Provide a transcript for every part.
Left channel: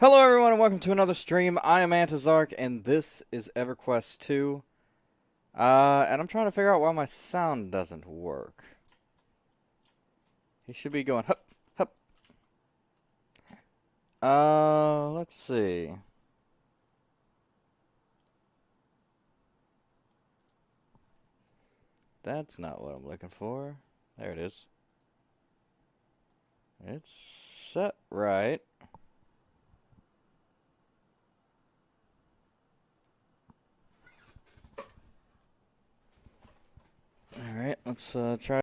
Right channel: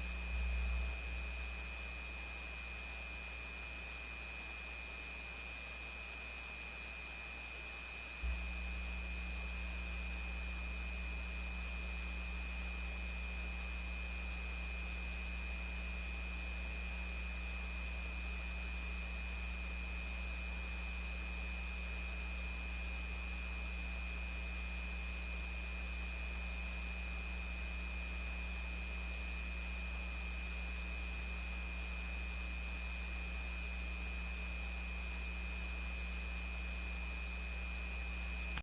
Hello everyone and welcome to another stream. I am Antizark and this is Everquest 2. And I'm trying to figure out why my sound doesn't work. We should be going hup, hup. Let's see. That's not what I'm looking for. There it is. It's set right. Alright, let's try.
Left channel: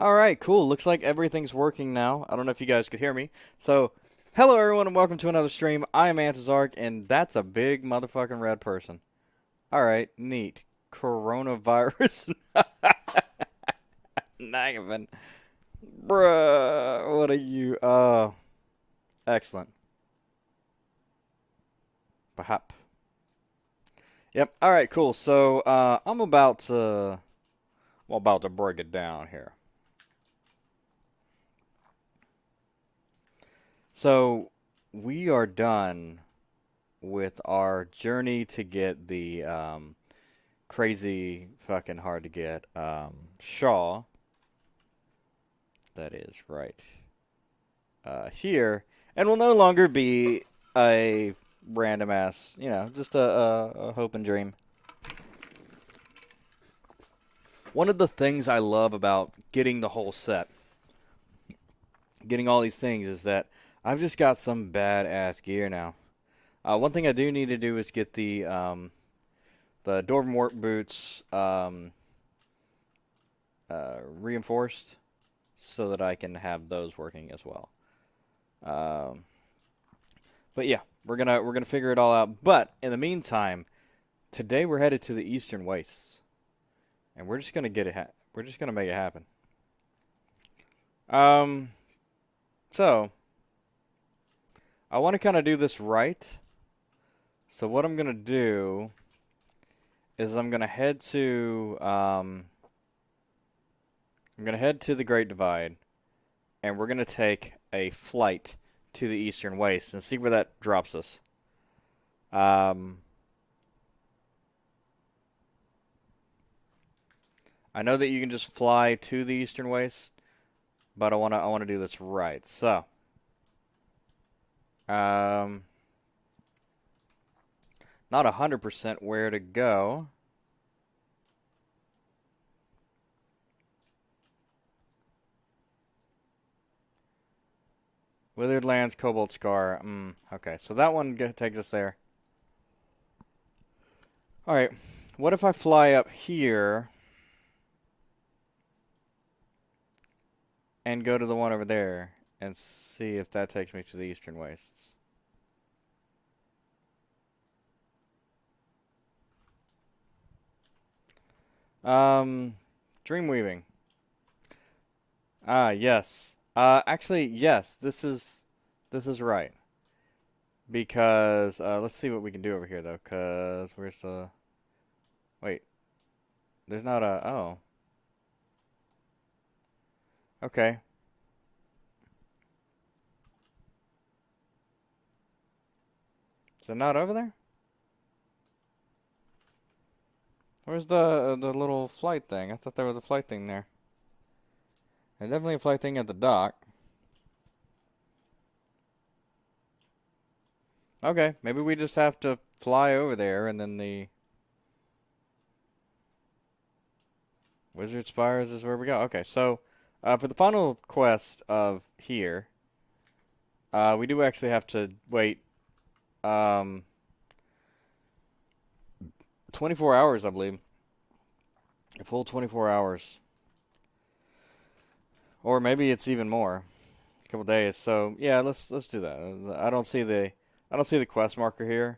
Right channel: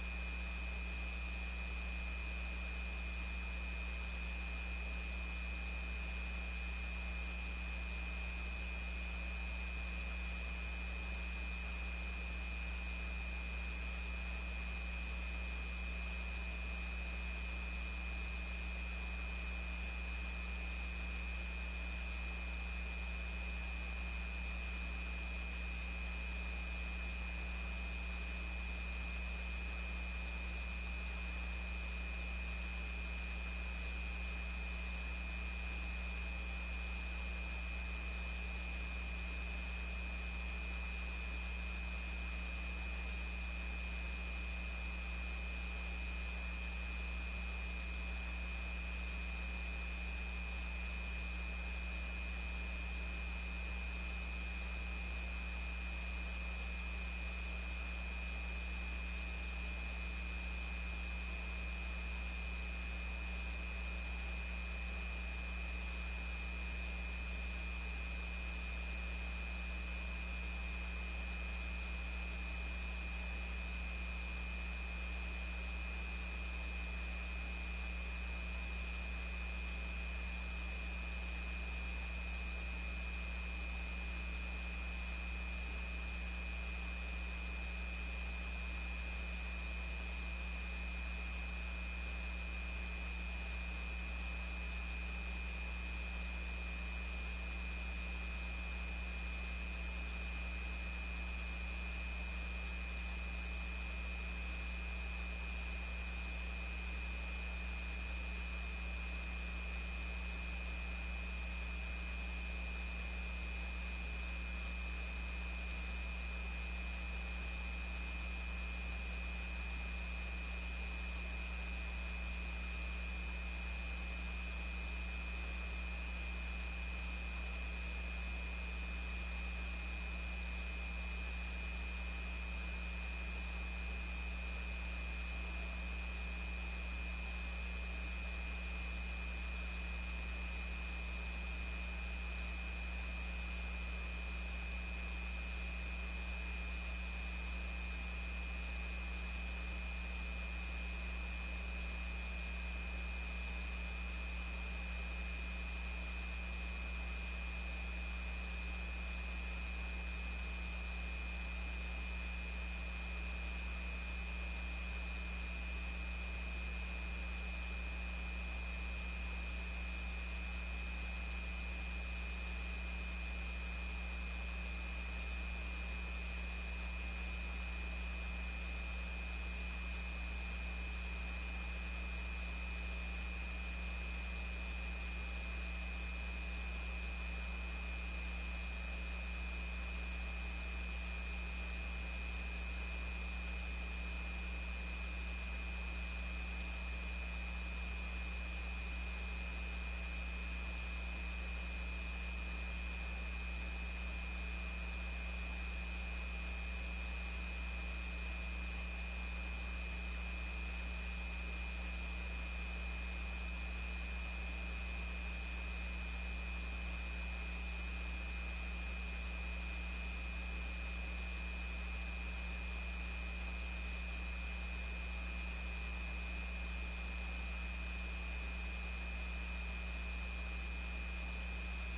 Alright, cool. Looks like everything's working now. I don't know if you guys could hear me. So, hello everyone and welcome to another stream. I am Antizark and that's a big motherfucking red person. Alright, neat. Coronavirus. Nagavan. Bruh, what are you? Excellent. Bahap. Yep. All right. Cool. So I'm about to break it down here. So we are done with our journey to get the crazy fucking hard to get Shaw. That is right here, and will no longer be a random ass, just a hope and dream. One of the things I love about getting the whole set, getting all these things, is that I've just got some badass gear now. One thing I do need to do is get the Dormwort boots reinforced so that I can have those working as well. But yeah, we're gonna figure it all out. But in the meantime, today we're headed to the Eastern Wastes, and we're just gonna get it. We're just gonna make it happen. Um, so I want to kind of do this right. So what I'm gonna do is I'm gonna head to the Great Divide, and we're gonna take a flight to the Eastern Waste and see where that drops us. Um, I know that you can just fly to the Eastern Waste, but I wanna do this right. So, um, not 100% where to go. Withered Lands, Cobalt Scar. Okay, so that one takes us there. Alright, what if I fly up here and go to the one over there and see if that takes me to the Eastern Wastes? Dreamweaving. Ah, yes. Actually, yes, this is right. Because, let's see what we can do over here, though, because where's the... Wait. There's not a... Oh. Okay. So not over there? Where's the little flight thing? I thought there was a flight thing there. There's definitely a flight thing at the dock. Okay, maybe we just have to fly over there and then the Wizard Spires is where we go. Okay, so for the final quest of here, we do actually have to wait um, 24 hours, I believe. A full 24 hours. Or maybe it's even more. A couple days. So yeah, let's do that. I don't see the quest marker here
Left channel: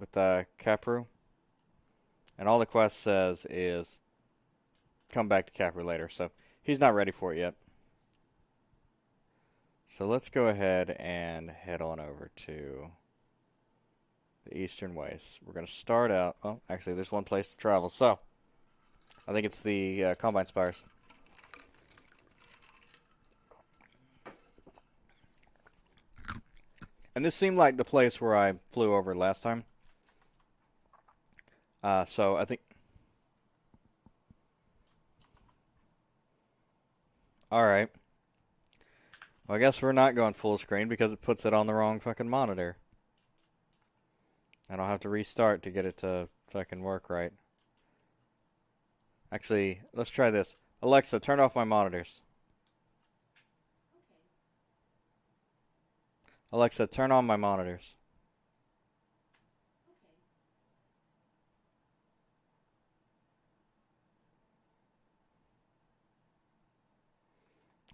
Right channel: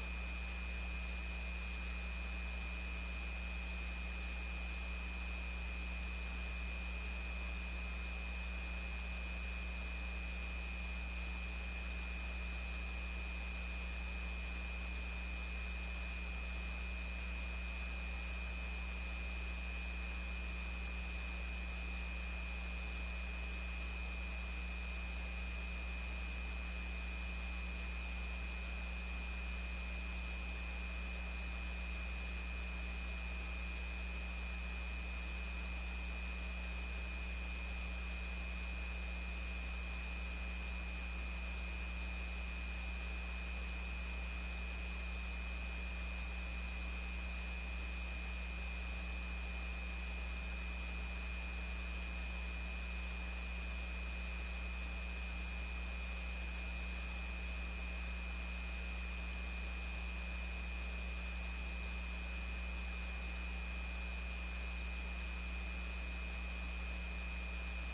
with Capru. And all the quest says is come back to Capru later. So he's not ready for it yet. So let's go ahead and head on over to the Eastern Waste. We're going to start out. Oh, actually, there's one place to travel. So I think it's the Combine Spires. And this seemed like the place where I flew over last time. So I think. Alright. Well, I guess we're not going full screen because it puts it on the wrong fucking monitor. And I'll have to restart to get it to fucking work right. Actually, let's try this. Alexa, turn off my monitors. Alexa, turn on my monitors.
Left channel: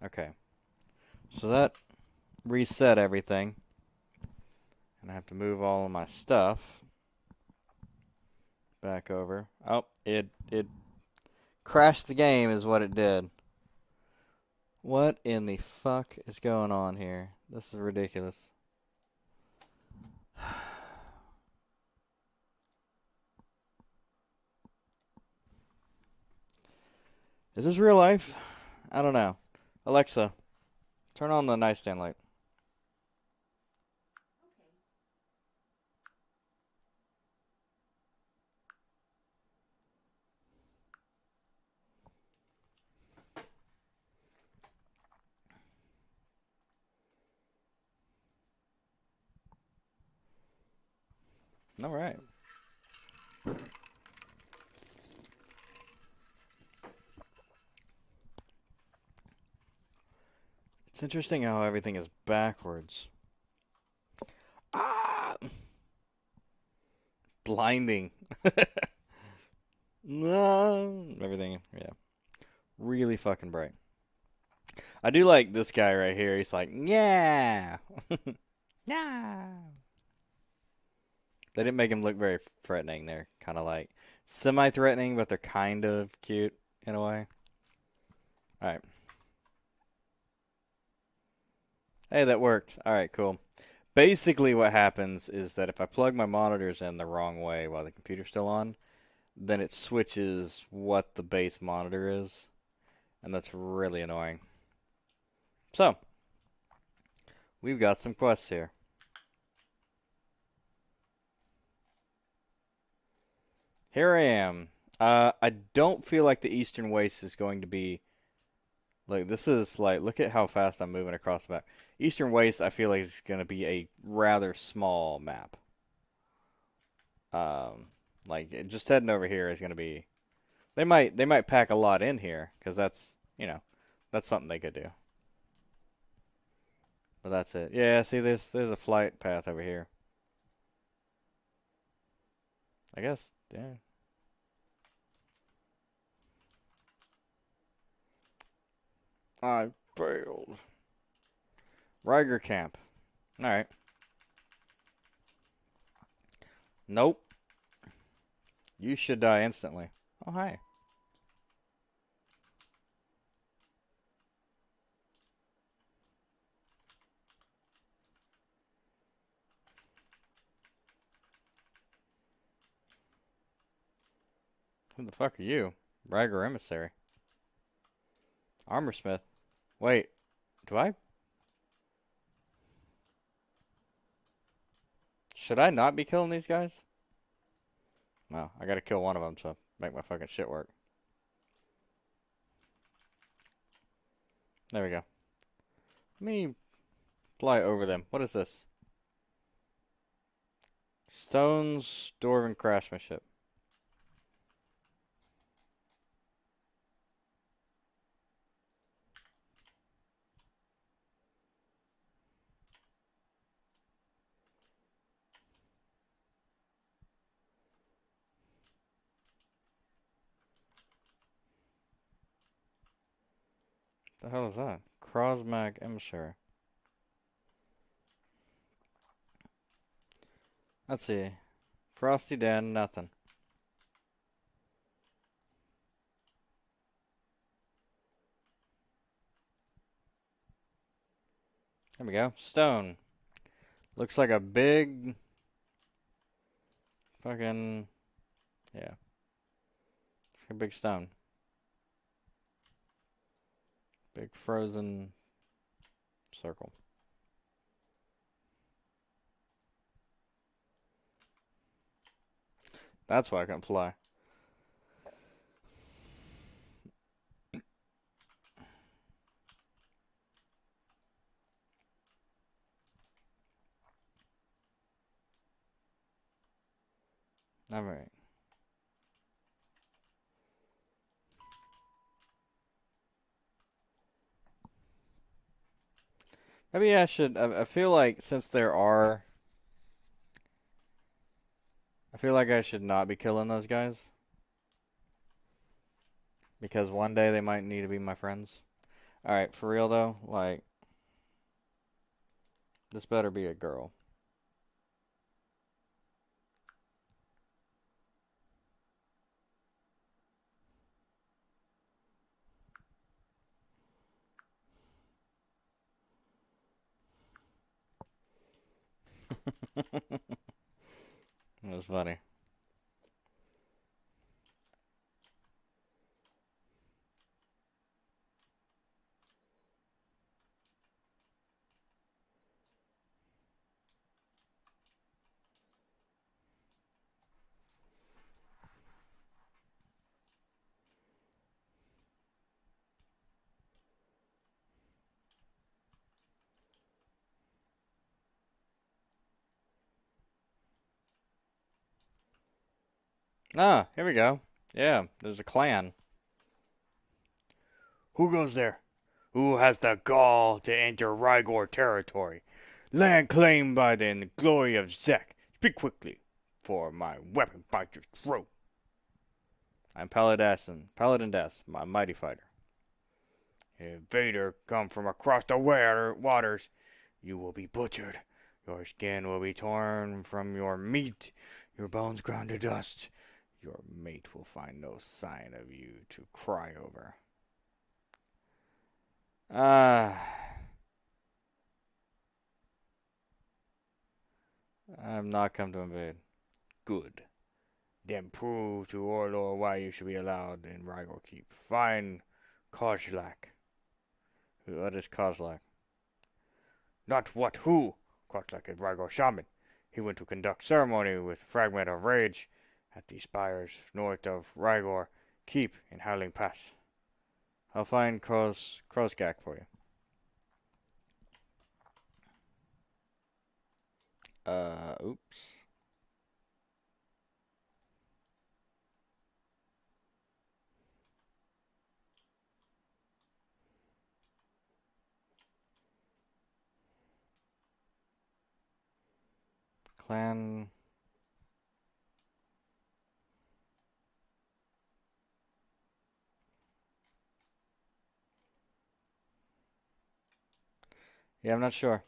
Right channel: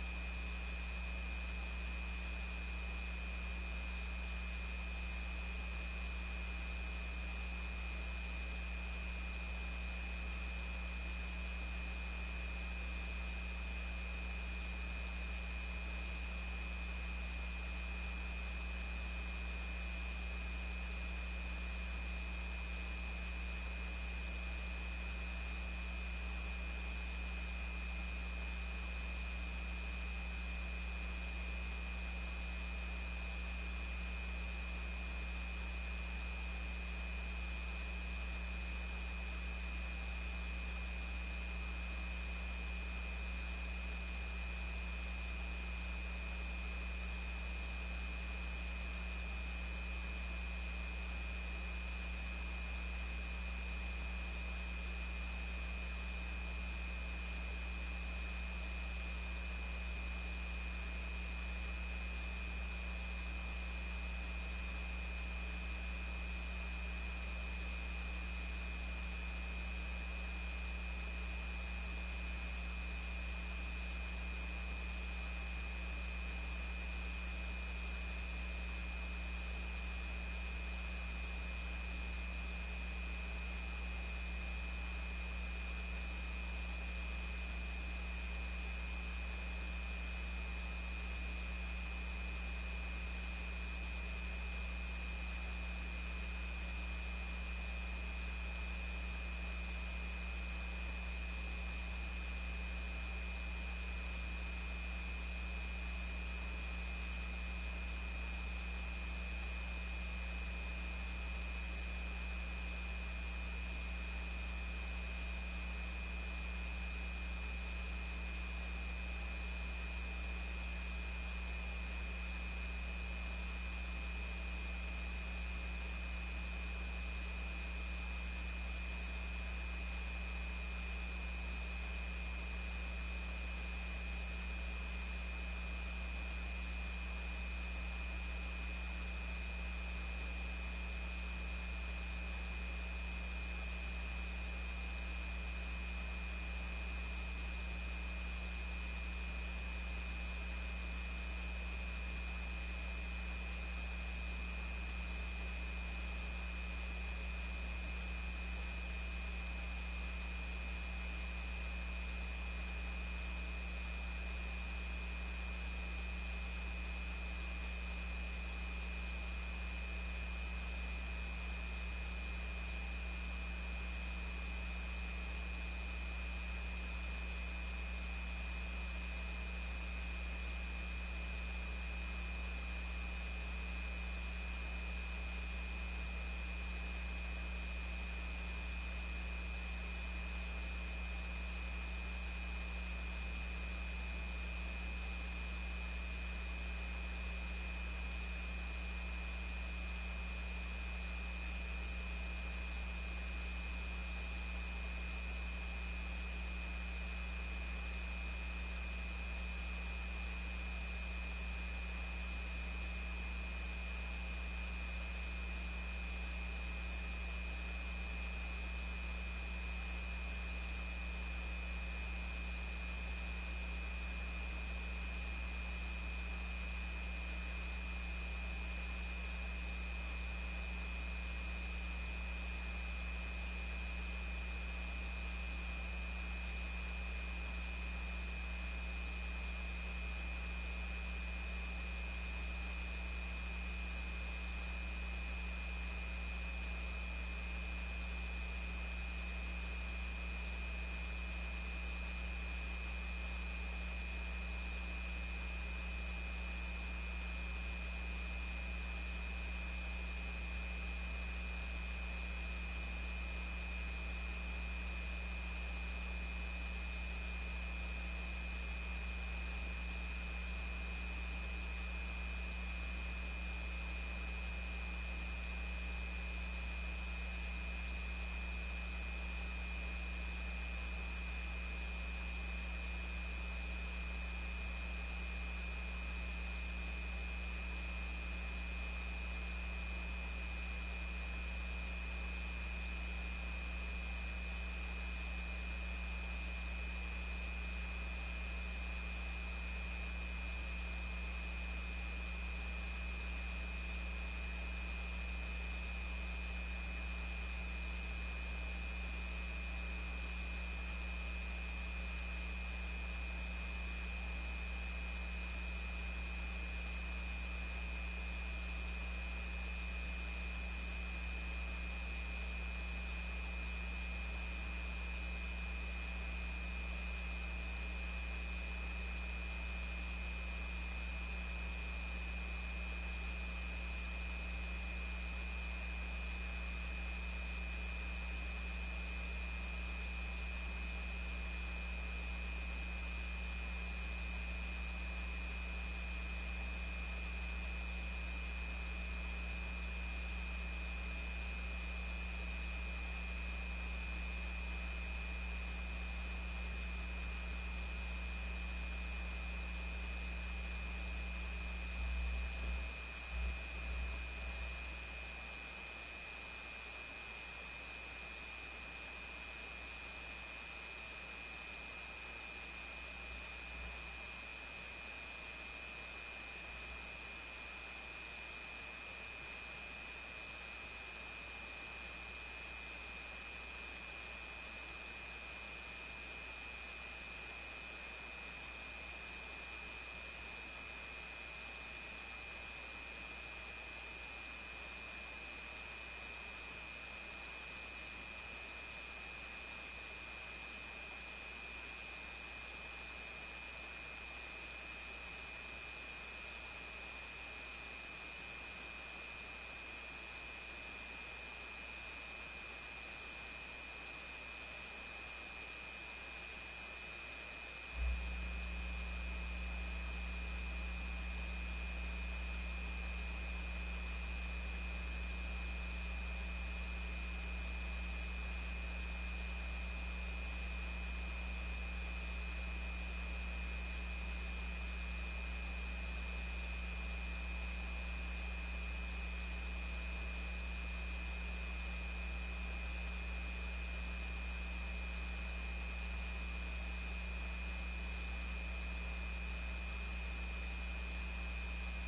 Okay. So that reset everything. I have to move all of my stuff back over. Oh, it crashed the game is what it did. What in the fuck is going on here? This is ridiculous. Is this real life? I don't know. Alexa, turn on the nightstand light. Alright. It's interesting how everything is backwards. Ah! Blinding. No. Everything, yeah. Really fucking bright. I do like this guy right here. He's like, yeah. Yeah. They didn't make him look very threatening. They're kind of like semi-threatening, but they're kind of cute in a way. Alright. Hey, that worked. Alright, cool. Basically what happens is that if I plug my monitors in the wrong way while the computer's still on, then it switches what the base monitor is. And that's really annoying. So, we've got some quests here. Here I am. I don't feel like the Eastern Waste is going to be... Look, this is like... Look at how fast I'm moving across the map. Eastern Waste, I feel like, is going to be a rather small map. Like, just heading over here is going to be... They might pack a lot in here, because that's, you know, that's something they could do. But that's it. Yeah, see, there's a flight path over here. I guess, yeah. I failed. Riger camp. Alright. Nope. You should die instantly. Oh, hi. Who the fuck are you? Riger emissary. Armorsmith. Wait. Do I... Should I not be killing these guys? No, I gotta kill one of them, so... make my fucking shit work. There we go. Let me fly over them. What is this? Stones, dwarven craftsmanship. What the hell is that? Crosmac Imshire. Let's see. Frosty Den, nothing. There we go. Stone. Looks like a big fucking, yeah, a big stone. Big frozen circle. That's why I can fly. Alright. Maybe I should. I feel like since there are. I feel like I should not be killing those guys. Because one day they might need to be my friends. Alright, for real though, like. This better be a girl. That's funny. Ah, here we go. Yeah, there's a clan. Who goes there? Who has the gall to enter Rygor territory? Land claimed by the glory of Zek. Speak quickly, for my weapon bites your throat. I'm Paladin Death, my mighty fighter. Invader come from across the waters. You will be butchered. Your skin will be torn from your meat. Your bones ground to dust. Your mate will find no sign of you to cry over. Ah, I'm not come to invade. Good. Then prove to Orlor why you should be allowed in Rygor Keep. Find Kozlak. What is Kozlak? Not what, who? Kozlak is Rygor Shaman. He went to conduct ceremony with Fragment of Rage at the spires north of Rygor Keep in Howling Pass. I'll find Krozgak for you. Oops. Clan. Yeah, I'm not sure.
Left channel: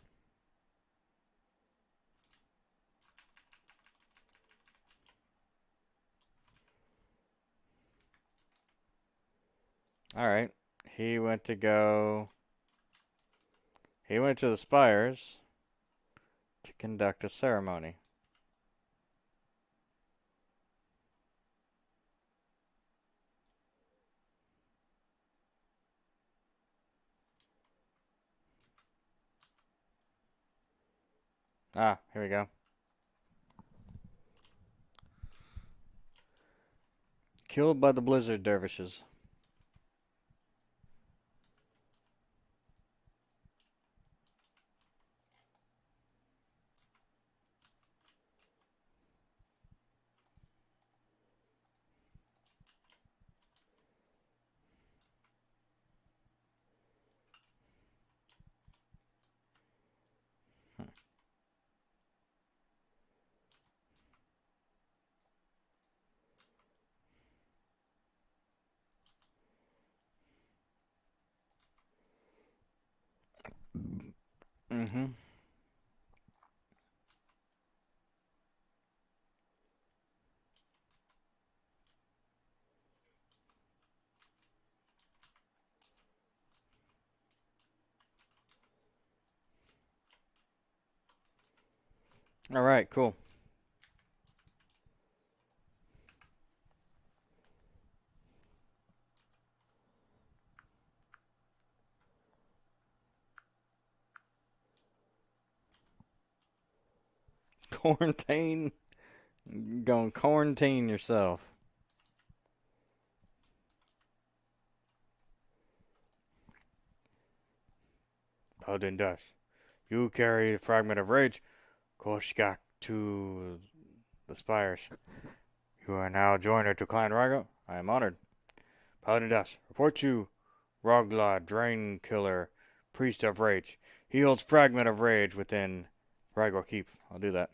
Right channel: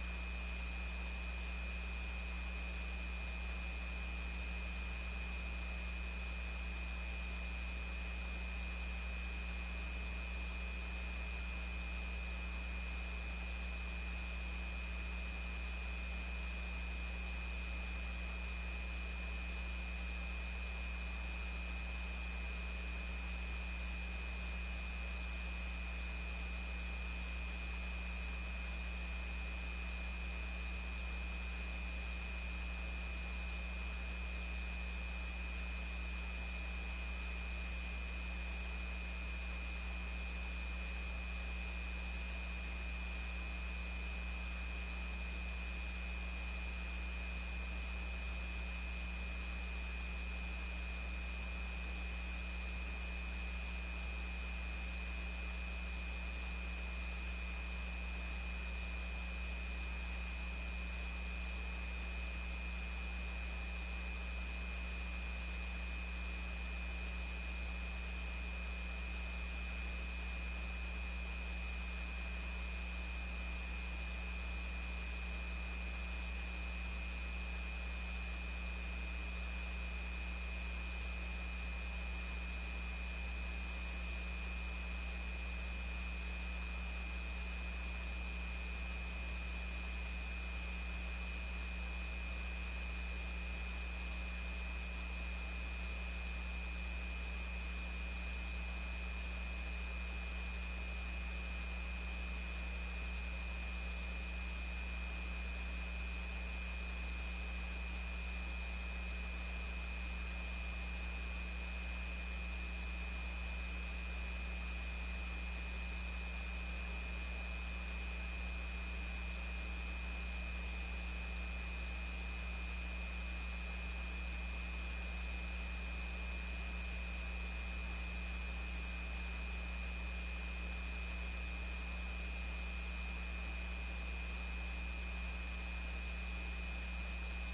Alright. He went to go. He went to the spires to conduct a ceremony. Ah, here we go. killed by the blizzard dervishes. Mm-hmm. All right, cool. Quarantine. You gonna quarantine yourself. Paladin Dust. You carry the fragment of rage. Koshgak to the spires. You are now joiner to Clan Rago. I am honored. Paladin Dust. Report to Rogla, Drain Killer, Priest of Rage. He holds fragment of rage within Rago Keep. I'll do that.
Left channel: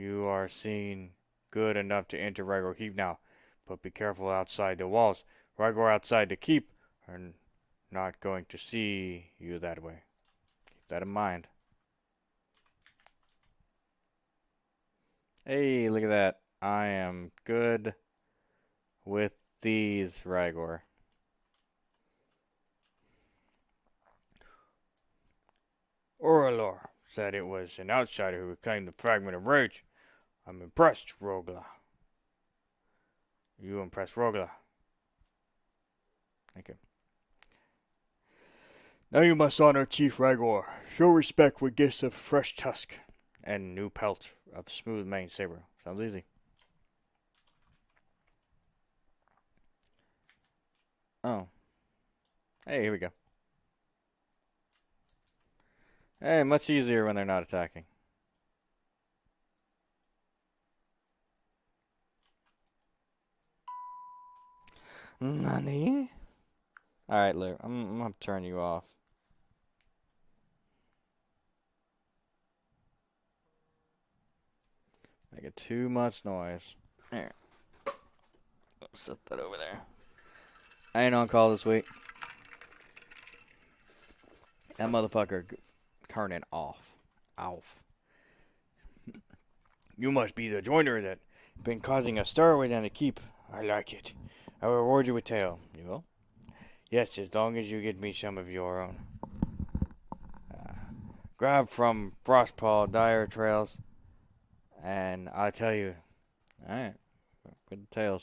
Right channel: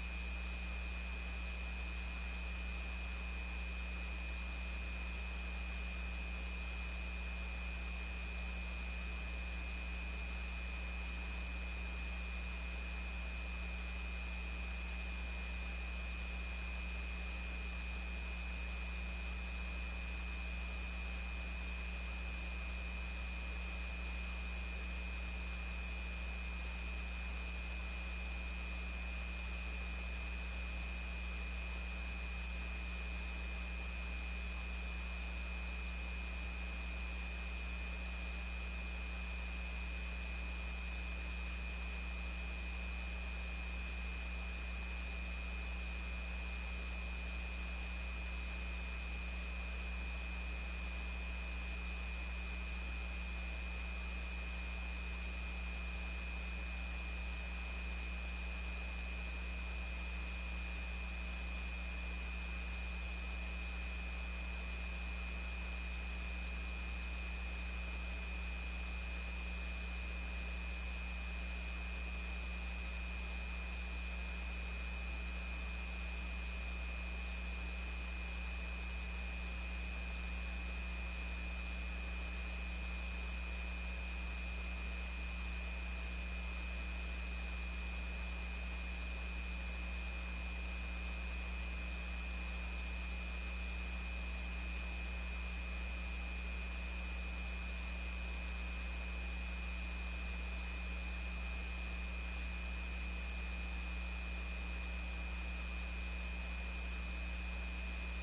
You are seen good enough to enter Rago Keep now, but be careful outside the walls. Rago outside the keep are not going to see you that way. That in mind. Hey, look at that. I am good with these, Ragor. Oralor said it was an outsider who reclaimed the fragment of rage. I'm impressed, Rogla. You impressed Rogla. Okay. Now you must honor Chief Ragor. Show respect with gifts of fresh tusk and new pelt of smooth mane saber. Sounds easy. Oh. Hey, here we go. Hey, much easier when they're not attacking. Nani? Alright, look, I'm gonna turn you off. Making too much noise. There. Let's set that over there. I ain't on call this week. That motherfucker turning off. Off. You must be the joiner that been causing a stir within the keep. I like it. I will reward you with tail. You will? Yes, as long as you get me some of your grab from Frostpaw Dire Trails, and I tell you, alright, good tails.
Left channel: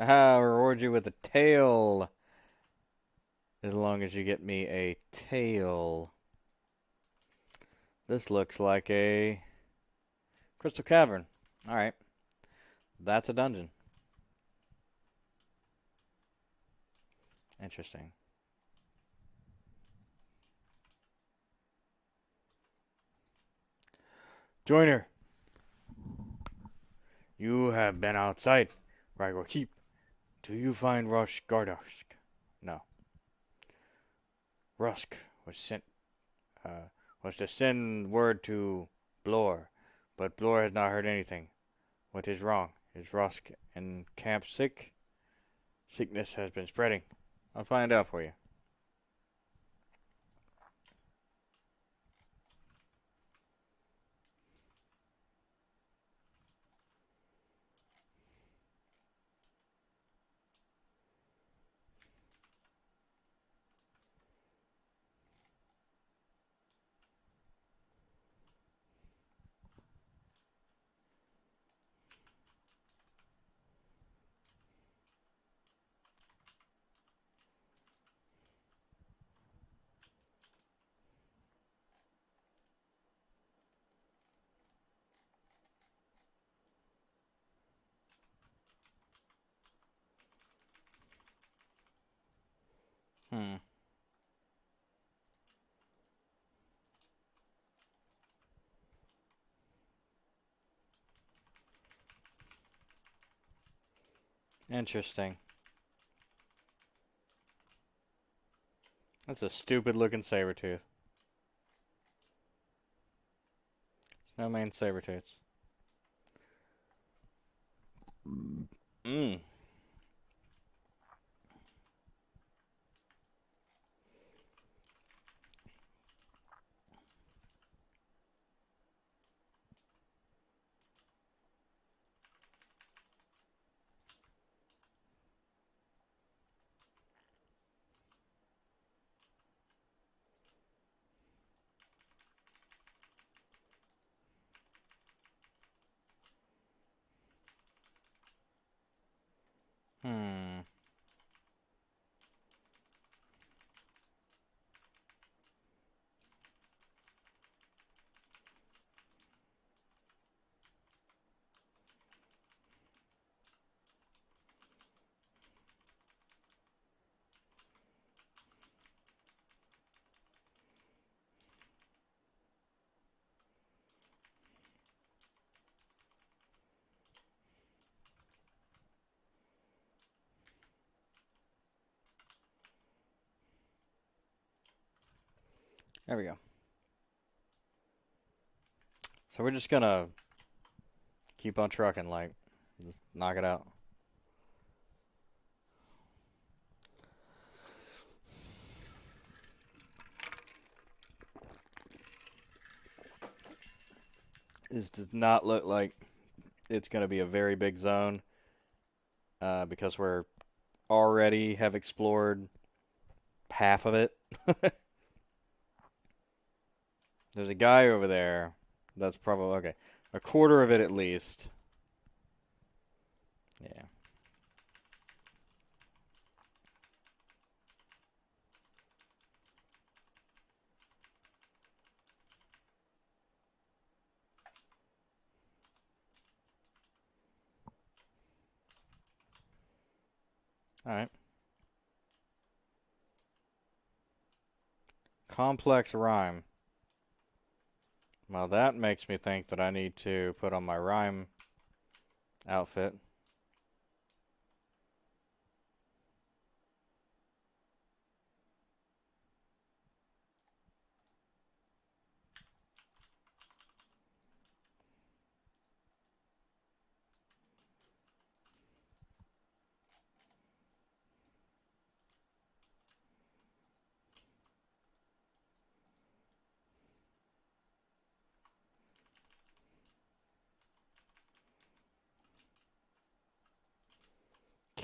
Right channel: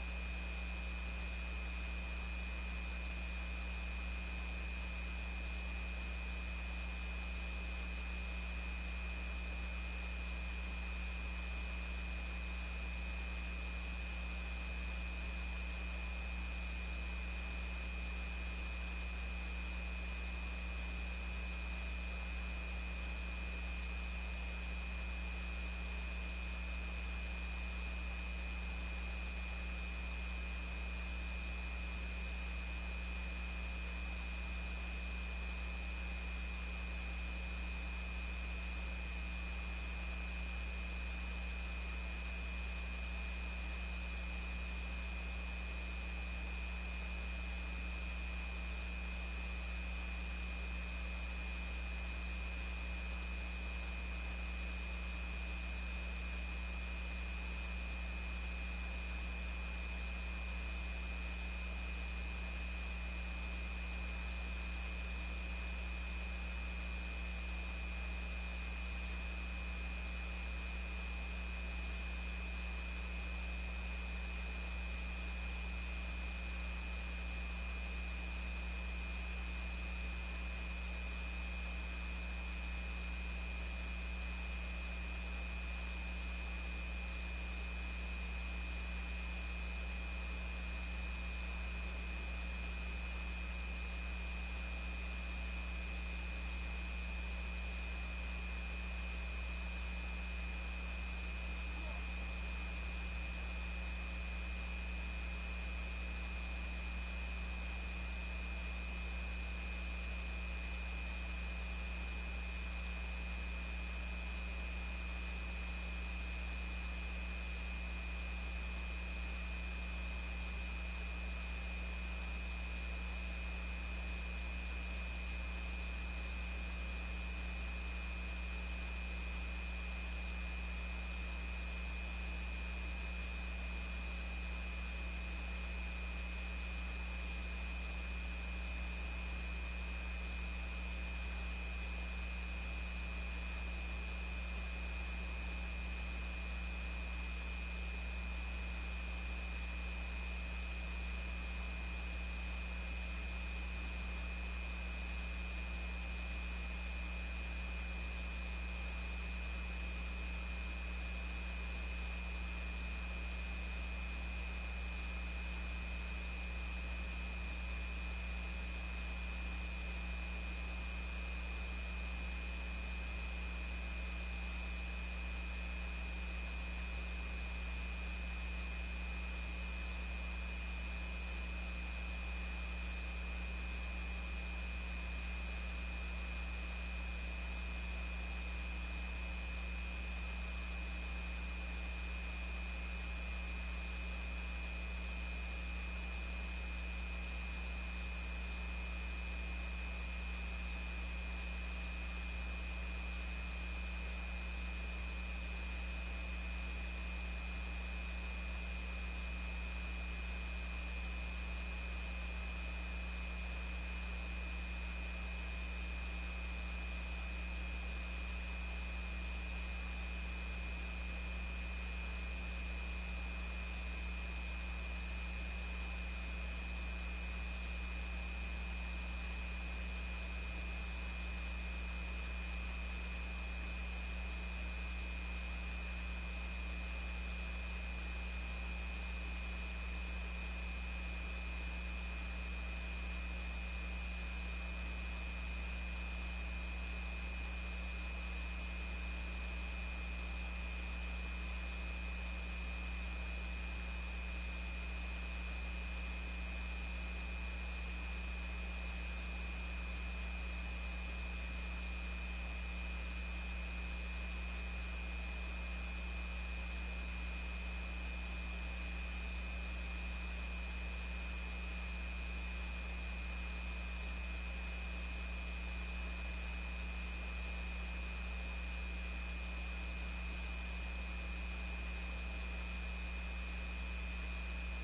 I'll reward you with a tail, as long as you get me a tail. This looks like a crystal cavern. Alright, that's a dungeon. Interesting. Joiner, you have been outside. Rago Keep. Do you find Rush Gardosh? No. Rusk was sent uh, was to send word to Blor, but Blor has not heard anything. What is wrong? Is Rusk in camp sick? Sickness has been spreading. I'll find out for you. Interesting. That's a stupid looking saber tooth. No main saber tooth. Mmm. Hmm. There we go. So we're just gonna keep on trucking, like, knock it out. This does not look like it's gonna be a very big zone, because we're already have explored half of it. There's a guy over there. That's probably okay. A quarter of it at least. All right. Complex rhyme. Well, that makes me think that I need to put on my rhyme outfit.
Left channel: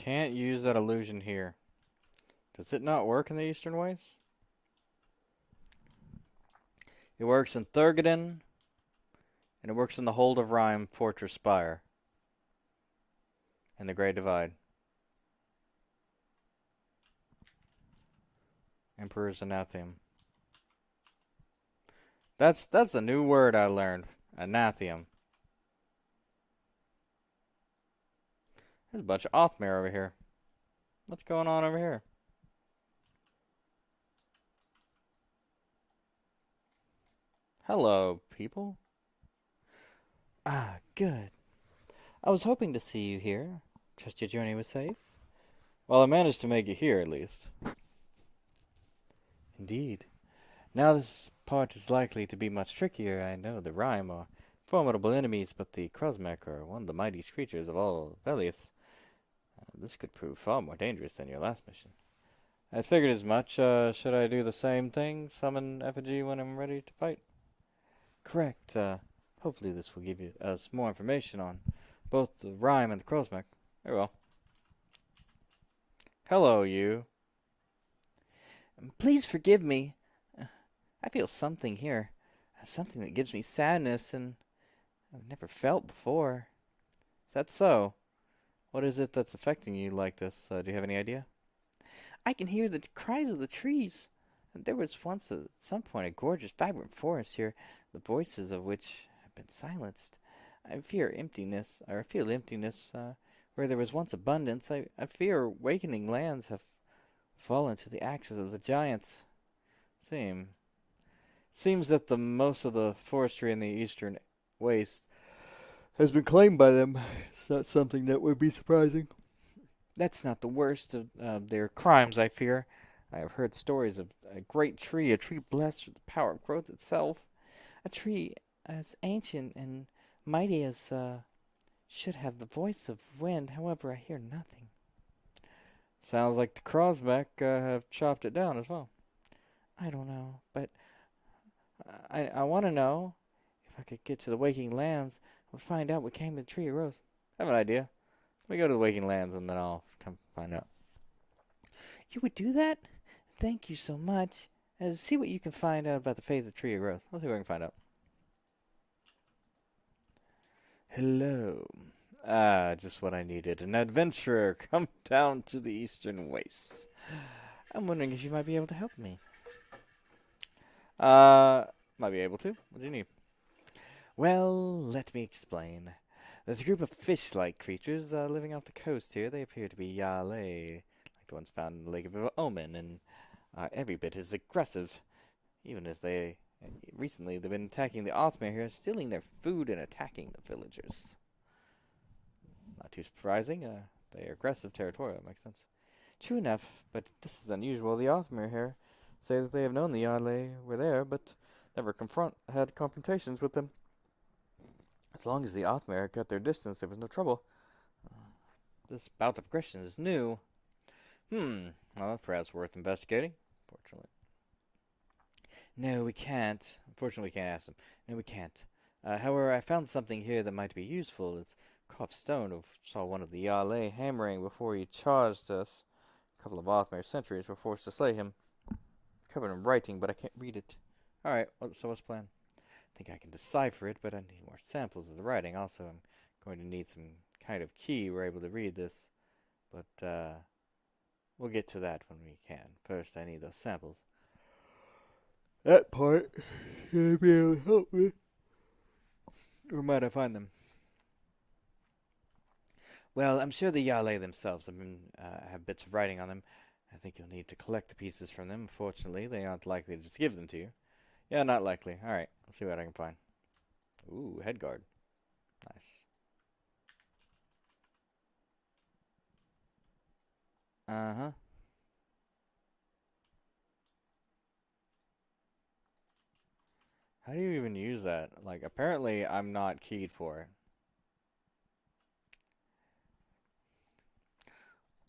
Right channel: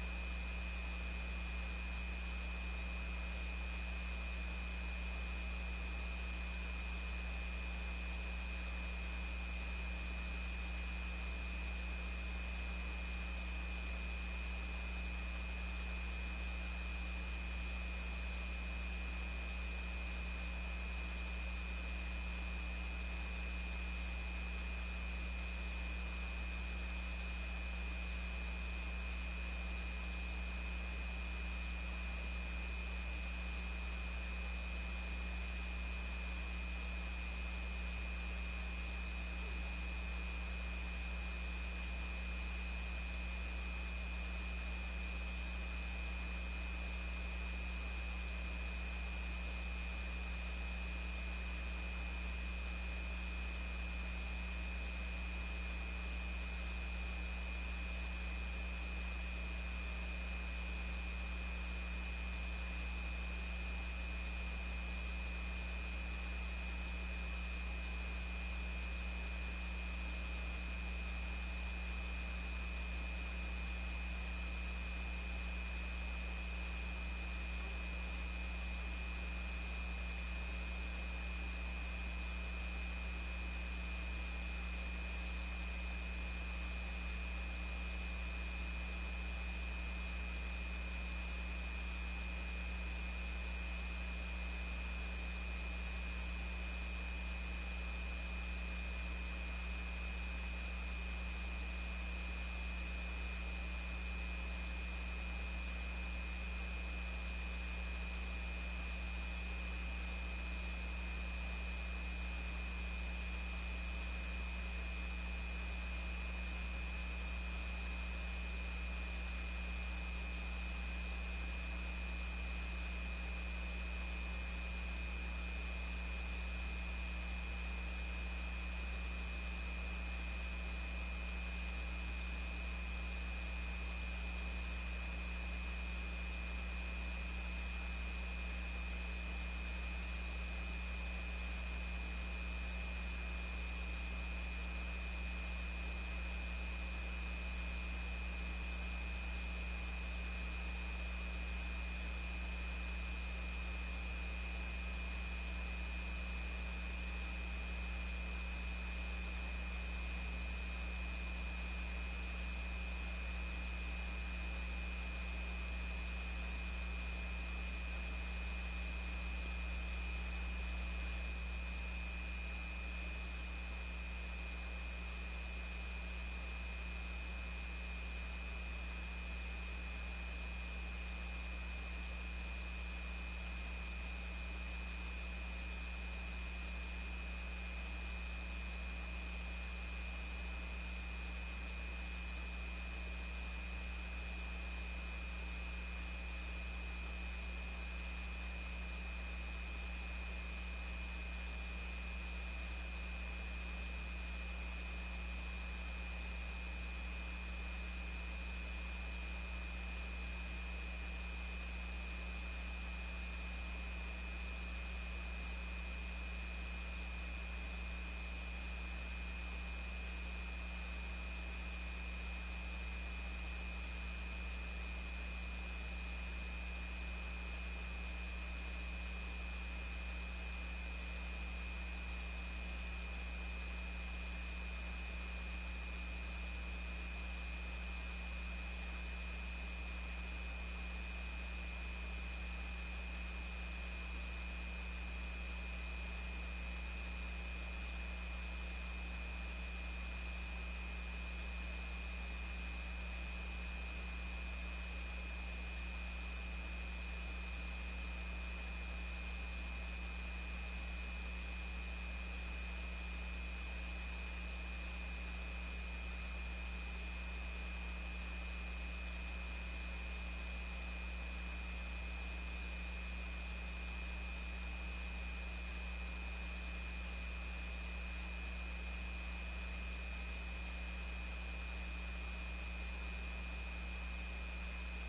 Can't use that illusion here. Does it not work in the Eastern Ways? It works in Thurgoden, and it works in the Hold of Rhyme Fortress Spire, in the Great Divide. Emperor's Anathem. That's a new word I learned. Anathem. There's a bunch of Othmere over here. What's going on over here? Hello, people. Ah, good. I was hoping to see you here. Trust your journey was safe? Well, I managed to make it here at least. Indeed. Now this part is likely to be much trickier. I know the Rhyme are formidable enemies, but the Krosmek are one of the mightiest creatures of all Velius. This could prove far more dangerous than your last mission. I figured as much. Should I do the same thing? Summon effigy when I'm ready to fight? Correct. Hopefully this will give you us more information on both the Rhyme and the Krosmek. Very well. Hello, you. Please forgive me. I feel something here. Something that gives me sadness and I've never felt before. Is that so? What is it that's affecting you like this? Do you have any idea? I can hear the cries of the trees. There was once at some point a gorgeous, vibrant forest here, the voices of which had silenced. I fear emptiness, or feel emptiness, where there was once abundance. I fear awakening lands have fallen to the axes of the giants. Seems that the most of the forestry in the eastern waste has been claimed by them. It's not something that would be surprising. That's not the worst of their crimes, I fear. I have heard stories of a tree blessed with the power of growth itself, a tree as ancient and mighty as should have the voice of wind. However, I hear nothing. Sounds like the Crosback have chopped it down as well. I don't know, but I want to know. I could get to the Waking Lands and find out what came to the Tree of Rose. I have an idea. We go to the Waking Lands and then I'll come find out. You would do that? Thank you so much. See what you can find out about the fate of the Tree of Rose. Let's see if I can find out. Hello. Ah, just what I needed. An adventurer come down to the Eastern Wastes. I'm wondering if you might be able to help me. Uh, might be able to. What do you need? Well, let me explain. There's a group of fish-like creatures living off the coast here. They appear to be Yale, the ones found in the Lake of Omen, and are every bit as aggressive. Even as they, and recently, they've been attacking the Othmere here, stealing their food and attacking the villagers. Not too surprising. They're aggressive territorial. True enough, but this is unusual. The Othmere here say that they have known the Yale were there, but never had confrontations with them. As long as the Othmere kept their distance, there was no trouble. This bout of aggression is new. Well, perhaps worth investigating. No, we can't. Unfortunately, we can't ask them. No, we can't. However, I found something here that might be useful. It's a carved stone of saw one of the Yale hammering before he charged us. A couple of Othmere sentries were forced to slay him. Covered in writing, but I can't read it. Alright, so what's the plan? I think I can decipher it, but samples of the writing also. I'm going to need some kind of key we're able to read this. But we'll get to that when we can. First, I need those samples. That part, you'll be able to help me. Where might I find them? Well, I'm sure the Yale themselves have bits of writing on them. I think we need to collect the pieces from them. Fortunately, they aren't likely to just give them to you. Yeah, not likely. Alright, let's see what I can find. Ooh, headguard. Nice. Uh-huh. How do you even use that? Like, apparently I'm not keyed for it.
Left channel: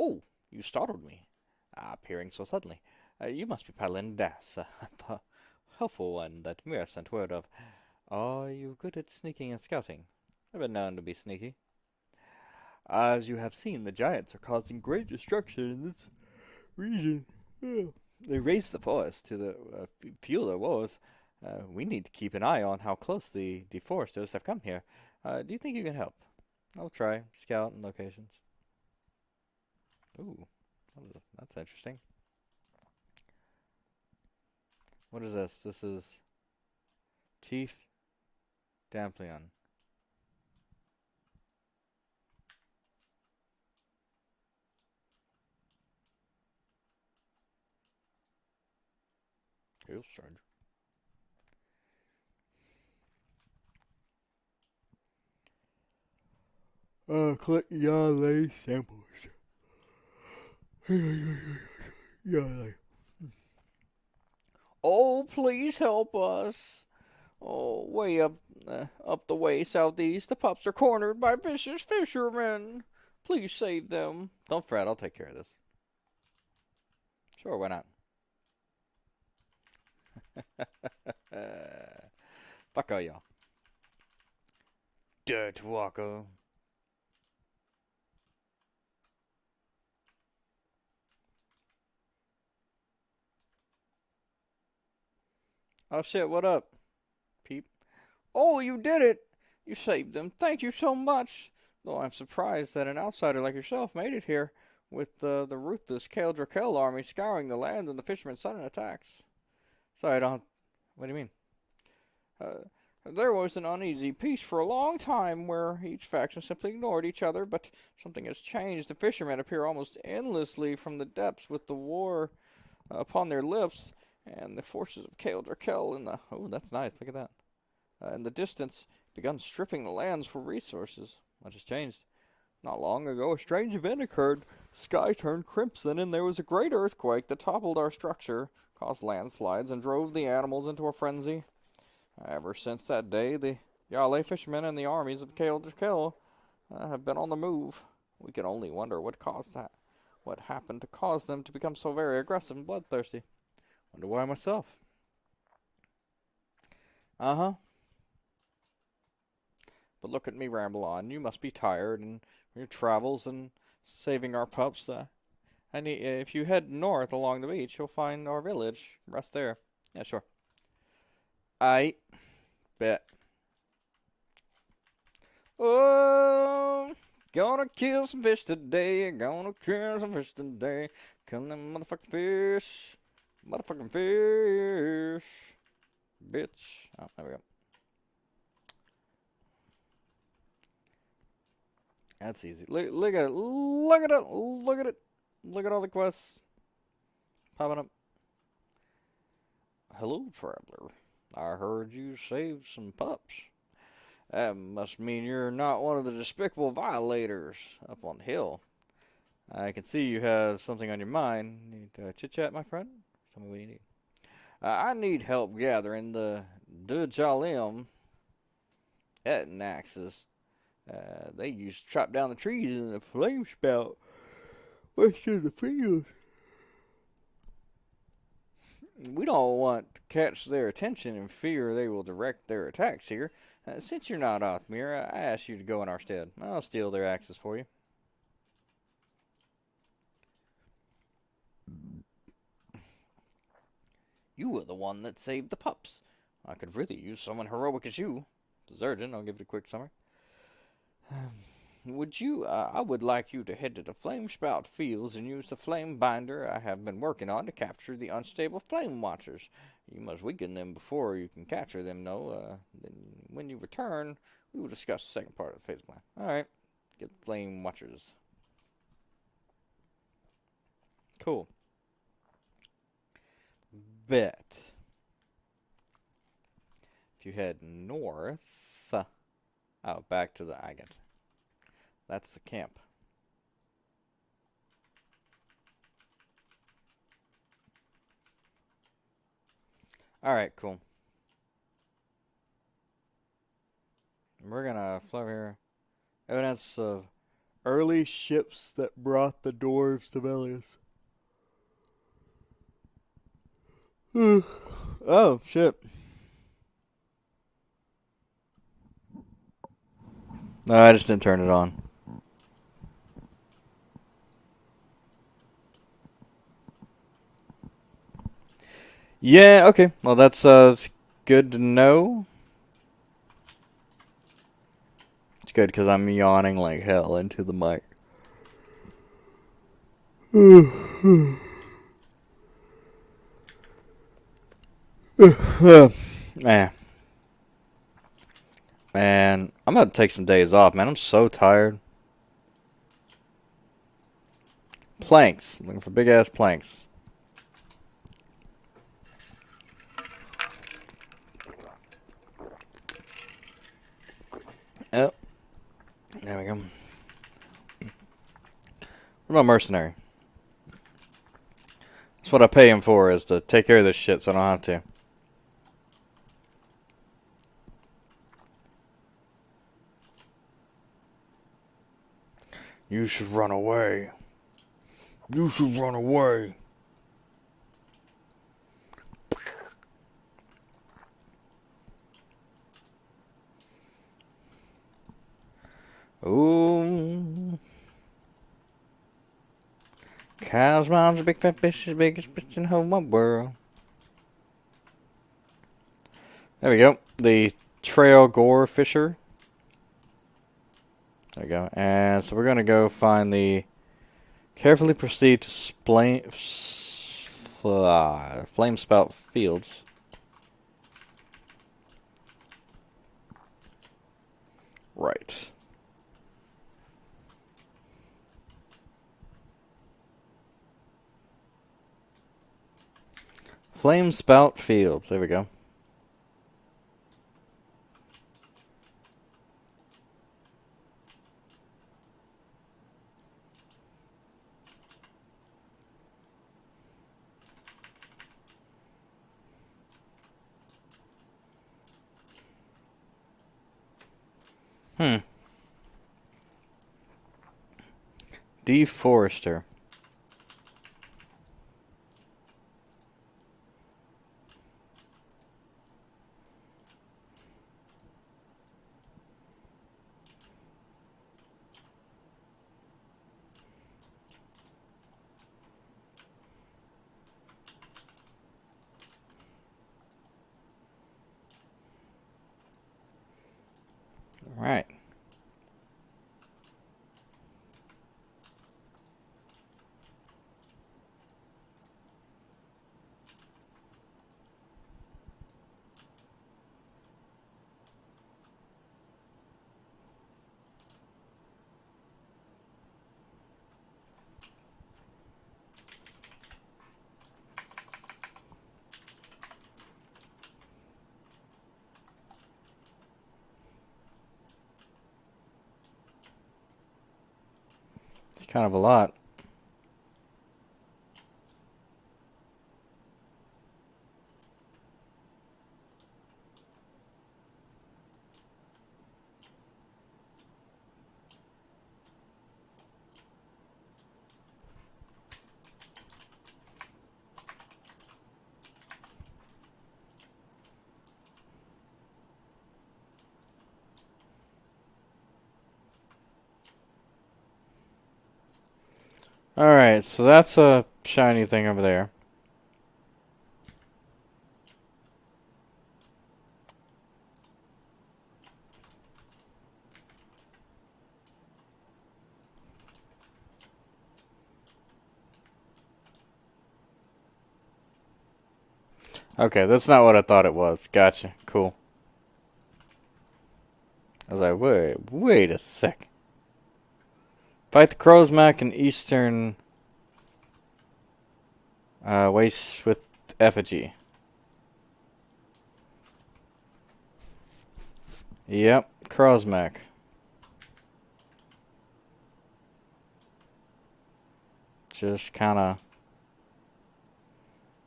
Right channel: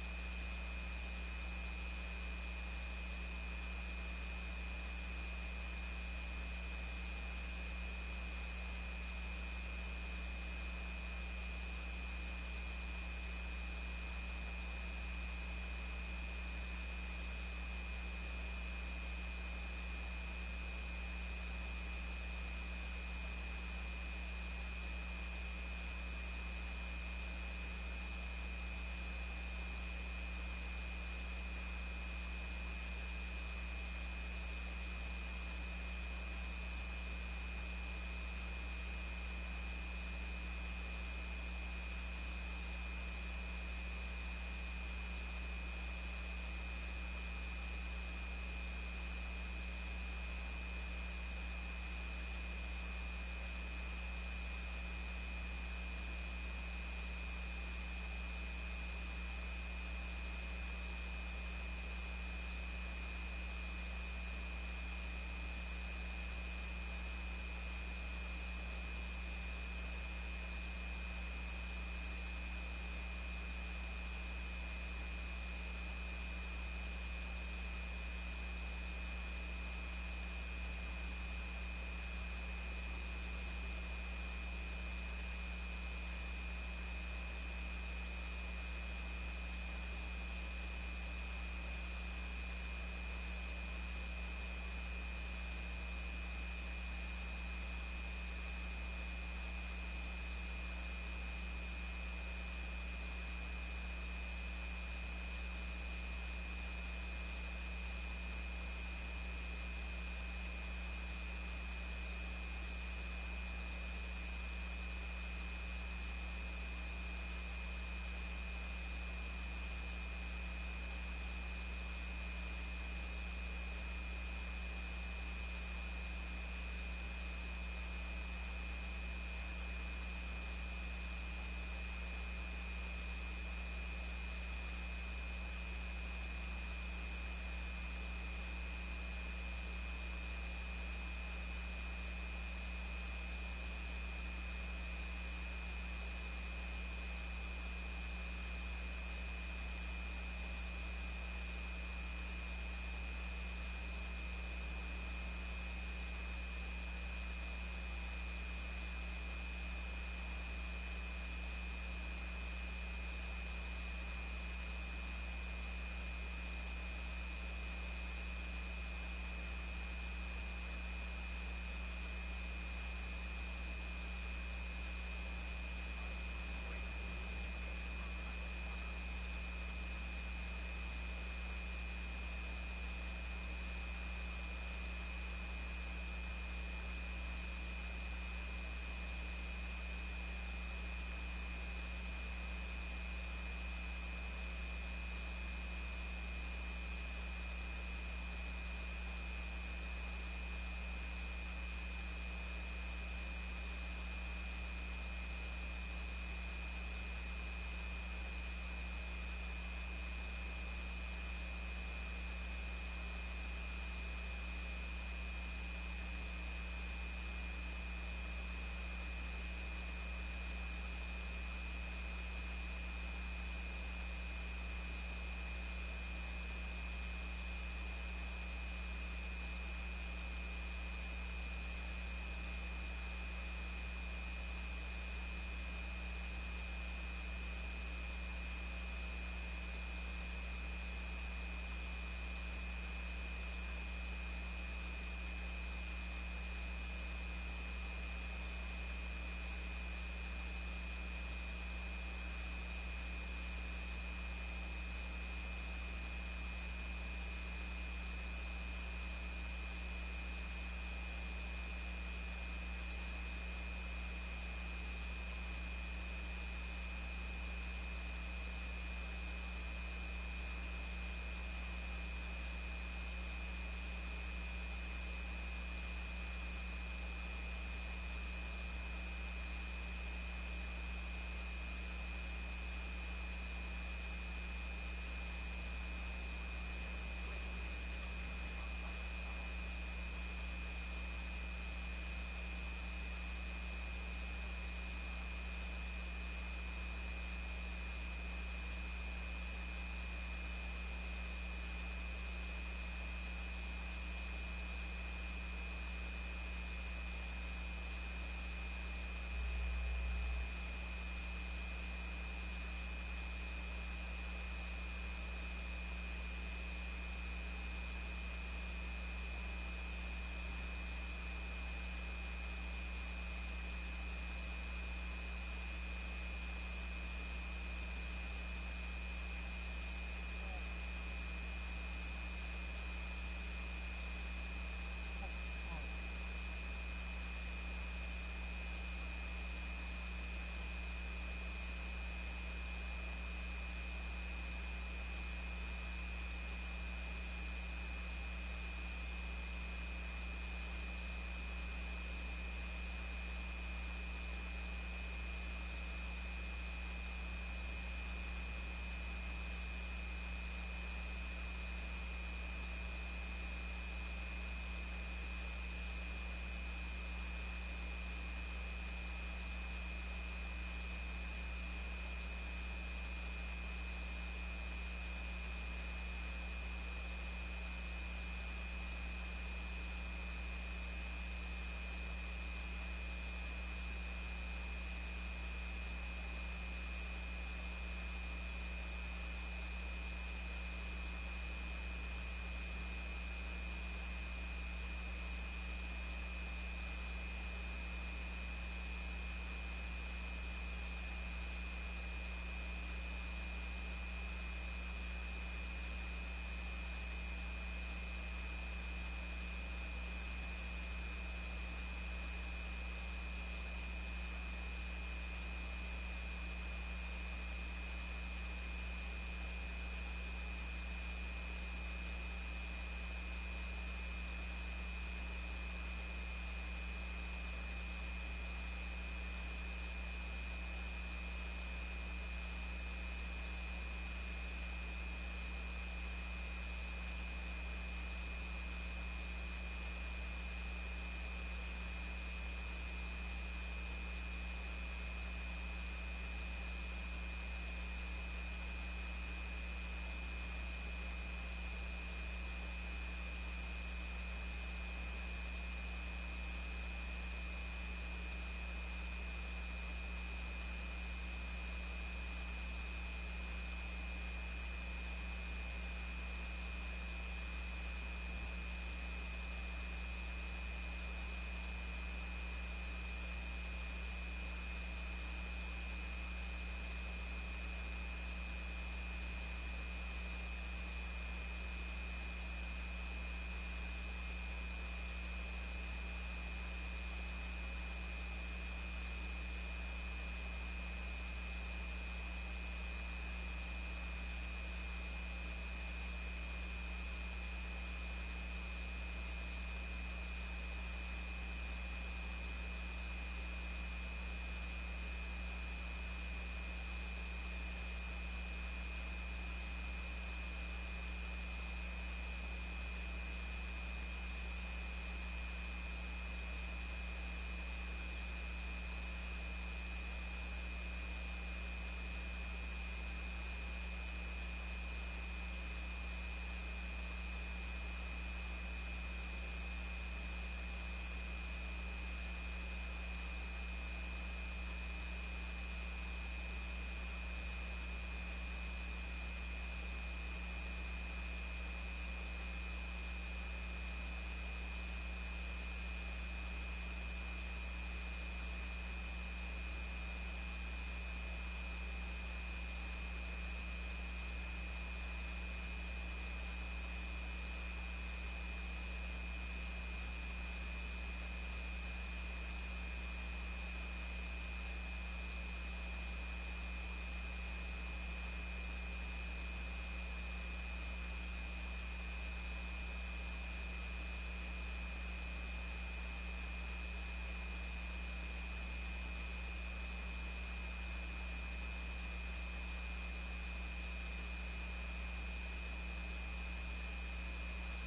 Oh, you startled me. Appearing so suddenly. You must be Paladin Das, the helpful one that Mira sent word of. Are you good at sneaking and scouting? I've been known to be sneaky. As you have seen, the giants are causing great destruction in this region. They raised the forest to fuel their wars. We need to keep an eye on how close the foresters have come here. Do you think you can help? I'll try. Scout and location. Ooh, that's interesting. What is this? This is Chief Dampion. Collect Yale samples. Yale. Oh, please help us. Oh, way up the way southeast, the pups are cornered by vicious fishermen. Please save them. Don't fret, I'll take care of this. Sure, why not? Fuck all y'all. Dirt Walker. Oh shit, what up? Peep. Oh, you did it! You saved them. Thank you so much. Though I'm surprised that an outsider like yourself made it here, with the ruthless Kale army scouring the land and the fishermen's sudden attacks. Sorry, I don't have... What do you mean? There was an uneasy peace for a long time where each faction simply ignored each other, but something has changed. The fishermen appear almost endlessly from the depths with the war upon their lips, and the forces of Kel in the... Oh, that's nice, look at that. In the distance, begun stripping the lands for resources. Much has changed. Not long ago, a strange event occurred. sky turned crimson, and there was a great earthquake that toppled our structure, caused landslides, and drove the animals into a frenzy. Ever since that day, the Yale fishermen and the armies of Kale to Kill have been on the move. We can only wonder what caused that. What happened to cause them to become so very aggressive and bloodthirsty? Wonder why myself. Uh huh. But look at me ramble on. You must be tired in your travels and saving our pups. If you head north along the beach, you'll find our village. Rest there. Yeah, sure. I bet. Oh, gonna kill some fish today. Gonna kill some fish today. Come them motherfucking fish. Motherfucking fish. Bitch. Oh, there we go. That's easy. Look at it. Look at it. Look at it. Look at all the quests popping up. Hello, traveler. I heard you saved some pups. That must mean you're not one of the despicable violators up on the hill. I can see you have something on your mind. Chit chat, my friend. I need help gathering the Dujalim Etnaxes. They used to chop down the trees in the flame spout. West of the fields. We don't want to catch their attention and fear they will direct their attacks here. Since you're not Othmir, I ask you to go in our stead. I'll steal their axes for you. You were the one that saved the pups. I could really use someone heroic as you. Zerdin, I'll give you a quick summary. I would like you to head to the Flame Spout Fields and use the flame binder I have been working on to capture the unstable flame watchers. You must weaken them before you can capture them, though. When you return, we will discuss the second part of the pitfall. Alright. The flame watchers. Cool. Bet. You head north, out back to the Agate. That's the camp. Alright, cool. We're gonna fly over here. Evidence of early ships that brought the dwarves to Velius. Oh, shit. No, I just didn't turn it on. Yeah, okay. Well, that's good to know. It's good because I'm yawning like hell into the mic. Man, man, I'm about to take some days off, man. I'm so tired. Planks. Looking for big ass planks. Yep. There we go. What about mercenary? That's what I pay him for, is to take care of this shit so I don't have to. You should run away. You should run away. Ooh. Cow's mom's a big fat fish, the biggest fish in the whole wide world. There we go. The trail gore fisher. There we go. And so we're gonna go find the. Carefully proceed to flame spout fields. Right. Flame spout fields. There we go. Hmm. Deforester. Right. It's kind of a lot. Alright, so that's a shiny thing over there. Okay, that's not what I thought it was. Gotcha. Cool. I was like, wait a sec. Fight the Crowsmack in Eastern Waste with Effigy. Yep, Crowsmack. Just kind of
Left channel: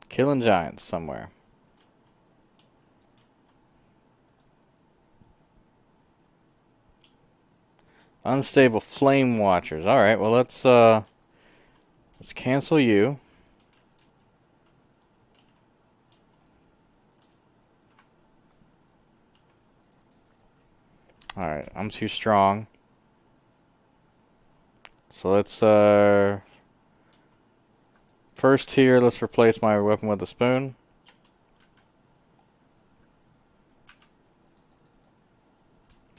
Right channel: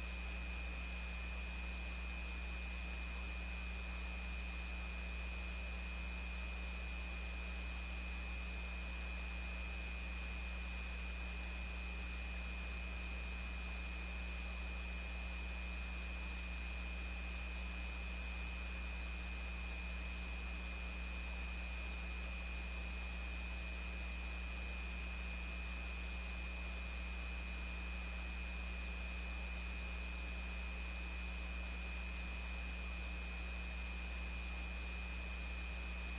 killing giants somewhere. Unstable Flame Watchers. Alright, well let's cancel you. Alright, I'm too strong. So let's first tier, let's replace my weapon with a spoon.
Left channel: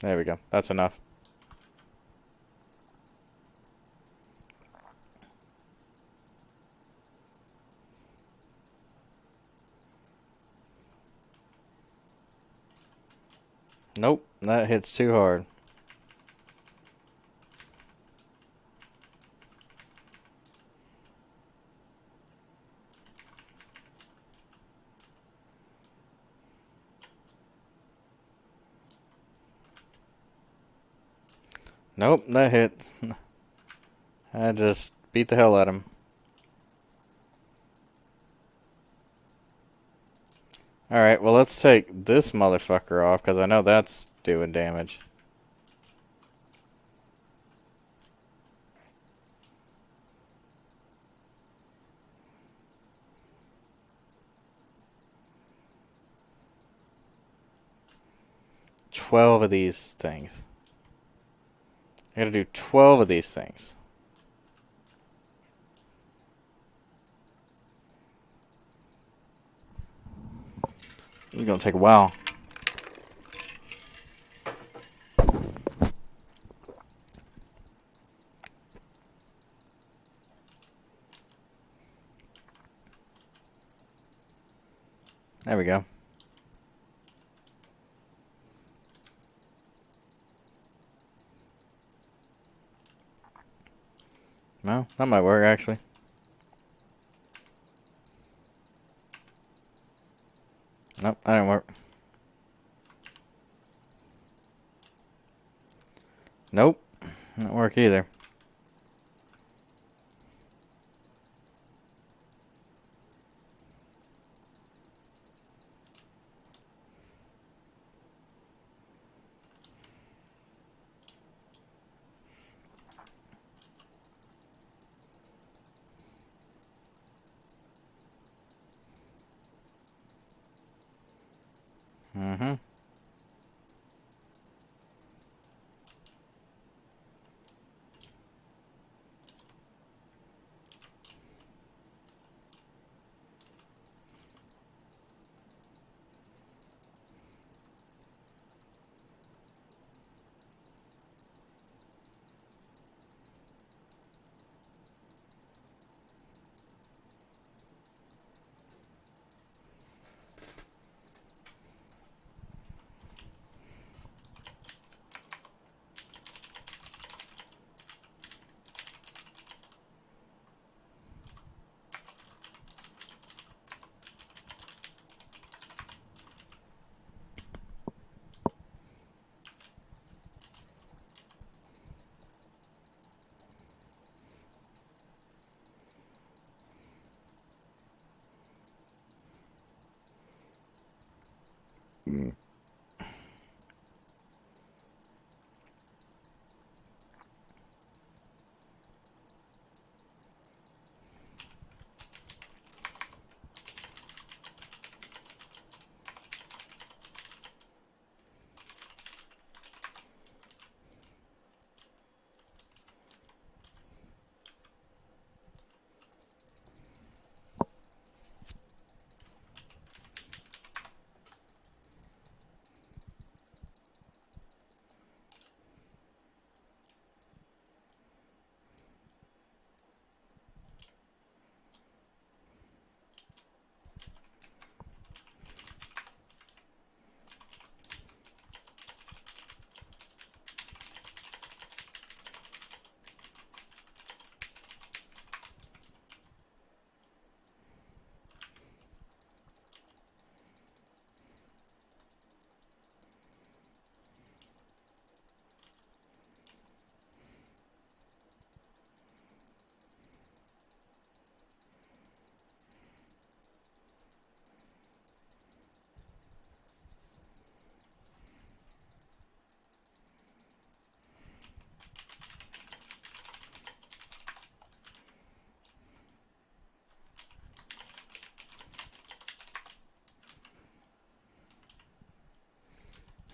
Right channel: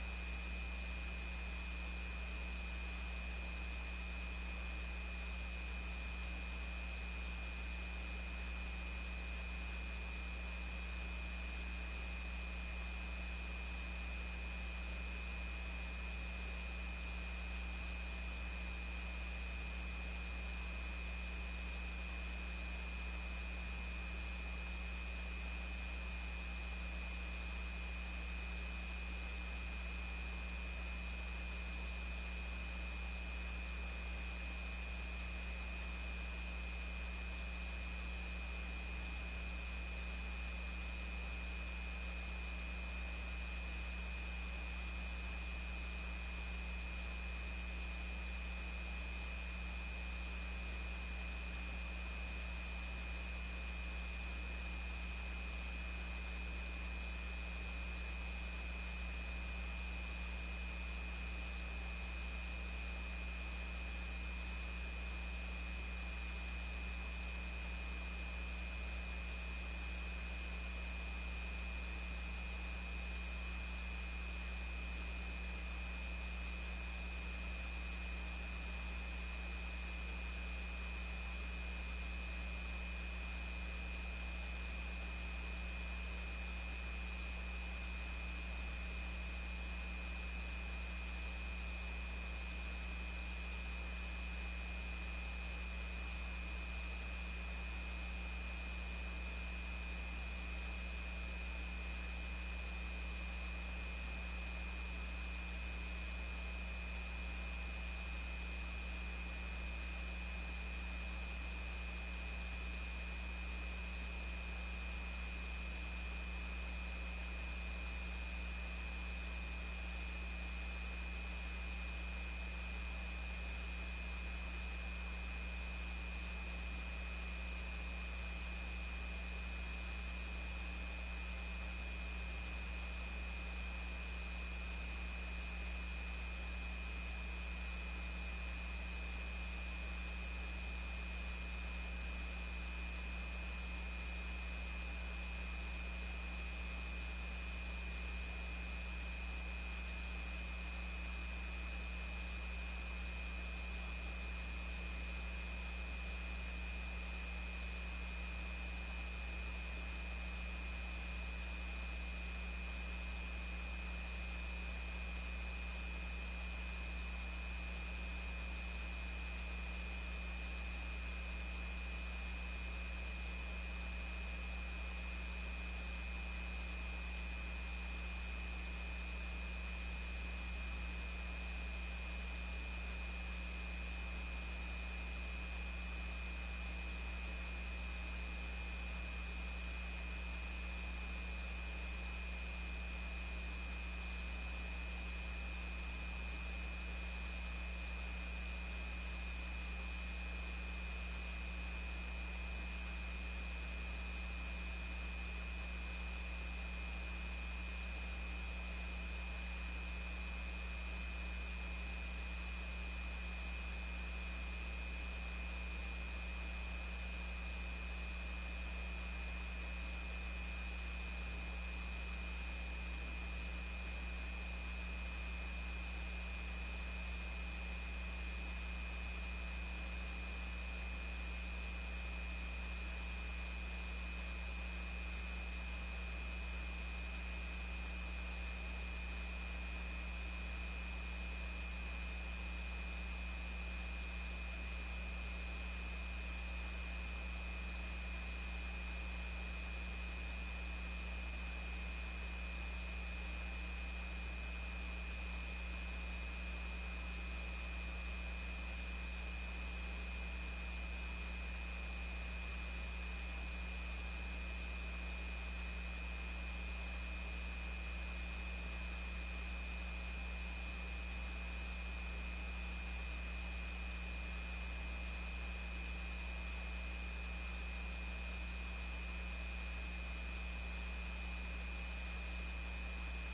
There we go. That's enough. Nope, that hits too hard. Nope, that hits. I just beat the hell out of him. Alright, well let's take this motherfucker off because I know that's doing damage. 12 of these things. I gotta do 12 of these things. It's gonna take a while. There we go. No, that might work actually. Nope, that didn't work. Nope, didn't work either. Mm-hmm.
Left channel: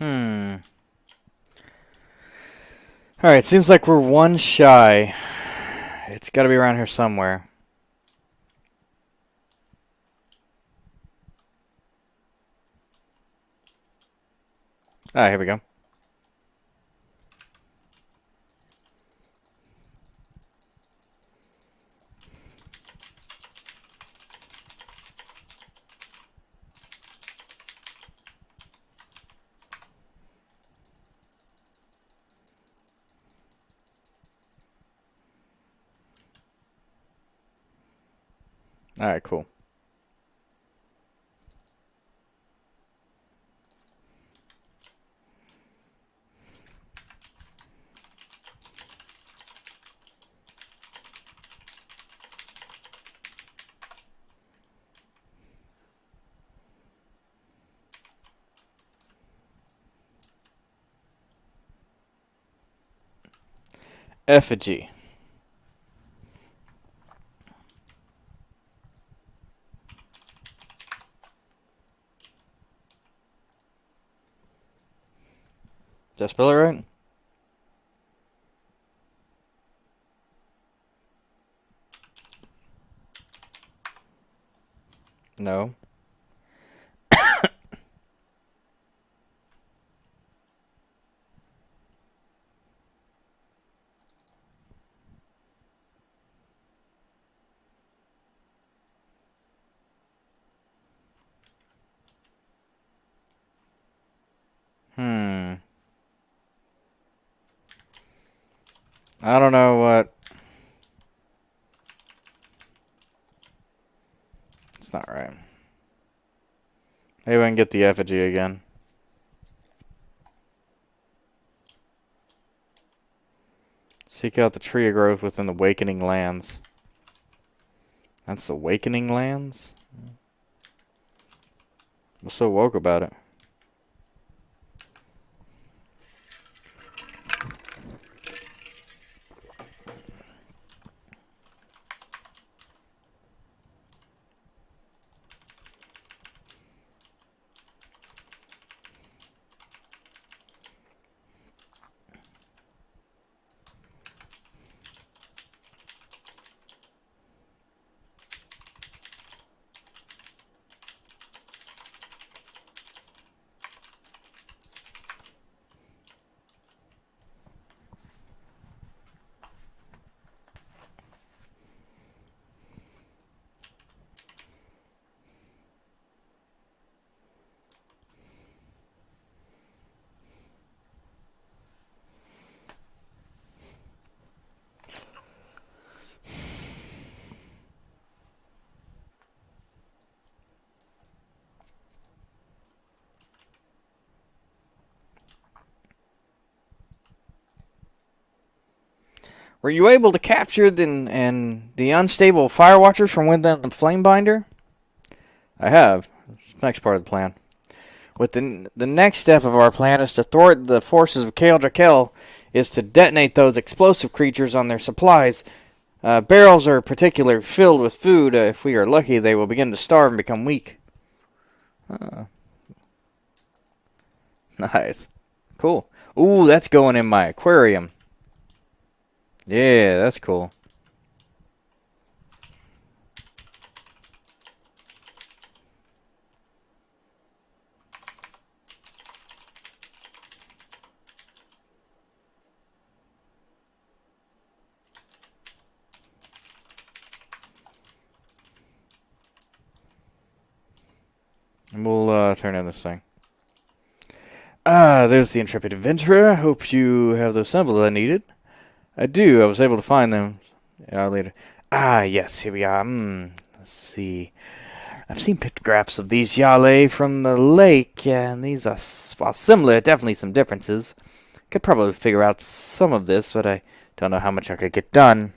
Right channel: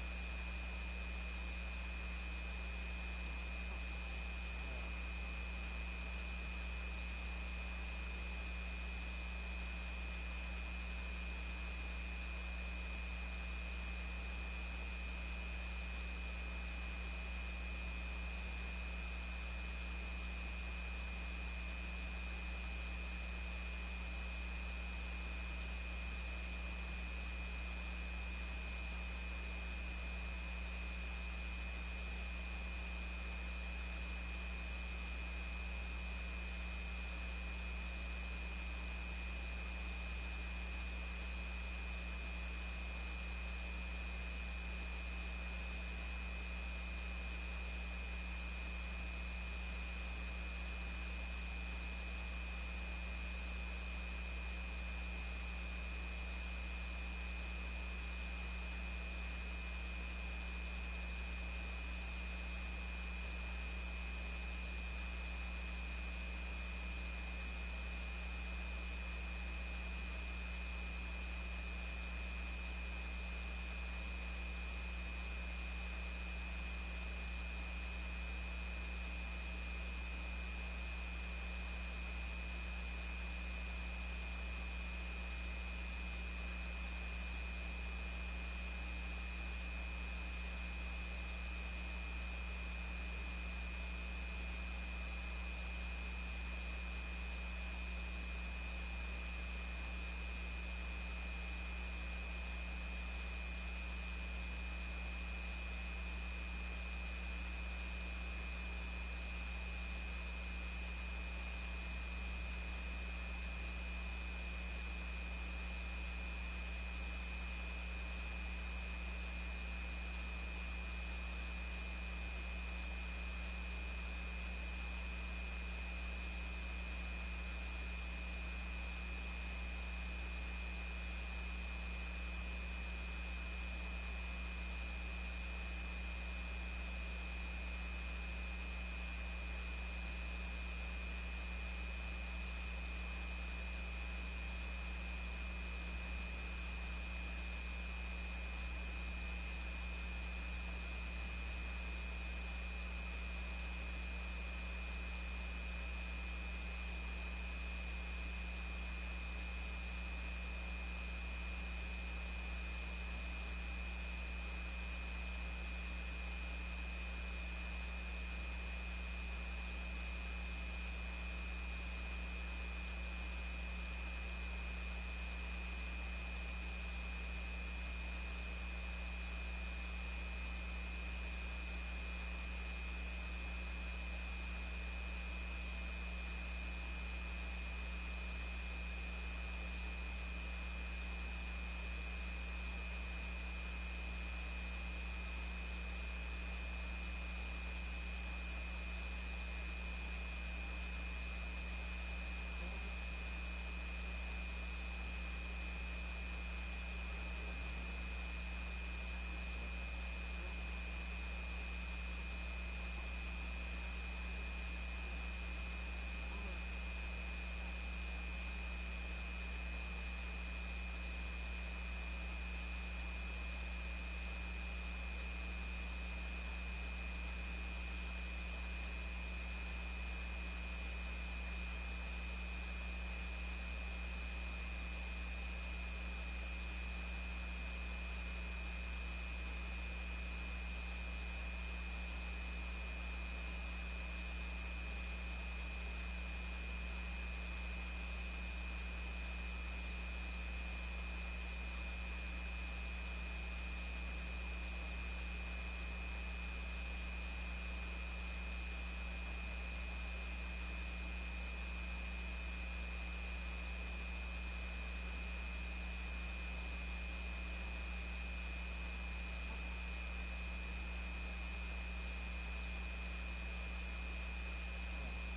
Hmm. All right. Seems like we're one shy. It's got to be around here somewhere. Ah, here we go. All right. Cool. Effigy. Did I spell it right? No. Hmm. I don't know what. It's not right. Maybe I can get the effigy again. Seek out the tree of growth within the awakening lands. That's the awakening lands? What's so woke about it? Were you able to capture the unstable fire watchers from within the flame binder? I have. Next part of the plan. With the next step of our plan is to thwart the forces of Kale Drakel, is to detonate those explosive creatures on their supplies. Barrels are particularly filled with food. If we are lucky, they will begin to starve and become weak. Uh, nice. Cool. Ooh, that's going in my aquarium. Yeah, that's cool. We'll turn in this thing. Ah, there's the intrepid adventurer. I hope you have those symbols I needed. I do. I was able to find them later. Ah, yes, here we are. Let's see. I've seen pictographs of these Yale from the lake, and these are, while similar, definitely some differences. Could probably figure out some of this, but I don't know how much I could get done.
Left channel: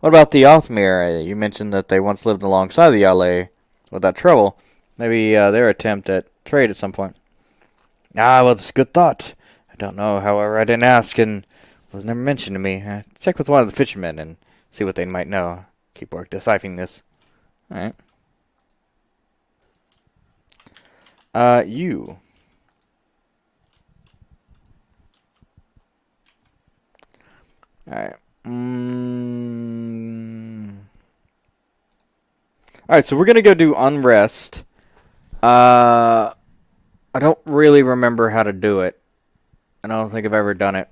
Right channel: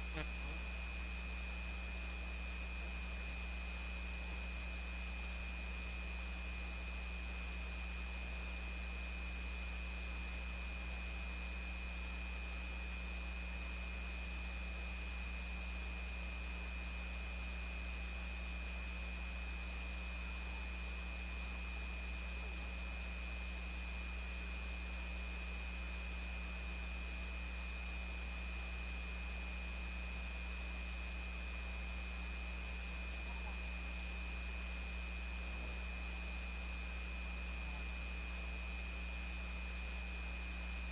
What about the Althmere? You mentioned that they once lived alongside the Yale without trouble. Maybe their attempt at trade at some point. Ah, well, it's a good thought. I don't know, however, I didn't ask and it was never mentioned to me. Check with one of the fishermen and see what they might know. Keep work deciphering this. Alright. You. Alright. Alright, so we're gonna go do Unrest. I don't really remember how to do it. I don't think I've ever done it.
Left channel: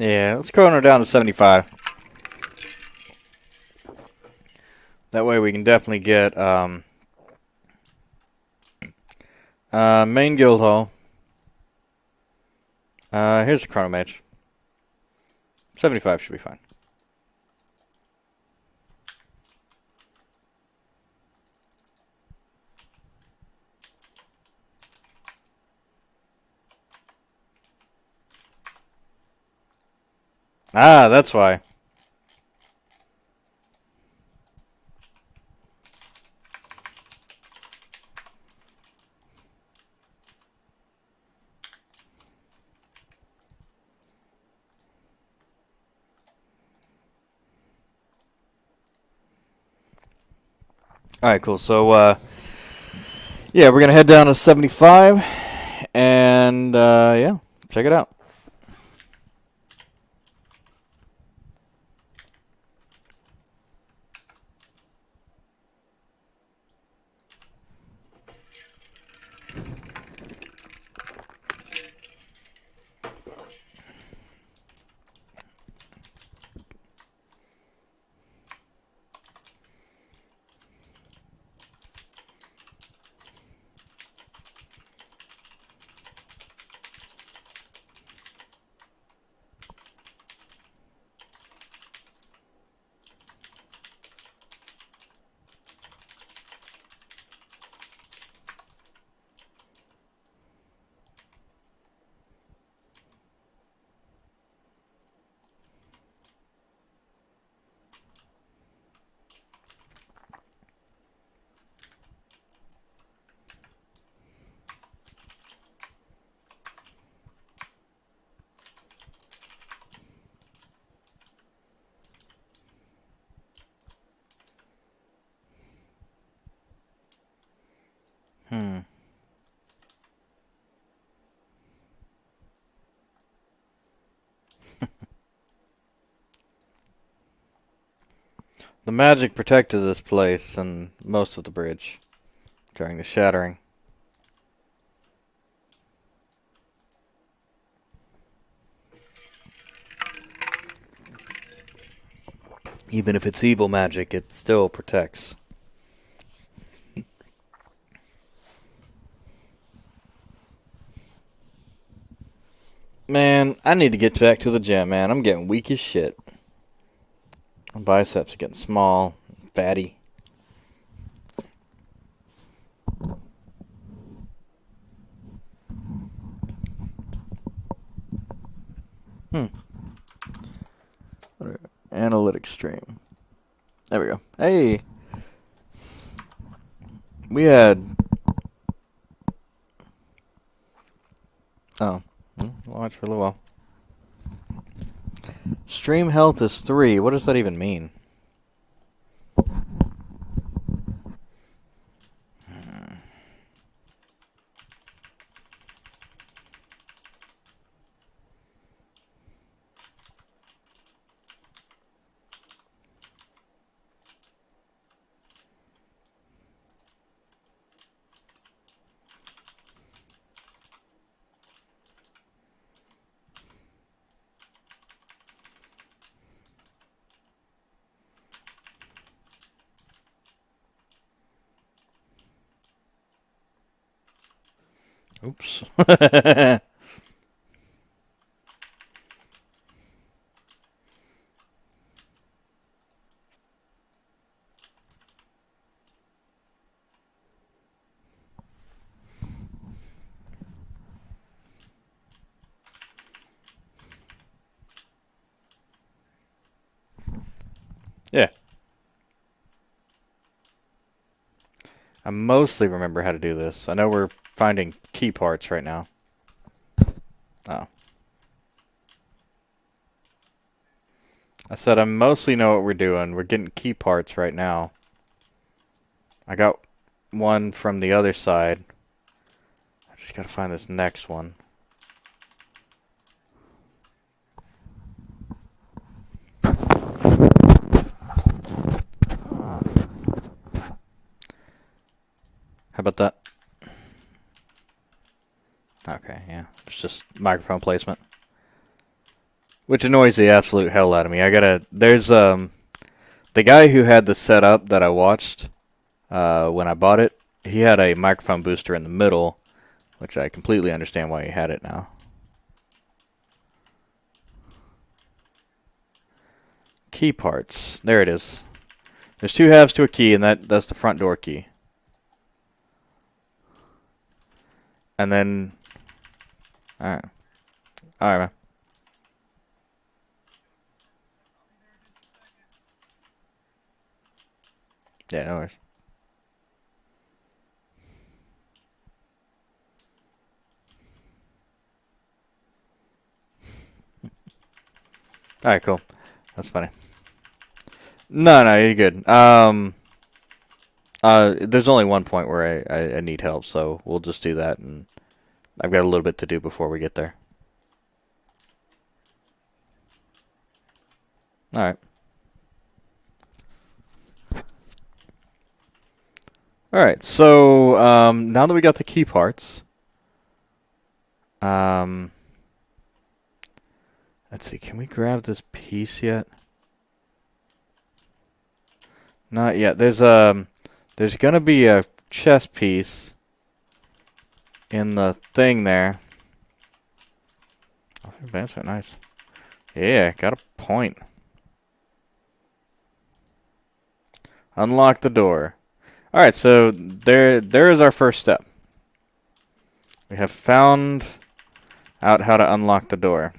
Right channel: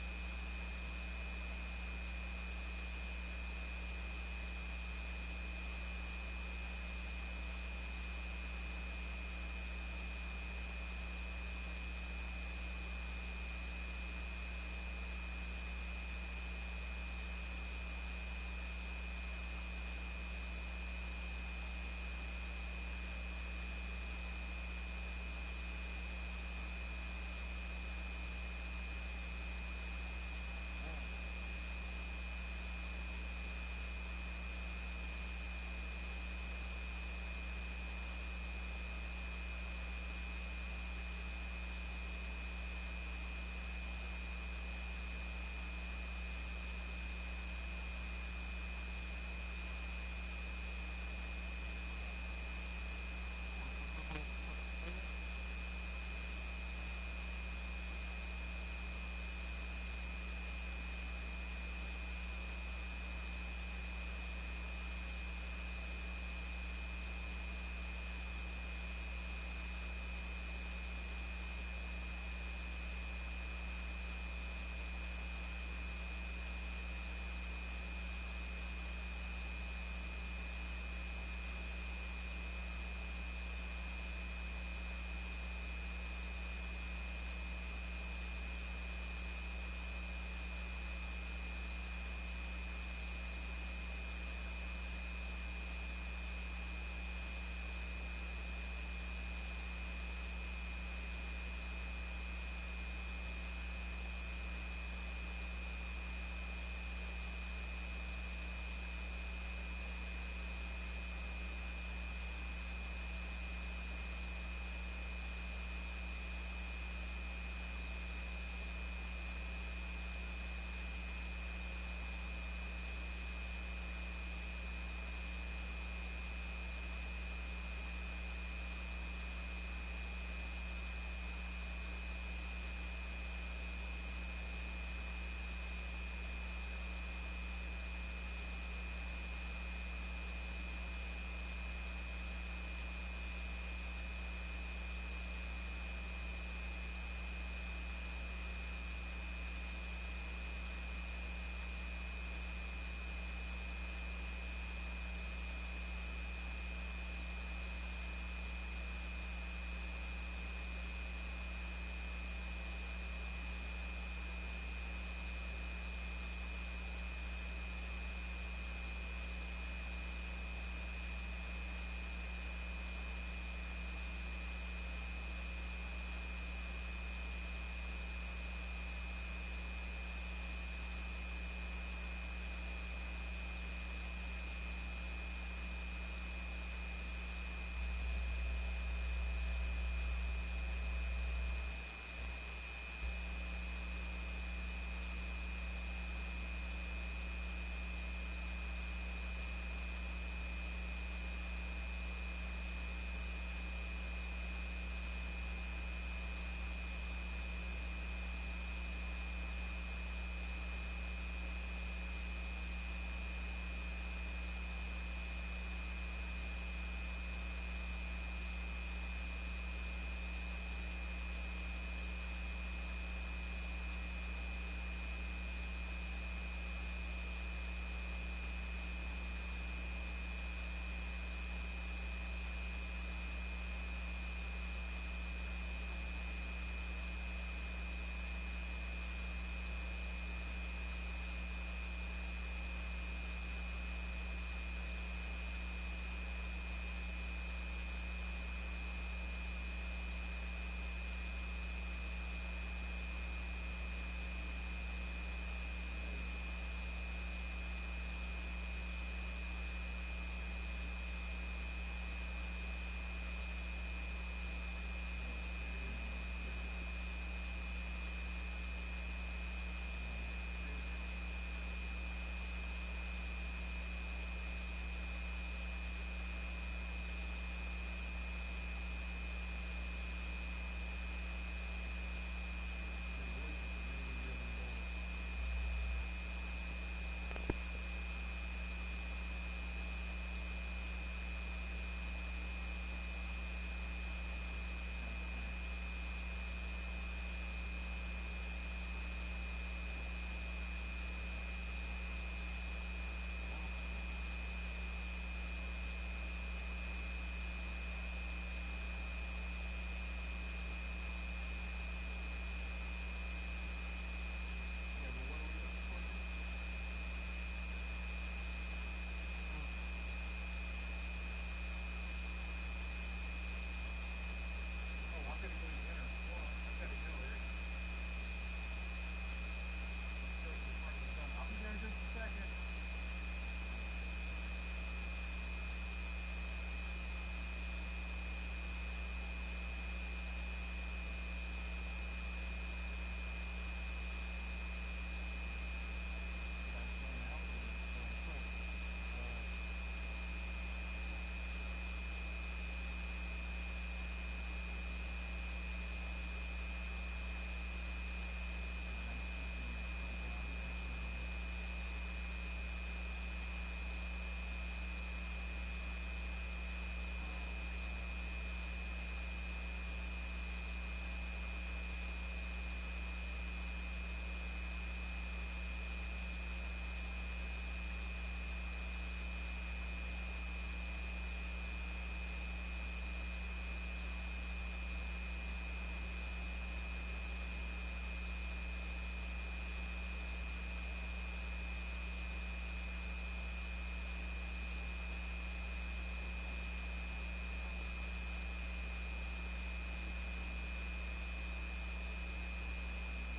Yeah, let's go her down to 75. That way we can definitely get main guild hall. Here's the chrono match. 75 should be fine. Ah, that's why. Alright, cool. So, yeah, we're going to head down to 75. And, yeah, check it out. Hmm. The magic protected this place and most of the bridge during the shattering. Even if it's evil magic, it still protects. Man, I need to get back to the gym, man. I'm getting weak as shit. My biceps are getting small, fatty. Hmm. Analytics stream. There we go. Hey, we had. Oh, watch for a little while. Stream health is 3. What does that even mean? Oops. Yeah. I mostly remember how to do this. I know we're finding key parts right now. Oh. I said I mostly know what we're doing. We're getting key parts right now. I got one from the other side. I just gotta find this next one. How about that? Okay, yeah. It's just microphone placement. Which annoys the absolute hell out of me. There's the guy who had the setup that I watched when I bought it, he had a microphone booster in the middle, which I completely understand why he had it now. Key parts. There it is. There's 2 halves to a key, and that's the front door key. And then, alright, man. Yeah, no worries. Alright, cool. That's funny. No, you're good. There's only one point where I need help, so we'll just do that, and I've got a little bit to do before we get there. Alright. Alright, so now that we got the key parts, let's see, can we grab this piece yet? Not yet. There's gonna be a chest piece in the thing there. Advancement, nice. Yeah, got a point. Unlock the door. Alright, so there is our first step. We have found out how to unlock the door.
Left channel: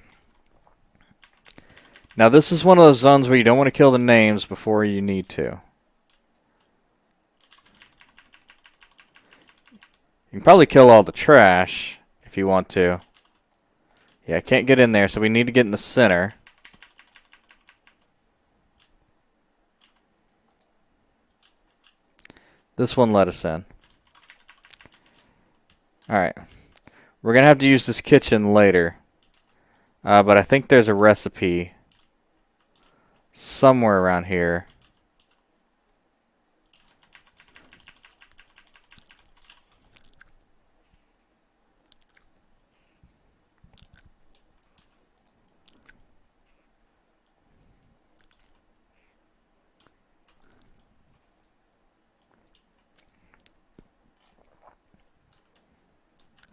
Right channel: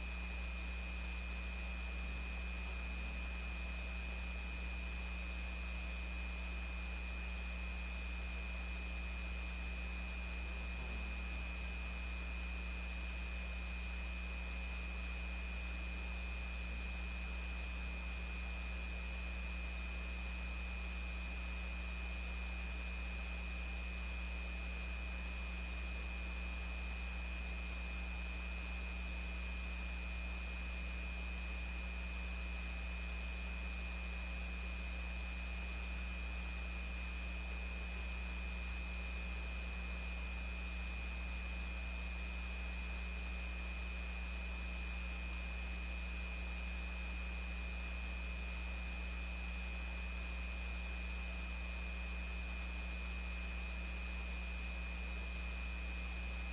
Now this is one of those zones where you don't want to kill the names before you need to. You can probably kill all the trash if you want to. Yeah, I can't get in there, so we need to get in the center. This one let us in. Alright. We're going to have to use this kitchen later. But I think there's a recipe somewhere around here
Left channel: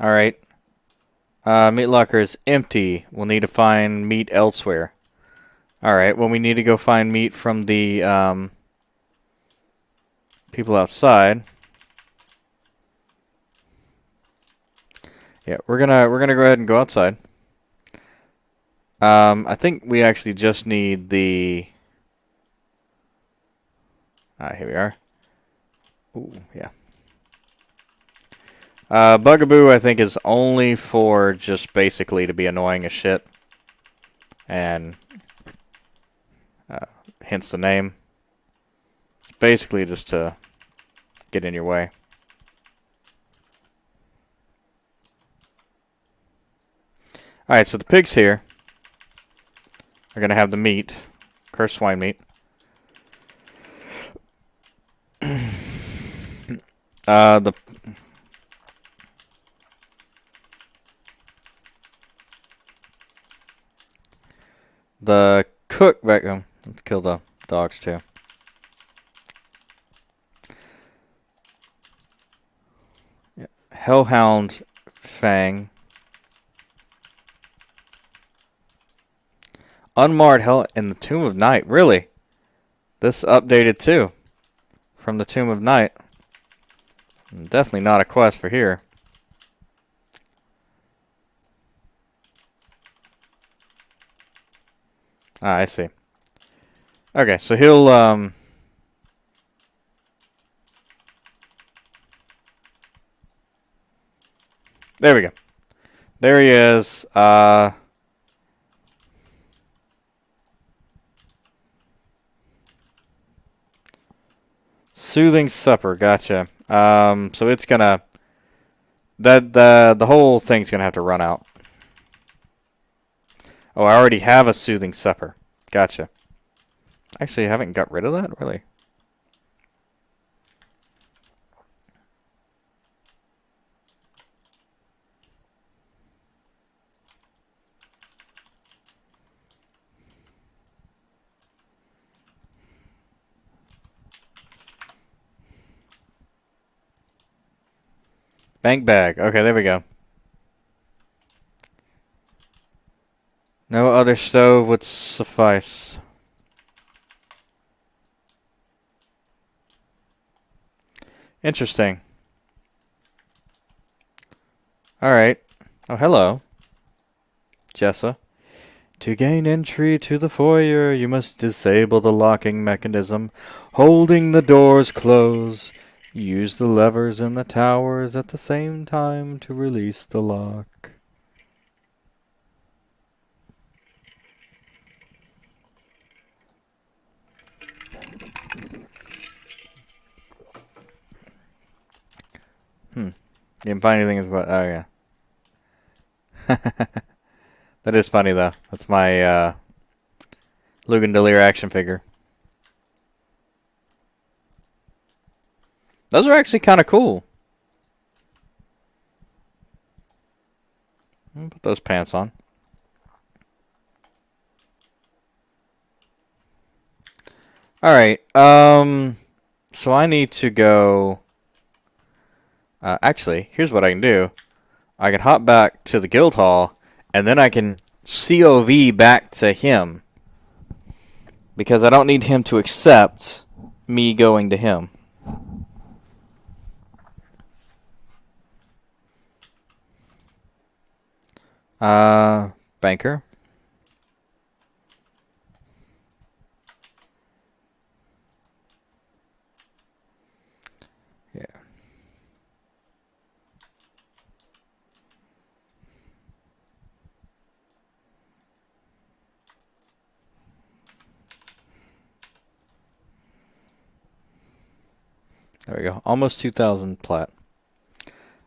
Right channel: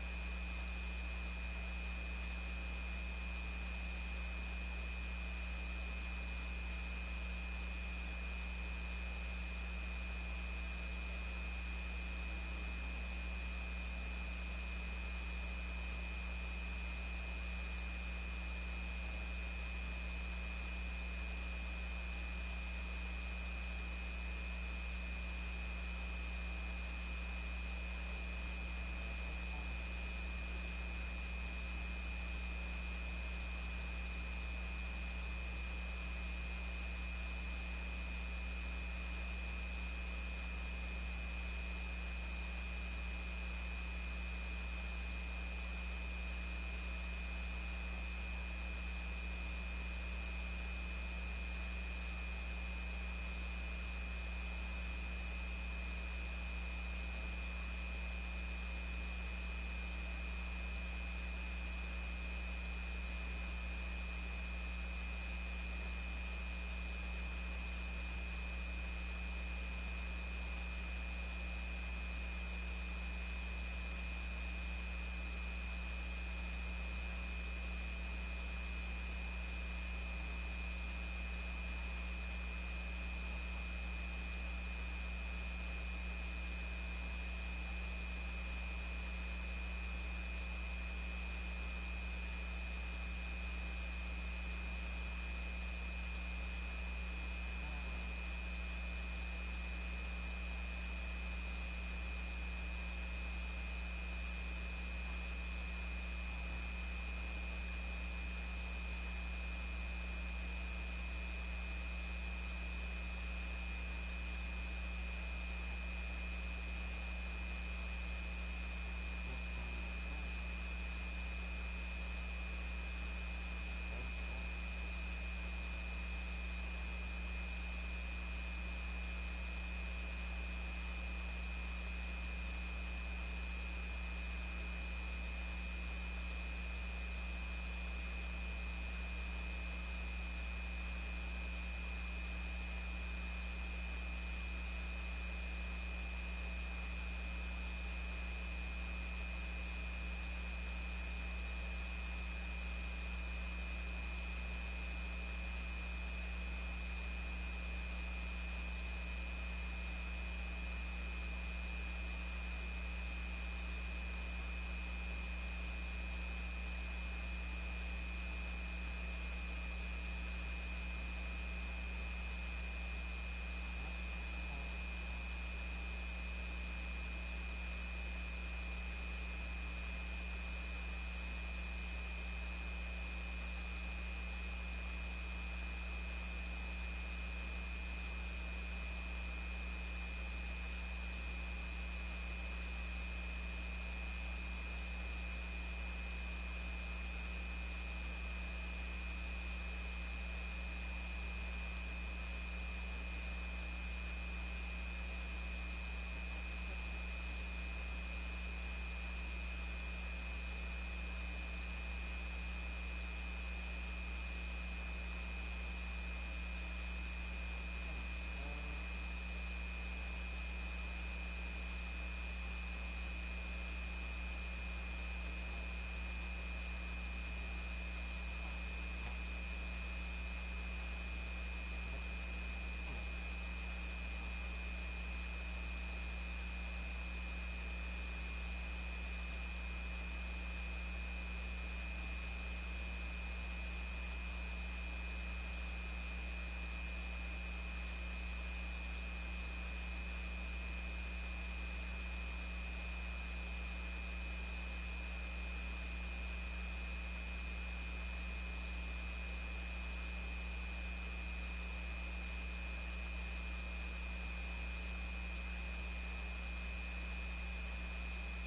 All right. Meat locker is empty. We'll need to find meat elsewhere. All right. Well, we need to go find meat from the people outside. Yeah, we're gonna go ahead and go outside. I think we actually just need the. Here we are. Ooh, yeah. Bugaboo, I think, is only for just basically to be annoying as shit, and uh, hence the name. Basically, just to get in your way. All right, so the pigs here are gonna have the meat, cursed swine meat. The cook back. Let's kill the dogs too. Hellhound Fang. Unmarred Hell in the Tomb of Night. Really? This updated too from the Tomb of Night. Definitely not a quest for here. I see. Okay, so he'll there we go. There he is. Soothing supper. Gotcha. So it's gonna the whole thing's gonna have to run out. Oh, I already have a soothing supper. Gotcha. Actually, I haven't got rid of that really. Bank bag. Okay, there we go. No other stove would suffice. Interesting. All right. Oh, hello, Jessa. To gain entry to the foyer, you must disable the locking mechanism, holding the doors closed. Use the levers in the towers at the same time to release the lock. Hmm. Didn't find anything as well. Oh, yeah. That is funny, though. That's my Lugan Delir action figure. Those are actually kind of cool. Put those pants on. Alright, so I need to go. Actually, here's what I can do. I can hop back to the guild hall, and then I can COV back to him. Because I don't need him to accept me going to him. Banker. Yeah. There we go. Almost 2,000 plat.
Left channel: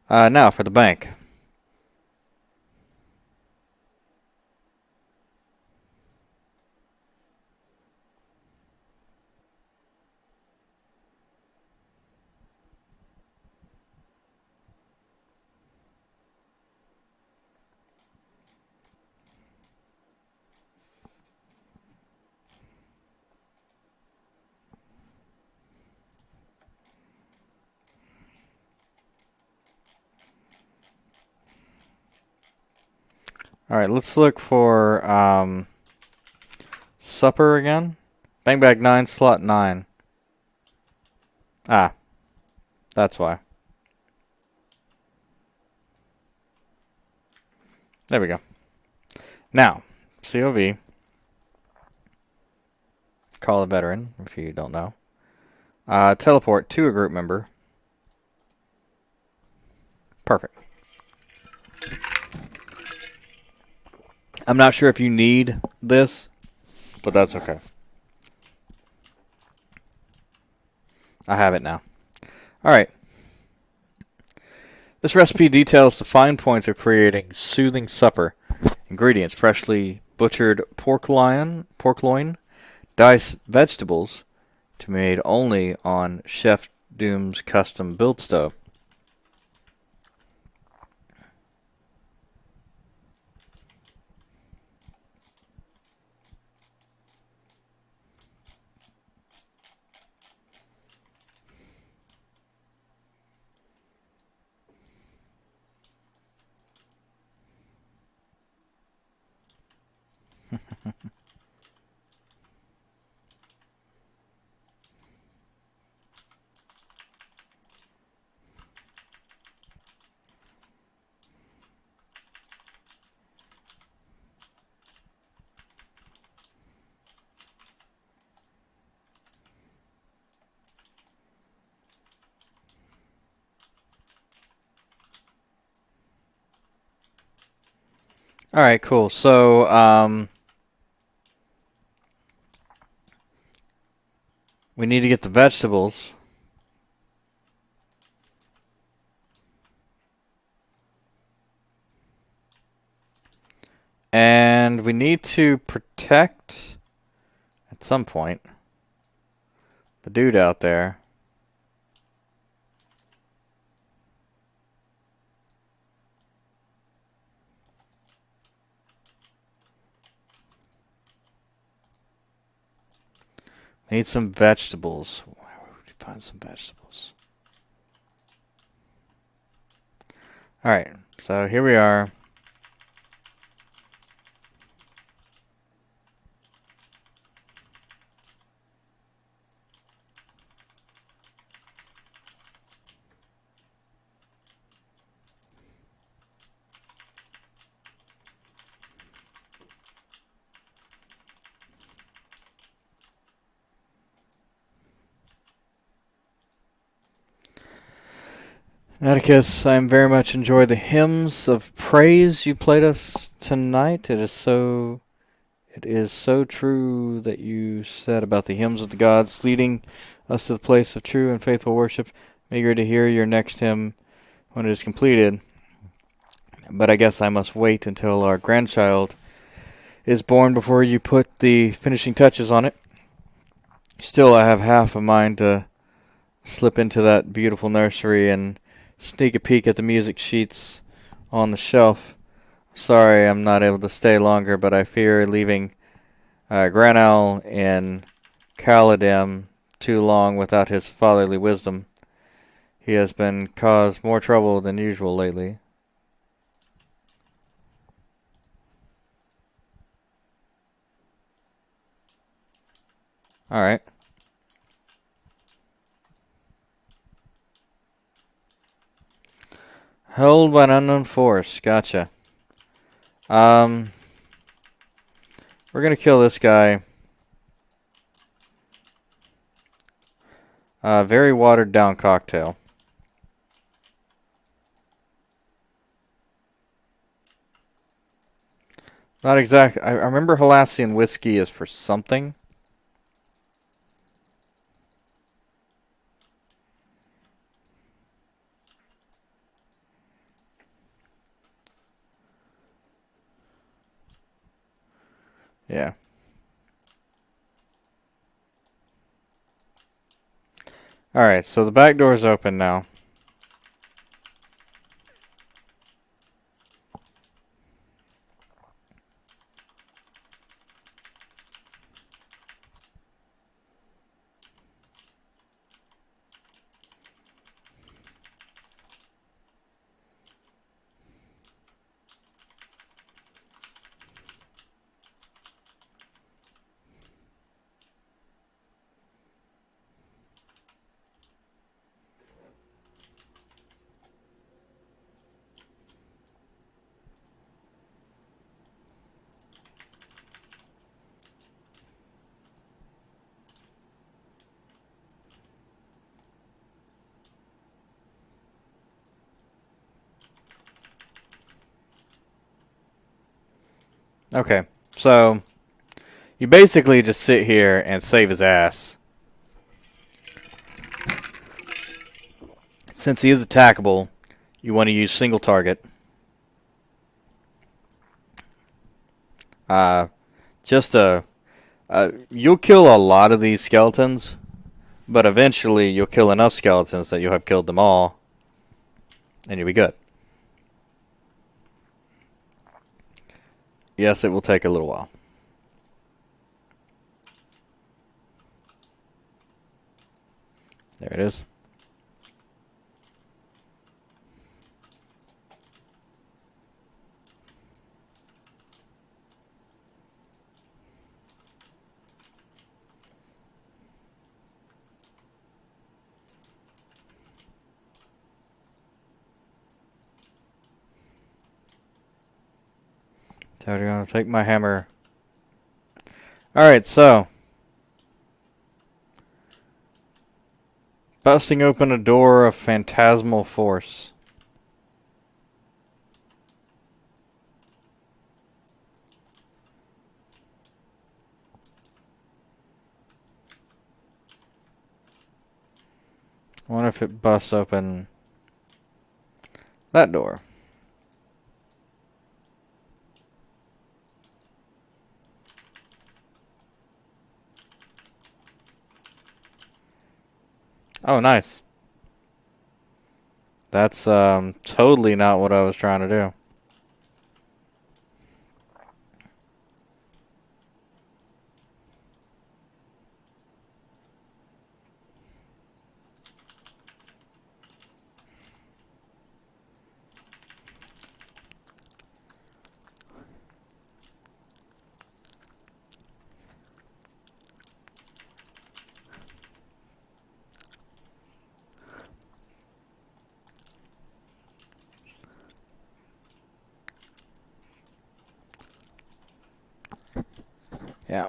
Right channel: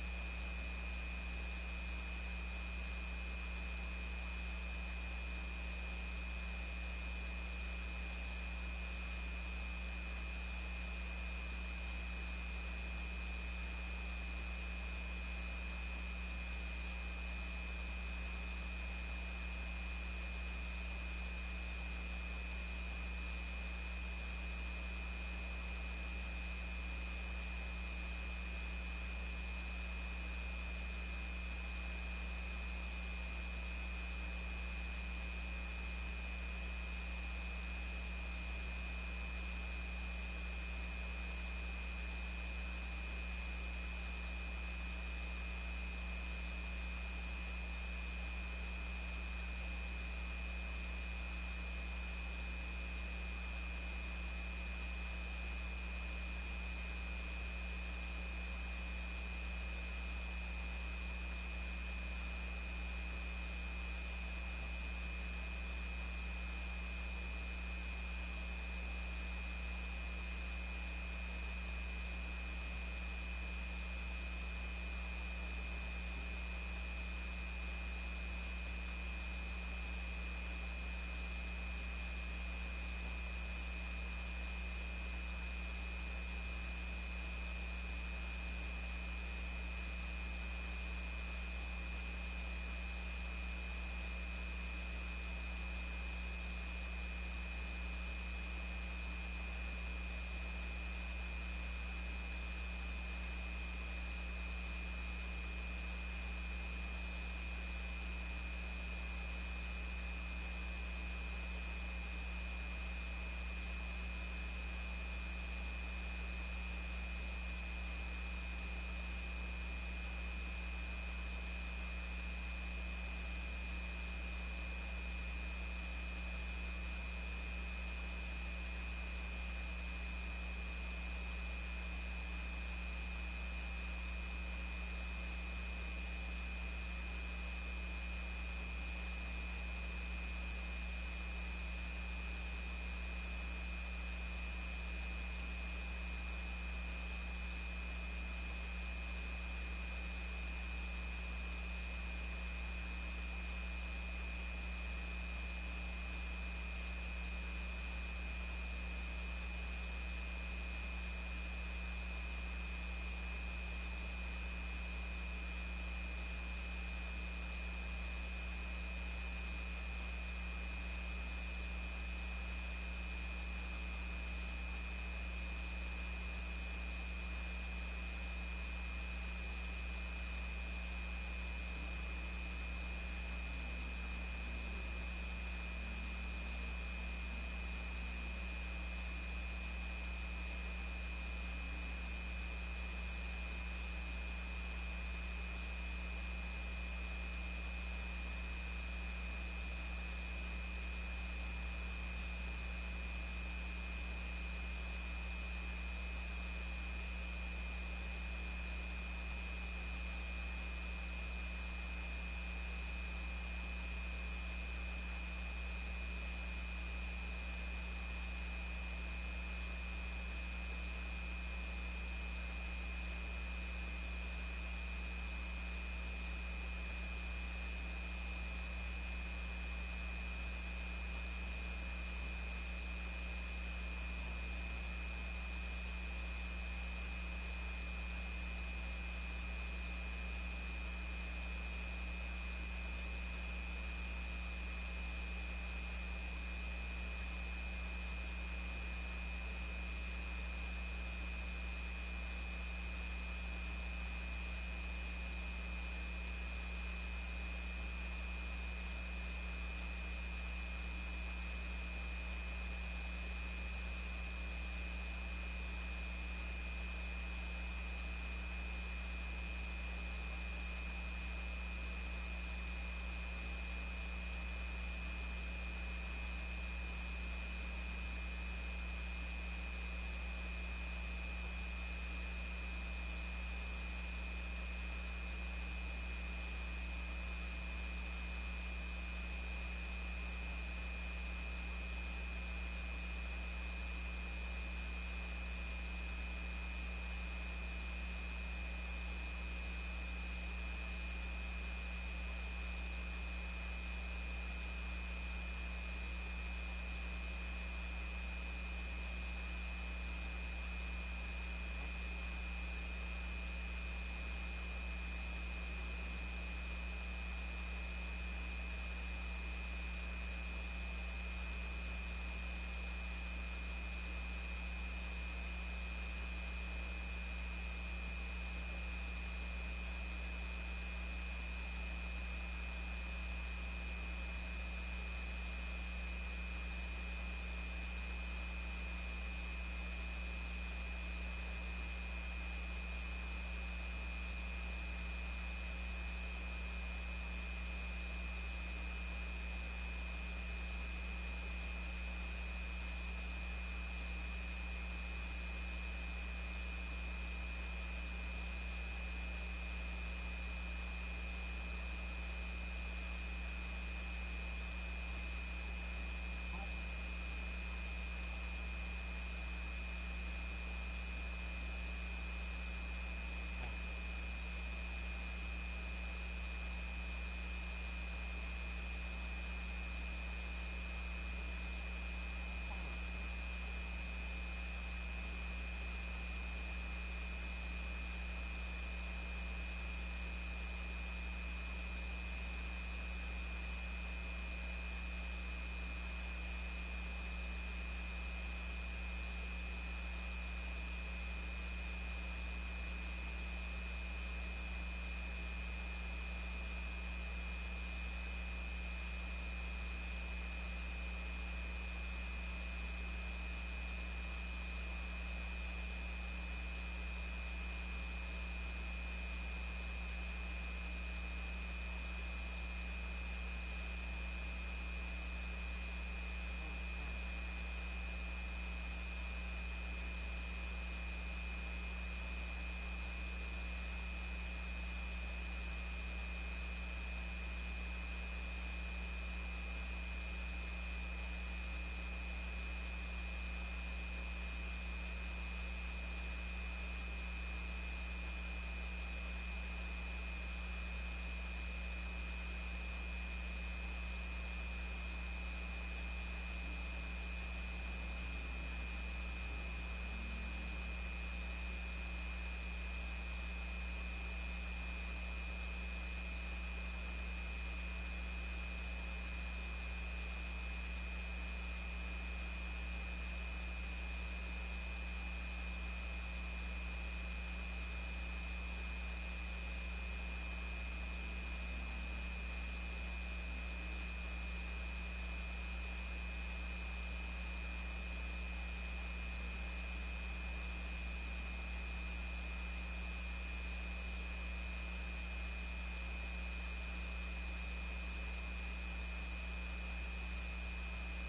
Now for the bank. All right, let's look for supper again. Bang bag 9, slot 9. Ah, that's why. There we go. Now, COV, call a veteran, if you don't know. Teleport to a group member. Perfect. I'm not sure if you need this, but that's okay. I have it now. All right. This recipe details the fine points of creating soothing supper. Ingredients: freshly butchered pork loin, diced vegetables, to be made only on Chef Doom's custom build stove. All right, cool. So, we need to get the vegetables. And we need to protect, at some point, the dude out there. Need some vegetables. Where would we find some vegetables? Alright, so here we are. Atticus, I very much enjoy the hymns of praise you played us tonight. It is so true that you said about the hymns of the gods leading us to the place of true and faithful worship. I'm eager to hear your next hymn when it is completed. But I guess I must wait until our grandchild is born before you put the finishing touches on it. Still, I have half a mind to slip into that beautiful nursery and sneak a peek at the music sheets on the shelf. Sorry I'm not able to stay longer, but I fear leaving Granel in Caladem too long without his fatherly wisdom. He has been caused more trouble than usual lately. Alright. Held by an unknown force. Gotcha. Um, we're gonna kill this guy. Very watered down cocktail. Not exactly. I remember Halassian whiskey is for something. Yeah. Alright, so the back door's open now. Okay, so you basically just sit here and save his ass. Since he is attackable, you want to use single target. Uh, just a you'll kill a lot of these skeletons, but eventually you'll kill enough skeletons that you'll have killed them all, and you'll be good. Yes, it will take a little while. There it is. So we're gonna take my hammer. All right, so busting open a door of phantasmal force. I wonder if it busts open that door. Oh, nice. That's totally not what I was trying to do. Yeah.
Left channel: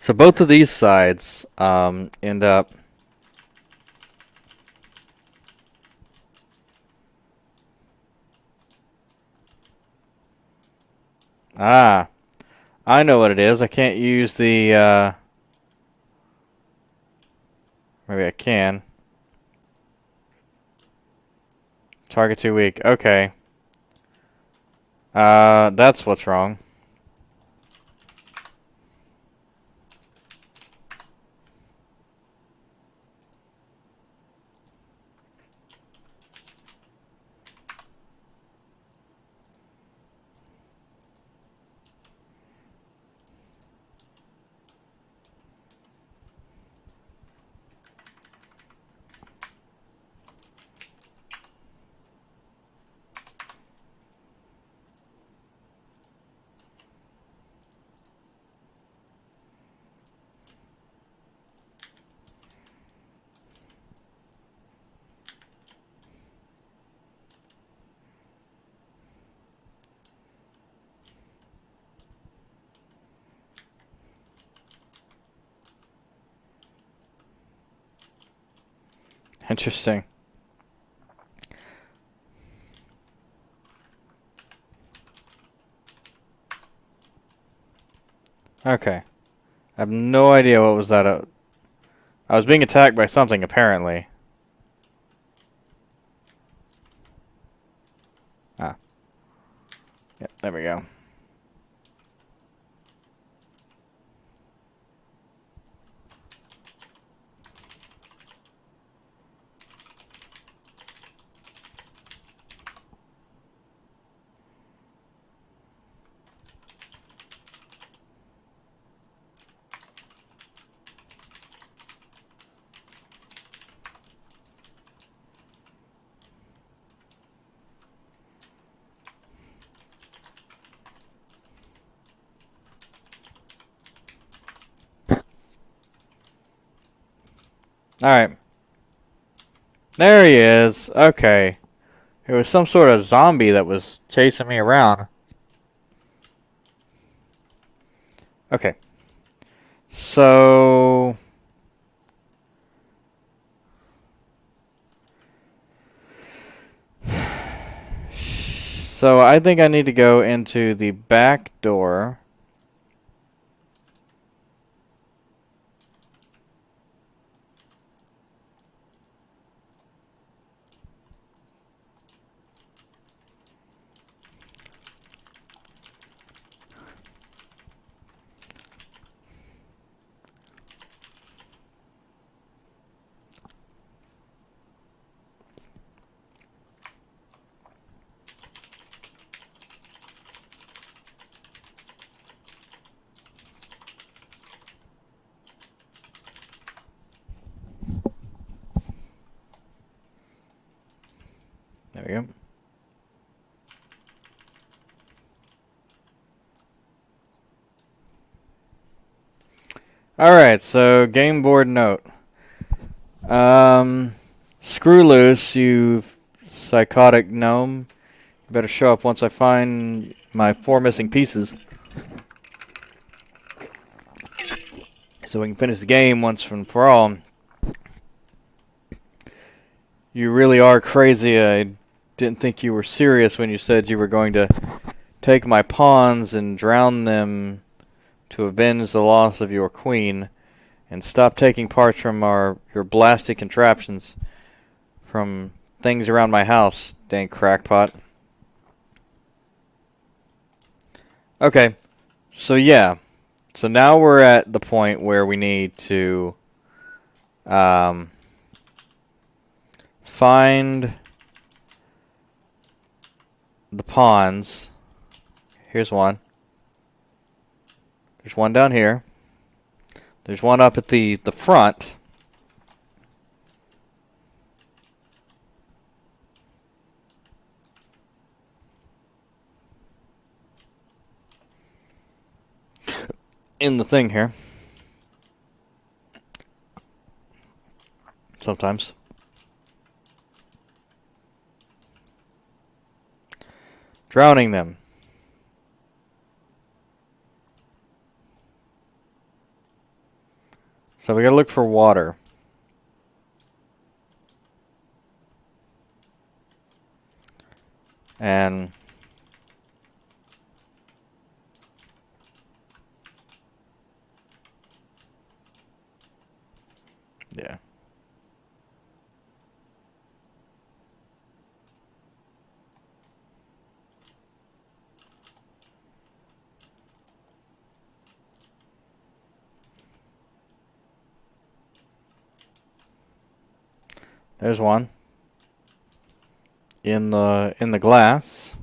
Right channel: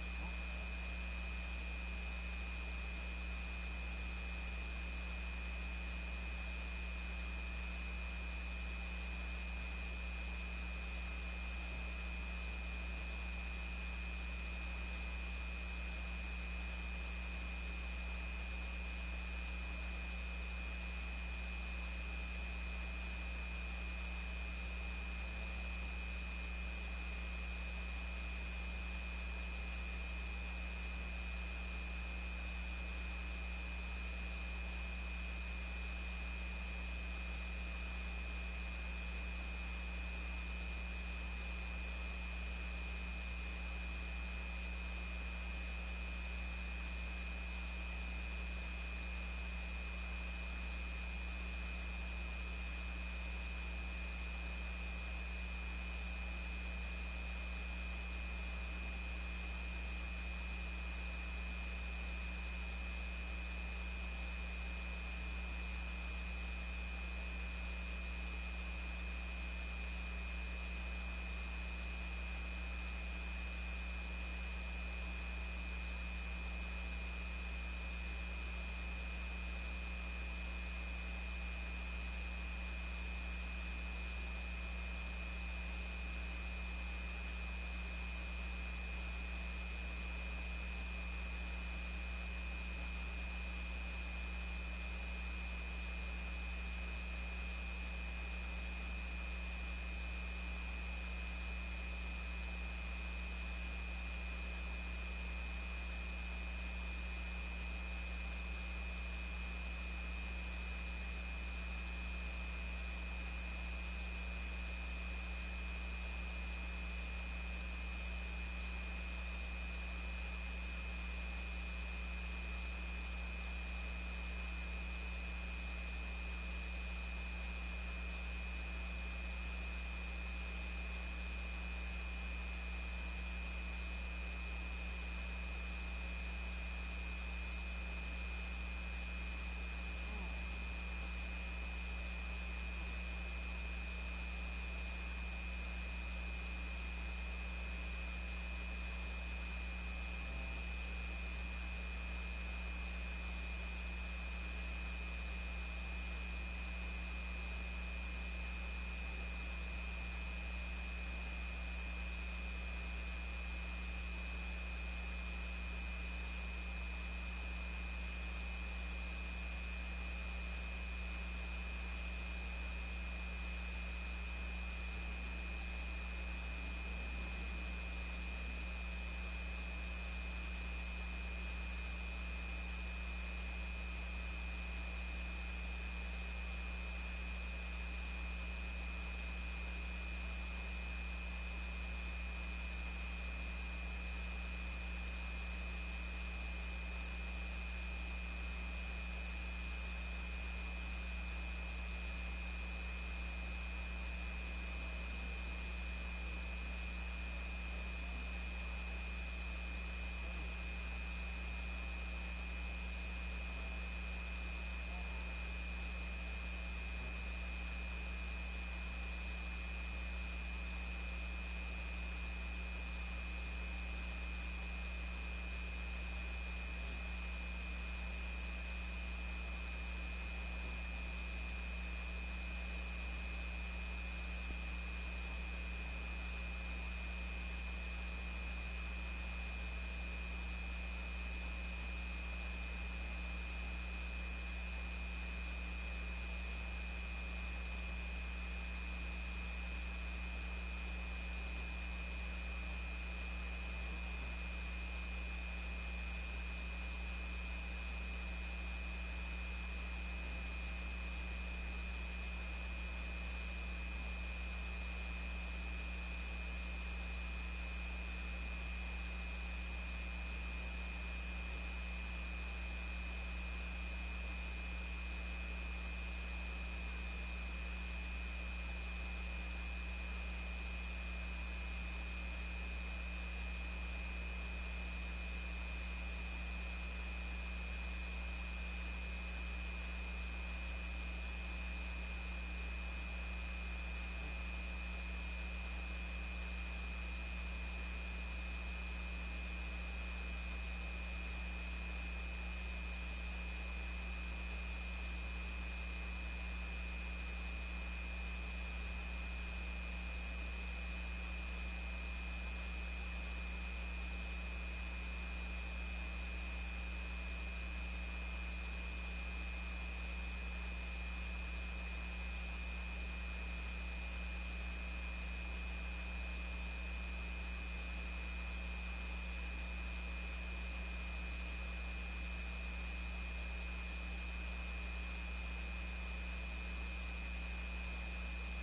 So both of these sides end up. Ah, I know what it is. I can't use the. Maybe I can. Target too weak. Okay. That's what's wrong. Interesting. Okay. I have no idea what was that. I was being attacked by something apparently. Ah. Yep. There we go. All right. There he is. Okay. There was some sort of zombie that was chasing me around. Okay. So So I think I need to go into the back door. There we go. Alright, so game board note. Um, Screw loose, you psychotic gnome. Better show up once I find my 4 missing pieces. So we can finish the game once and for all. You really are crazy. I didn't think you were serious when you said you were going to take my pawns and drown them to avenge the loss of your queen, and stop taking parts from your blasted contraptions from things around my house, dang crackpot. Okay, so yeah. So now we're at the point where we need to um, find the pawns. Here's one. There's one down here. There's one up at the front. In the thing here. Sometimes. Drowning them. So we gotta look for water. And yeah. There's one. In the glass.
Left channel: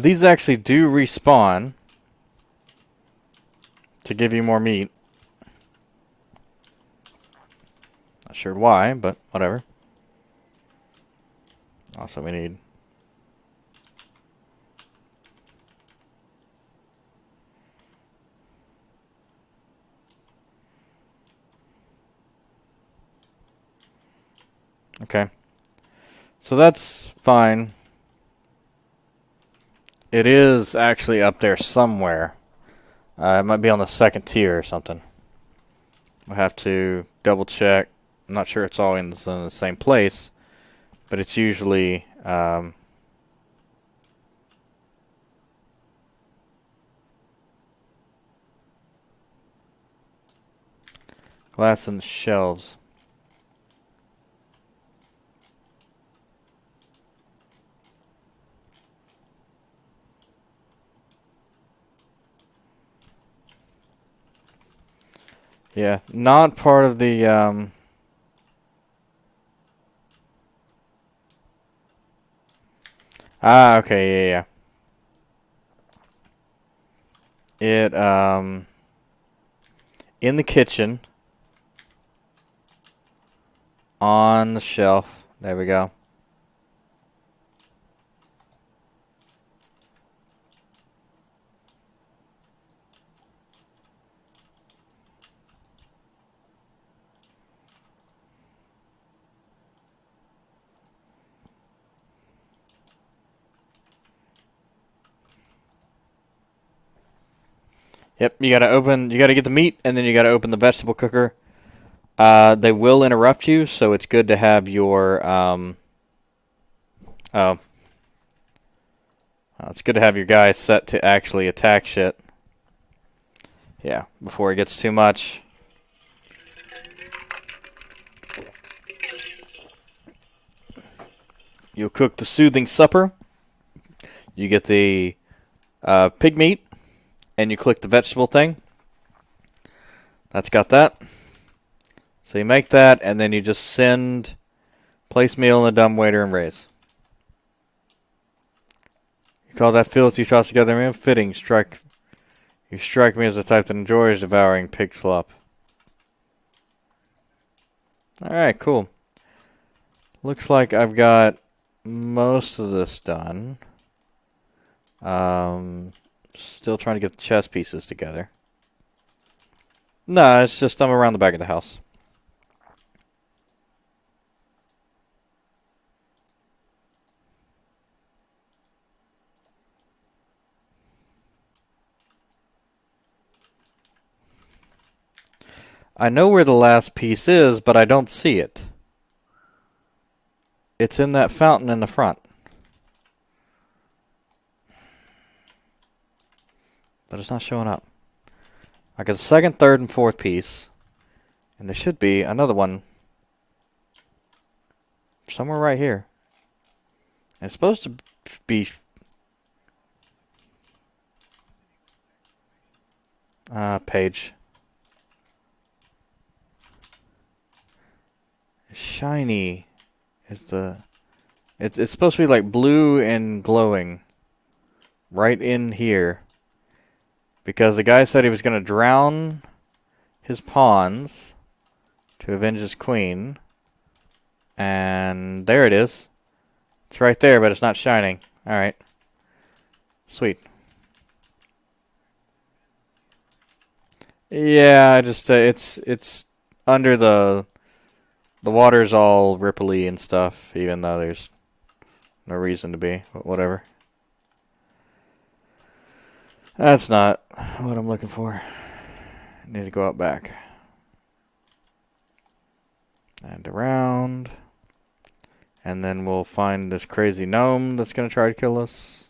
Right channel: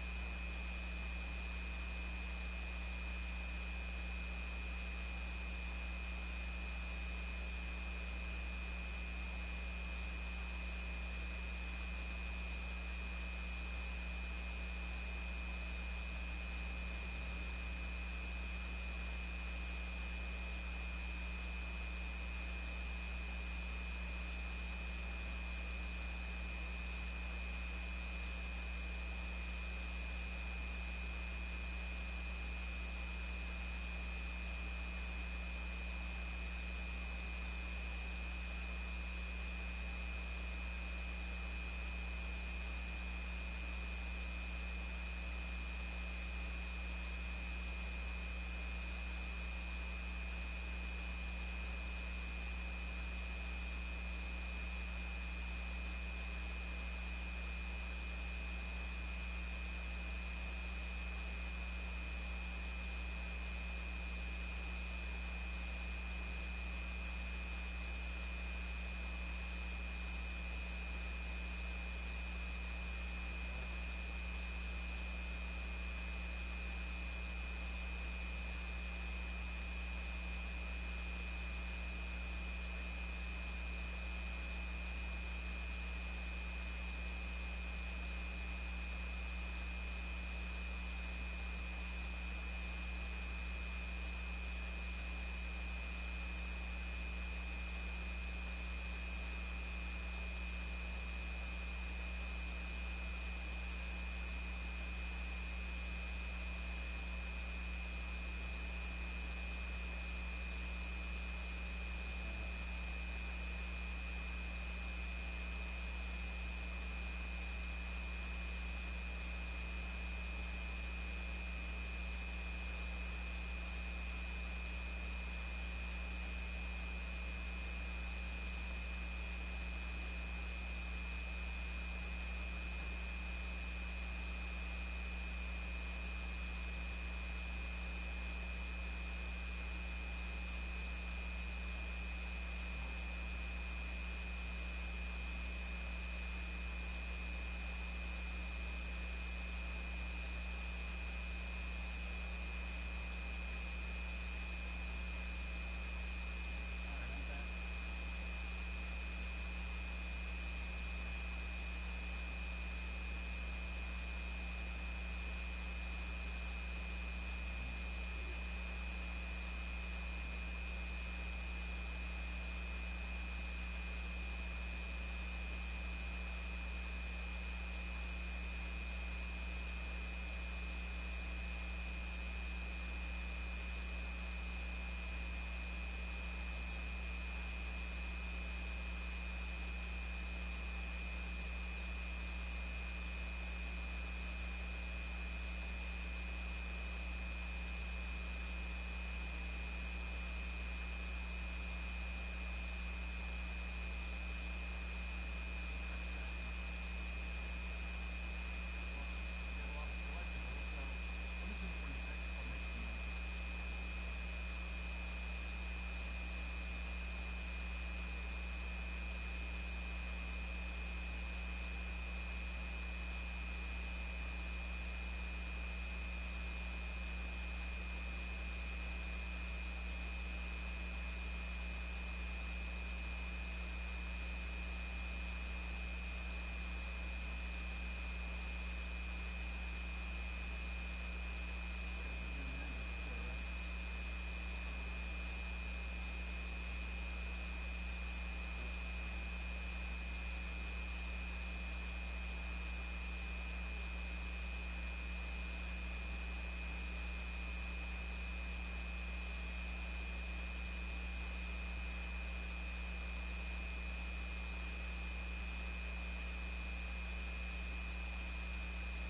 These actually do respawn to give you more meat. Not sure why, but whatever. Also, we need. Okay. So that's fine. It is actually up there somewhere. It might be on the second tier or something. We'll have to double check. I'm not sure it's all in the same place, but it's usually glass in the shelves. Yeah, not part of the okay, yeah, yeah. It in the kitchen on the shelf. There we go. Yep, you gotta open. You gotta get the meat, and then you gotta open the vegetable cooker. They will interrupt you, so it's good to have your oh, it's good to have your guy set to actually attack shit. Yeah, before it gets too much. You'll cook the soothing supper. You get the pig meat, and you click the vegetable thing. That's got that. So you make that, and then you just send place meal in the dumbwaiter and raise. You call that filthy sauce together, man. Fitting. You strike me as the type that enjoys devouring pig slop. All right, cool. Looks like I've got most of this done. Still trying to get the chess pieces together. No, it's just I'm around the back of the house. I know where the last piece is, but I don't see it. It's in that fountain in the front. But it's not showing up. I got the second, third, and fourth piece. And there should be another one somewhere right here. And it's supposed to be page. Shiny is the it's supposed to be like blue and glowing right in here. Because the guy said he was gonna drown his pawns to avenge his queen. And there it is. It's right there, but it's not shining. Alright. Sweet. Yeah, just it's under the water's all ripply and stuff, even though there's no reason to be. But whatever. That's not what I'm looking for. I need to go out back. And around. And then we'll find this crazy gnome that's gonna try to kill us.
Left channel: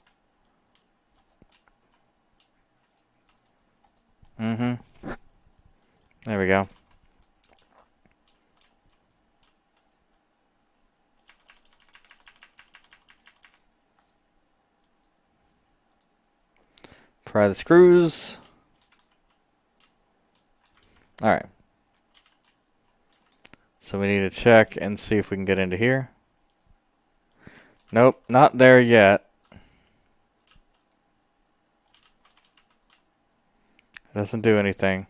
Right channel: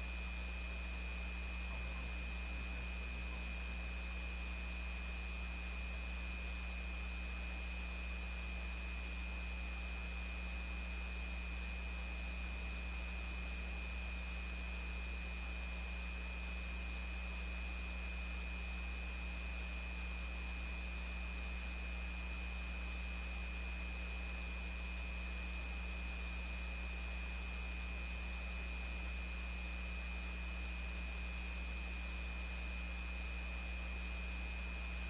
Mm-hmm. There we go. Pry the screws. Alright. So we need to check and see if we can get into here. Nope, not there yet. Doesn't do anything.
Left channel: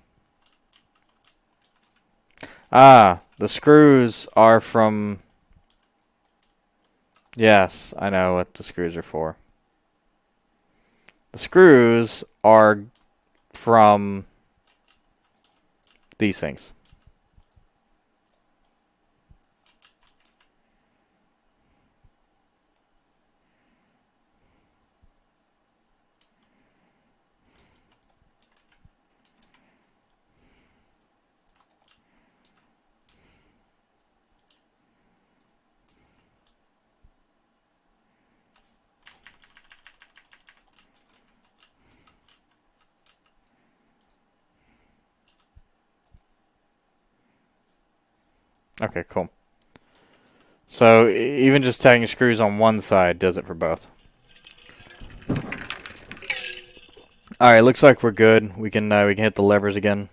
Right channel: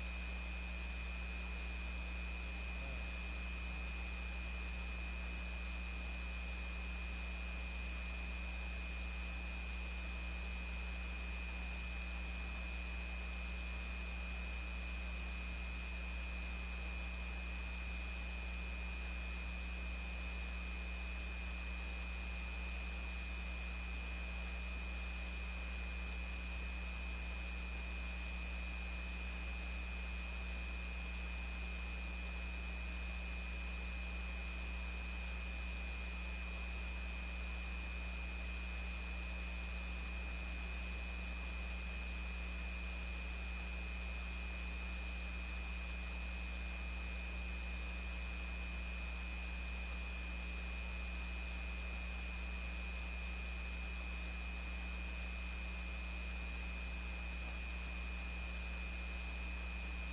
Ah, the screws are from... Yes, I know what the screws are for. The screws are from these things. Okay, cool. So even just tagging screws on one side does it for both. All right, looks like we're good. We can hit the levers again.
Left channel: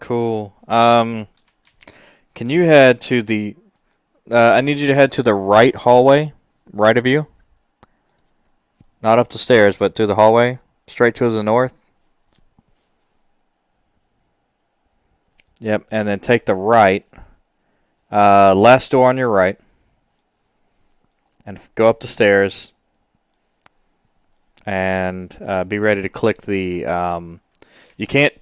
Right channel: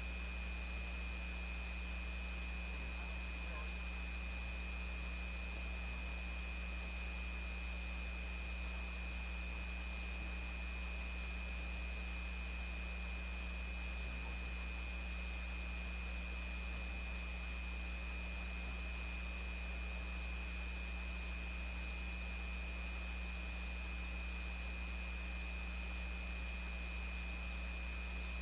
Cool. Can you head to the? I need you to head to the right hallway, right of you. Not up the stairs, but to the hallway, straight to the north. Yep, and then take the right. Last door on your right, and go up the stairs. And be ready to click the. You can't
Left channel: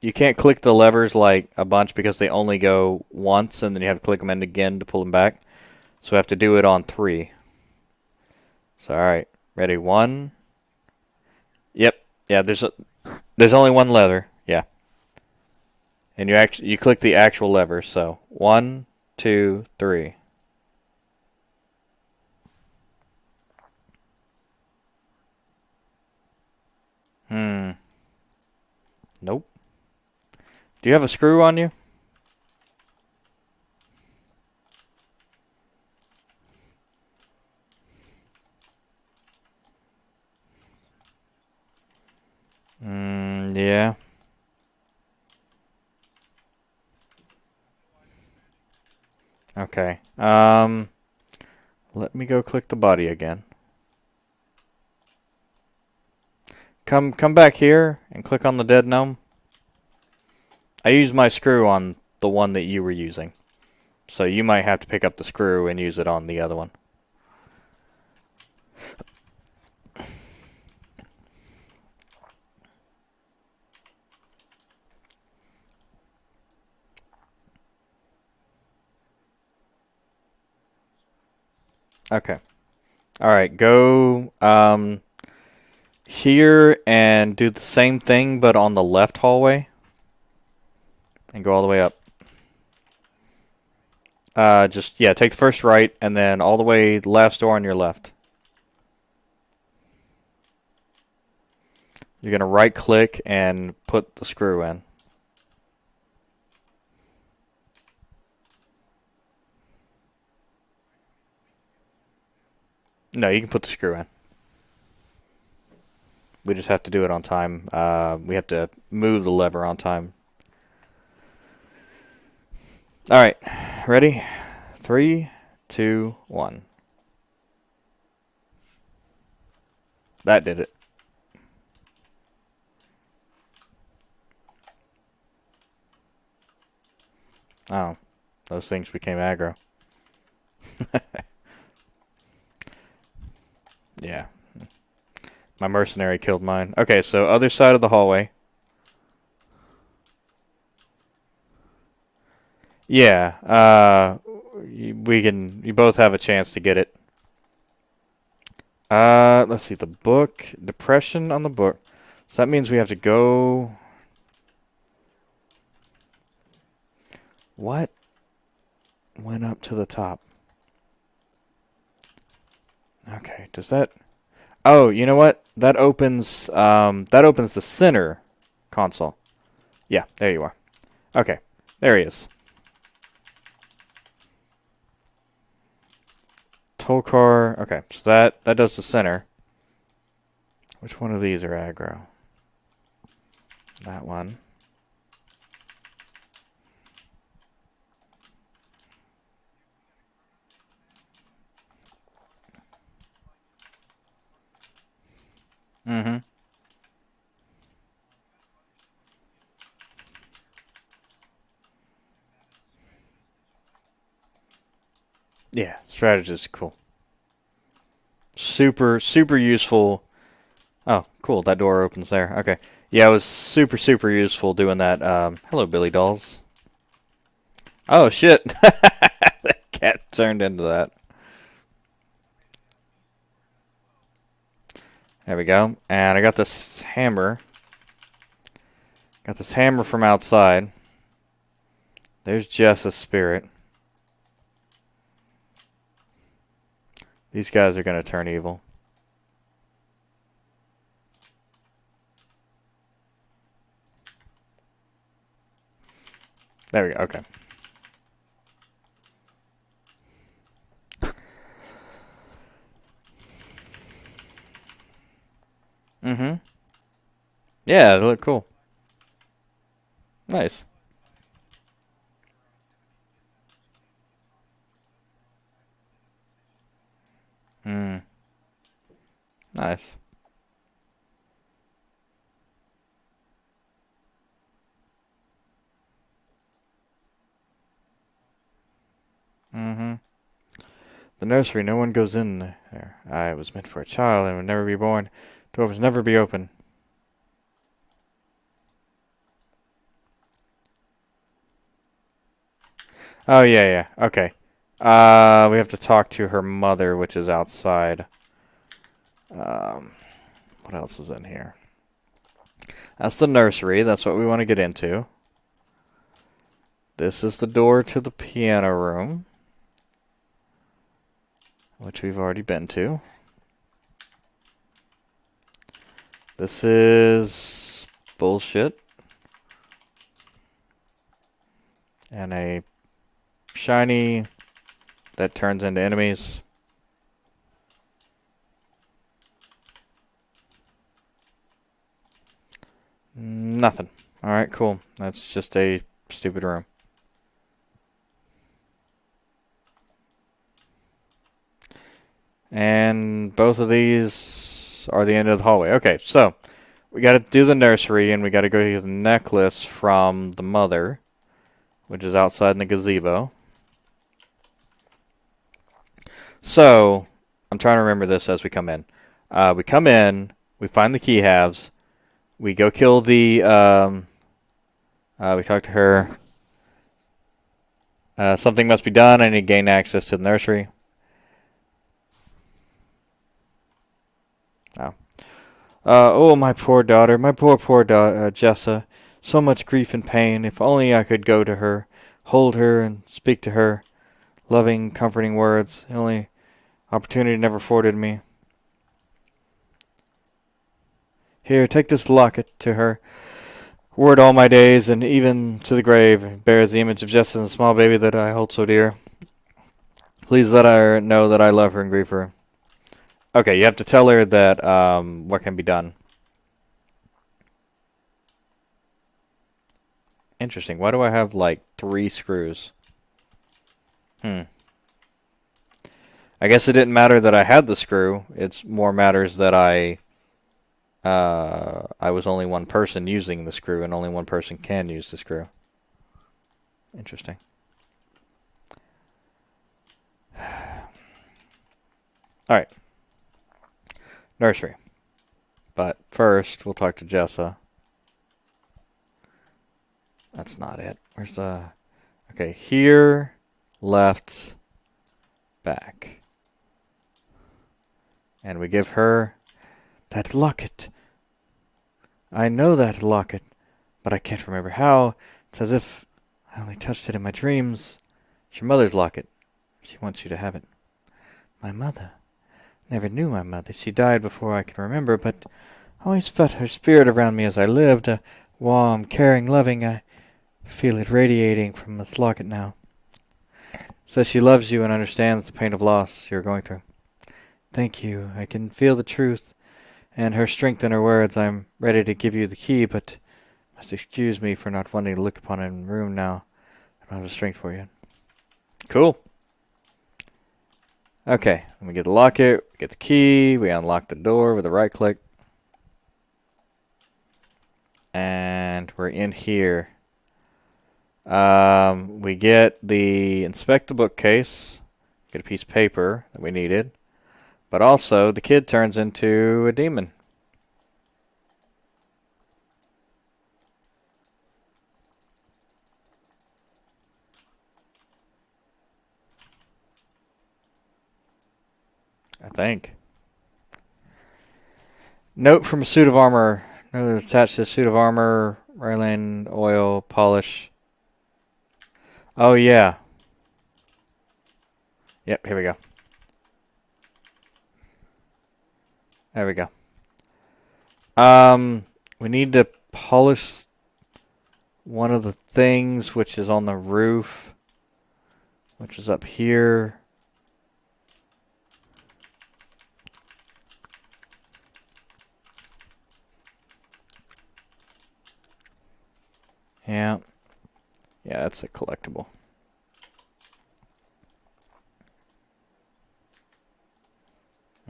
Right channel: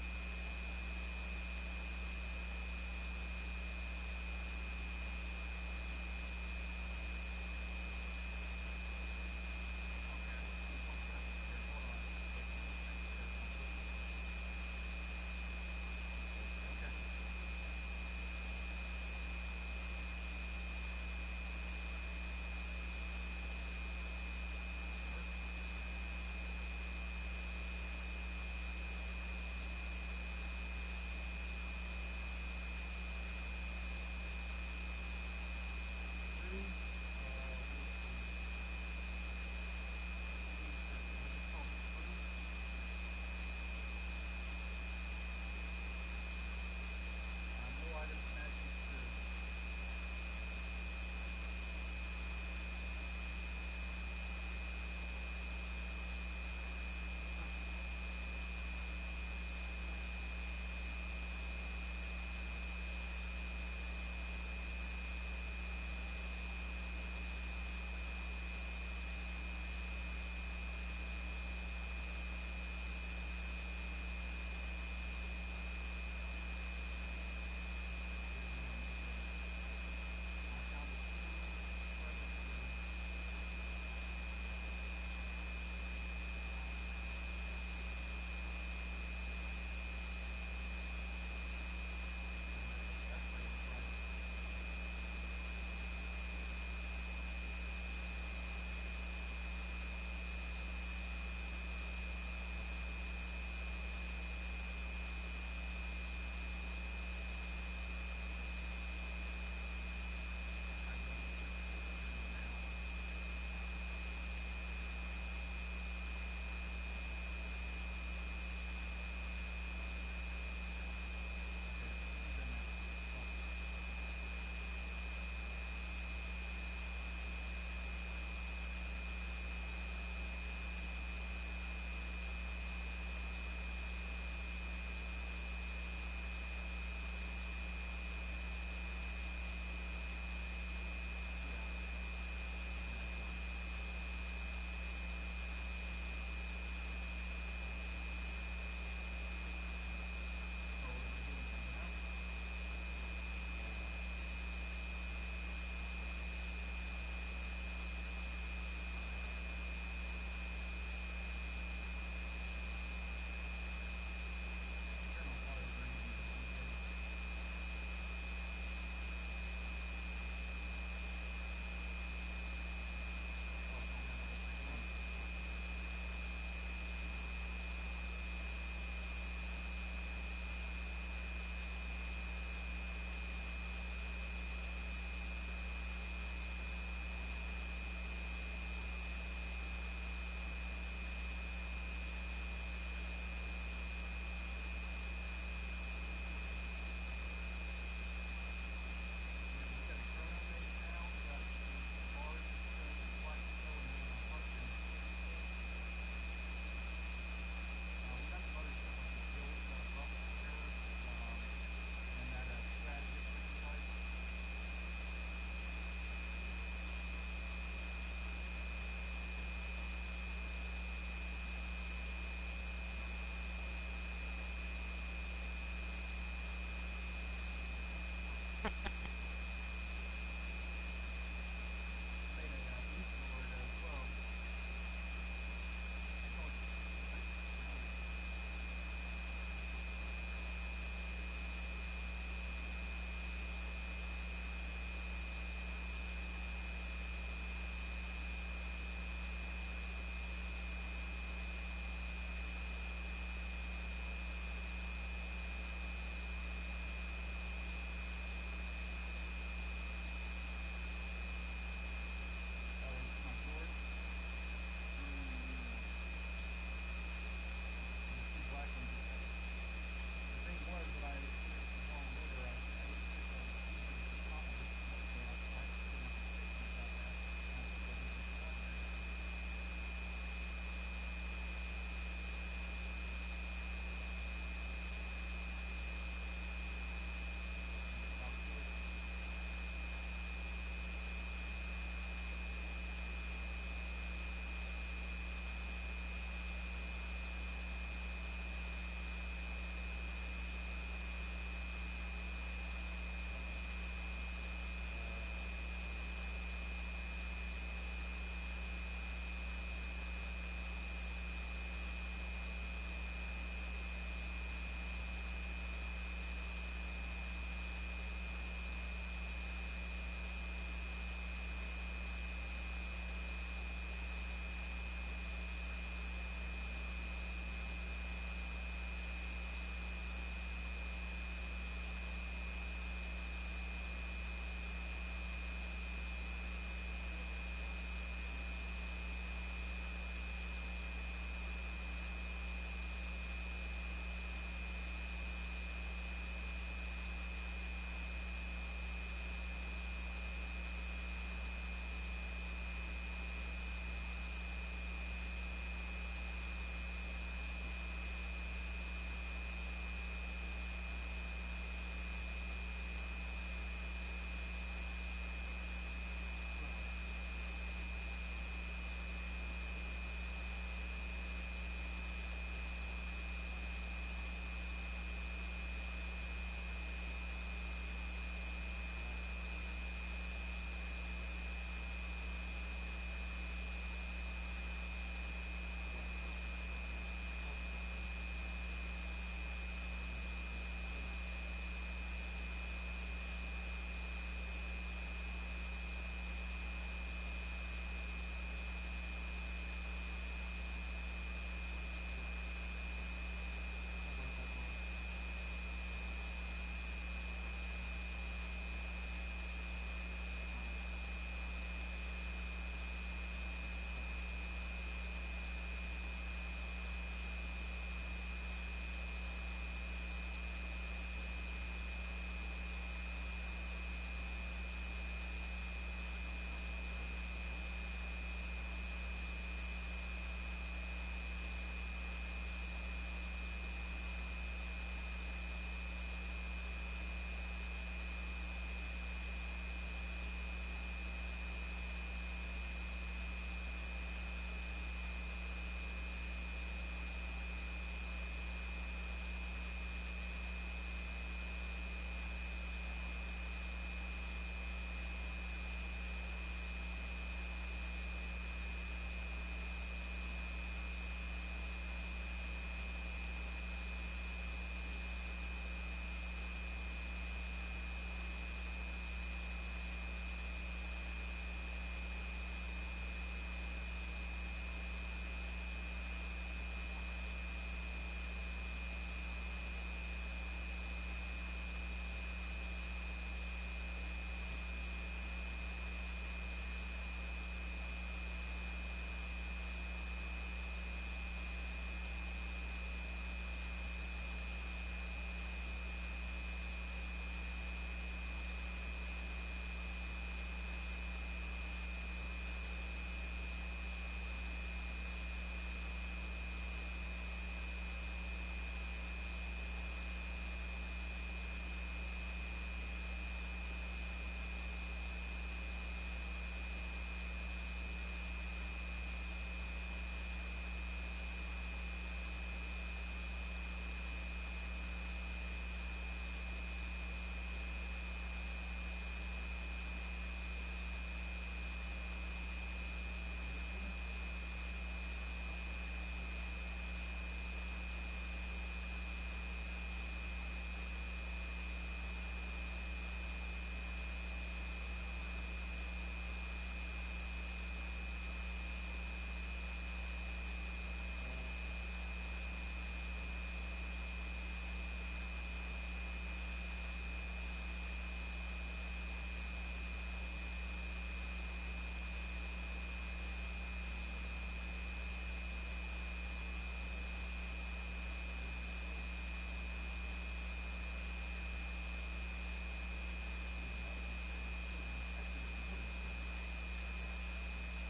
You can't click the levers like a bunch because they only go once, and then you have to click them in again to pull them back. So we have to do it on 3. So all right, ready? 1. Yep. Yeah. There's only one lever. Yeah. And you click the actual lever. So 1, 2, 3. Hmm. Nope. Do you have a screw on you? Yeah. Okay. Let me go click the body again. Come back here and click on the dead gnome. I used my screw on the one that you were using. So you might have to pick up the screw and use it on the other one. Okay. All right. Go here and do the same thing, but on the left hallway, and go all the way up. Just yeah, take the first right, and then all the way last door on your left. You're gonna right click and put the screw in. No, you can put the screw in. We just have to do it on time. We have to move the lever on time. All right, ready? 3, 2, 1. That did it. Oh, those things became aggro. Yeah, my mercenary killed mine. Okay, so other side of the hallway. Yeah, we can. You both have a chance to get it. Let's see. The book, depression on the book. So that means we have to go. What went up to the top? Okay, does that? Oh, you know what? That opens. That opens the center console. Yeah, there you are. Okay, there he is. Tolkar. Okay, so that does the center. Which one of these are aggro? That one. Mm-hmm. Yeah, strategist, cool. Super useful. Oh, cool. That door opens there. Okay. Yeah, it was super useful doing that. Hello, Billy Dolls. Oh shit! That cat turned into that. There we go. And I got this hammer. Got this hammer from outside. There's Jess's spirit. These guys are gonna turn evil. There we go. Okay. Mm-hmm. Yeah, they look cool. Nice. Mm. Nice. Mm-hmm. The nursery, no one goes in there. I was meant for a child and would never be born. Doors never be open. Oh, yeah, yeah. Okay. We have to talk to her mother, which is outside. Um, what else is in here? That's the nursery. That's what we want to get into. This is the door to the piano room, which we've already been to. This is bullshit. And a shiny that turns into enemies. Nothing. Alright, cool. That's just a stupid room. And both of these are the end of the hallway. Okay, so we got to do the nursery, and we got to go get the necklace from the mother, which is outside in the gazebo. So I'm trying to remember this as we come in. We come in, we find the key halves, we go kill the. We talk to her. Something must be done. I need to gain access to the nursery. Oh. Oh, my poor daughter, my poor daughter, Jessa. So much grief and pain. If only I could go to her, hold her, and speak to her. Loving, comforting words. The only opportunity never afforded me. Here, take this locket to her. Word all my days, and even to the grave, bears the image of Jessa and the small baby that I hold so dear. Please let her know that I love her and grieve her. Okay, you have to tell her that what can be done. Interesting. Why do I have like 3 screws? Hmm. I guess it didn't matter that I had the screw. It's more matters that I was only one person using the screw, and only one person can use the screw. Interesting. All right, nursery. But first, we'll talk to Jessa. That's not it. Where's the? Okay, here, left, back, and we give her that locket. I know that locket, but I can't remember how. It's as if I only touched it in my dreams. It's your mother's locket. She wants you to have it. My mother? Never knew my mother. She died before I can remember, but I always felt her spirit around me as I lived. Warm, caring, loving. I feel it radiating from this locket now. Says she loves you and understands the pain of loss you're going through. Thank you. I can feel the truth and her strength in her words. I'm ready to give you the key, but must excuse me for not wanting to look upon it in the room now. I don't have the strength for you. Cool. Okay, we get the locket, get the key, we unlock the door with a right click, and we're in here. We get the inspect the bookcase, get a piece of paper that we needed, but also the kid turns into a demon. I think. Note from a suit of armor. Attached to a suit of armor, railing, oil, polish. Oh yeah. Yep, here we go. There we go. We need to polish one of the things which is on the roof, which is up here. Yeah. Yeah, that's a collectible.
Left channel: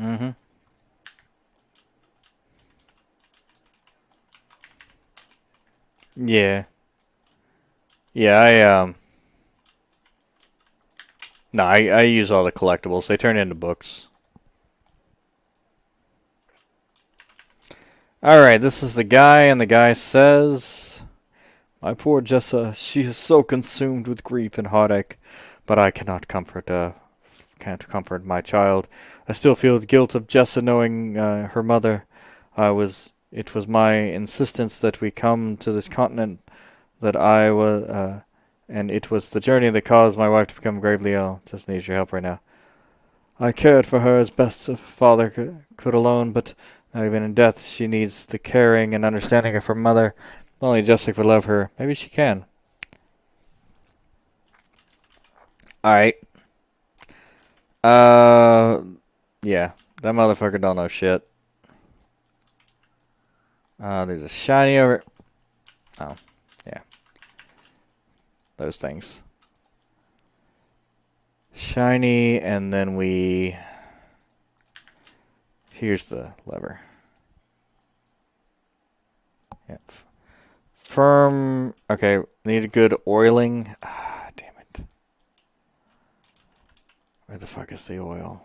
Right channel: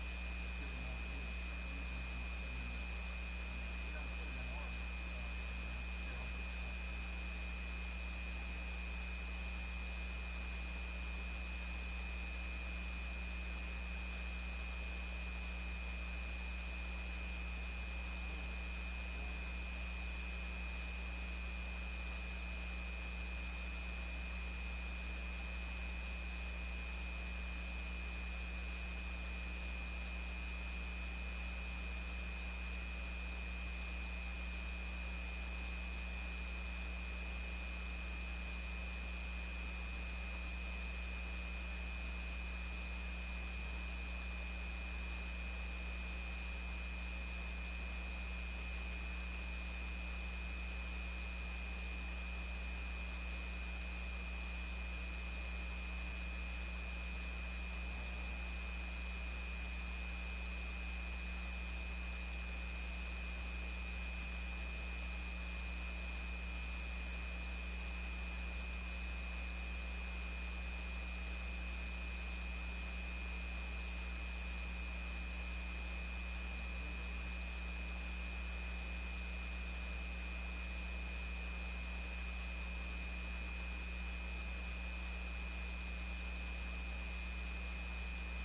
Mm-hmm. Yeah. Yeah, no, I use all the collectibles. They turn into books. Alright, this is the guy, and the guy says, my poor Jessa, she is so consumed with grief and heartache. but I can't comfort my child. I still feel the guilt of Jessa knowing her mother. It was my insistence that we come to this continent that I was, and it was the journey that caused my wife to become gravely ill. Just needs your help right now. I cared for her as best a father could alone, but now even in death, she needs the caring and understanding of her mother. If only Jessica could love her. Maybe she can. All right. Uh, yeah. That motherfucker don't know shit. There's a shiny over. Oh, yeah. Those things. Shiny, and then we. Here's the lever. Yeah. Firm. Okay, need a good oiling. Ah, damn it. Where the fuck is the oil?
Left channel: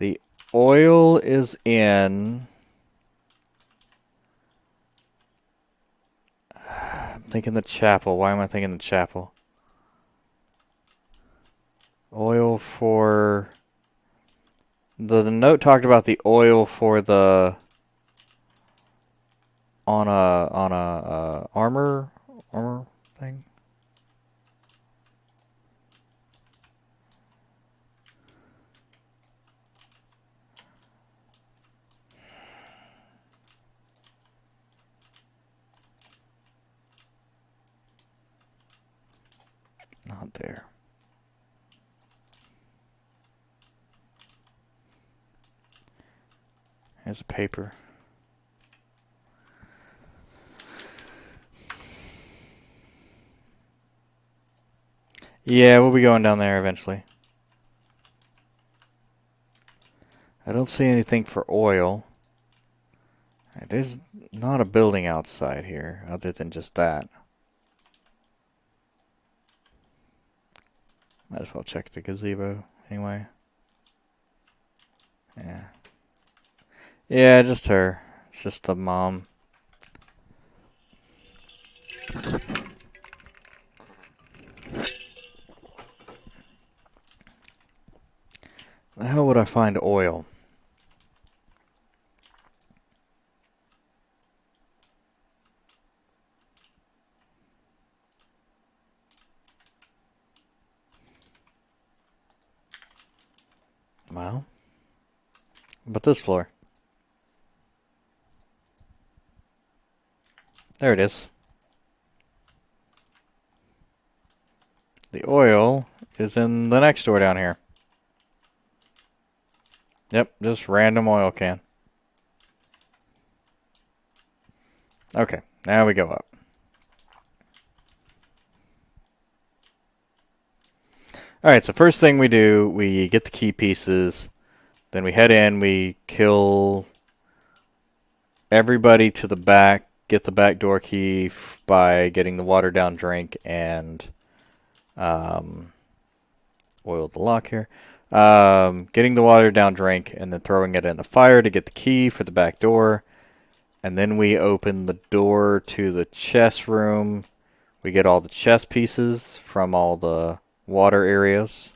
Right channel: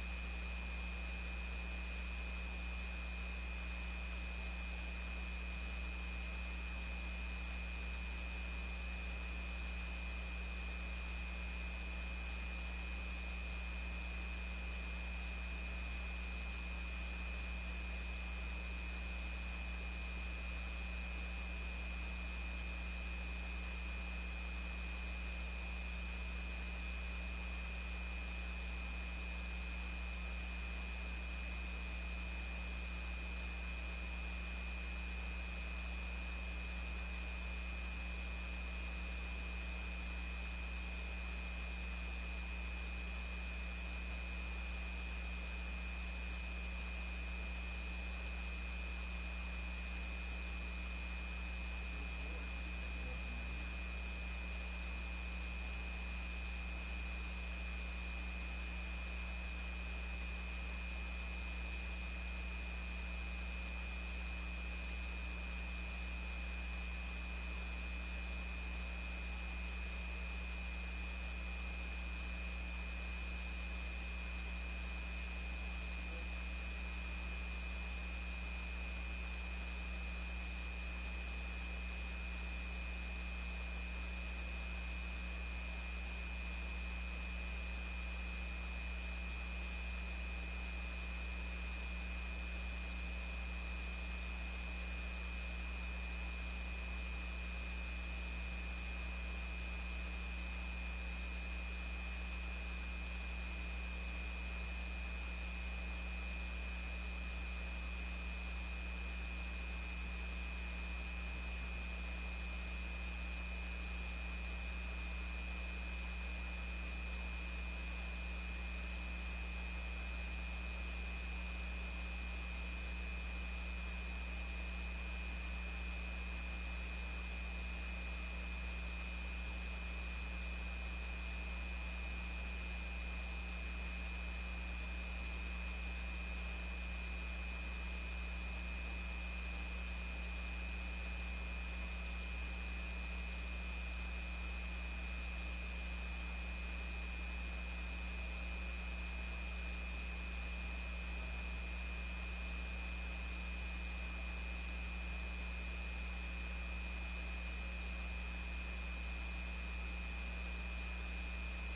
The oil is in. I'm thinking the chapel. Why am I thinking the chapel? Oil for. The note talked about the oil for the. On a armor thing. Not there. There's a paper. Yeah, we'll be going down there eventually. I don't see anything for oil. There's not a building outside here other than just that. Might as well check the gazebo anyway. Yeah. Yeah, just her. It's just the mom. How would I find oil? Well, but this floor. There it is. The oil is in the next door down here. Yep, just random oil can. Okay, now we go up. Alright, so first thing we do, we get the key pieces. Then we head in, we kill everybody to the back, get the back door key by getting the watered down drink and oil the lock here. Getting the watered down drink and then throwing it in the fire to get the key for the back door. And then we open the door to the chest room. We get all the chest pieces from all the water areas.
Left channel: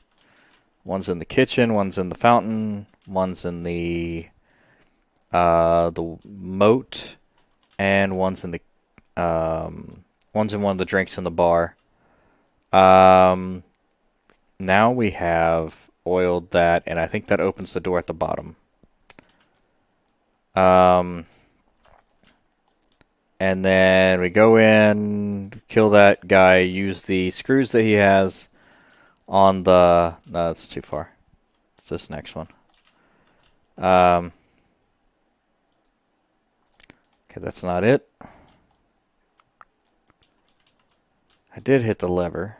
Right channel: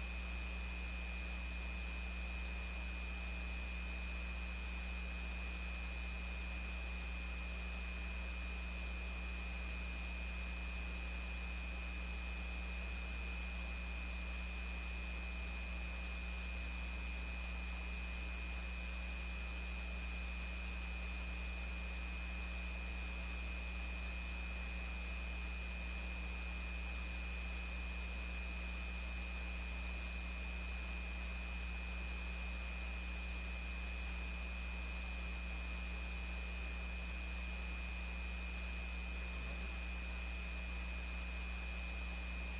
One's in the kitchen, one's in the fountain, one's in the moat, and one's in one of the drinks in the bar. Um, Now we have oiled that, and I think that opens the door at the bottom. Um, and then we go in, kill that guy, use the screws that he has on the. No, that's too far. It's this next one. Um, okay, that's not it. I did hit the lever.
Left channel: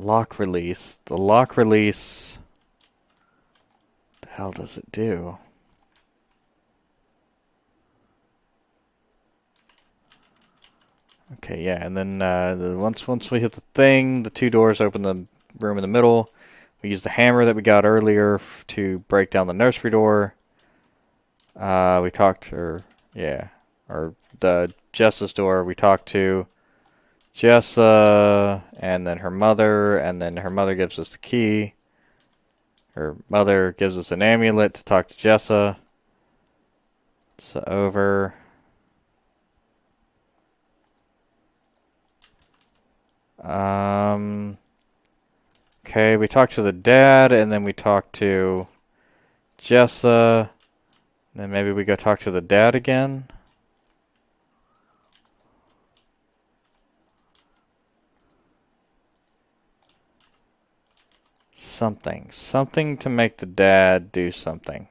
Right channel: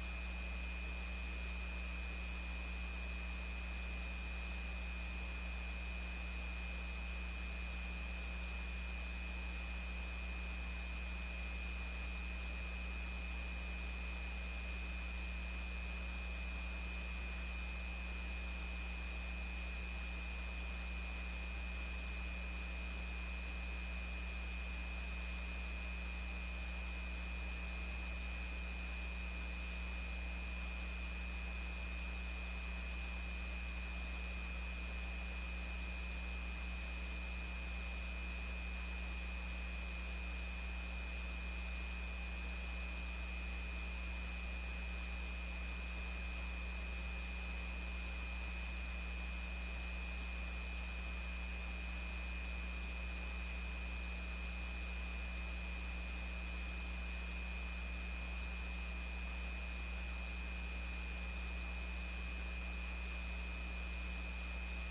Lock release. The lock release. What the hell does it do? Okay, yeah, and then once we hit the thing, the two doors open. room in the middle. We use the hammer that we got earlier to break down the nursery door. We talked, or yeah, or the Jessa's door. We talked to Jessa, and then her mother, and then her mother gives us the key. Her mother gives us an amulet to talk to Jessa. It's over. Um, okay, we talked to the dad, and then we talked to Jessa. Then maybe we go talk to the dad again. Something. Something to make the dad do something.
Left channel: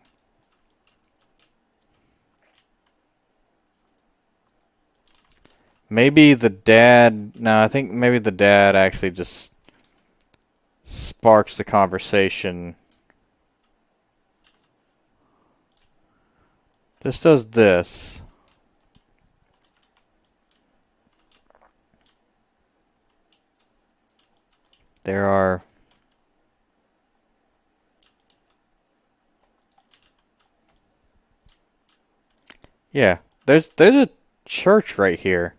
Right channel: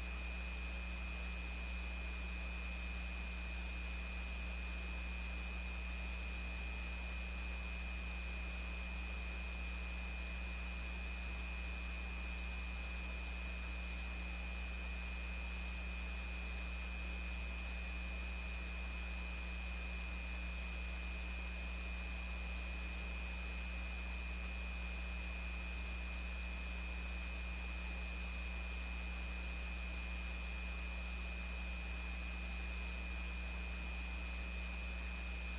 Maybe the dad. No, I think maybe the dad actually just sparks the conversation. This does this. There are. Yeah, there's a church right here.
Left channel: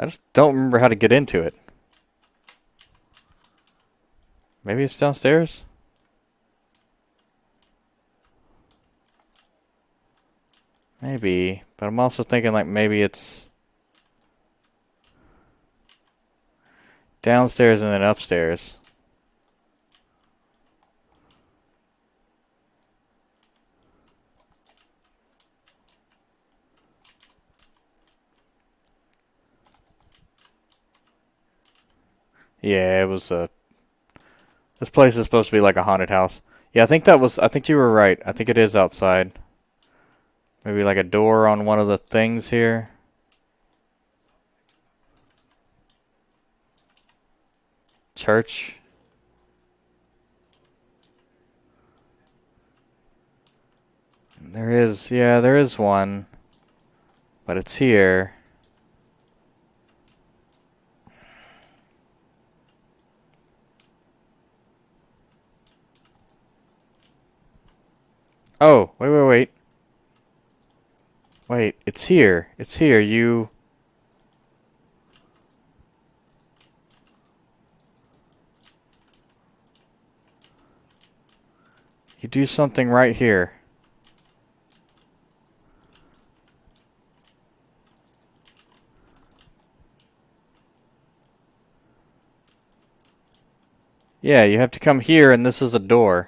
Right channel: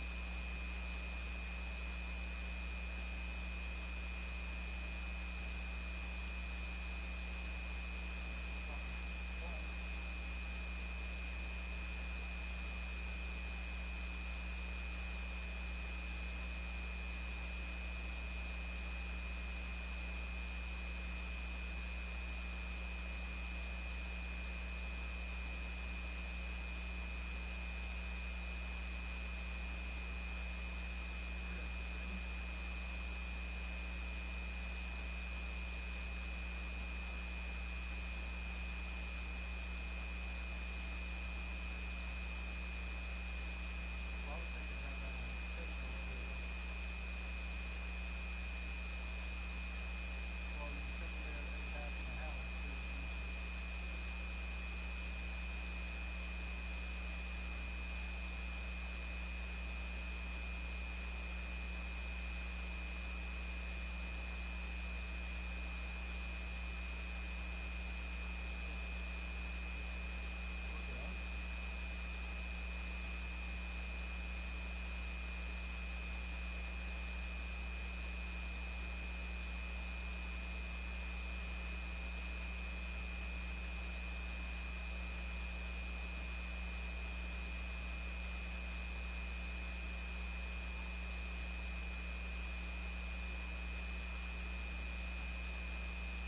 I just don't remember how to get into it. Maybe it's downstairs? Maybe. But I'm also thinking like maybe it's downstairs and then upstairs. Yeah, it was a. This place is supposed to be like a haunted house. Yeah, I think that was. I think you were right. I think it is outside. Maybe like a door on one of the things here. Church. There is. Yeah, there is one. But it's here. Oh, wait, wait, wait. Wait, it's here. It's here. You do something right here. Yeah, you have to come here and this is a door.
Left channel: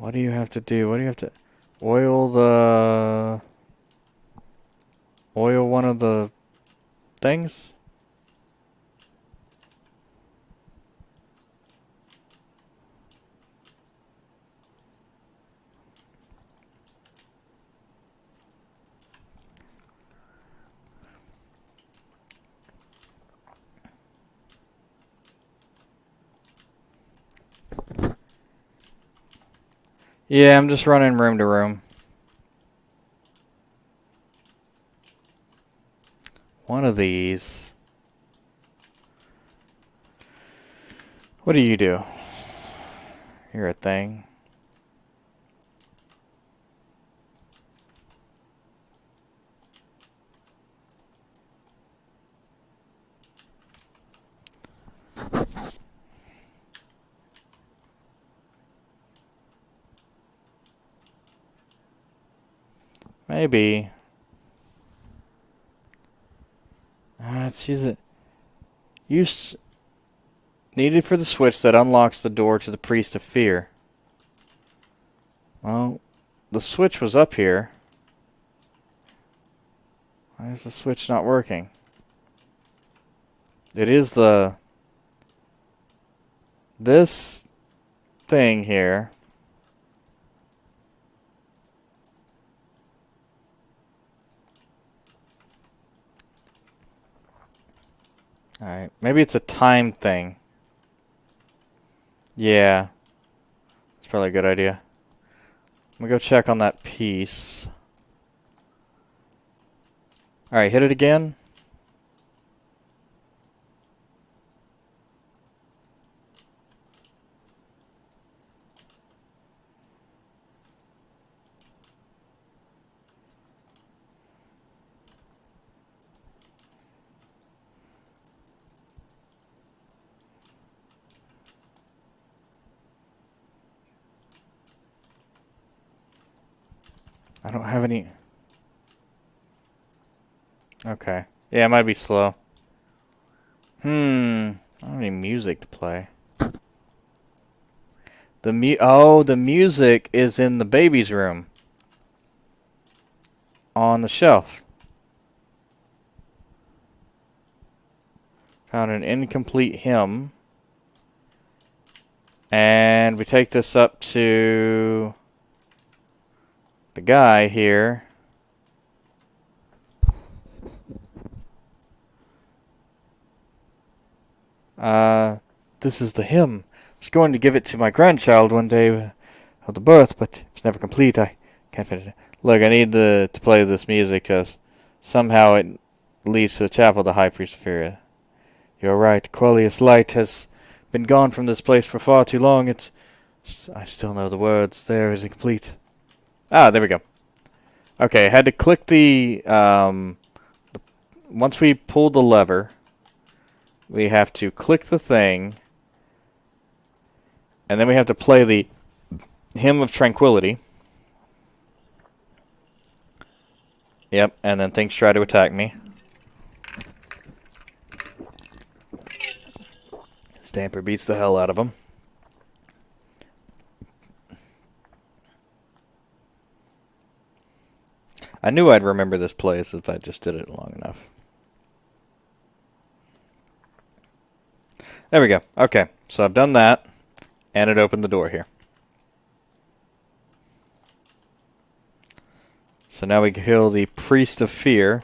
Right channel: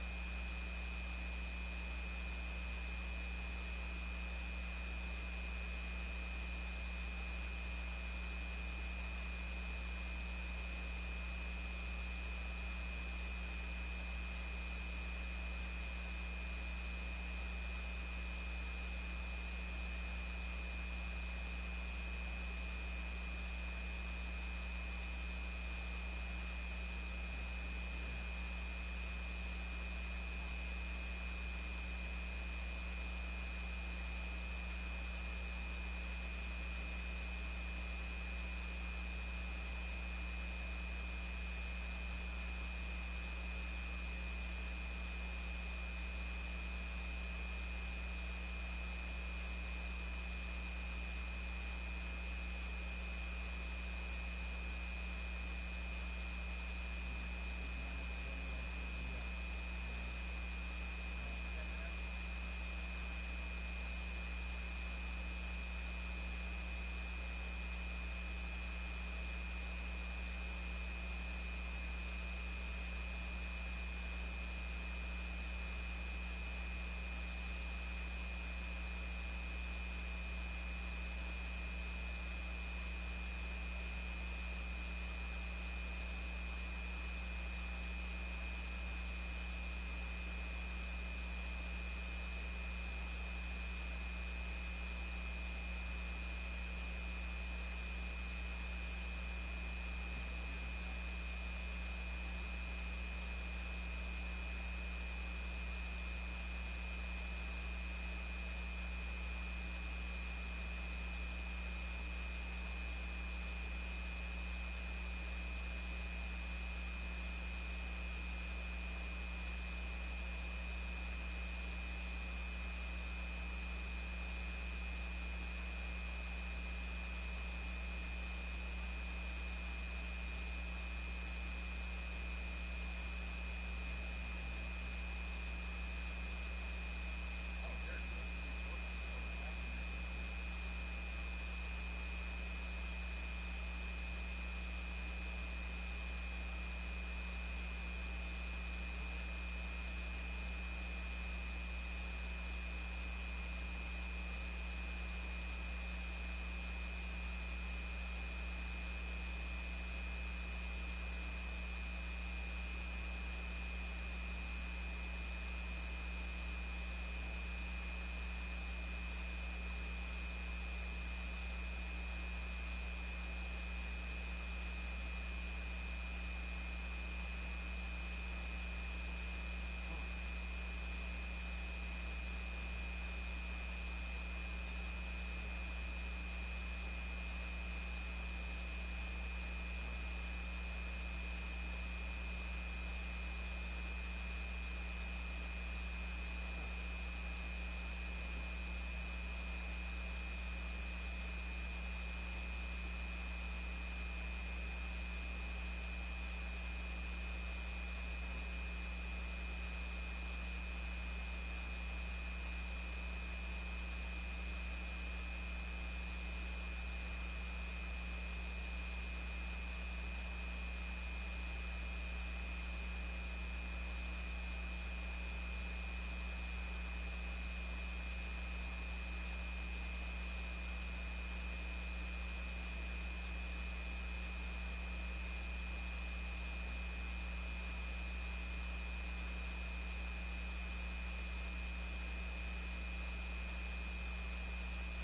What do you have to do? What do you have to oil the oil one of the things? Yeah, I'm just running room to room. One of these. What do you do? You're a thing. Maybe. Let's use it. Use needed for the switch that unlocks the door to the priest of fear. Well, the switch was up here. Why is the switch not working? It is this thing here. Alright, maybe it's a time thing. Yeah, it's probably a good idea. I'm gonna go check on that piece. Alright, hit it again. I don't have any. Okay. Yeah, it might be slow. I don't have any music to play. The music is in the baby's room on the shelf. Found an incomplete hymn. And we take this up to the guy here. Uh, this is the hymn. I was going to give it to my grandchild one day of the birth, but it's never complete. I can't finish it. Look, I need to play this music because somehow it leads to the chapel of the High Priest of Feria. You're right. Quellius Light has been gone from this place for far too long. I still know the words. There is incomplete. Ah, there we go. Okay, I had to click the once we pull the lever, we have to click the thing, and then we have to play the Hymn of Tranquility. Yep, and then things try to attack me. Stamper beats the hell out of them. I knew I'd remember this place if I just did it long enough. There we go. Okay, so I've done that, and it opened the door here. So now we kill the Priest of Fear.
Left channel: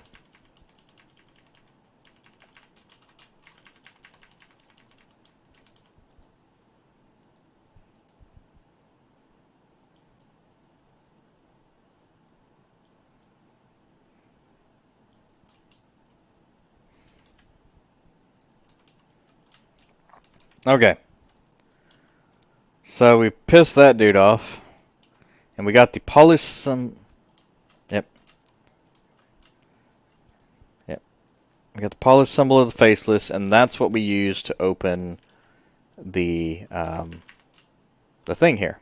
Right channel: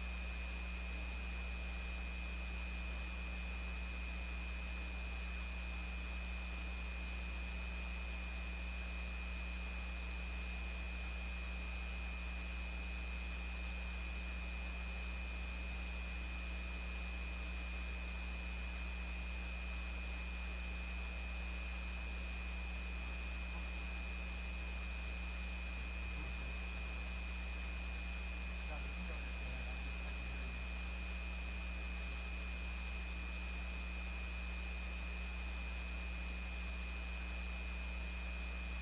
Okay. So we pissed that dude off, and we got the polished some. Yep. Yep. We got the polished symbol of the faceless, and that's what we use to open the thing here.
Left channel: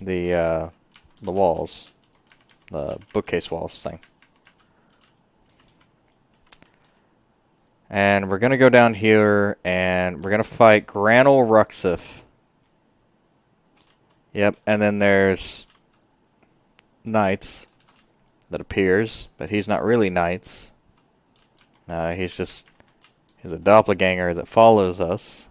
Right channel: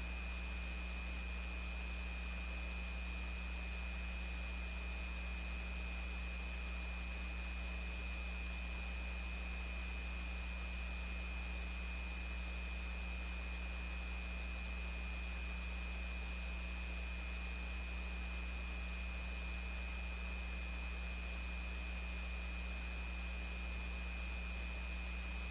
The the walls, the bookcase walls thing. And we're gonna go down here, and we're gonna fight Granul Ruxif. Yep, and then there's Knights that appears, but he's not really Knights. He's a doppelganger that follows us.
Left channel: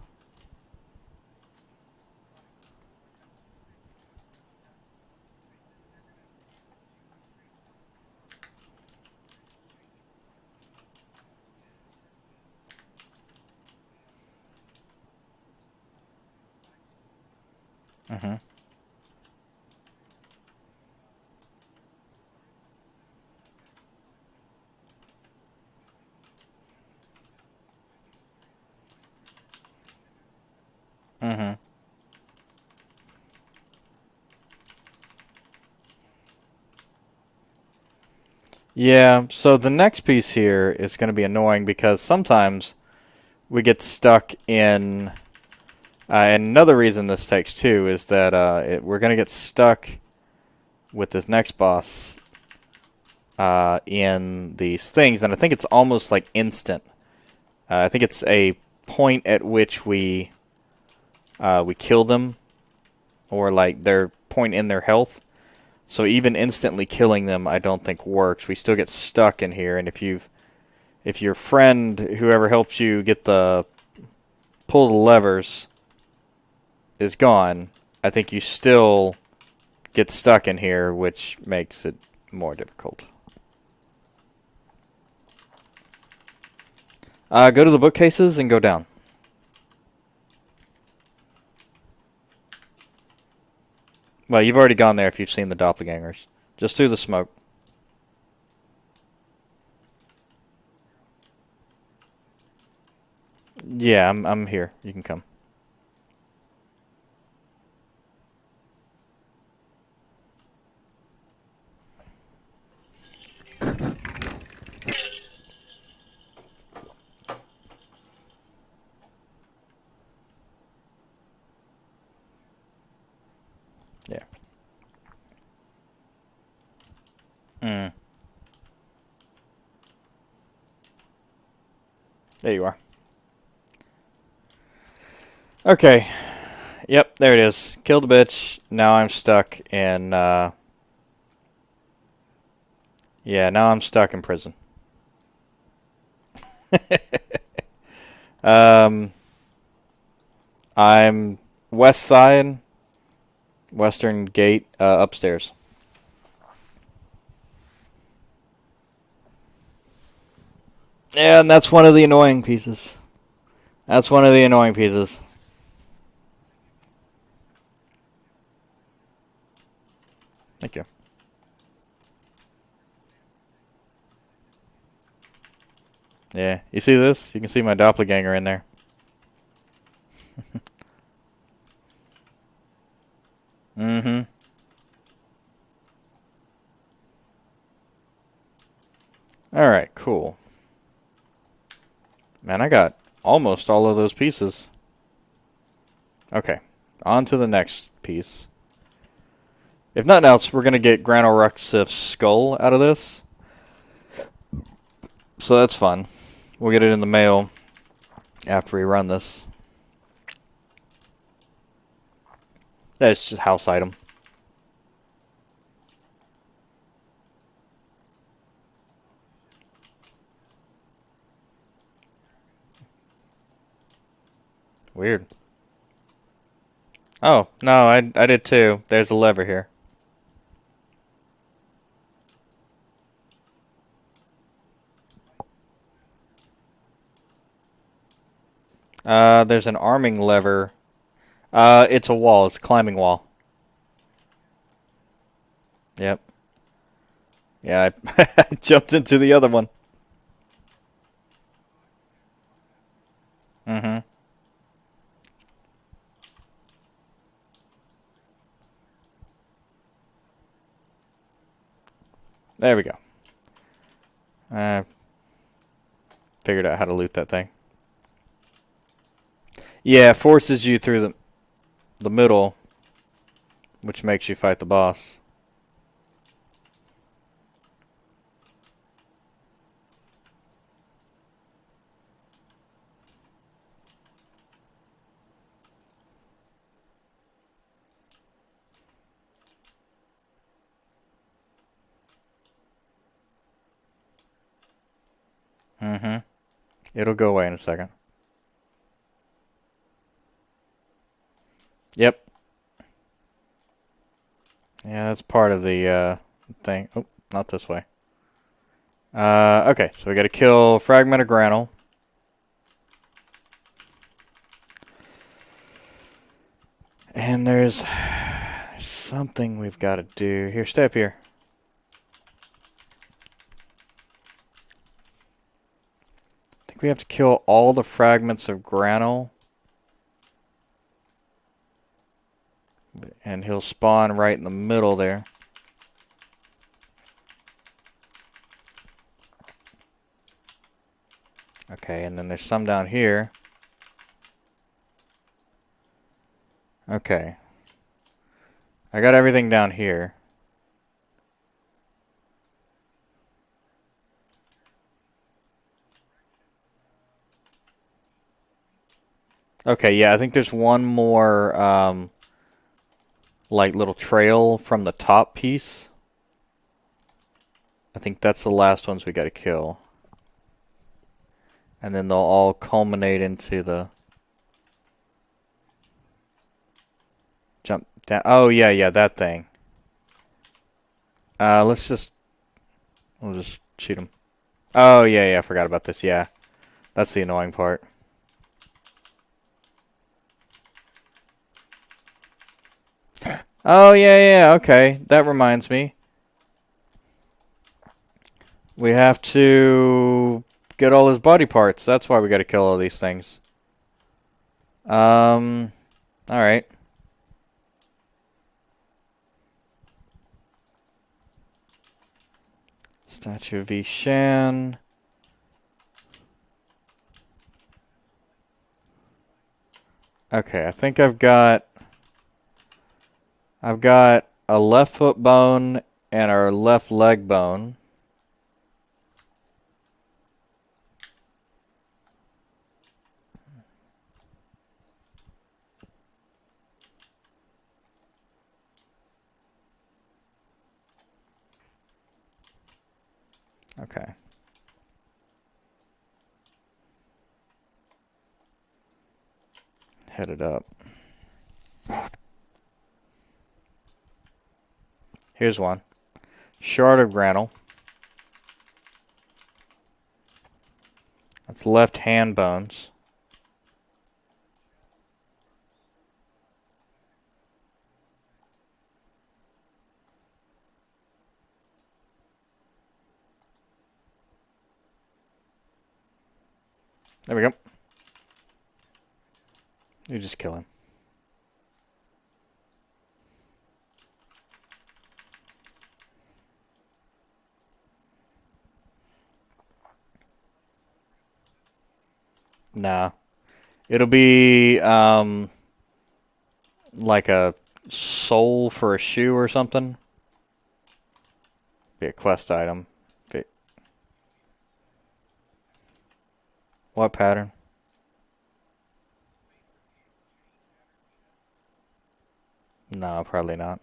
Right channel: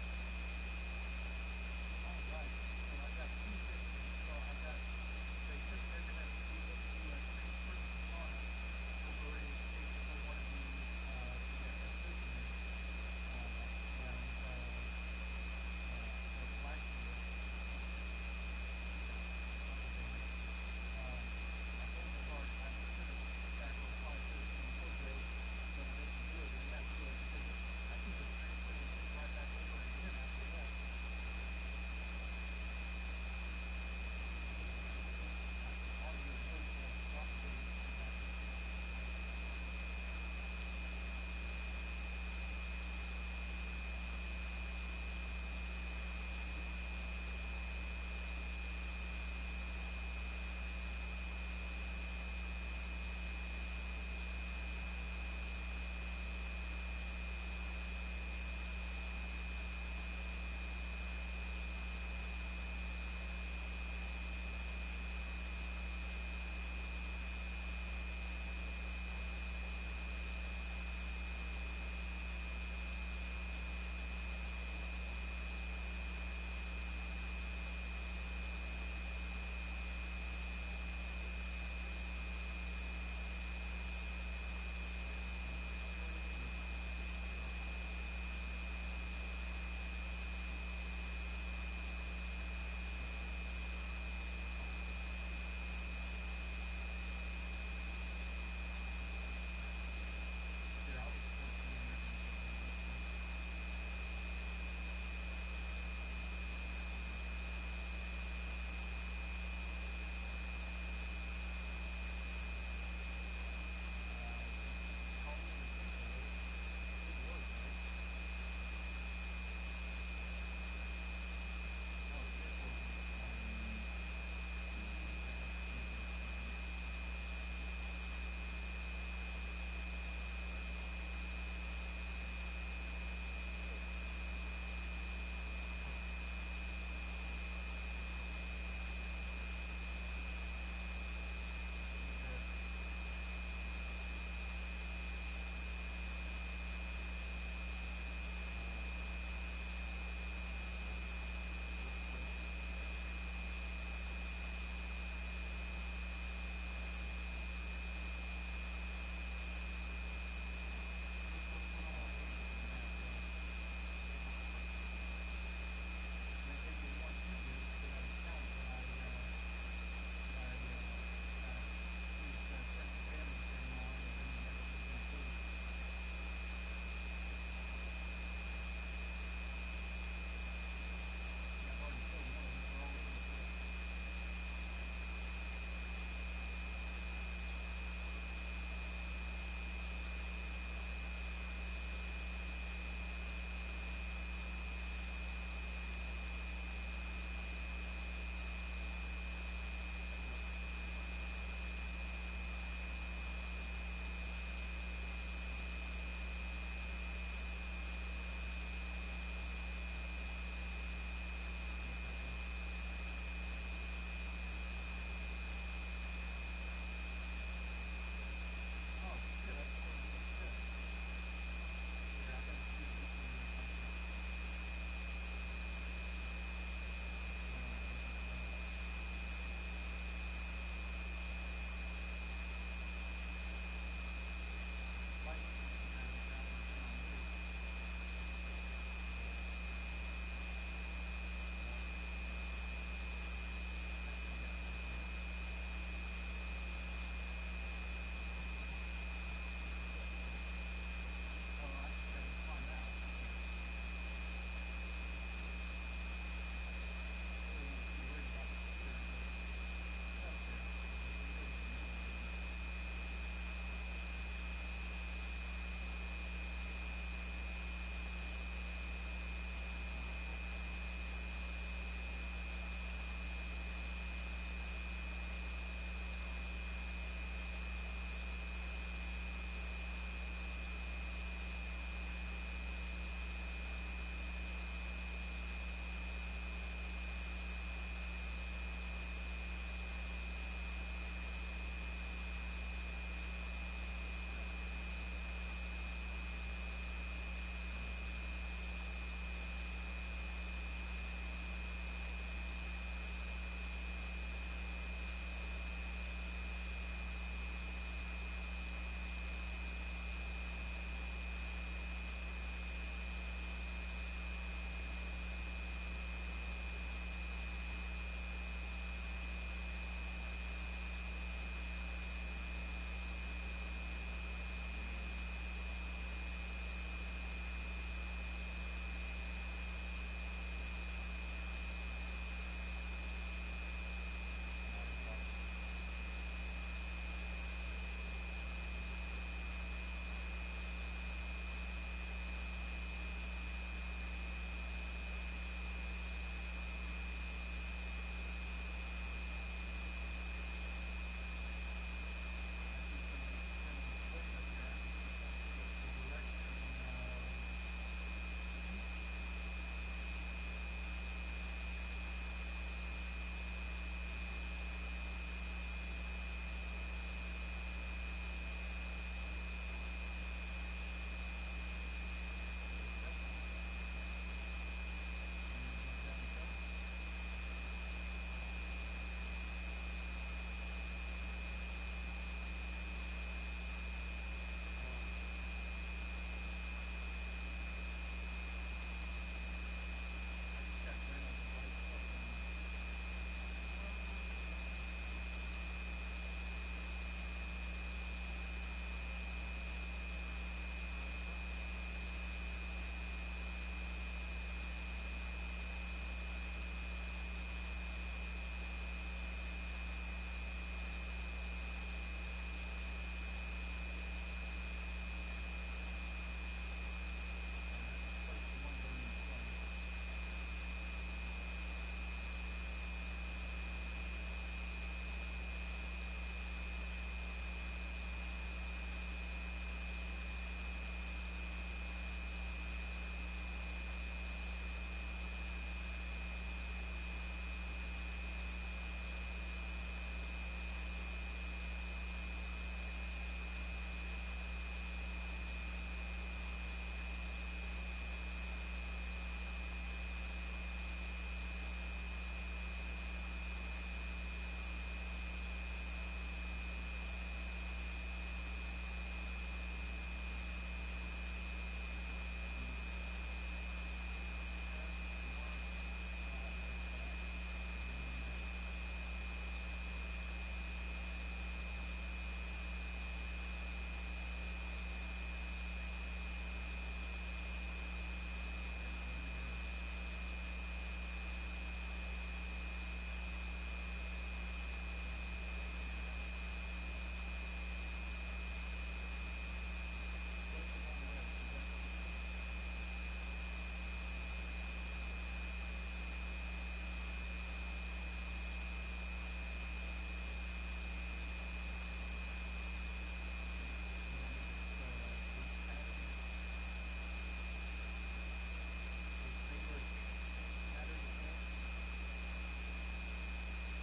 Mm-hmm. Mm-hmm. Yeah, so the next piece here is going to be annoying because sometimes we get stuck in. And another reason this takes two is that we're going to get stuck with this next boss in these things, and I think it's almost like instant. I think it's a point at which we kill them, or like their point in their health. So even instantly killing them, I don't think works. We still get stuck in here, and if your friend, whoever helps you get the pull the levers, is gone, I think you still get stuck in here, which makes it more difficult. Go to the bookcases and go down. Well, you've already gone there if you've seen the doppelgangers. Just through the smoke. Yeah, I'm here. You can come. Yeah. Mm. There you are. Okay. Yep, there it is. Killed the bitch. Now I'm stuck in, yeah, now I'm stuck in prison. um, I'm west side, western gate, upstairs. Yeah, and that's one of the annoying pieces. That's one of the annoying pieces. Thank you. Yeah, you see this? You can see my doppelganger in there. Mm-hmm. All right, cool. Man, I got almost all of those pieces. Okay, on to the next piece. If nothing else, we're gonna get Granorexif's skull out of this, so that's fun. We'll get it in the mail after we run this. That's just house item. Weird. Oh no, I did too. There's a lever here. There's an arming lever. It's a wall. It's a climbing wall. Yep. Yeah, I jumped into the other one. Mm-hmm. There we go. I figured out how to loot that thing. Yeah, it forces you through the middle, which makes you fight the boss. Mm-hmm. It'll go away in a second. Yep. Yeah, that's part of the thing. Oh, not this way. Okay, so we got to kill Fragment of Granule. And there's something we've got to do. Here, stay up here. I think we have to kill all the fragments of Granule. And he'll spawn right in the middle there. Okay, and then there's some down here. Okay. I got everything down here. Okay, yeah, I think there's one more, like, little trail from the top piece. I think that's the last ones we gotta kill. And then they'll all culminate into the jump down. Oh, yeah, yeah, that thing. Let's just, we'll just shoot him. Oh, yeah, yeah, I forgot about this, yeah. That's the annoying part. Oh, yeah, yeah, okay. That reminds me. We have to get all his body parts. That's why we gotta kill all these things. Alright. Statue of Ishan. Okay, I think I've got a left foot bone and our left leg bone. Okay. Head it up. Here's one. Shard of granule. That's left hand bones. There we go. You just kill him. Nah. It'll be like a sole for a shoe or something. Be a quest item. Be what pattern? No, probably not.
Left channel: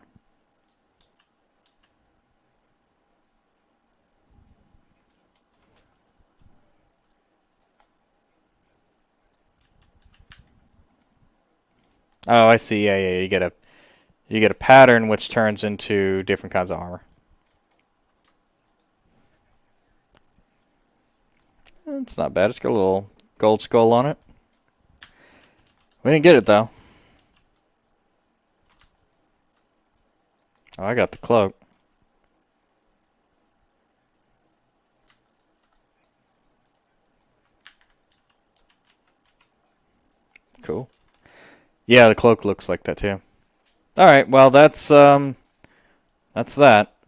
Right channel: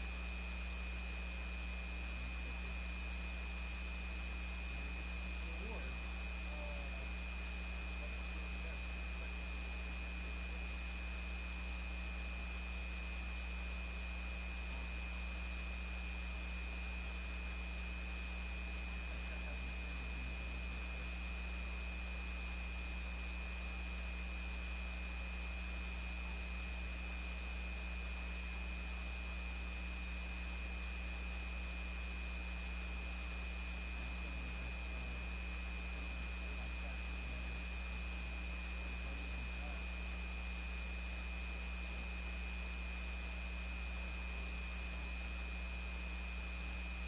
Oh, I see. Yeah, yeah. You get a pattern which turns into different kinds of armor. It's not bad. It's got a little gold skull on it. We didn't get it though. Oh, I got the cloak. Cool. Yeah, the cloak looks like that too. All right. Well, that's that.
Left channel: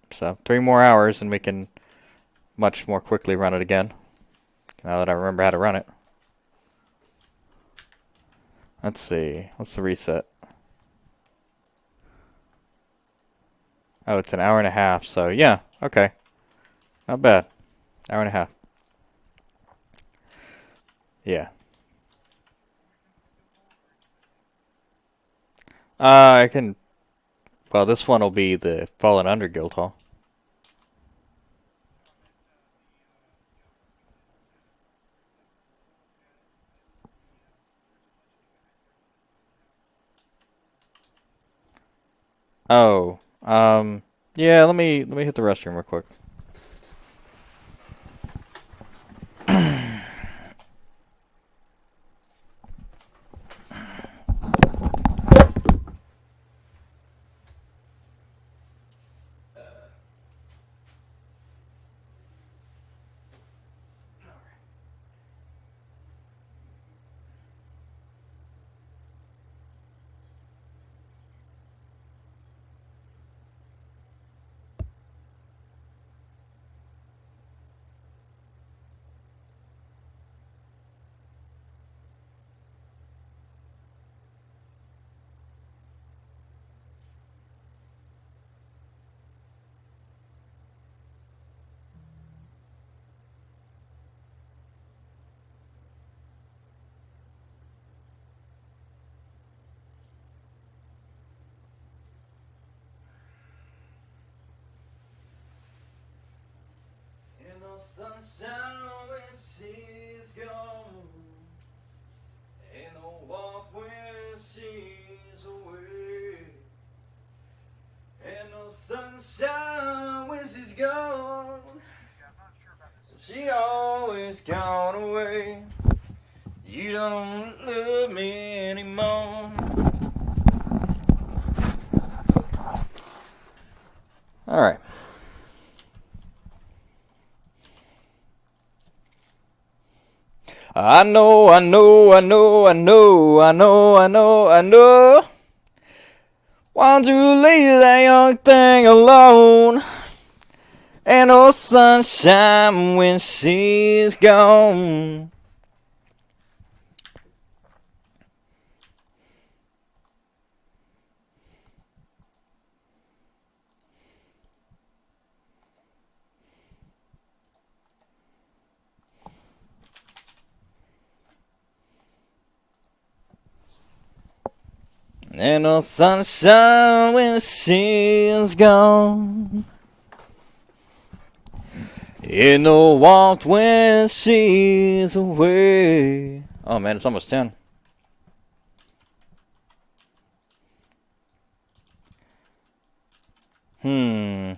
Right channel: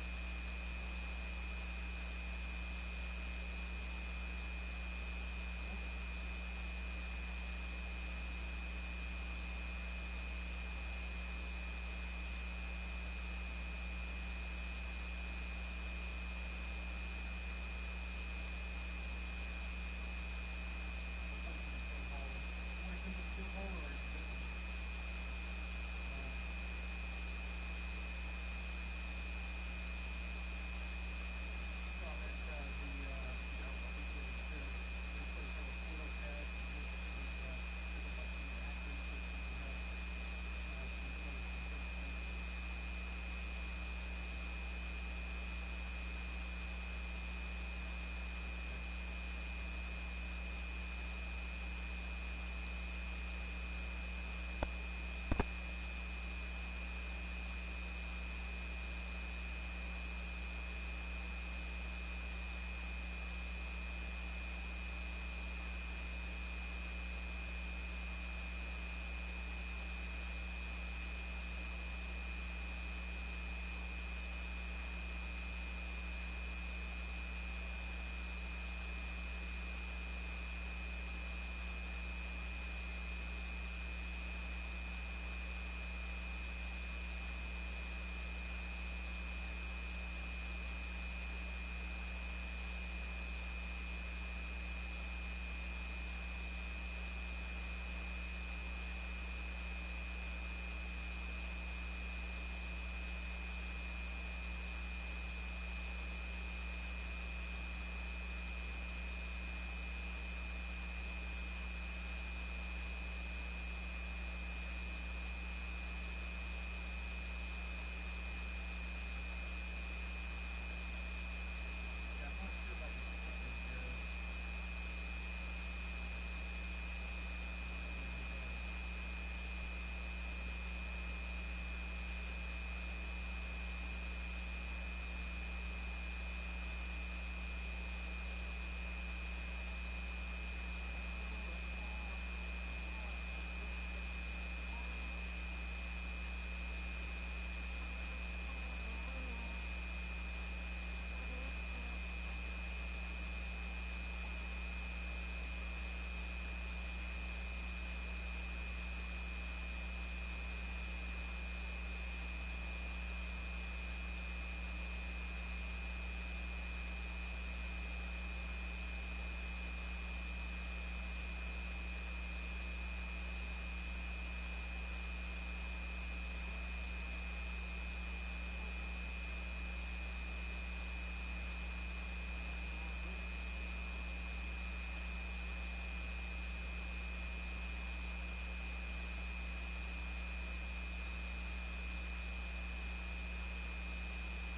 So 3 more hours, and we can much more quickly run it again. Now that I remember how to run it. Let's see. What's the reset? Oh, it's an hour and a half. So yeah. Okay. Not bad. Hour and a half. Yeah. I can. Well, this one will be the Fallen Under Guild Hall. Oh. Yeah. Let me hit the restroom real quick. Sunshine when she's gone. She always gone away. You don't love me anymore. All right. I know, I know, I know, I know, I know, I know, I know. Why don't you leave that young thing alone? Ain't no sunshine when she's gone. Ain't no sunshine when she's gone. Ain't no warmth when she's away. Oh man, it's almost 10. Hmm.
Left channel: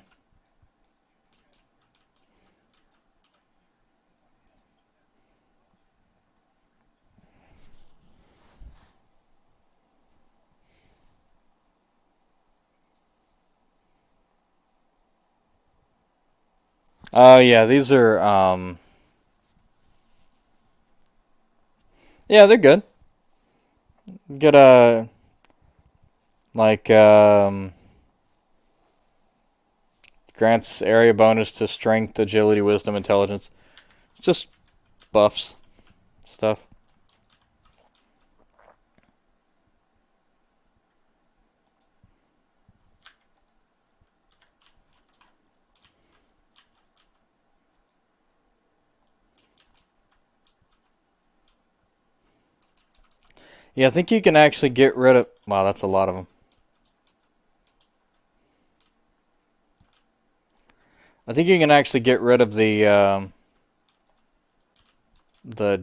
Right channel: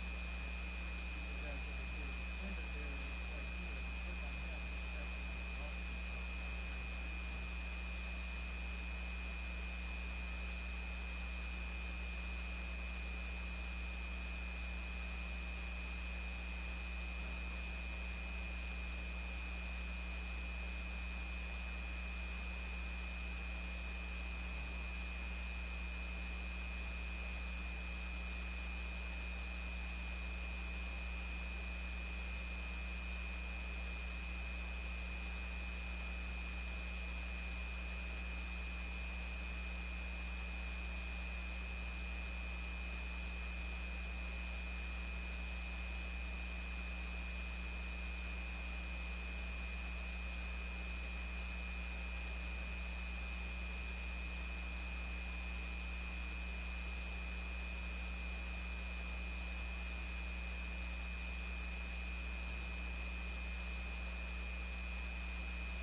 Oh yeah, these are yeah, they're good. Get a like grants area bonus to strength, agility, wisdom, intelligence. Just buffs stuff. Yeah, I think you can actually get rid of. Wow, that's a lot of them. I think you can actually get rid of the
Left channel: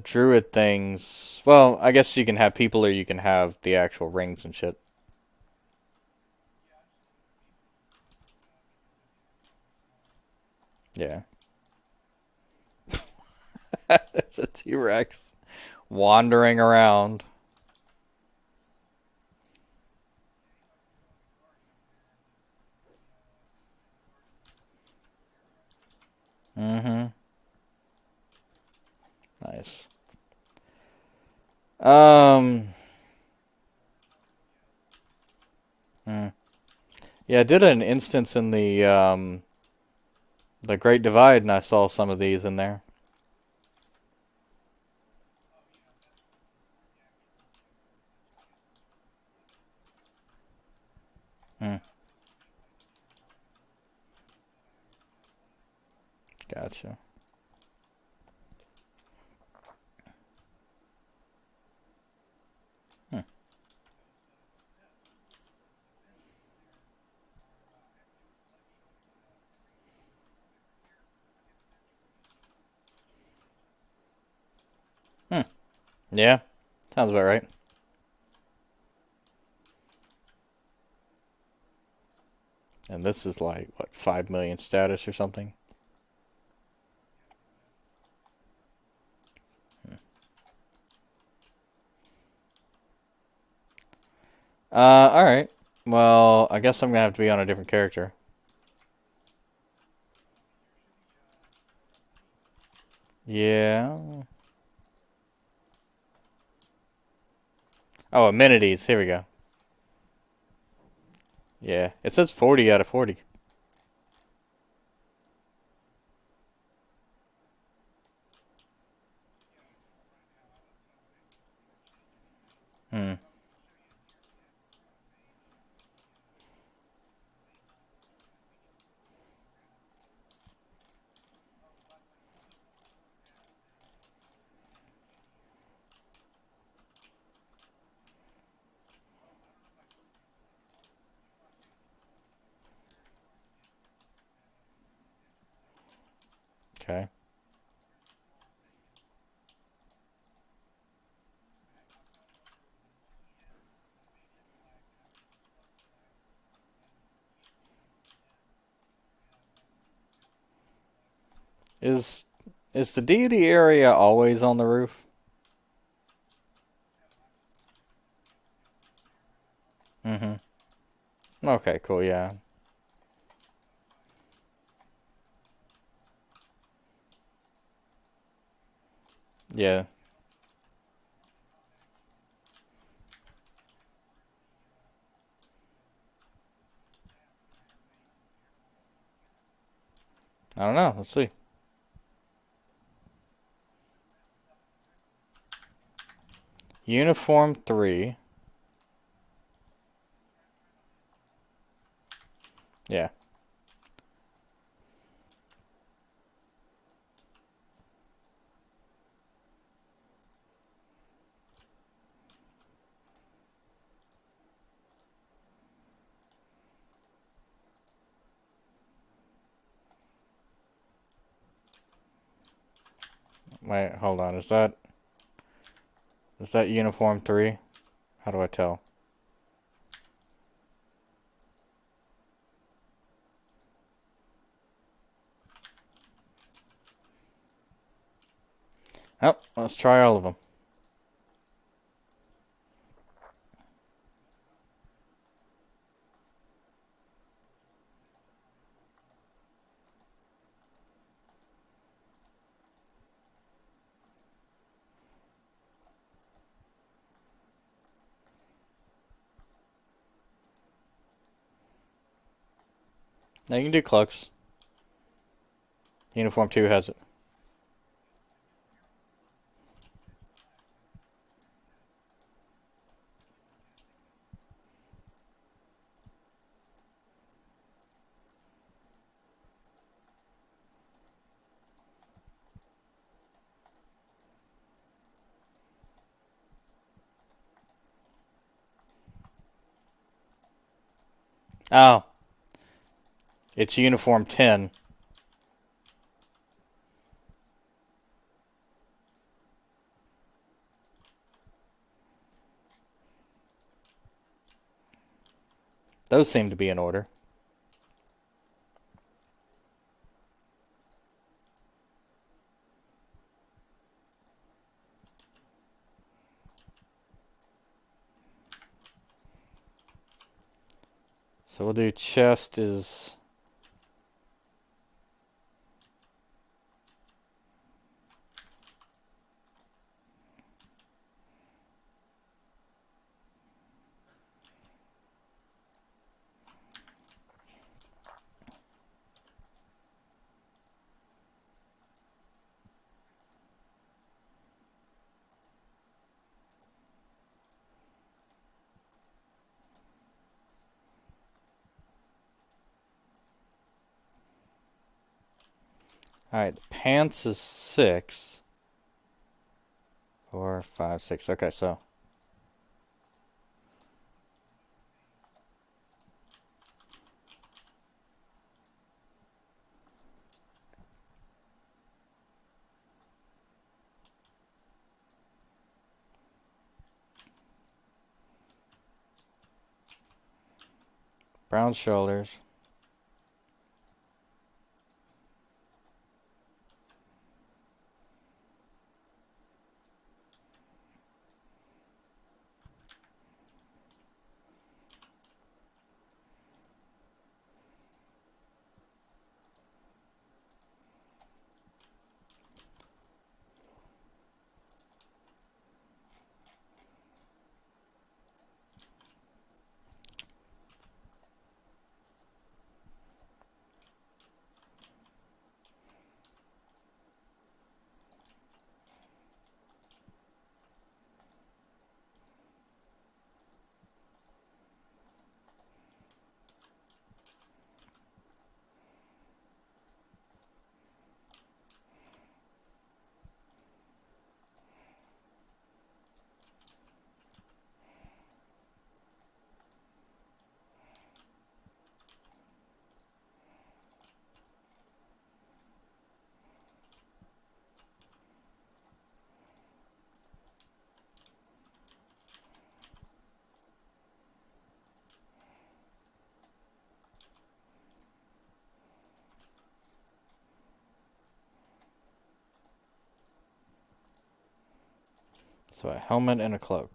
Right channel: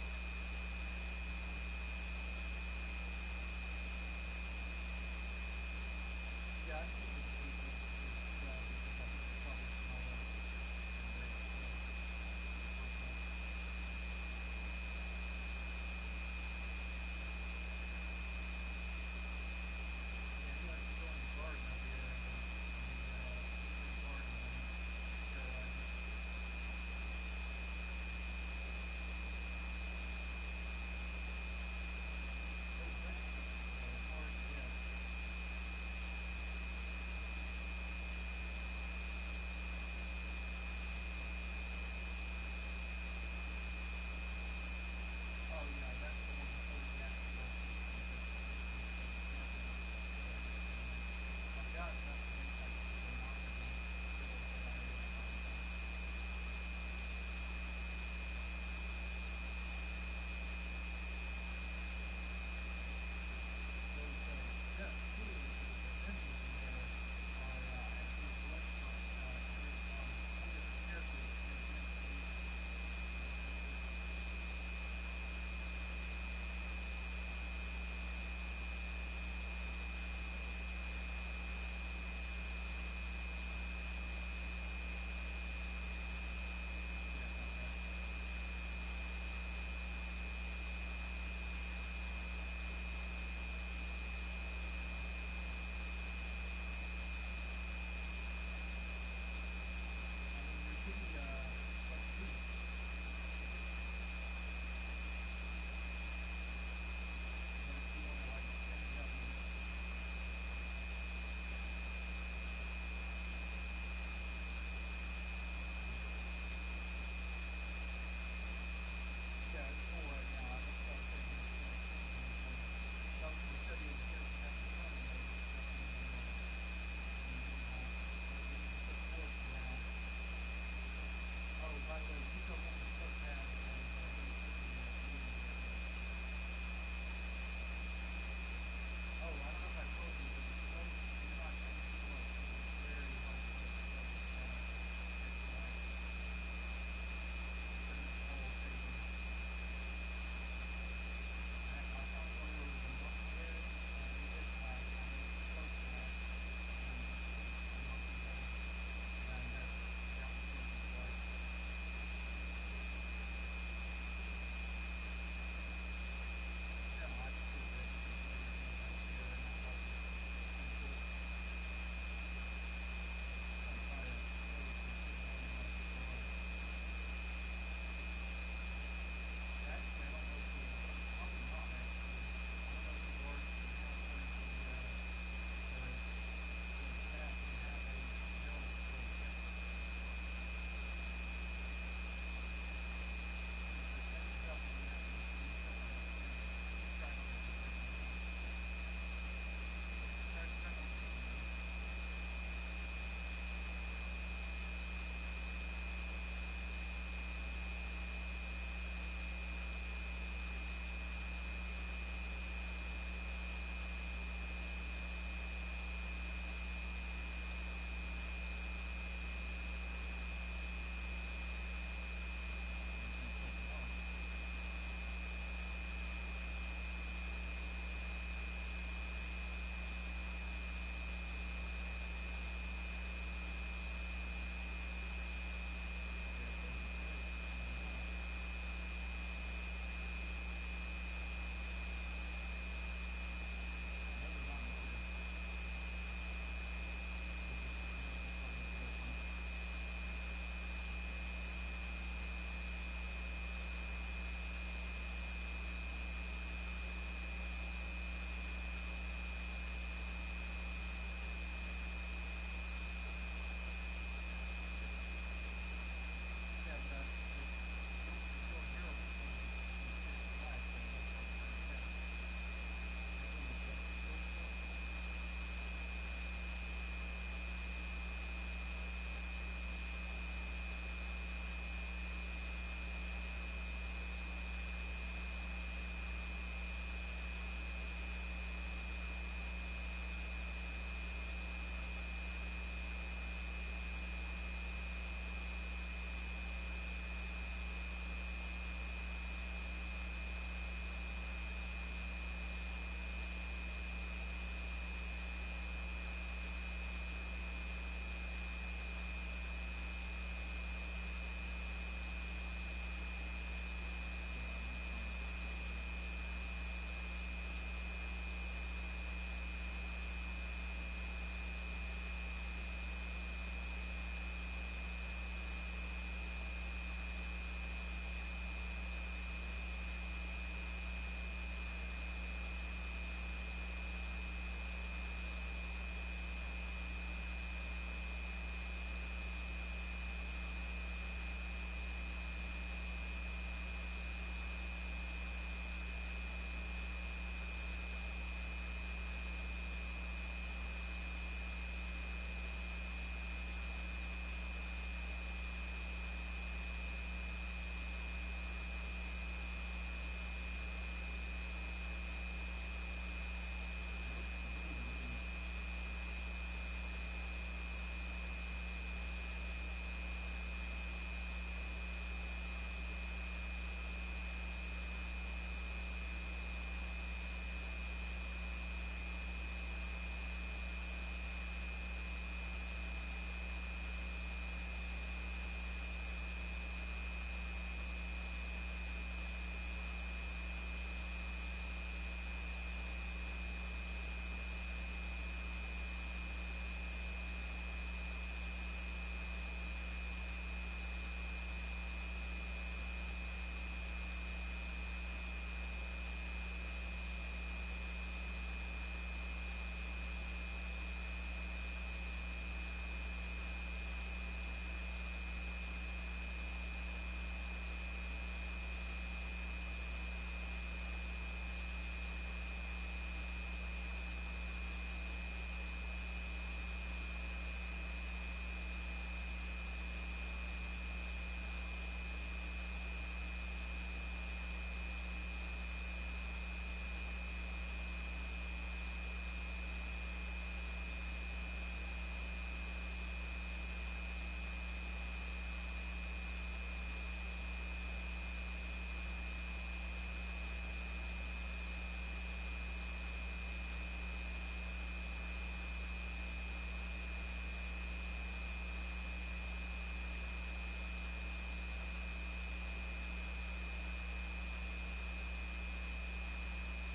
druid things. Well, I guess you can have people or you can have the actual rings and shit. Yeah. It's a T Rex wandering around. Mm hmm. Nice. Um. mm. Yeah, I did an instance in the Great Divide, and I saw some of these in there. Hmm. Gotcha. Hmm. Hmm. Yeah, sounds about right. And this is like what 5 million status or something. All right. Well, I guess I'm gonna have to be on a different character. Yeah. Oh, amenities. Here we go. Yeah, it says 40 out of 40. Hmm. Okay. Is is the deity area always on the roof? Mm-hmm. Okay, cool. Yeah. Yeah. I don't know. Let's see. Uniform 3. Yeah. Wait, hold on. Is that uniform 3? How do I tell? Oh, let's try all of them. Now you can do cloaks. Uniform 2 has it. Oh, it's uniform 10. Those seem to be in order. So we'll do chest is. Alright, pants is 6. 4, 5, 6. Okay, so. Round shoulders. So a helmet and a cloak.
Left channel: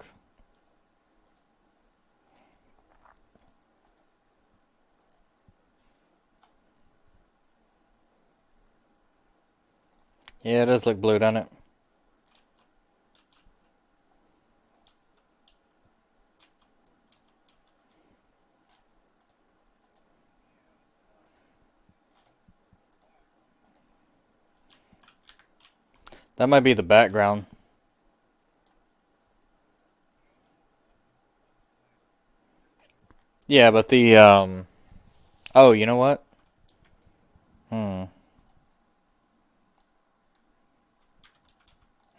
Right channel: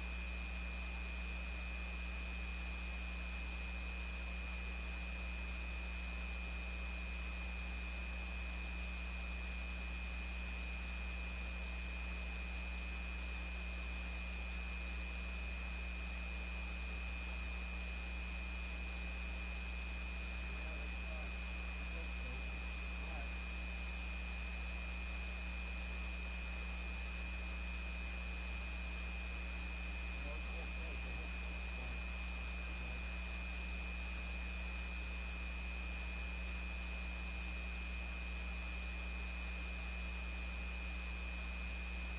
Yeah, it does look blue, doesn't it? That might be the background. Yeah, but the oh, you know what? Hmm.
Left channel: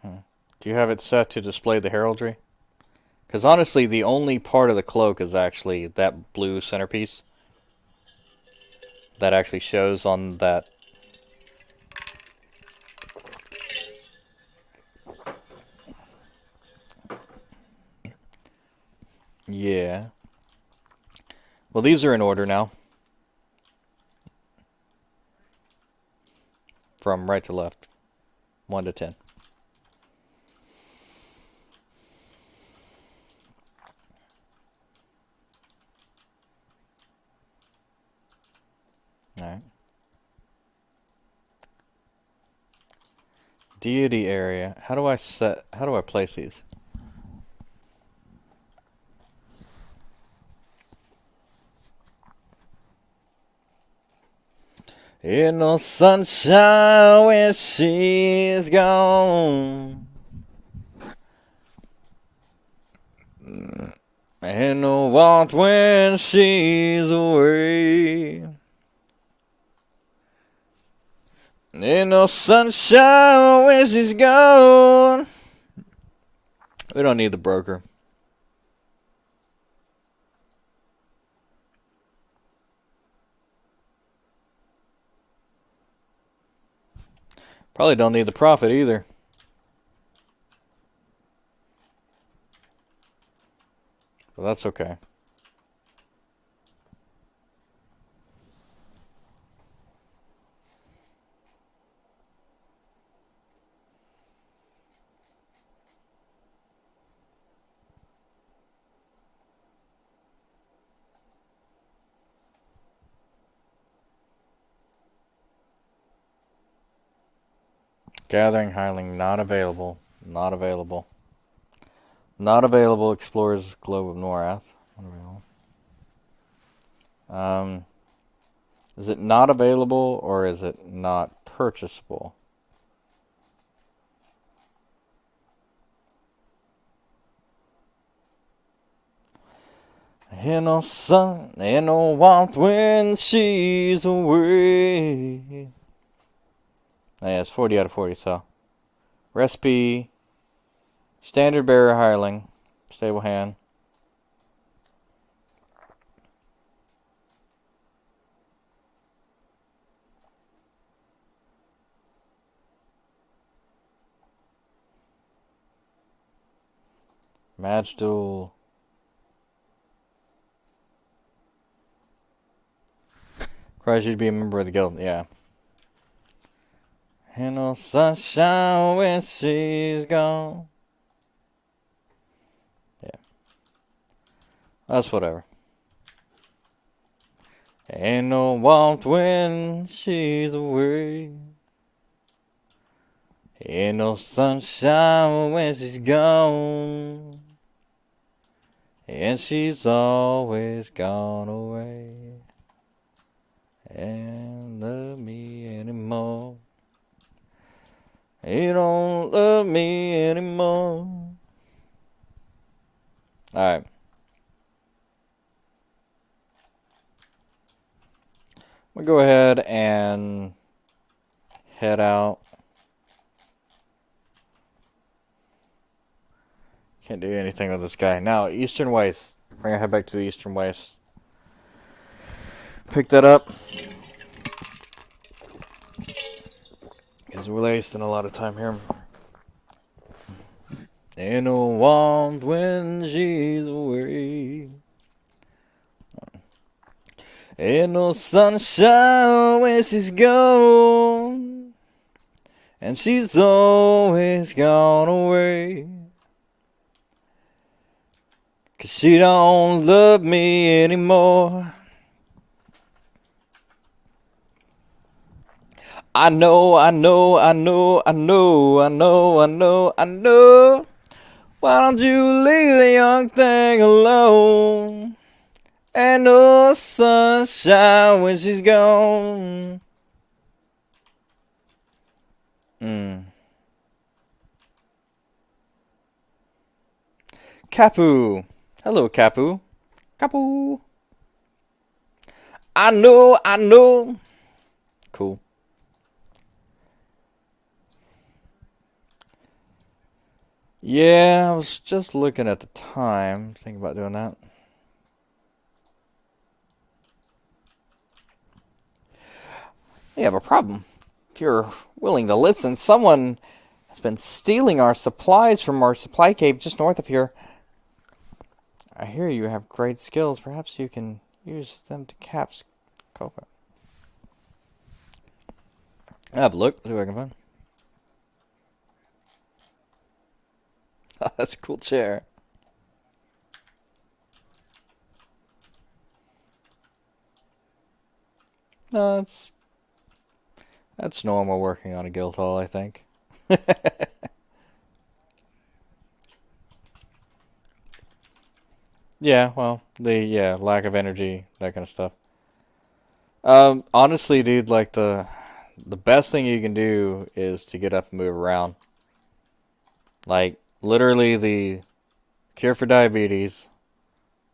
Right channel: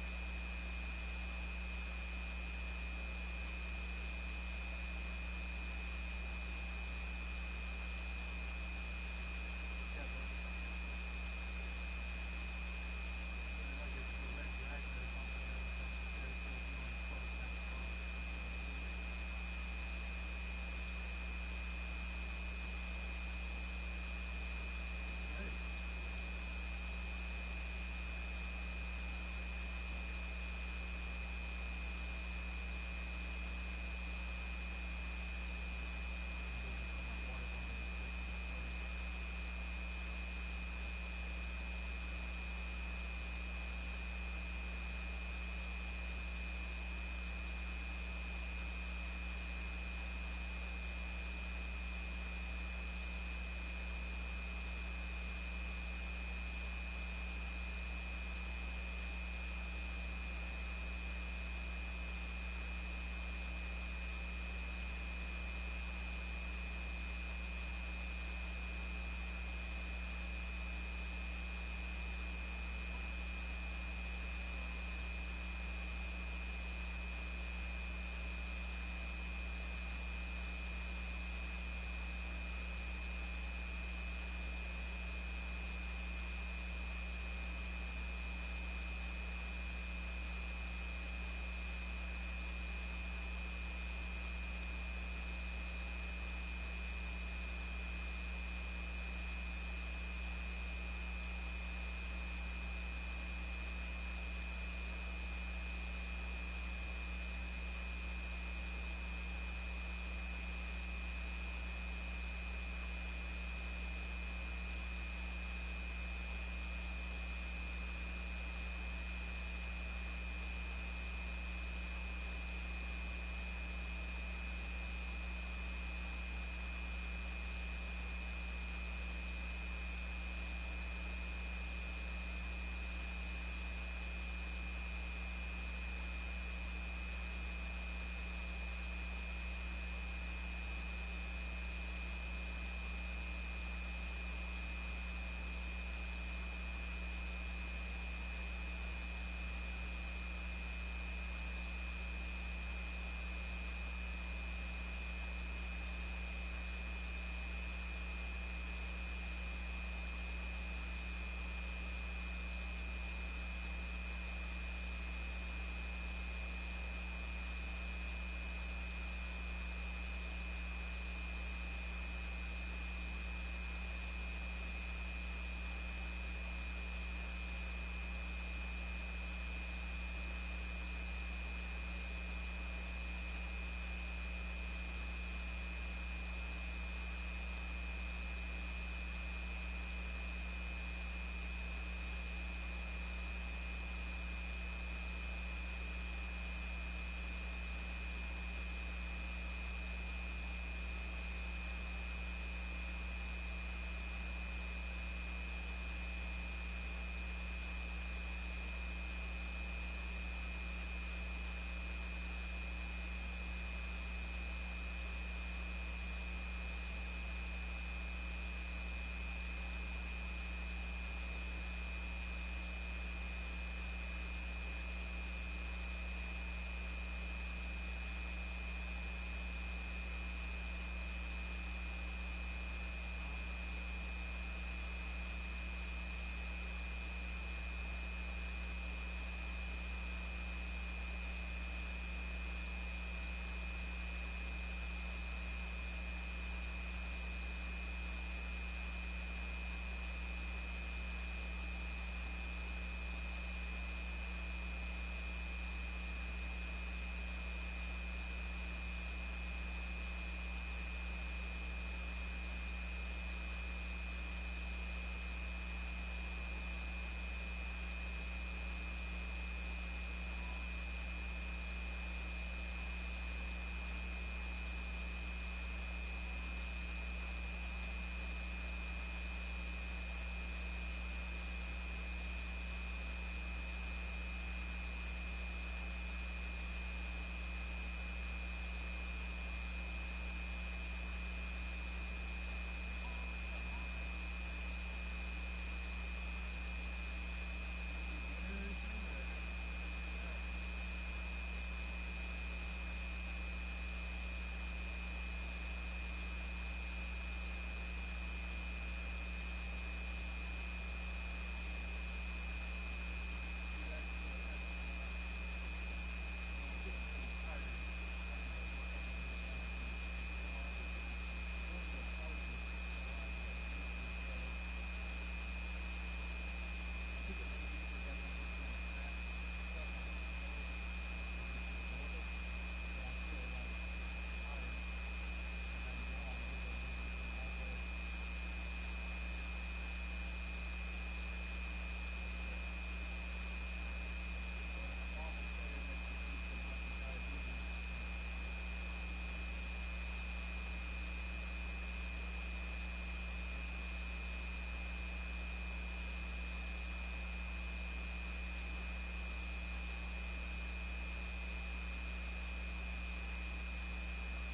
Hmm. Do you have it set to display the heraldry? Because honestly, the only part of the cloak is actually that blue centerpiece that actually shows on that. Yeah. Well, these are in order now, from right to left, 1 to 10. All right. Deity area. How do I place these? Ain't no sunshine when she's gone. Ain't no warmth when she's away. Ain't no sunshine when she's gone. We don't need the broker. Probably don't need the profit either. But that's okay. Gathering Highling not available. Not available. Not available. Explores Globe of Norath. Um, is it not available or is it not purchasable? Ain't no sun, ain't no warmth when she's away. Oh, yeah, it's 40 out of 40, so. Recipe, standard bearer hireling, stable hand. Match duel. Requires you to be a member of the guild, yeah. Ain't no sunshine when she's gone. Yeah, that's whatever. Ain't no warmth when she's away. Ain't no sunshine when she's gone. And she's always gone away. And love me anymore. You don't love me anymore. Alright. We'll go ahead and head out. Can't do anything with this guy. Now, Eastern Waste. We're gonna head back to the Eastern Waste. Pick that up. Because we're wasting a lot of time here. Ain't no warmth when she's away. Ain't no sunshine when she's gone. And she's always gone away. 'Cause she don't love me anymore. I know, I know, I know, I know, I know, I know, I know. Why don't you leave the young thing alone? Ain't no sunshine when she's gone. Capu. Hello, Capu. Capu. I know, I know. Cool. Yeah, I was just looking at the time. Thinking about doing that. We have a problem. If you're willing to listen, someone has been stealing our supplies from our supply cave just north of here. I hear you have great skills. Perhaps you can use them to caps. Copa. I have a look. See what I can find. Oh, that's a cool chair. No, that's normal working on a guild hall, I think. Yeah, well, the lack of energy, that kind of stuff. Honestly, dude, like the best thing you can do is to get up and move around. Like literally, the cure for diabetes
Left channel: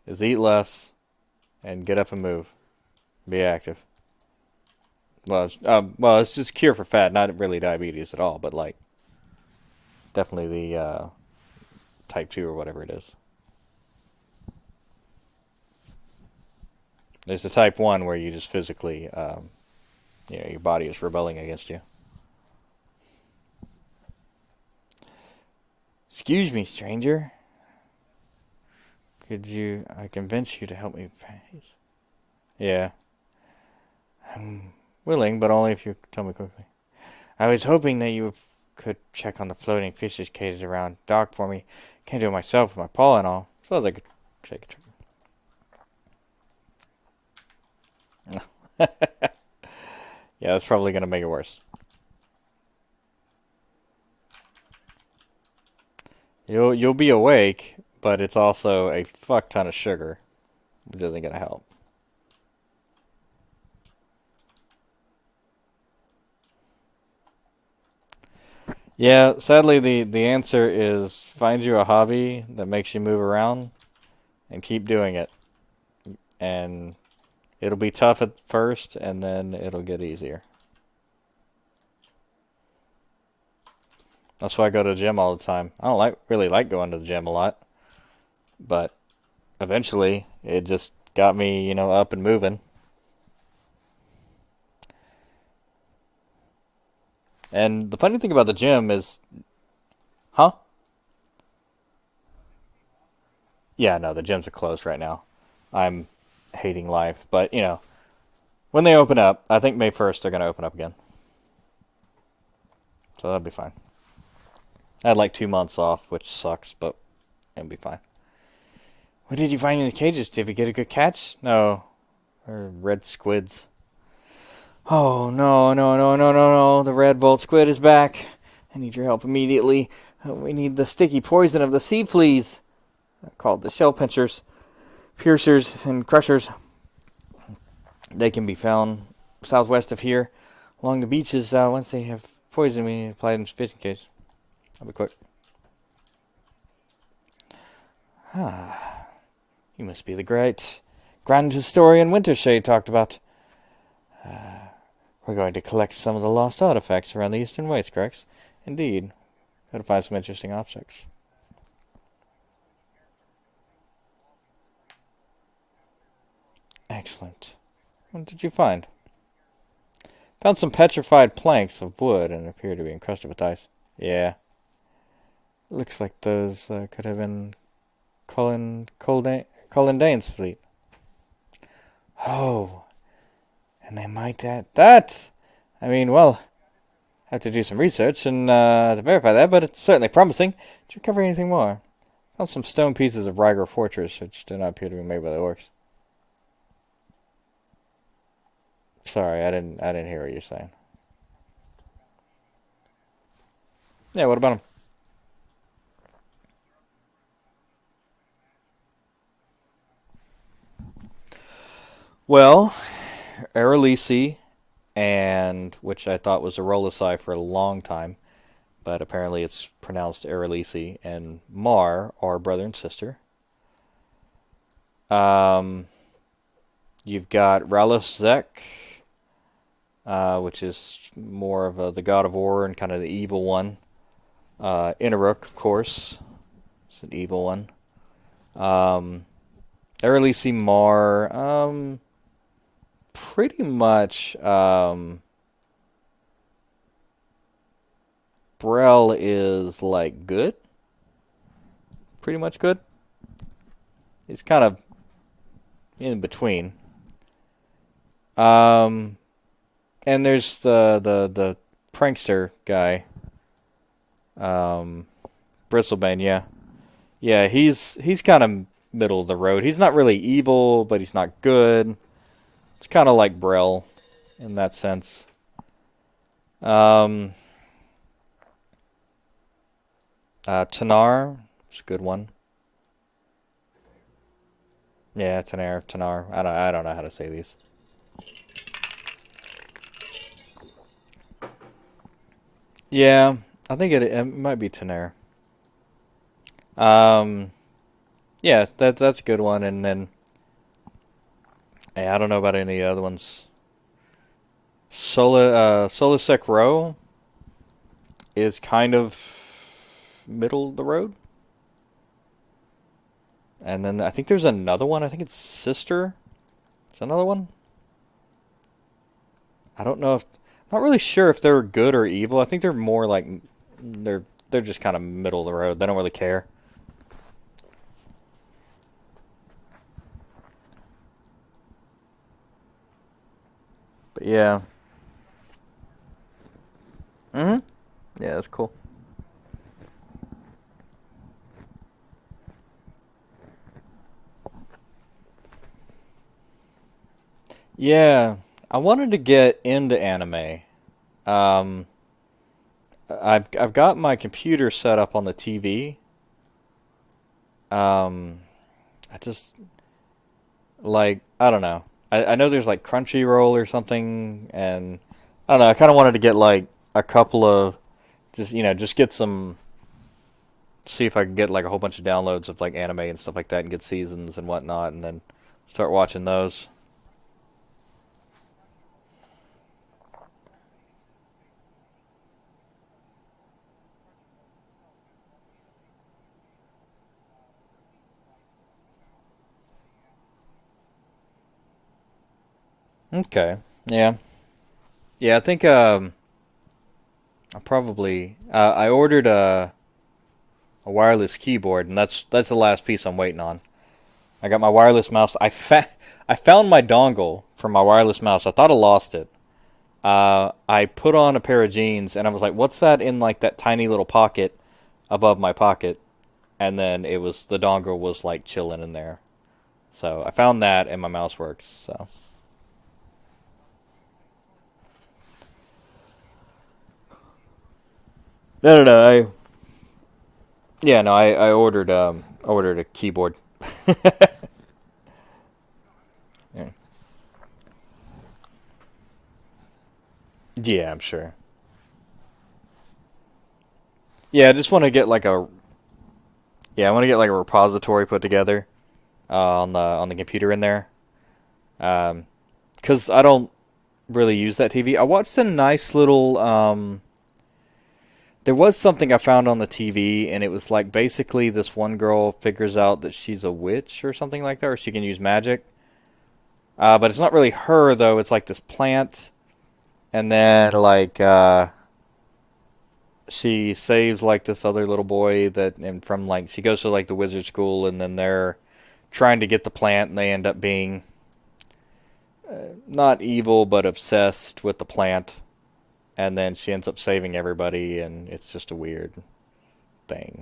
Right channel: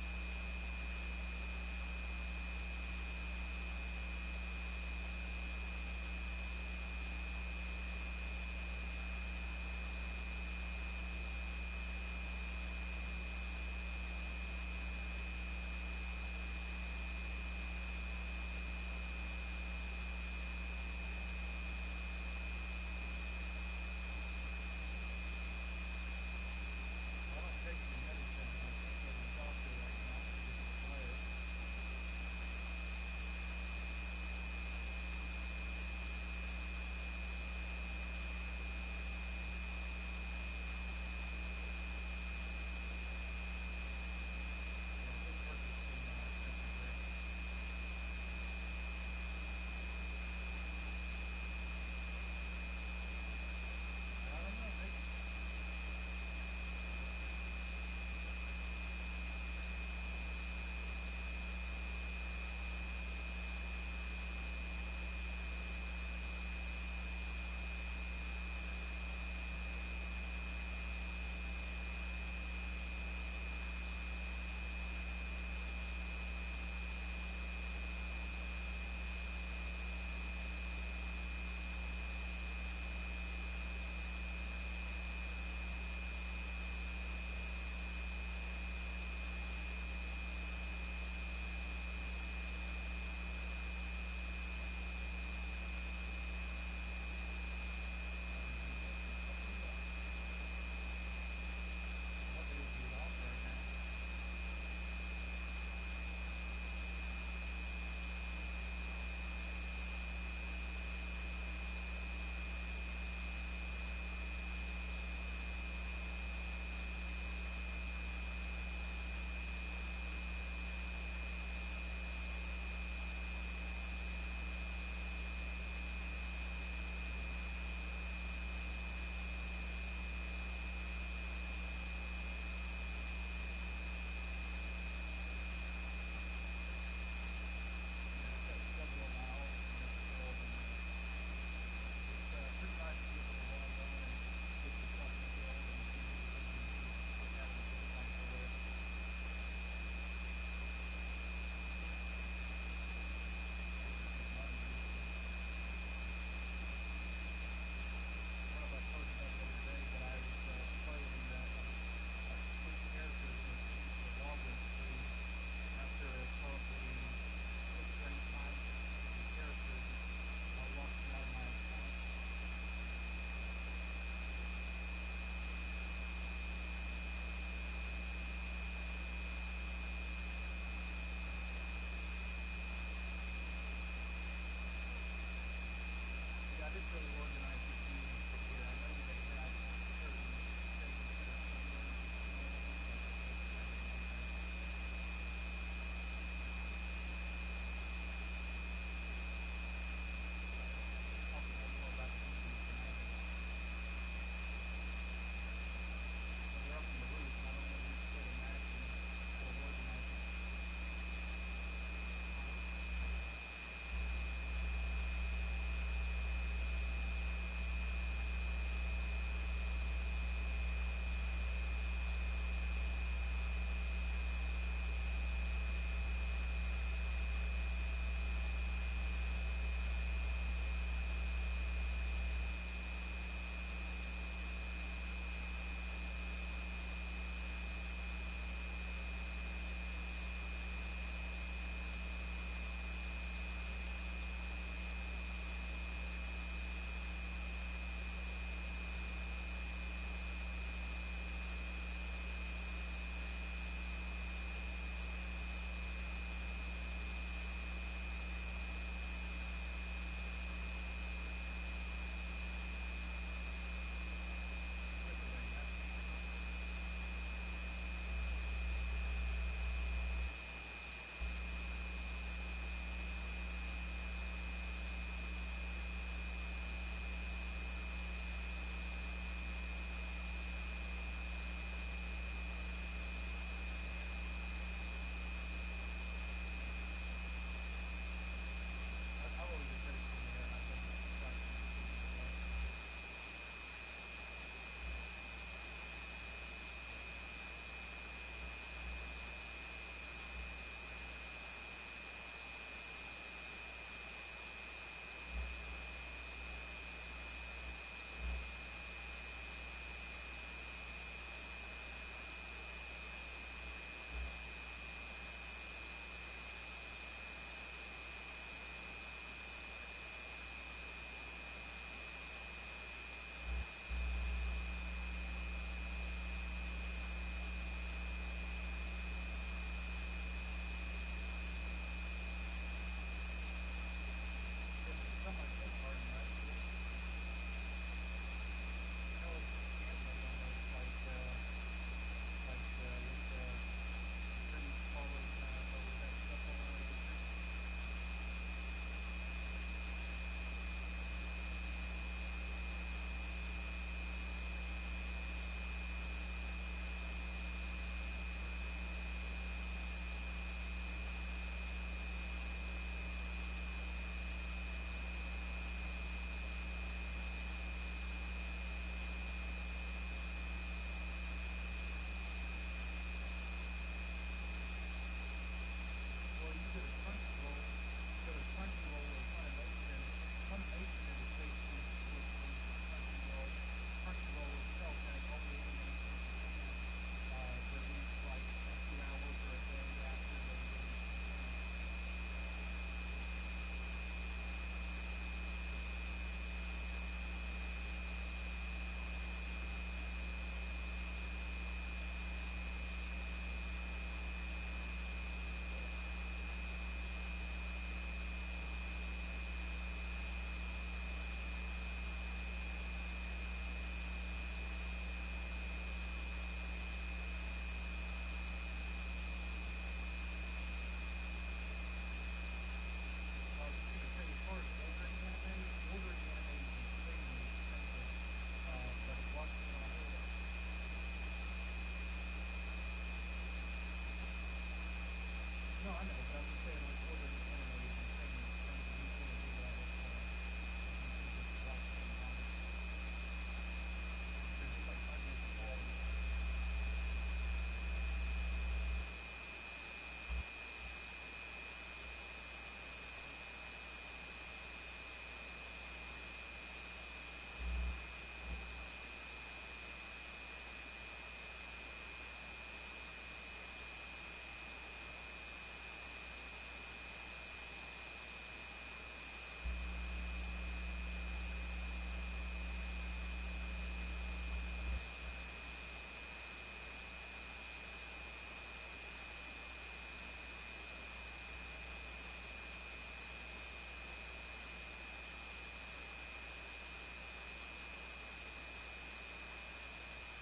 is eat less and get up and move, be active. Well, it's just cure for fat, not really diabetes at all, but like definitely the type two or whatever it is. There's the type one where you just physically, your body is rebelling against you. Excuse me, stranger. Could you? I convince you to help me with this? Yeah, I'm willing, but only if you tell me quickly. I was hoping that you could check on the floating fishes cages around dock for me. Can't do it myself with my paw and all. Suppose I could take it. Yeah, that's probably gonna make it worse. You'll be awake, but it's also a fuck ton of sugar. It isn't gonna help. Yeah, sadly the answer is find you a hobby that makes you move around and keep doing it. And it'll be tough at first, and then it'll get easier. That's why I go to the gym all the time. I don't really like going to the gym a lot, but eventually it just got me, up and moving. And the funny thing about the gym is, huh? Yeah, no, the gyms are closed right now. I'm hating life, but when they open up, I think May 1st they're gonna open up again, so that'll be fine. I had like 2 months off, which sucks, but it'll be fine. What did you find in the cages? Did we get a good catch? No, they're red squids. Oh no no no no no no! The red bolt squid is back. I need your help immediately. We need the sticky poison of the sea fleas, called the shell pinchers, piercers, and crushers. They can be found southwest of here, along the beaches. Once they have poisoned me, apply them to fishing cage. I'll be quick. Ah, you must be the great grand historian Wintershade talked about. We're going to collect some of the lost artifacts around the eastern waste, correct? Indeed. Gotta find some interesting objects. Excellent. What did you find? Found some petrified planks of wood and appear to be encrusted with ice. Yeah. It looks like those could have been Colin Dane's fleet. Oh, and they might add that. I mean, well, I have to do some research and to verify that, but it's certainly promising. Did you cover anything more? Found some stone pieces of Riger Fortress, which do not appear to be made by the orcs. Sorry, I didn't hear what you're saying. Yeah, what about them? Well, Aralisi, and which I thought was Arolisai for a long time, but apparently it's pronounced Aralisi, and Mar are brother and sister. Um, you've got Rallis Zek, which is more of the god of war and kind of the evil one. Inaruk, of course, is an evil one. Um, Aralisi Mar, pretty much. Brel is like good, pretty much good. It's kind of in between. Um, and there's the prankster guy, um, Bristlebane. Yeah, yeah. He's kind of middle of the road. He's not really evil, but he's not good. It's kind of like Brell in that sense. Um, Tanar, it's a good one. Yeah, Tanar. I don't know how to say these. Yeah, I think it might be Tanar. Um, yeah, that's a good one. And then I don't know about any other ones. Solasec Row is kind of middle of the road. And then I think there's another one. I think it's Sister. Is another one. I don't know if not really sure if they're good or evil. I think they're more like they're they're just kind of middle of the road. They don't really care. But yeah. Mhm. Yeah, that's cool. Yeah, I wanted to get into anime. Um, I've got my computer set up on the TV. I just like I don't know. I know there's like Crunchyroll or something, and I don't know. I kind of wanted to get like a couple of just get some see if I can get like a whole bunch of downloads of like anime and stuff like that, and get seasons and whatnot, and then start watching those. Okay. Yeah. Yeah. I think I probably I ordered a wireless keyboard, and that's the last piece I'm waiting on. I got my wireless mouse. I found my dongle for my wireless mouse. I thought I lost it. I put on a pair of jeans, and I was like, "What's that in like that tiny little pocket above my pocket?" And then it was the dongle was like chilling in there. So I found that, and my mouse works. So no. I ordered a keyboard. Yeah. Yeah, I'm sure. Yeah, I just want to get like a yeah, I want to get like a repository put together on the computer in there. Because I don't really use that TV. I watched a nice little. There was something I found on the TV, and it was like basically this one girl figures out that she's a witch or something like that, or she can use magic. But it's not really her though. It's like this plant, and then like she saves like this other little boy that and from like she goes to like the wizard school, and then they're trying to get the plant, and they end up being not evil but obsessed with the plant, and then she ends up saving everybody, and it's just a weird thing.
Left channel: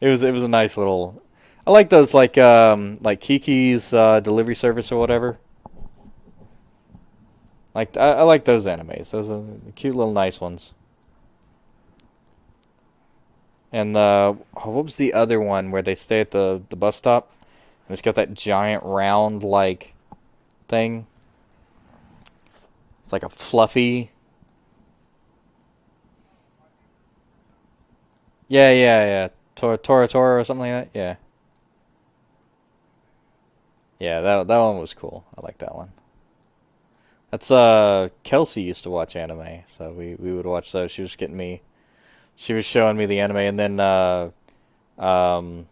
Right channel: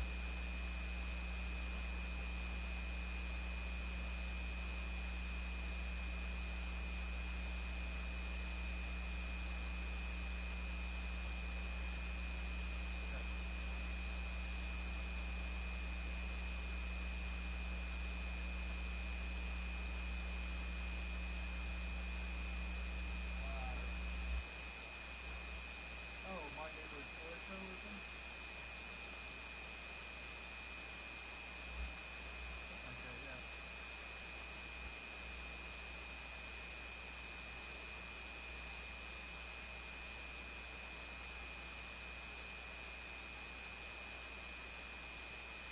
It was a nice little. I like those like Kiki's delivery service or whatever. Like I like those animes. Those are cute little nice ones. And what was the other one where they stay at the bus stop? And it's got that giant round like thing. It's like a fluffy. Yeah. Tora or something like that. Yeah. Yeah, that one was cool. I like that one. That's Kelsey used to watch anime, so we would watch those. She was showing me the anime, and then um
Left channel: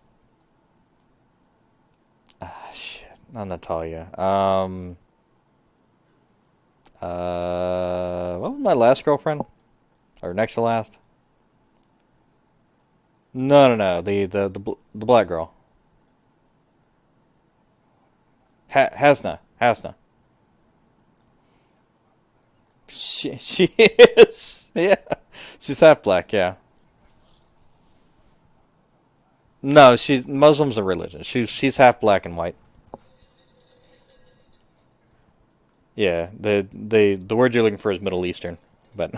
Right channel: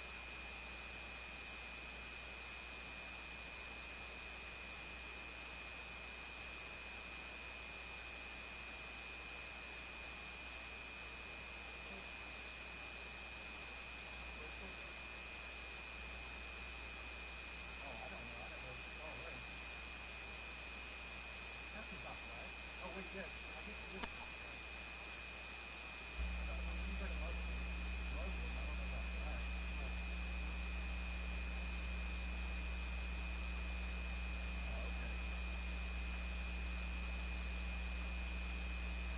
shit, not Natalia. What was my last girlfriend or next to last? No, the black girl. Hasna. She is. Yeah, she's half black. Yeah. No, she's Muslim's a religion. She's half black and white. Yeah, the word you're looking for is Middle Eastern, but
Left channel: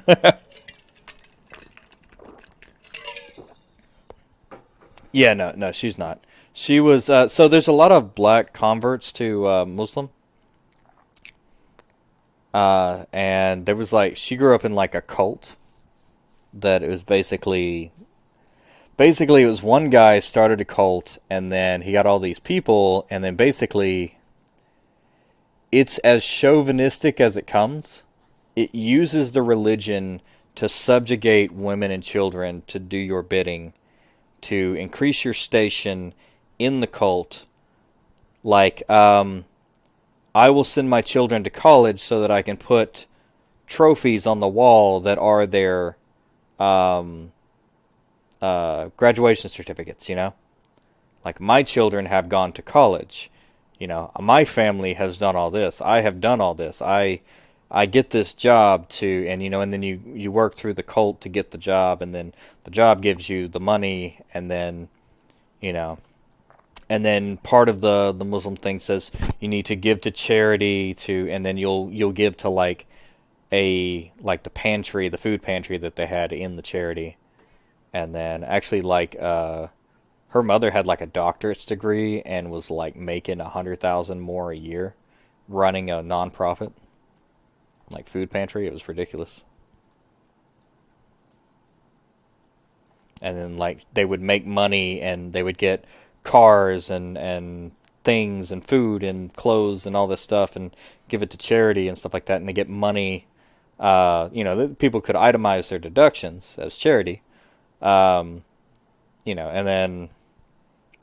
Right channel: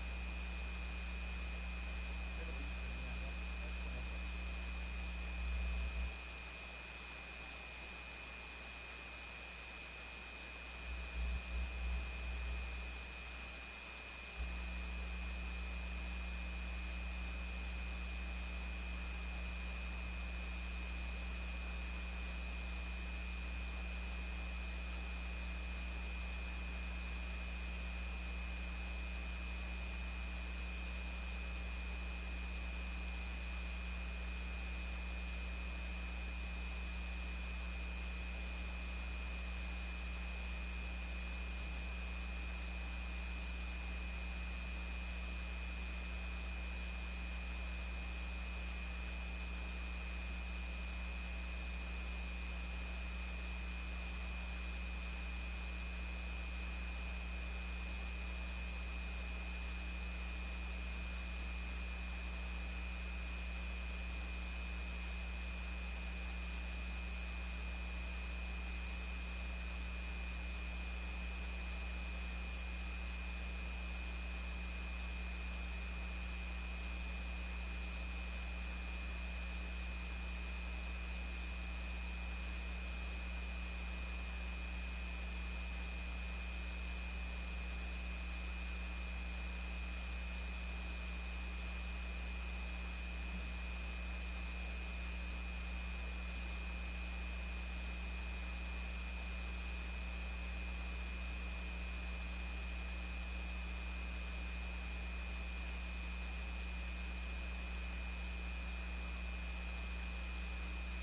yeah, no, she's not. She was so there's a lot of black converts to Muslim, and there was like she grew up in like a cult that it was basically it was one guy started a cult and then he got all these people and then basically it's as chauvinistic as it comes. It uses the religion to subjugate women and children to do your bidding, to increase your station in the cult. Like, I will send my children to college so that I can put trophies on the wall that are their um, graduation certificates, you know? Like, my children have gone to college. You know, my family has done all this. I have done all this. I get this job to, and you know, and then you work through the cult to get the job, and then the job gives you the money, and then you know, and then part of the Muslim thing says you need to give to charity to, and then you'll give to like the pantry, the food pantry that they had in the charity, and then actually like her mother had like a doctorate's degree and was like making 100,000 more a year running a nonprofit like food pantry. It was ridiculous. And then like they would make money and they would get cars and things and food and clothes and all this stuff and give it to charity and stuff like that and they get money. You know, people could itemize their deductions as charity. Um, you know, and then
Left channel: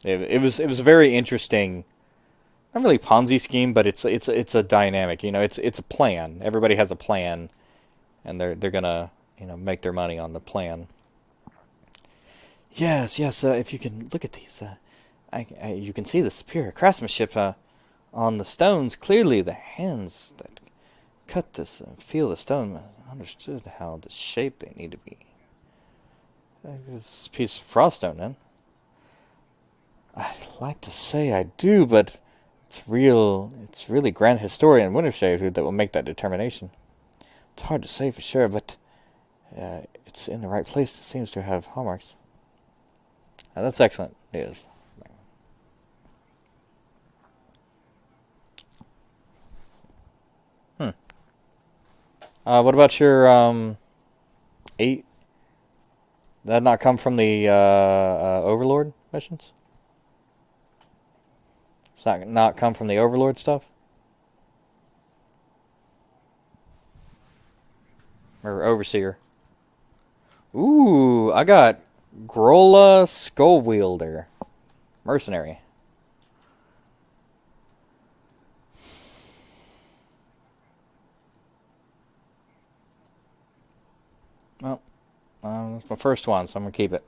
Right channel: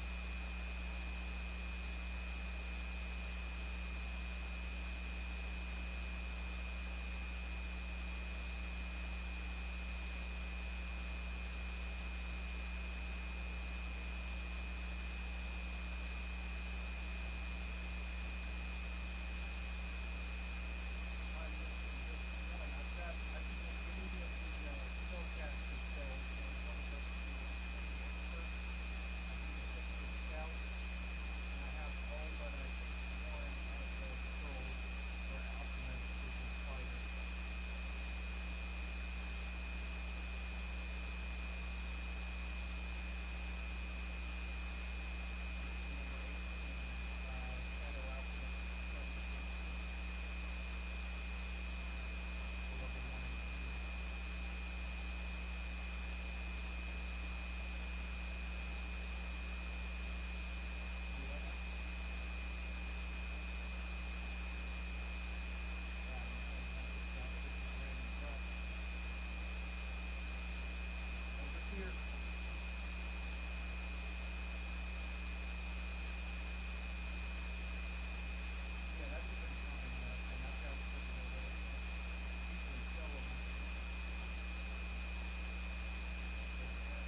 it was a very interesting, not really Ponzi scheme, but it's a dynamic. You know, it's a plan. Everybody has a plan, and they're gonna make their money on the plan. Yes, yes. If you can look at these, you can see the superior craftsmanship on the stones. Clearly, the hands that cut this and feel the stone understood how the shape it needed to be. This piece of froststone, then. I'd like to say I do, but it's real. It's really Grand Historian Wintershade that will make that determination. It's hard to say for sure, but it's in the right place. It seems to have hallmarks. That's excellent news. Hmm. What about your eight? That not come from the Overlord missions? It's not come from the Overlord stuff or Overseer. Ooh, I got Grola Skullwielder, mercenary. Oh, it's my first one, so I'm gonna keep it.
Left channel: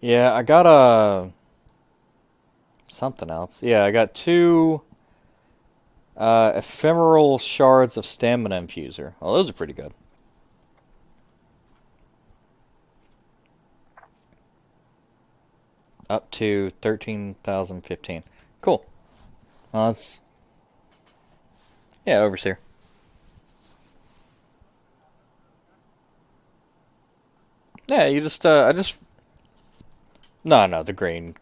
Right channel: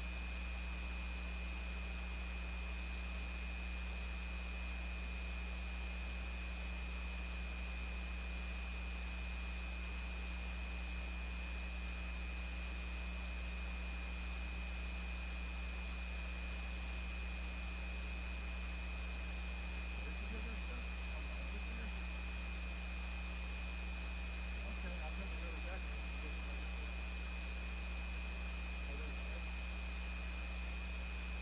Yeah, I got a something else. Yeah, I got two ephemeral shards of stamina infuser. Well, those are pretty good. Up to 13,015. Cool. Well, that's yeah, overseer. Yeah, you just I just no, the green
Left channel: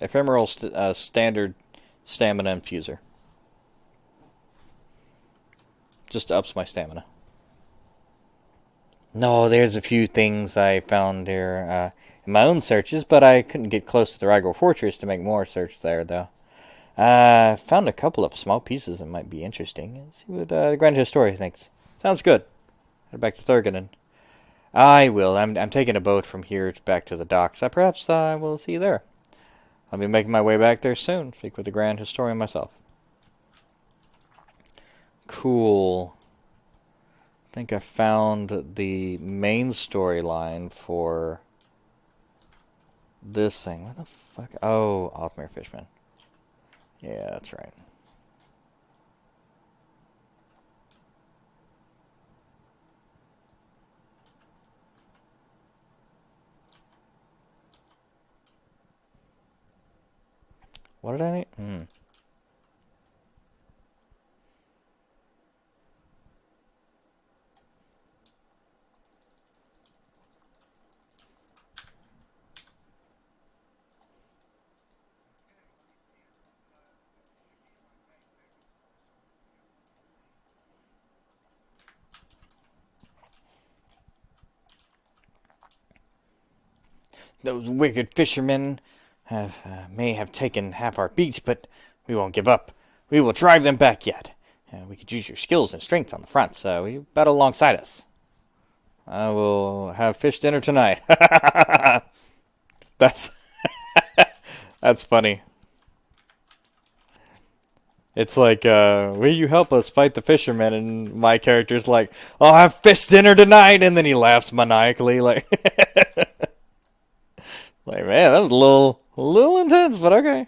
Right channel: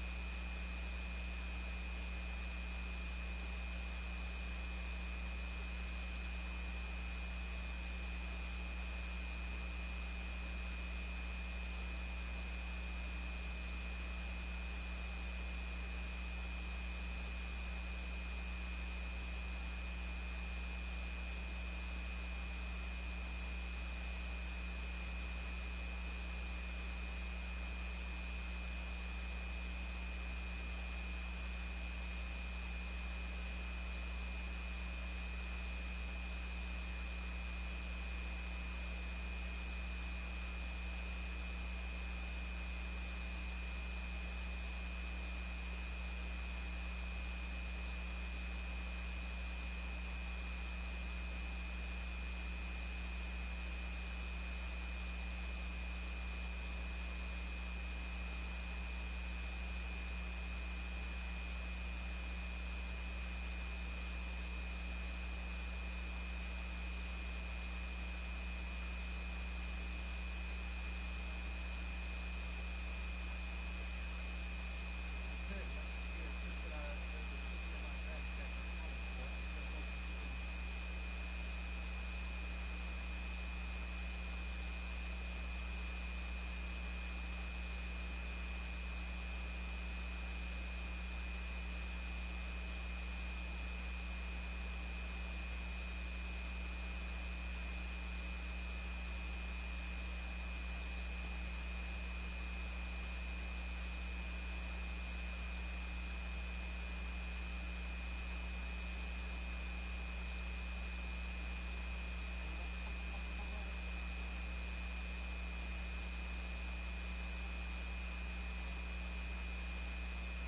ephemeral standard stamina infuser. Just ups my stamina. No, there's a few things I found here in my own searches, but I couldn't get close to the Rigor Fortress to make more search there, though. Found a couple of small pieces that might be interesting. Let's see what the Grand Historian thinks. Sounds good. We're back to Thurganon. I will. I'm taking a boat from here back to the docks. Perhaps I will see you there. I'll be making my way back there soon. Speak with the Grand Historian myself. Cool. I think I found the main storyline for this thing. What the fuck? Oh, Othmere Fishman. Yeah, that's right. What did I need? Those wicked fishermen may have taken half our beach, but we won't give up. We will drive them back yet. We could use your skills and strength on the front, so you bet alongside us. I will have fish dinner tonight. That's that's funny. It's like, will you help us fight the fishermen? And my character's like, I'll have fish dinner tonight, and then he laughs maniacally, like, like, man, that was a little intense, but okay.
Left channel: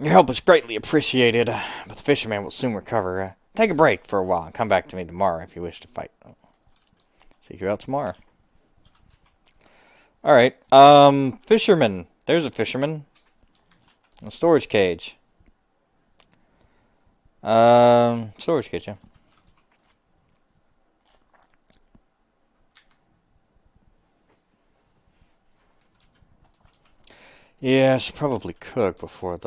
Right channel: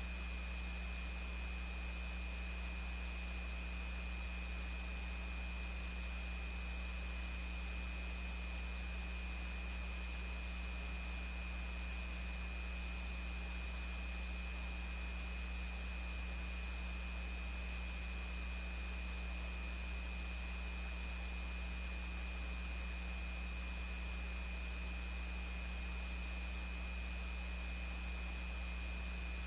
Your help is greatly appreciated, but the fisherman will soon recover. Take a break for a while and come back to me tomorrow if you wish to fight. See you out tomorrow. Alright, fisherman. There's a fisherman. A storage cage. Storage cage, yeah. Yeah, I should probably cook before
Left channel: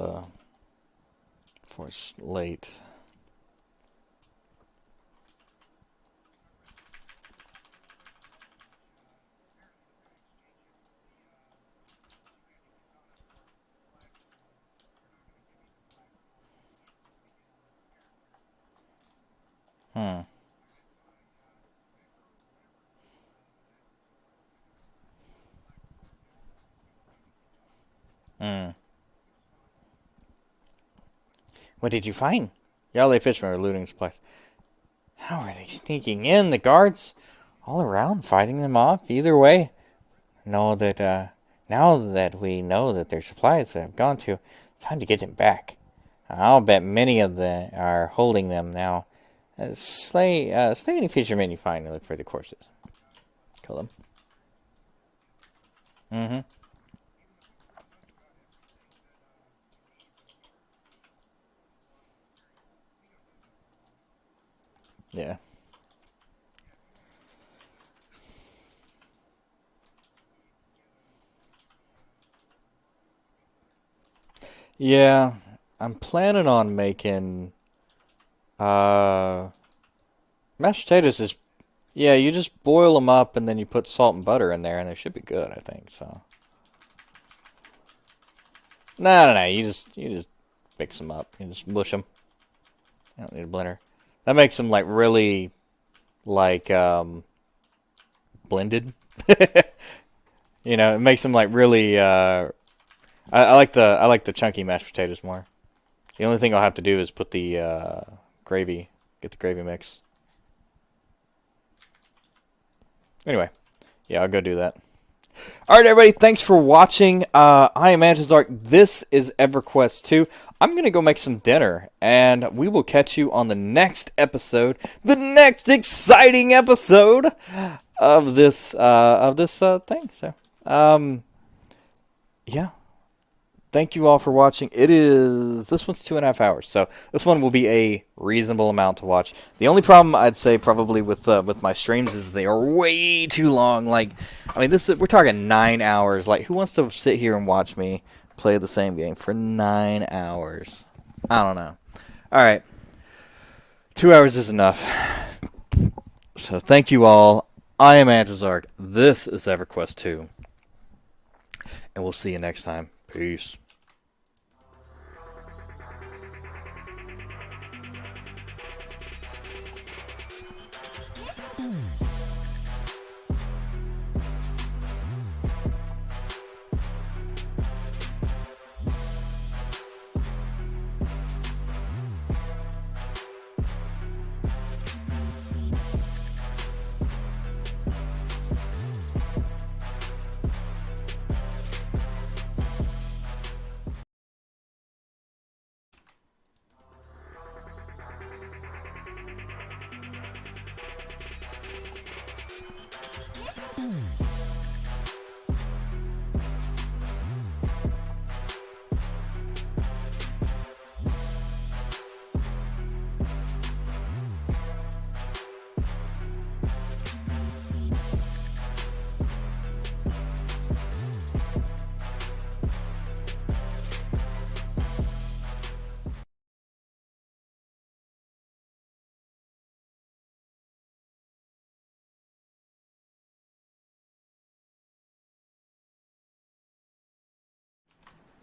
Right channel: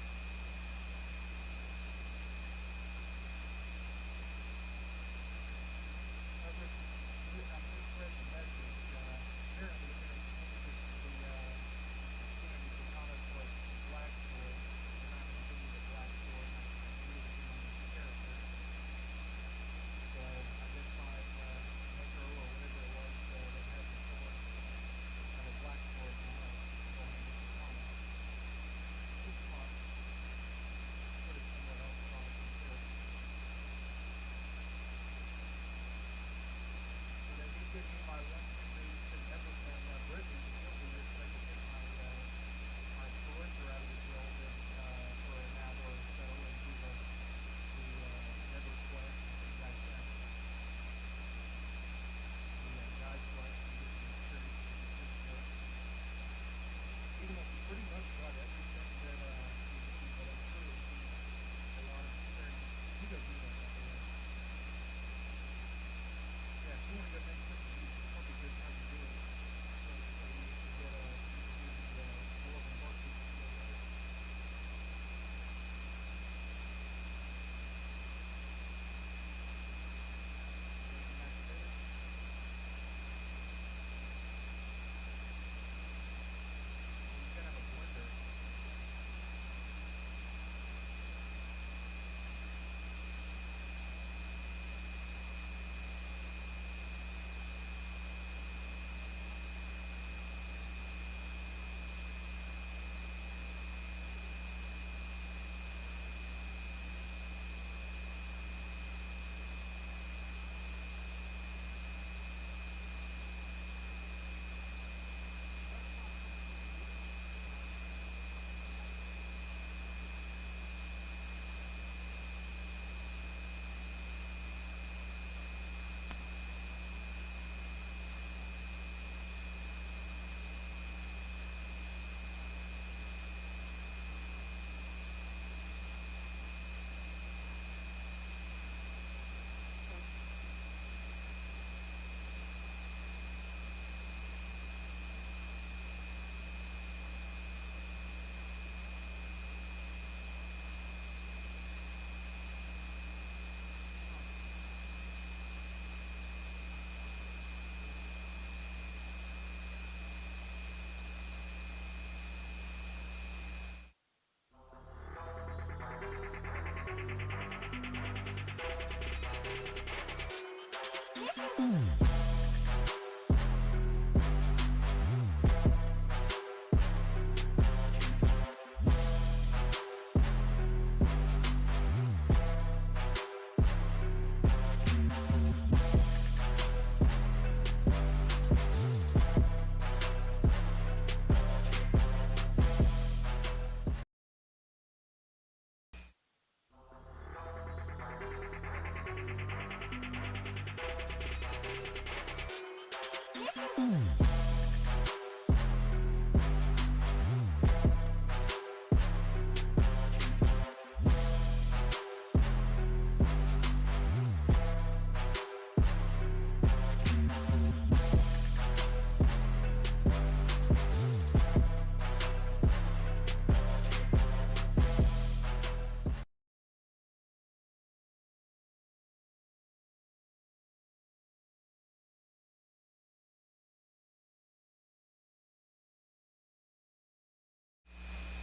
it's late. Hmm. Hmm. What did you find? Yardley fishermen are looting supplies. How are they sneaking in? The guards all around, fighting them off. Either way, know that now that we know that their supplies have gone to, it's time to get them back. I'll bet many of them are holding them now. Slay any fishermen you find and look for the corpses. Kill them. Mm-hmm. Yeah. Yeah. I'm planning on making uh mashed potatoes is yeah, you just boil them up and then you put salt and butter in there and they should be good, I think. So. No. You just mix them up. You just mush them. I don't need a blender. That makes them like really like blended. It makes them like really. I like the chunky mashed potatoes more. The only thing I'll have to do is put the gravy, get the gravy mix. Anyway, yeah, I'll go do that. All right, everybody, thanks for watching. I am Antizark. This is Everquest 2. I'm going to go make some dinner, and we will catch you on the next episode, the next exciting episode of this thing. So, yeah. Thank you all for watching. This one's 2.5 hours, so this one will be a reasonable amount to watch. The only problem I'd say probably with my streams is they are way too long. Like, I mean, we're talking 9 hours. Like, who wants to sit here and watch me play the same game for 9 hours? I don't know. All right, 2 hours is enough. So thank you all. I am Antizark. This is EverQuest 2, and we'll see you next time. Peace.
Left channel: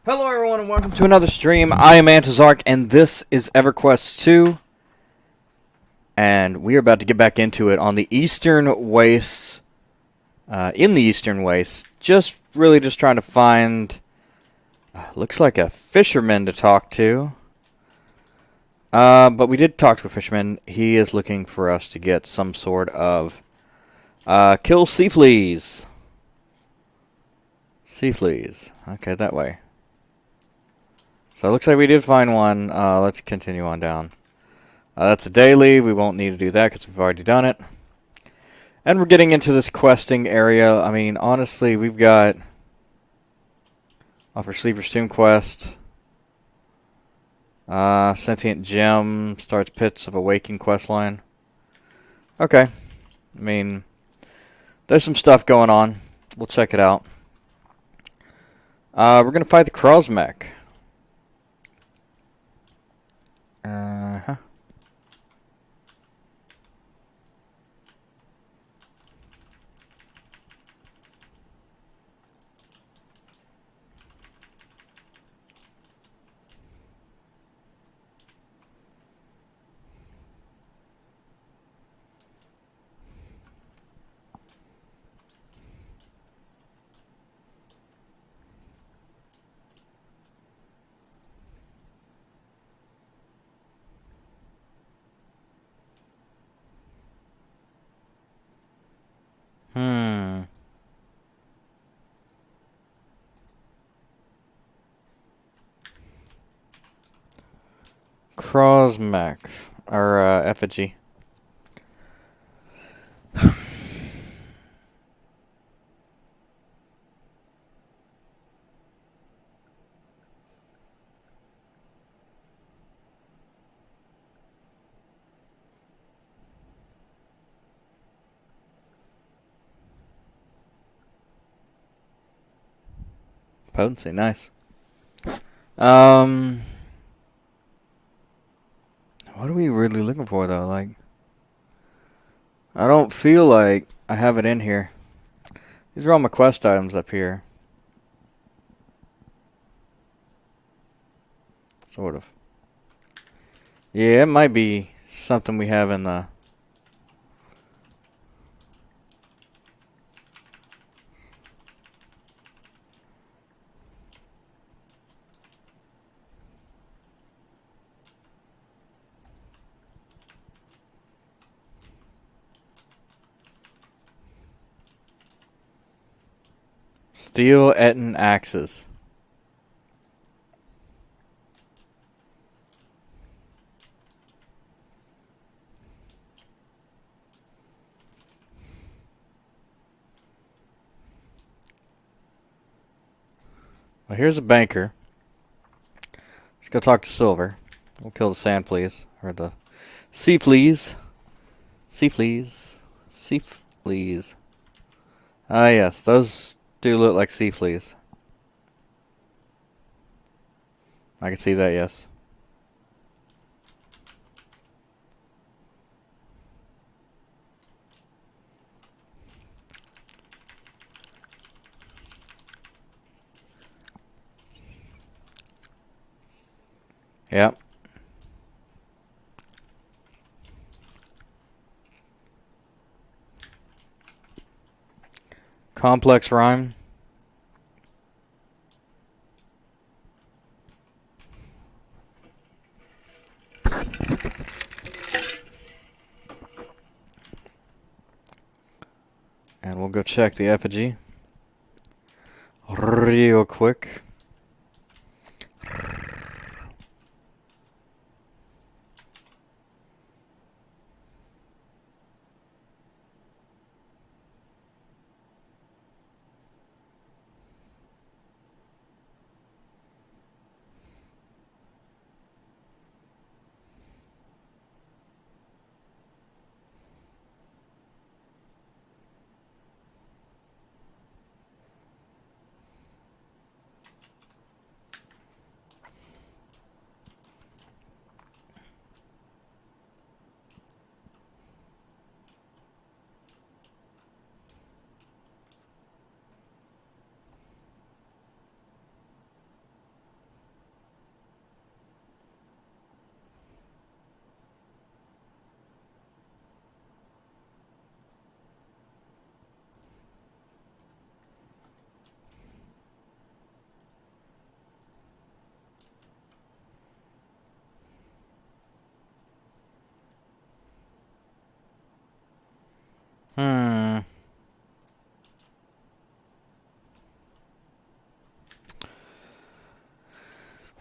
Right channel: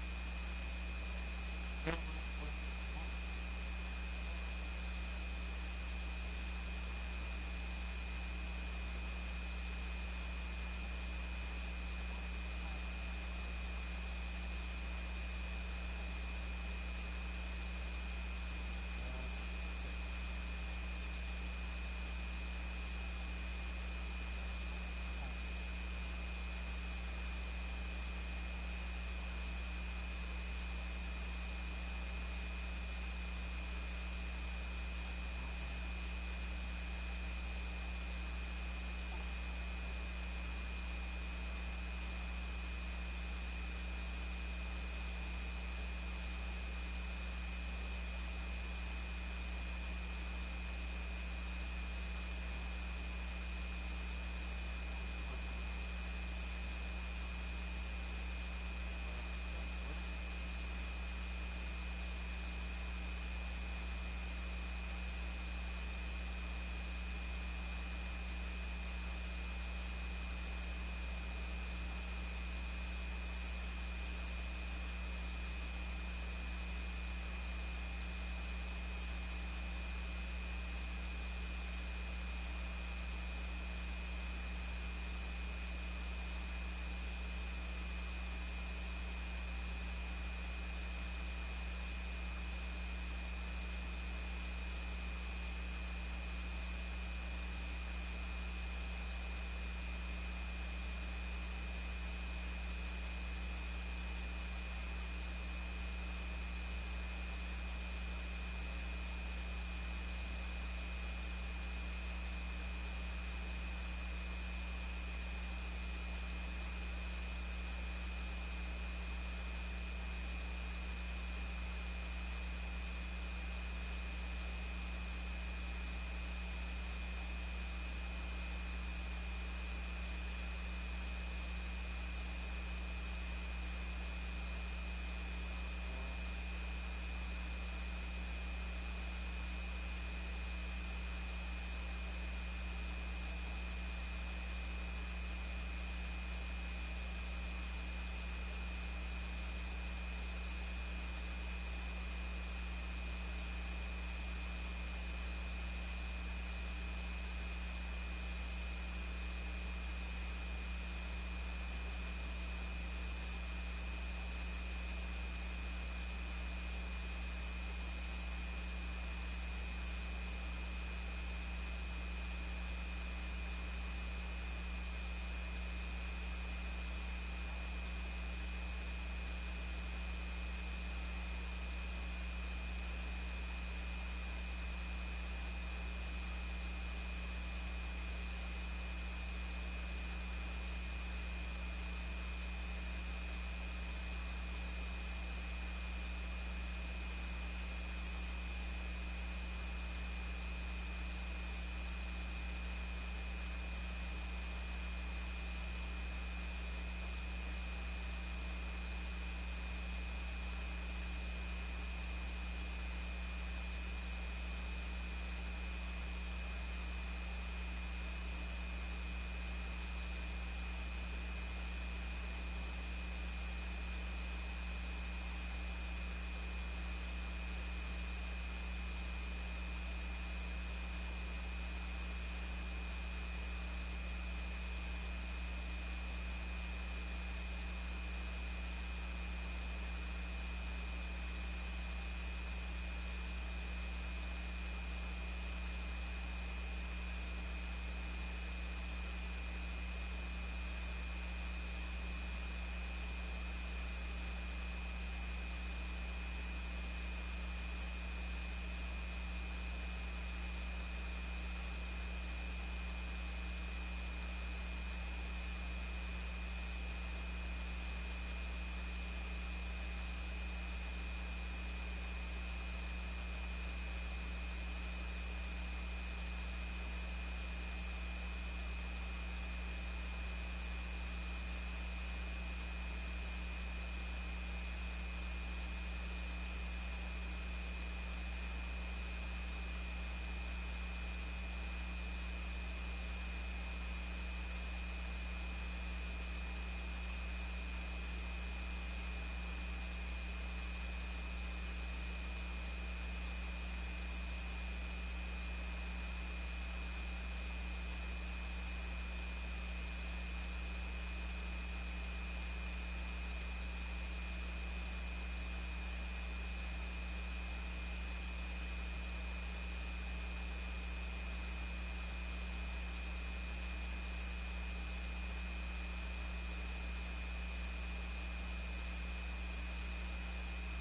Hello, everyone, and welcome to another stream. I am Antizark, and this is Everquest 2. And we are about to get back into it on the Eastern Wastes. In the Eastern Wastes. Just trying to find. Looks like a fisherman to talk to. But we did talk to a fisherman. He is looking for us to get some sort of. Kill sea fleas. Sea fleas. Okay, that way. So it looks like we did find one. Let's continue on down. That's a daily. We won't need to do that because we've already done it. And we're getting into this questing area. I mean, honestly, we've got Offer Sleeper's Tomb quest. Sentient Gem starts Pits of Awakening quest line. Okay. I mean, there's some stuff going on. We'll check it out. We're going to fight the Krosmech. Uh-huh. Hmm. Krosmech. Or, effigy. Potency, nice. Um, what are we really looking for, though? Like, I don't feel like I have it in here. These are all my quest items up here. Sort of. Yeah, it might be something we have in the... Steel Etten axes. Well, here's a banker. Let's go talk to Silver. We'll kill the sand fleas. Or the sea fleas. Sea fleas. Sea fleas. Ah, yes. Those do look like sea fleas. I can see that, yes. Yep. Complex rhyme. And we'll go check the effigy. Real quick.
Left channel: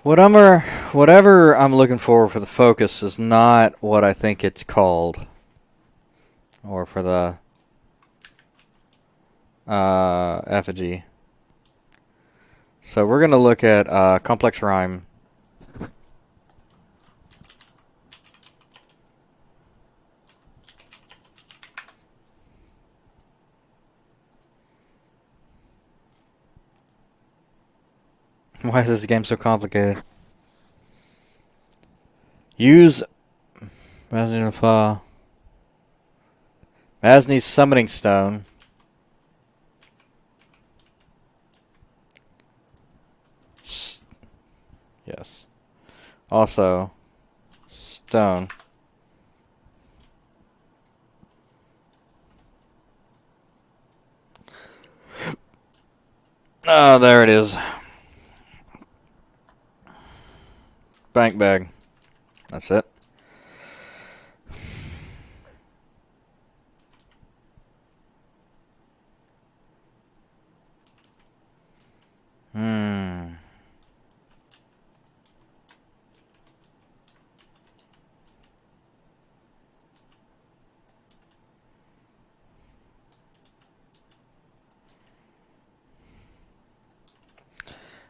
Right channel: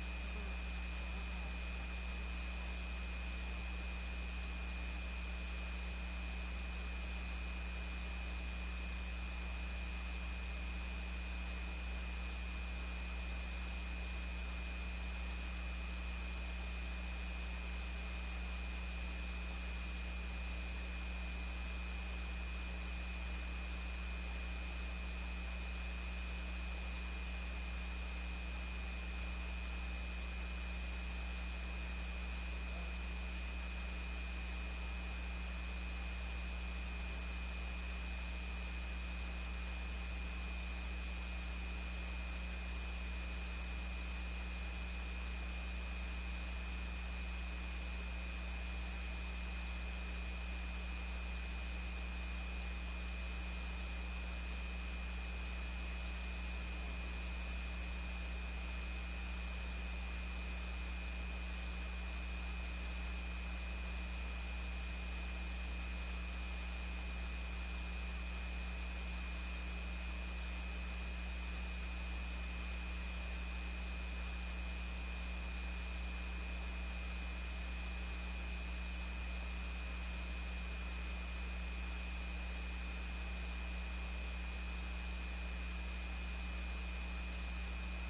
Whatever, whatever I'm looking for the focus is not what I think it's called, or for the effigy. So we're gonna look at complex rhyme. Why is this game so complicated? Use Masni's summoning stone. Yes. Also, stone. Oh, there it is. Bank bag. That's it. Hmm.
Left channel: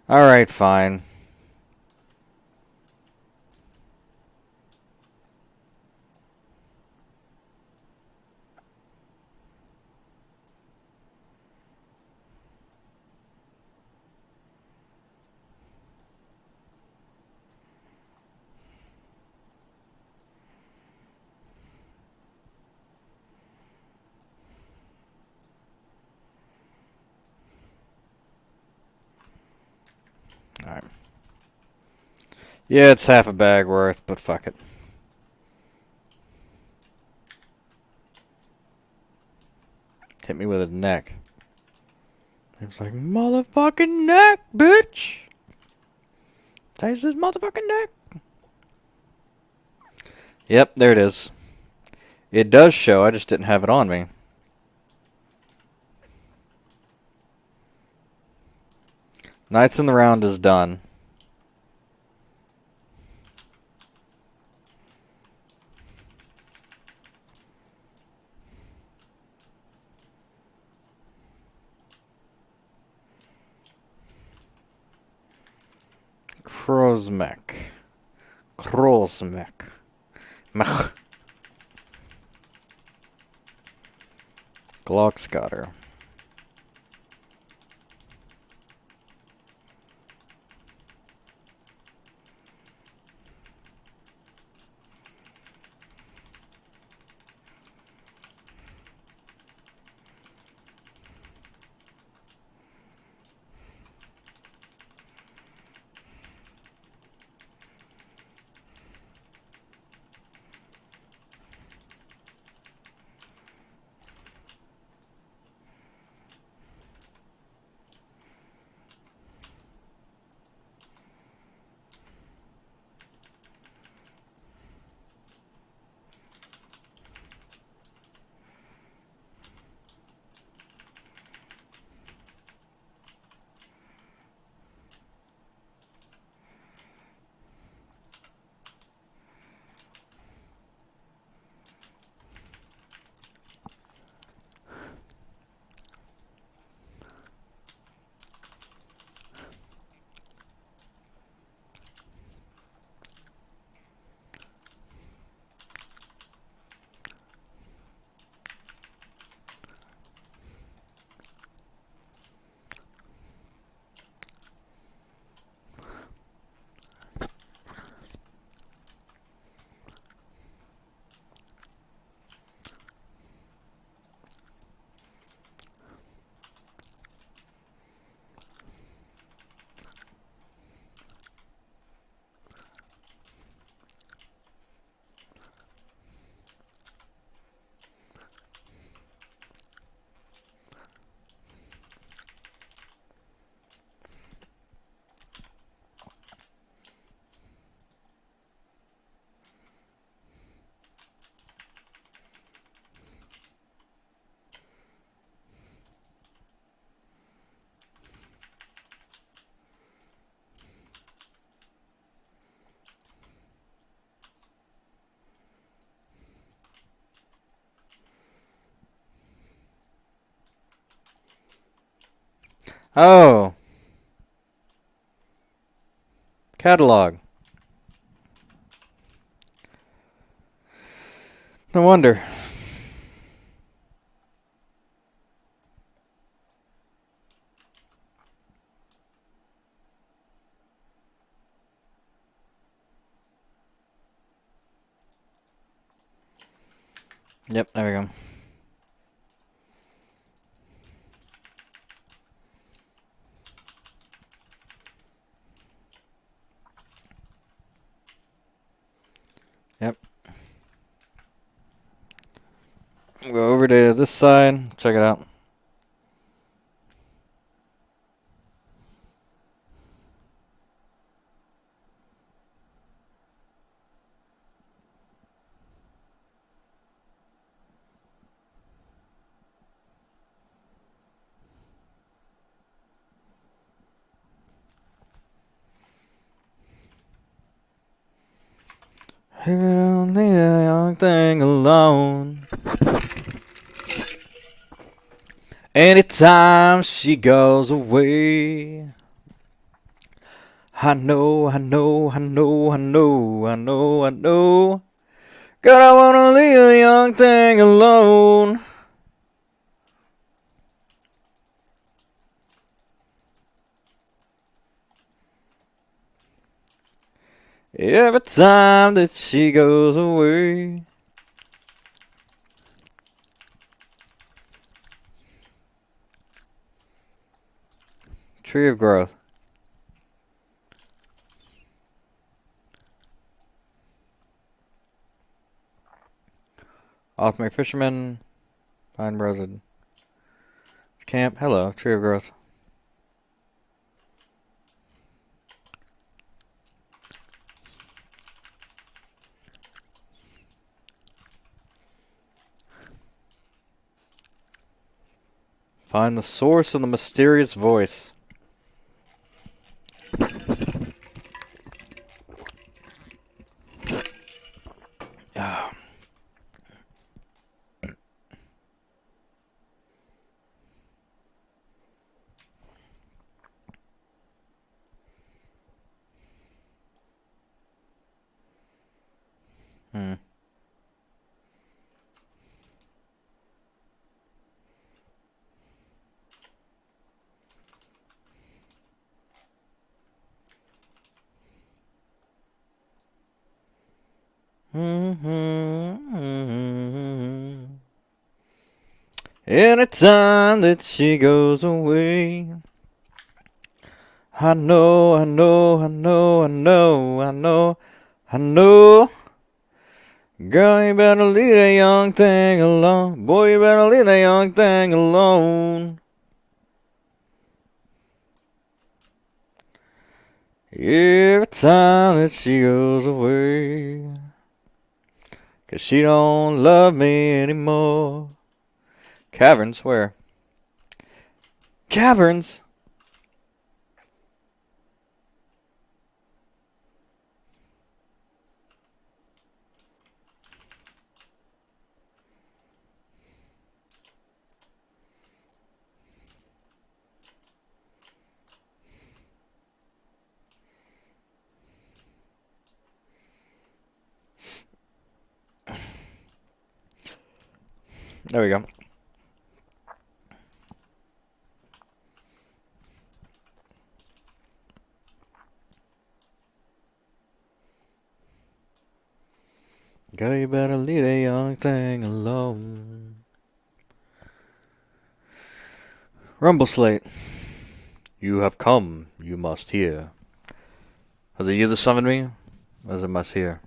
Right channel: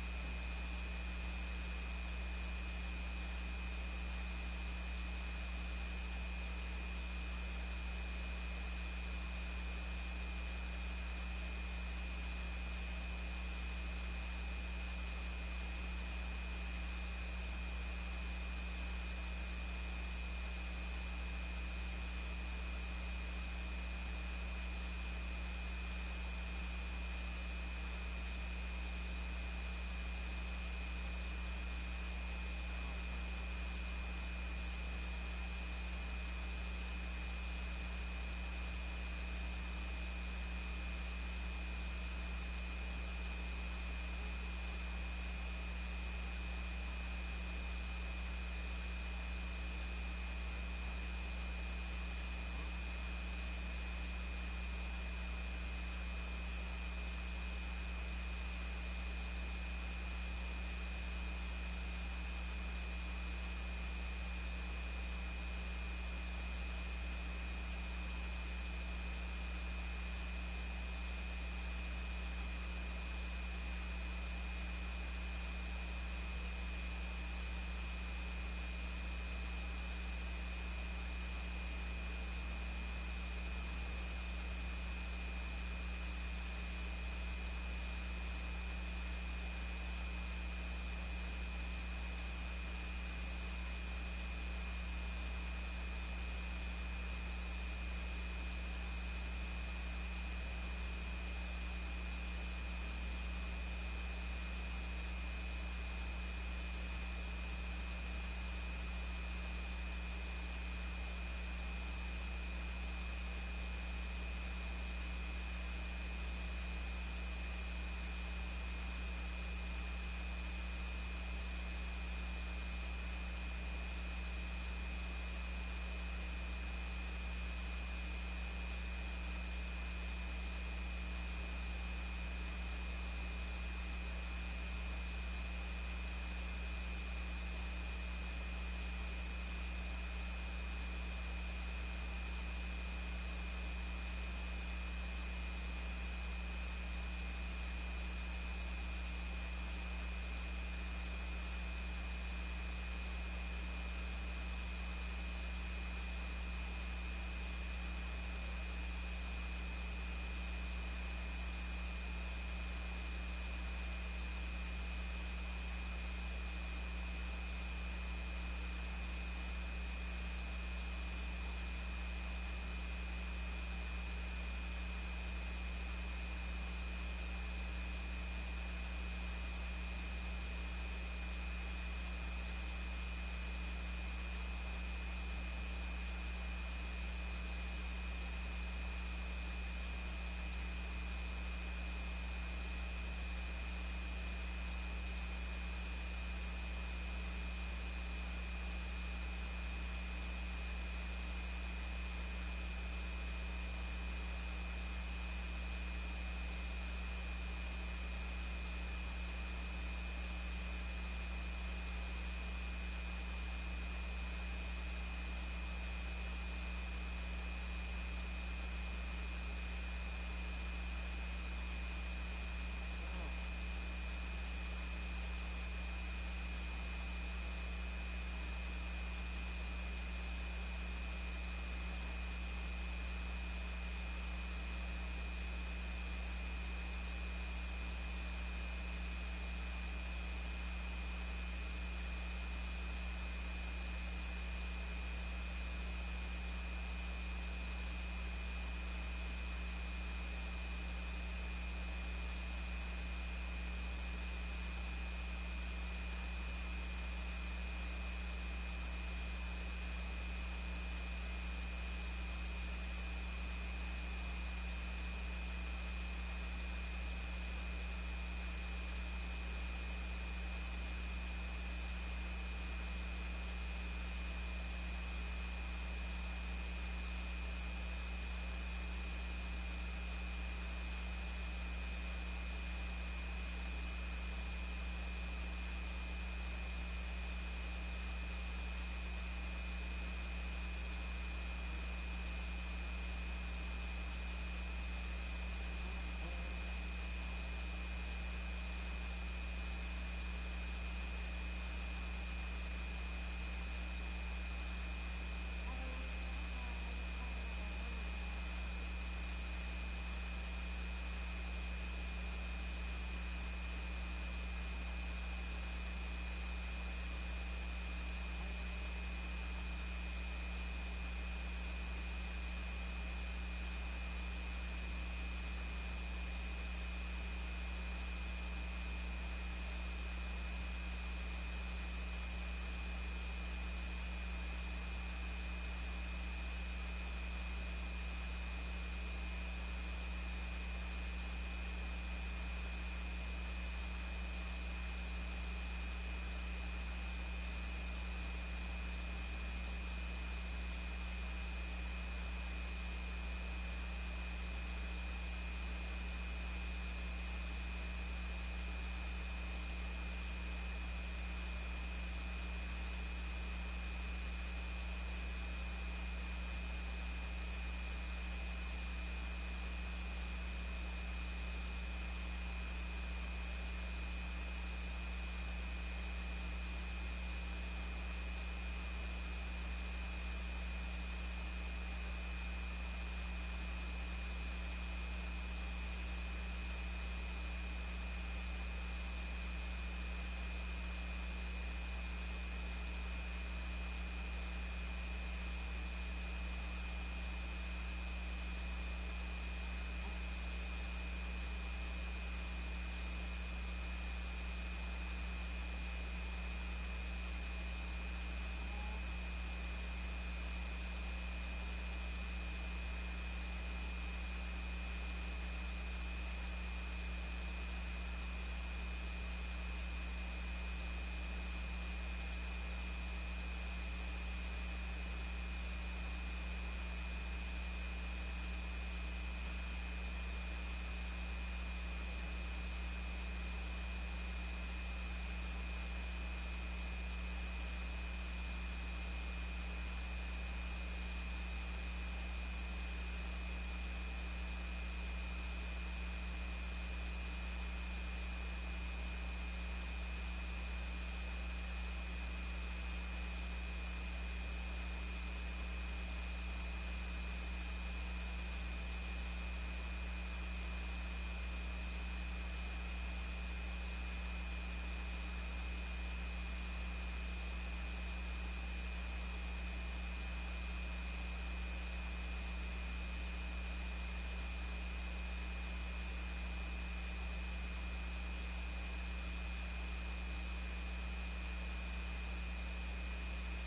Alright, fine. Alright. Yeah, it's half a bag worth, but fuck it. Hit me with a neck. It's like, motherfucking neck, bitch! Taste this motherfucking neck! Yep, there it is. It does show, I just didn't have it on me. Knights in the round is done. Krozmek. Krozmek. Mech. Glockscotter. Oh, catalog. No wonder. Yep, there we go. Yep. Go over to this side. Check it out. Only a young thing alone. Anytime she goes away. I know, I know, I know, I know, I know, I know. God, I wanna leave a young thing alone. Every time that she goes away. Tree of growth. Alchemy fisherman. Find Rosen. Camp. Hello. Tree of growth. Find the source of the mysterious voice. Hmm. Anytime that she goes away. I know, I know, I know, I know, I know, I know. Girl, you better leave that young thing alone. Boy, you better leave that young thing alone. Every time that she goes away. 'Cause she don't love me anymore. Caverns? Where? Caverns? There we go. Girl, you better leave that young thing alone. Rumble Slate. You have come, you must hear. Was it you that summoned me? As I must hear.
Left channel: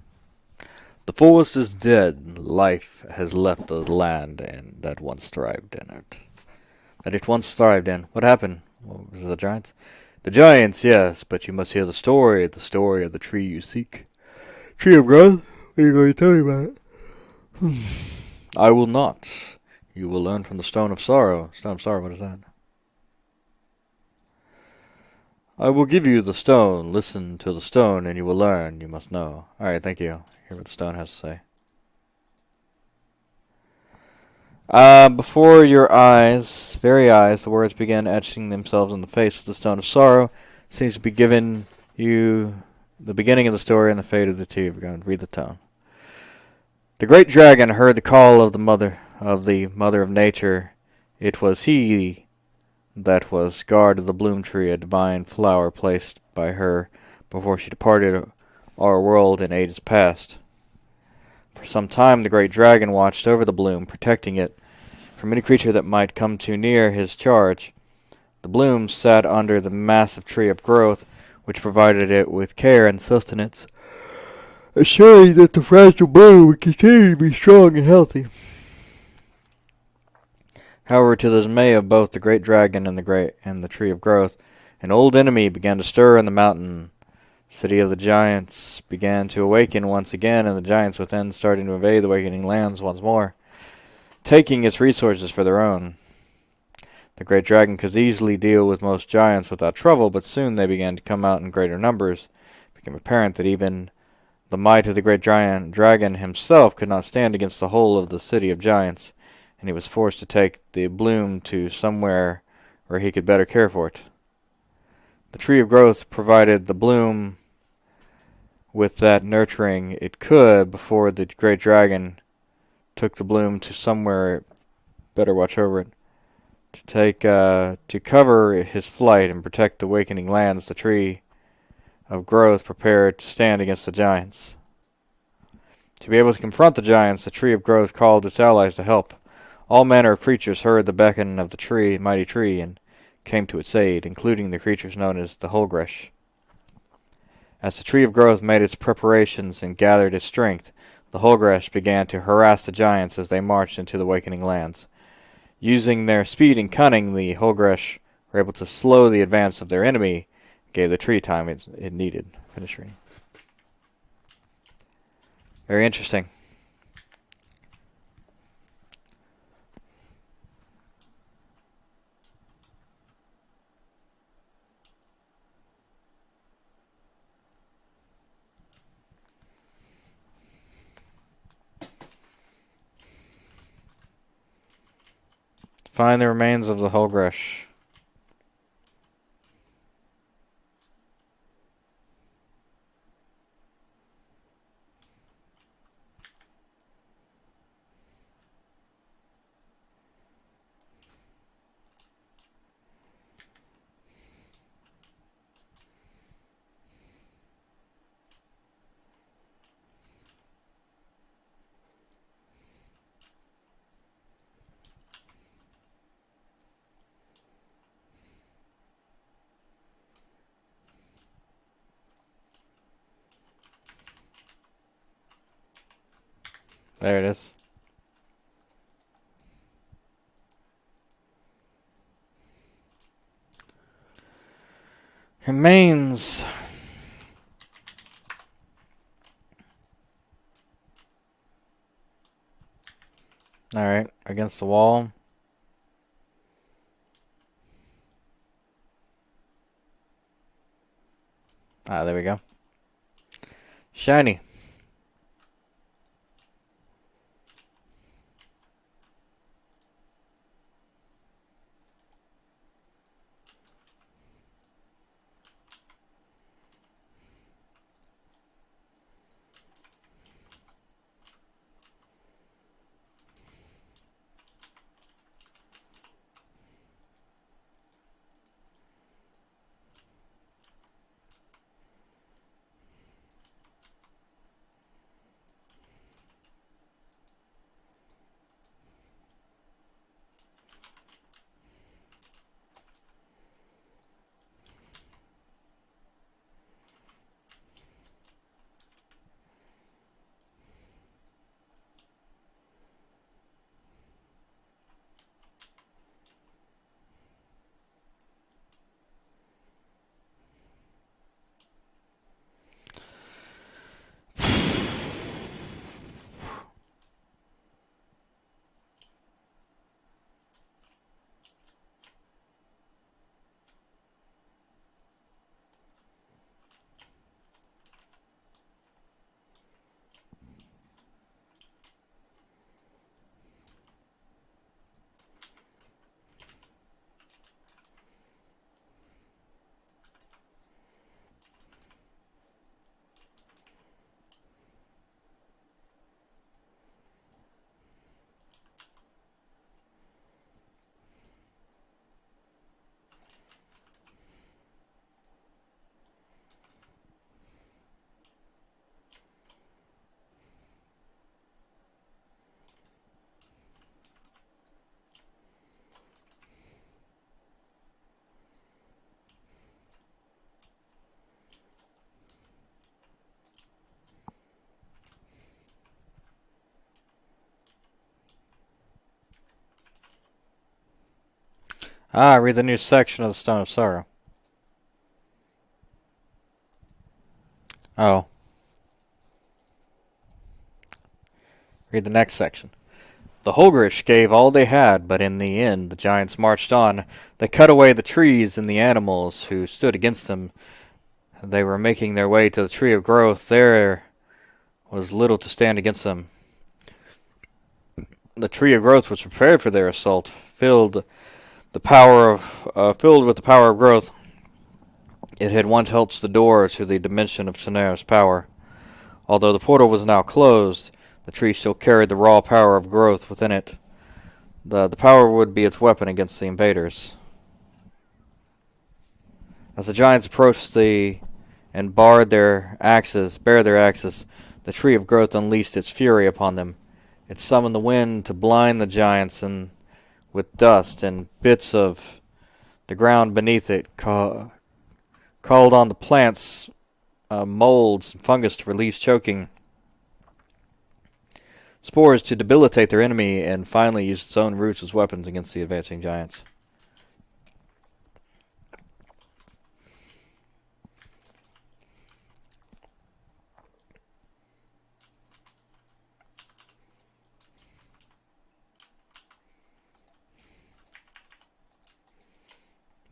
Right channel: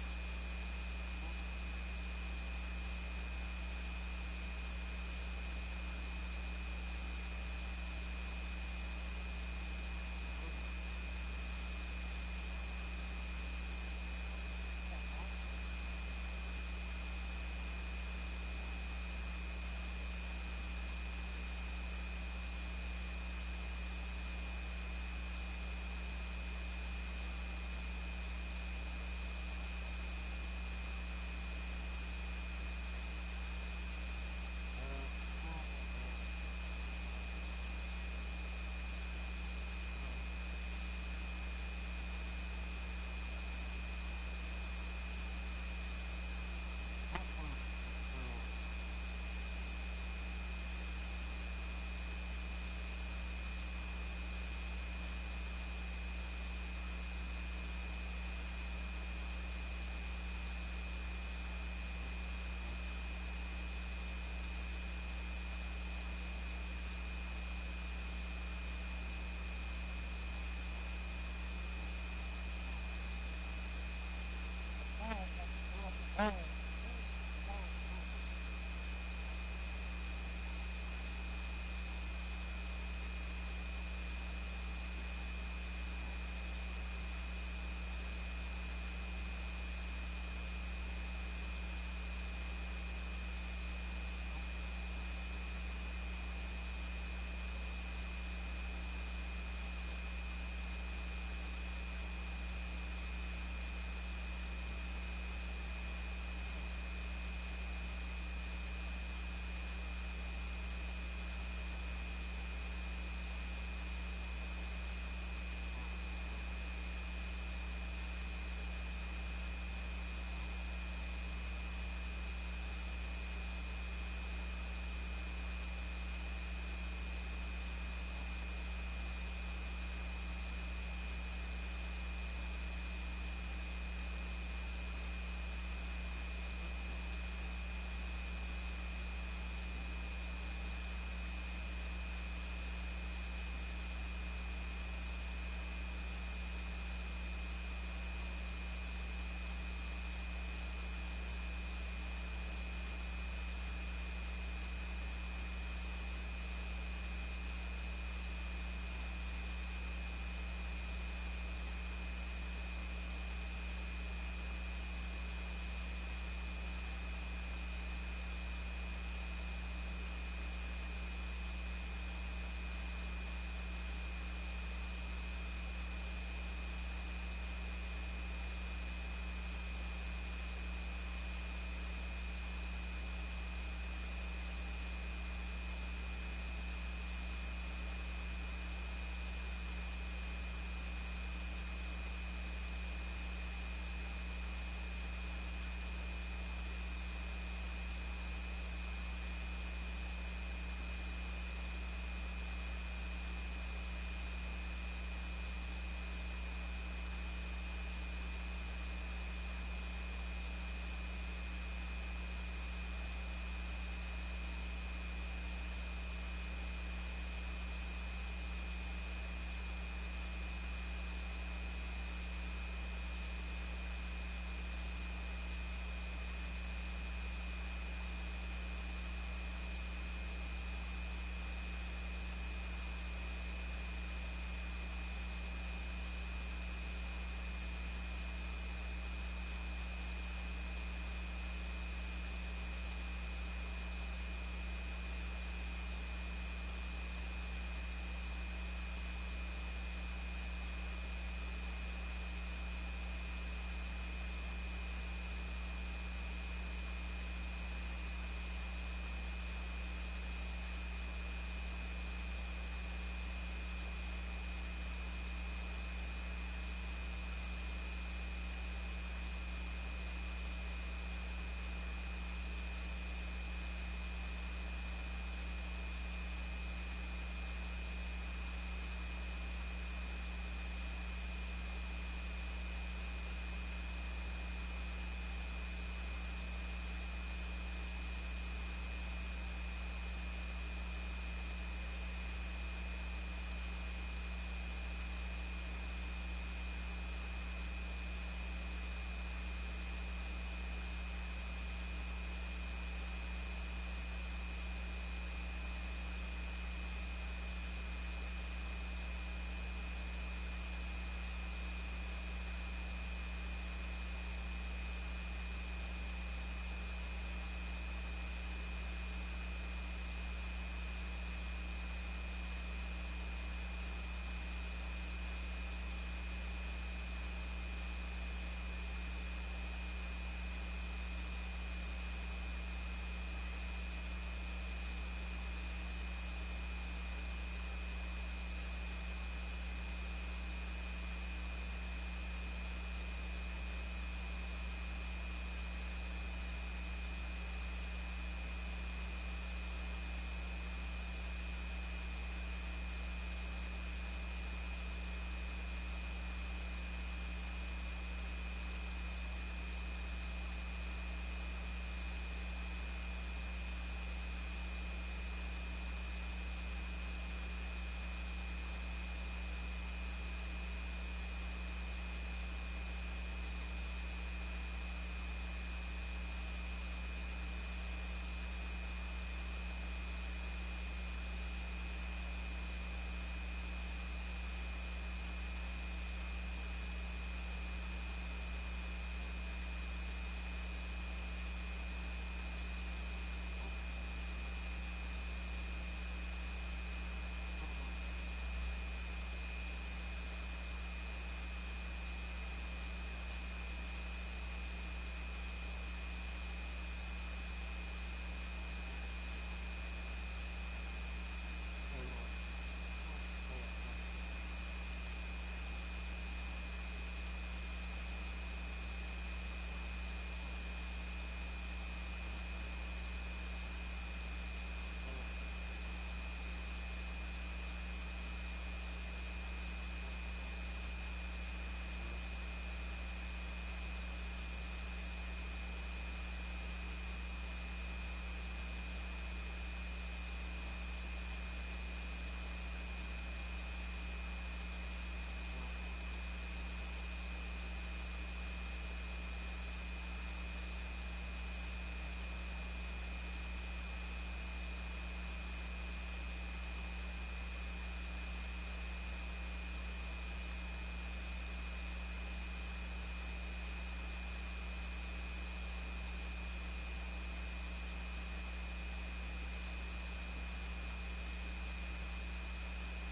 The forest is dead. Life has left the land and that once thrived in it. That it once thrived in. What happened? Well, was it the giants? The giants, yes, but you must hear the story of the tree you seek. Tree of growth? What are you going to tell me about it? I will not. You will learn from the stone of sorrow. Stone of sorrow, what is that? I will give you the stone. Listen to the stone and you will learn. You must know. Alright, thank you. Hear what the stone has to say. Before your eyes, very eyes, the words began etching themselves on the face of the Stone of Sorrow. Seems to be giving you the beginning of the story and the fate of the two. We're going to read the tone. The great dragon heard the call of the mother of nature. It was he that was guard of the bloom tree, a divine flower placed by her before she departed our world in ages past. For some time the great dragon watched over the bloom, protecting it from any creature that might come too near his charge. The bloom sat under the massive tree of growth, which provided it with care and sustenance, assuring that the fragile bloom would continue to be strong and healthy. However, to the dismay of both the great dragon and the tree of growth, an old enemy began to stir in the mountain. The city of the giants began to awaken once again, and the giants within starting to invade the awakening lands once more, taking its resources for their own. The great dragon could easily deal with most giants without trouble, but soon they began to come out in greater numbers. It became apparent that even the might of the great giant dragon himself could not stand against the whole of the city of giants, and he was forced to take the bloom to somewhere where he could better care for it. The tree of growth provided the bloom with that nurturing it could before the great dragon took the bloom to somewhere better watch over it. To cover his flight and protect the awakening lands, the tree of growth prepared to stand against the giants. To be able to confront the giants, the tree of growth called its allies to help. All manner of creatures heard the beckon of the mighty tree, and came to its aid, including the creatures known as the Holgresh. As the tree of growth made its preparations and gathered its strength, the Holgresh began to harass the giants as they marched into the awakening lands. Using their speed and cunning, the Holgresh were able to slow the advance of their enemy, gave the tree time it needed. Finish reading. Very interesting. Find the remains of the Holgresh. There it is. Remains. Alright, against the wall. Ah, there we go. Shiny. Ah, read the new section of the Stone of Sorrow. Oh, read the next section. The Holgrish gave all they had, but in the end the giants marched on. They cut away the trees and the animals who stood against them. They were making their way to the Tree of Growth. There was little to stand against them. The Tree of Growth was prepared for their assault, filled with the power of growth. It had once held the door to the dimension of Sonaris power. Although the portal was now closed, the tree still carried the raw power of growth within it. The power would be its weapon against the invaders. As the giants approached and bared their axes, the tree of growth unleashed its fury upon them. It summoned the wind to blind the giants, and with dust and bits of the ground beneath it, called on the plants, molds, and fungus to release choking spores to debilitate their enemy, and finally used its own roots as weapons against the advancing giants.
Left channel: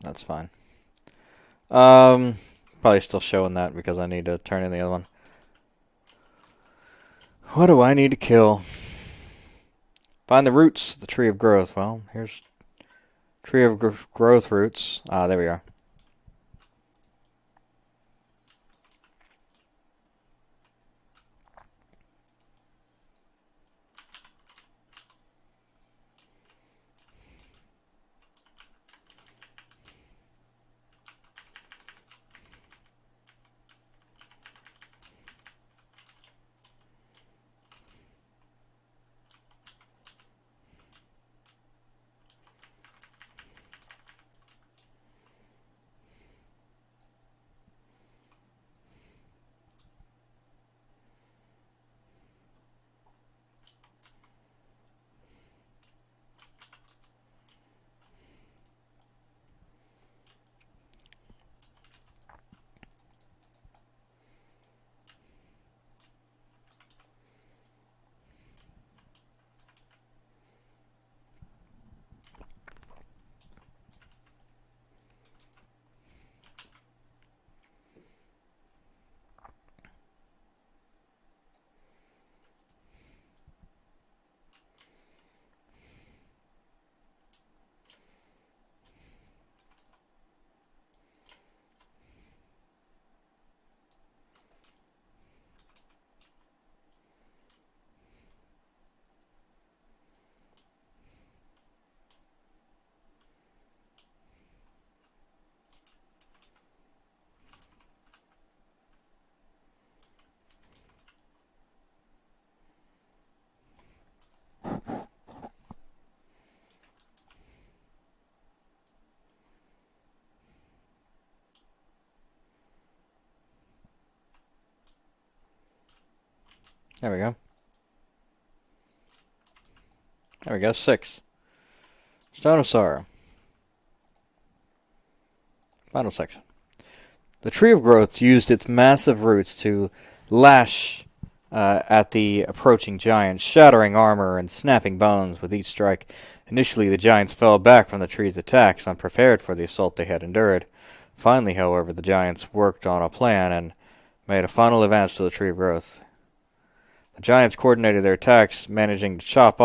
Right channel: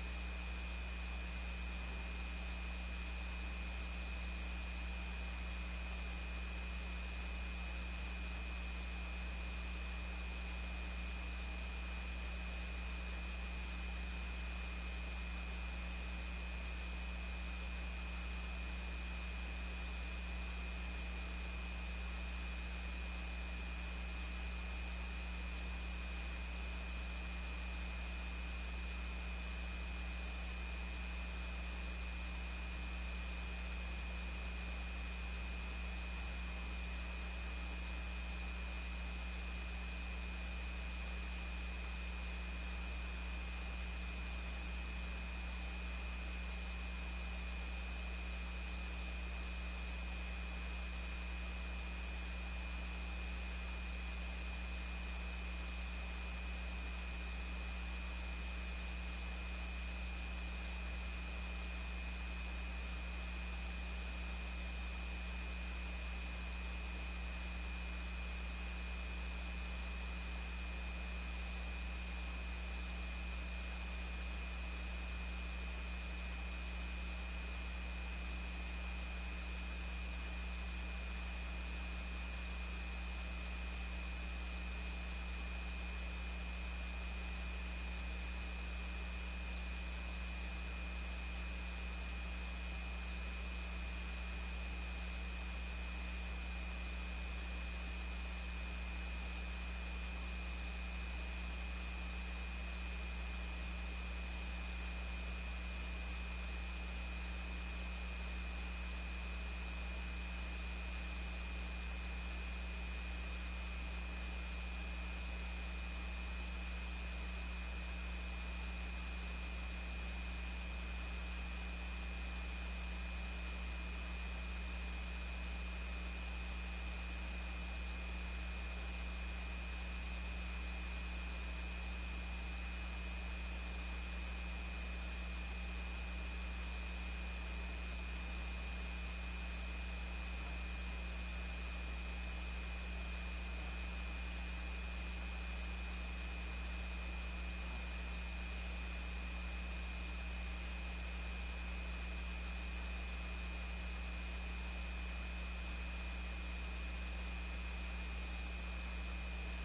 That's fine. Um, Probably still showing that because I need to turn in the other one. What do I need to kill? Find the roots, the tree of growth. Well, here's tree of growth roots. Ah, there we are. There we go. There we go. 6. Stone of Sorrow. Final section. The tree of growth used its massive roots to lash at the approaching giants, shattering armor and snapping bones with each strike. Initially, the giants fell back from the tree's attacks, unprepared for the assault they had endured. Finally, however, the giants worked on a plan and made a final advance to the tree of growth. The giants coordinated their attacks, managing to chop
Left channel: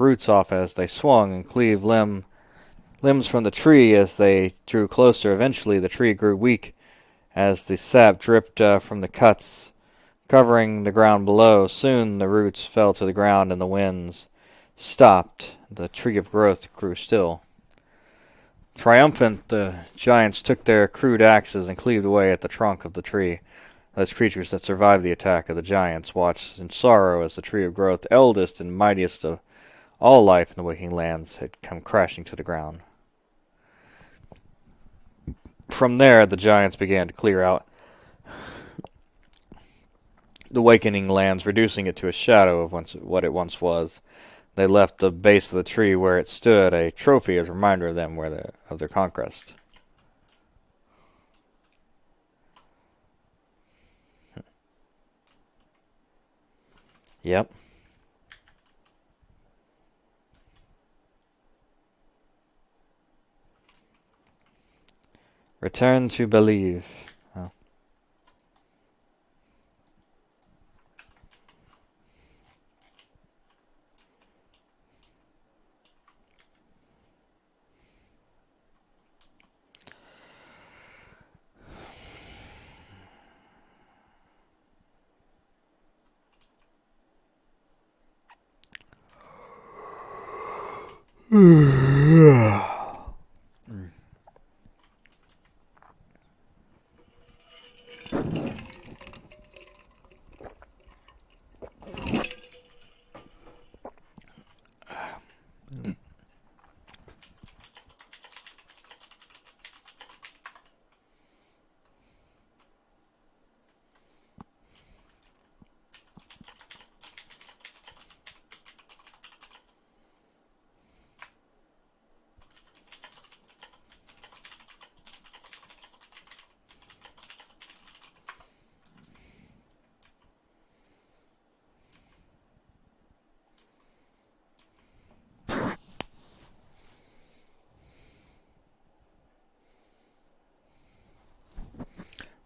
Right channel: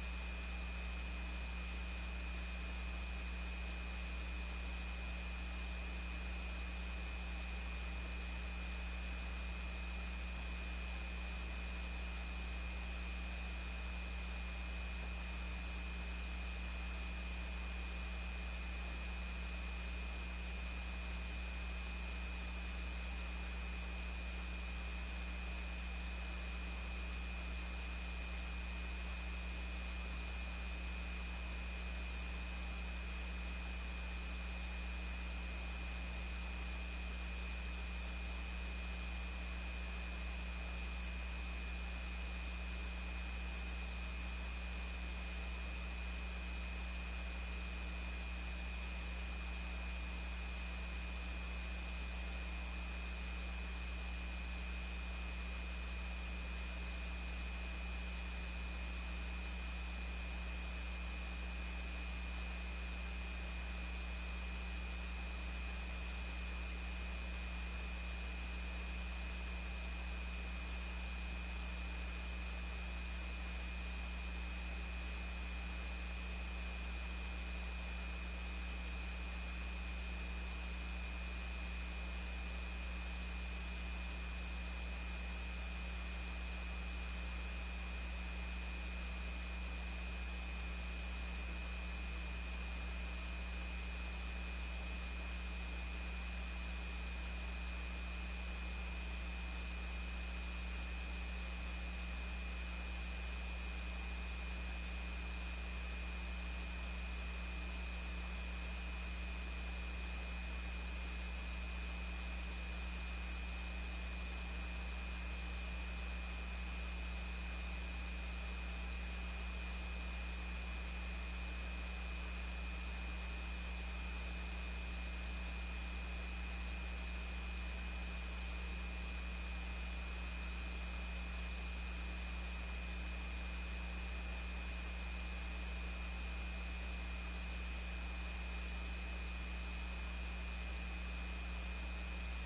roots off as they swung and cleave limbs from the tree as they drew closer. Eventually, the tree grew weak as the sap dripped from the cuts, covering the ground below. Soon the roots fell to the ground and the winds stopped. The tree of growth grew still. Triumphant, the giants took their crude axes and cleaved away at the trunk of the tree. Those creatures that survived the attack of the giants watched in sorrow as the tree of growth, eldest and mightiest of all life in the waking lands, had come crashing to the ground. From there, the giants began to clear out the wakening lands, reducing it to a shadow of what it once was. They left the base of the tree where it stood a trophy as a reminder of them of their conquest. Yep. Return to believe. Oh.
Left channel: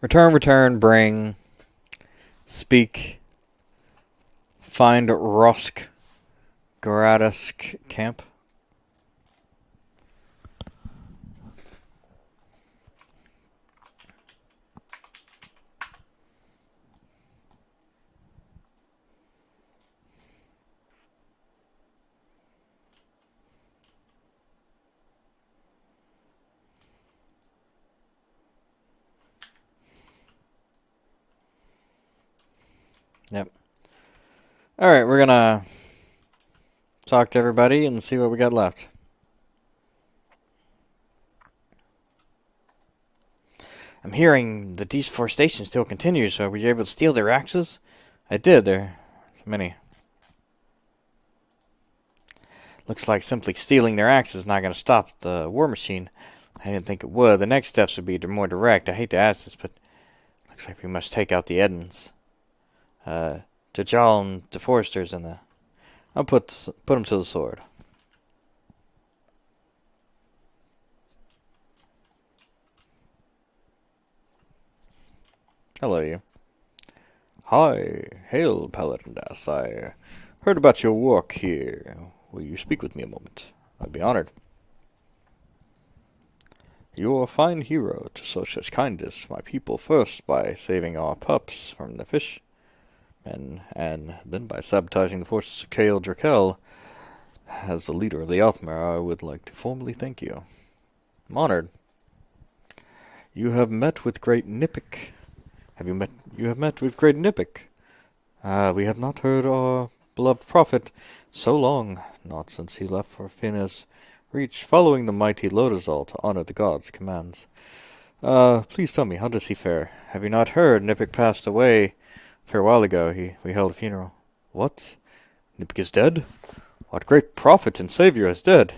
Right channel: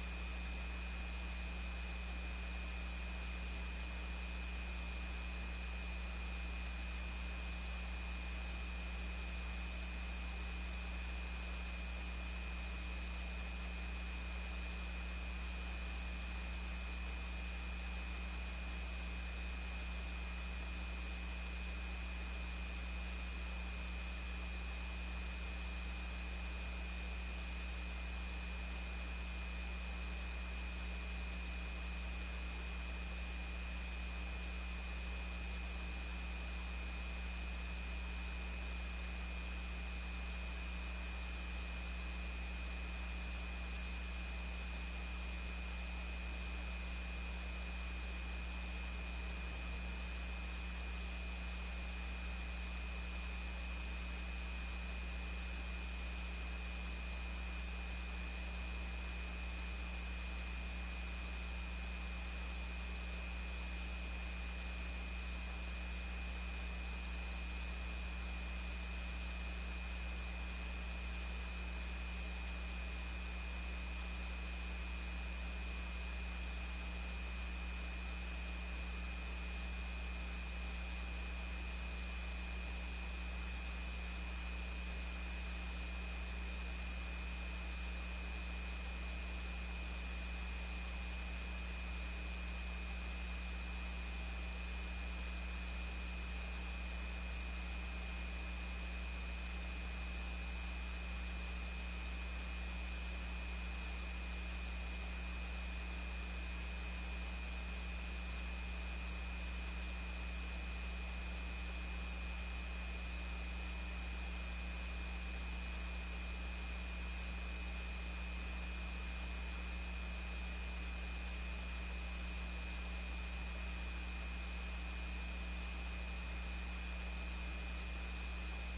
Return, return, bring, speak, find Rosk Gradask camp. Yep. Alright, we're gonna talk to everybody and see what we got left. I'm hearing the deforestation still continues, so were you able to steal their axes? I did, there are many. Looks like simply stealing their axes is not going to stop the war machine. I didn't think it would. The next steps would be more direct. I hate to ask this, but looks like we must take out the Edens. Dajjal and the Foresters and the... I'll put them to the sword. Hello, you. Hi. Hail, Paladindas. I heard about your work here. Will you speak with me a moment? I'd be honored. You're a fine hero to show such kindness to my people, first by saving our pups from the fish, and then by sabotaging the forces of Kael Drakel. As the leader of the Althmer, I would like to formally thank you. I'm honored. You have met with great Nipik. You have met with great Nipik. We have not heard our beloved prophet so long, not since he left for Fina's reach, following the mighty Lodazal to honor the god's commands. Please tell me, how does he fare? Have you not heard? Nipik passed away a fair while ago. We held a funeral. What? Nipik is dead? What great prophet and savior is dead?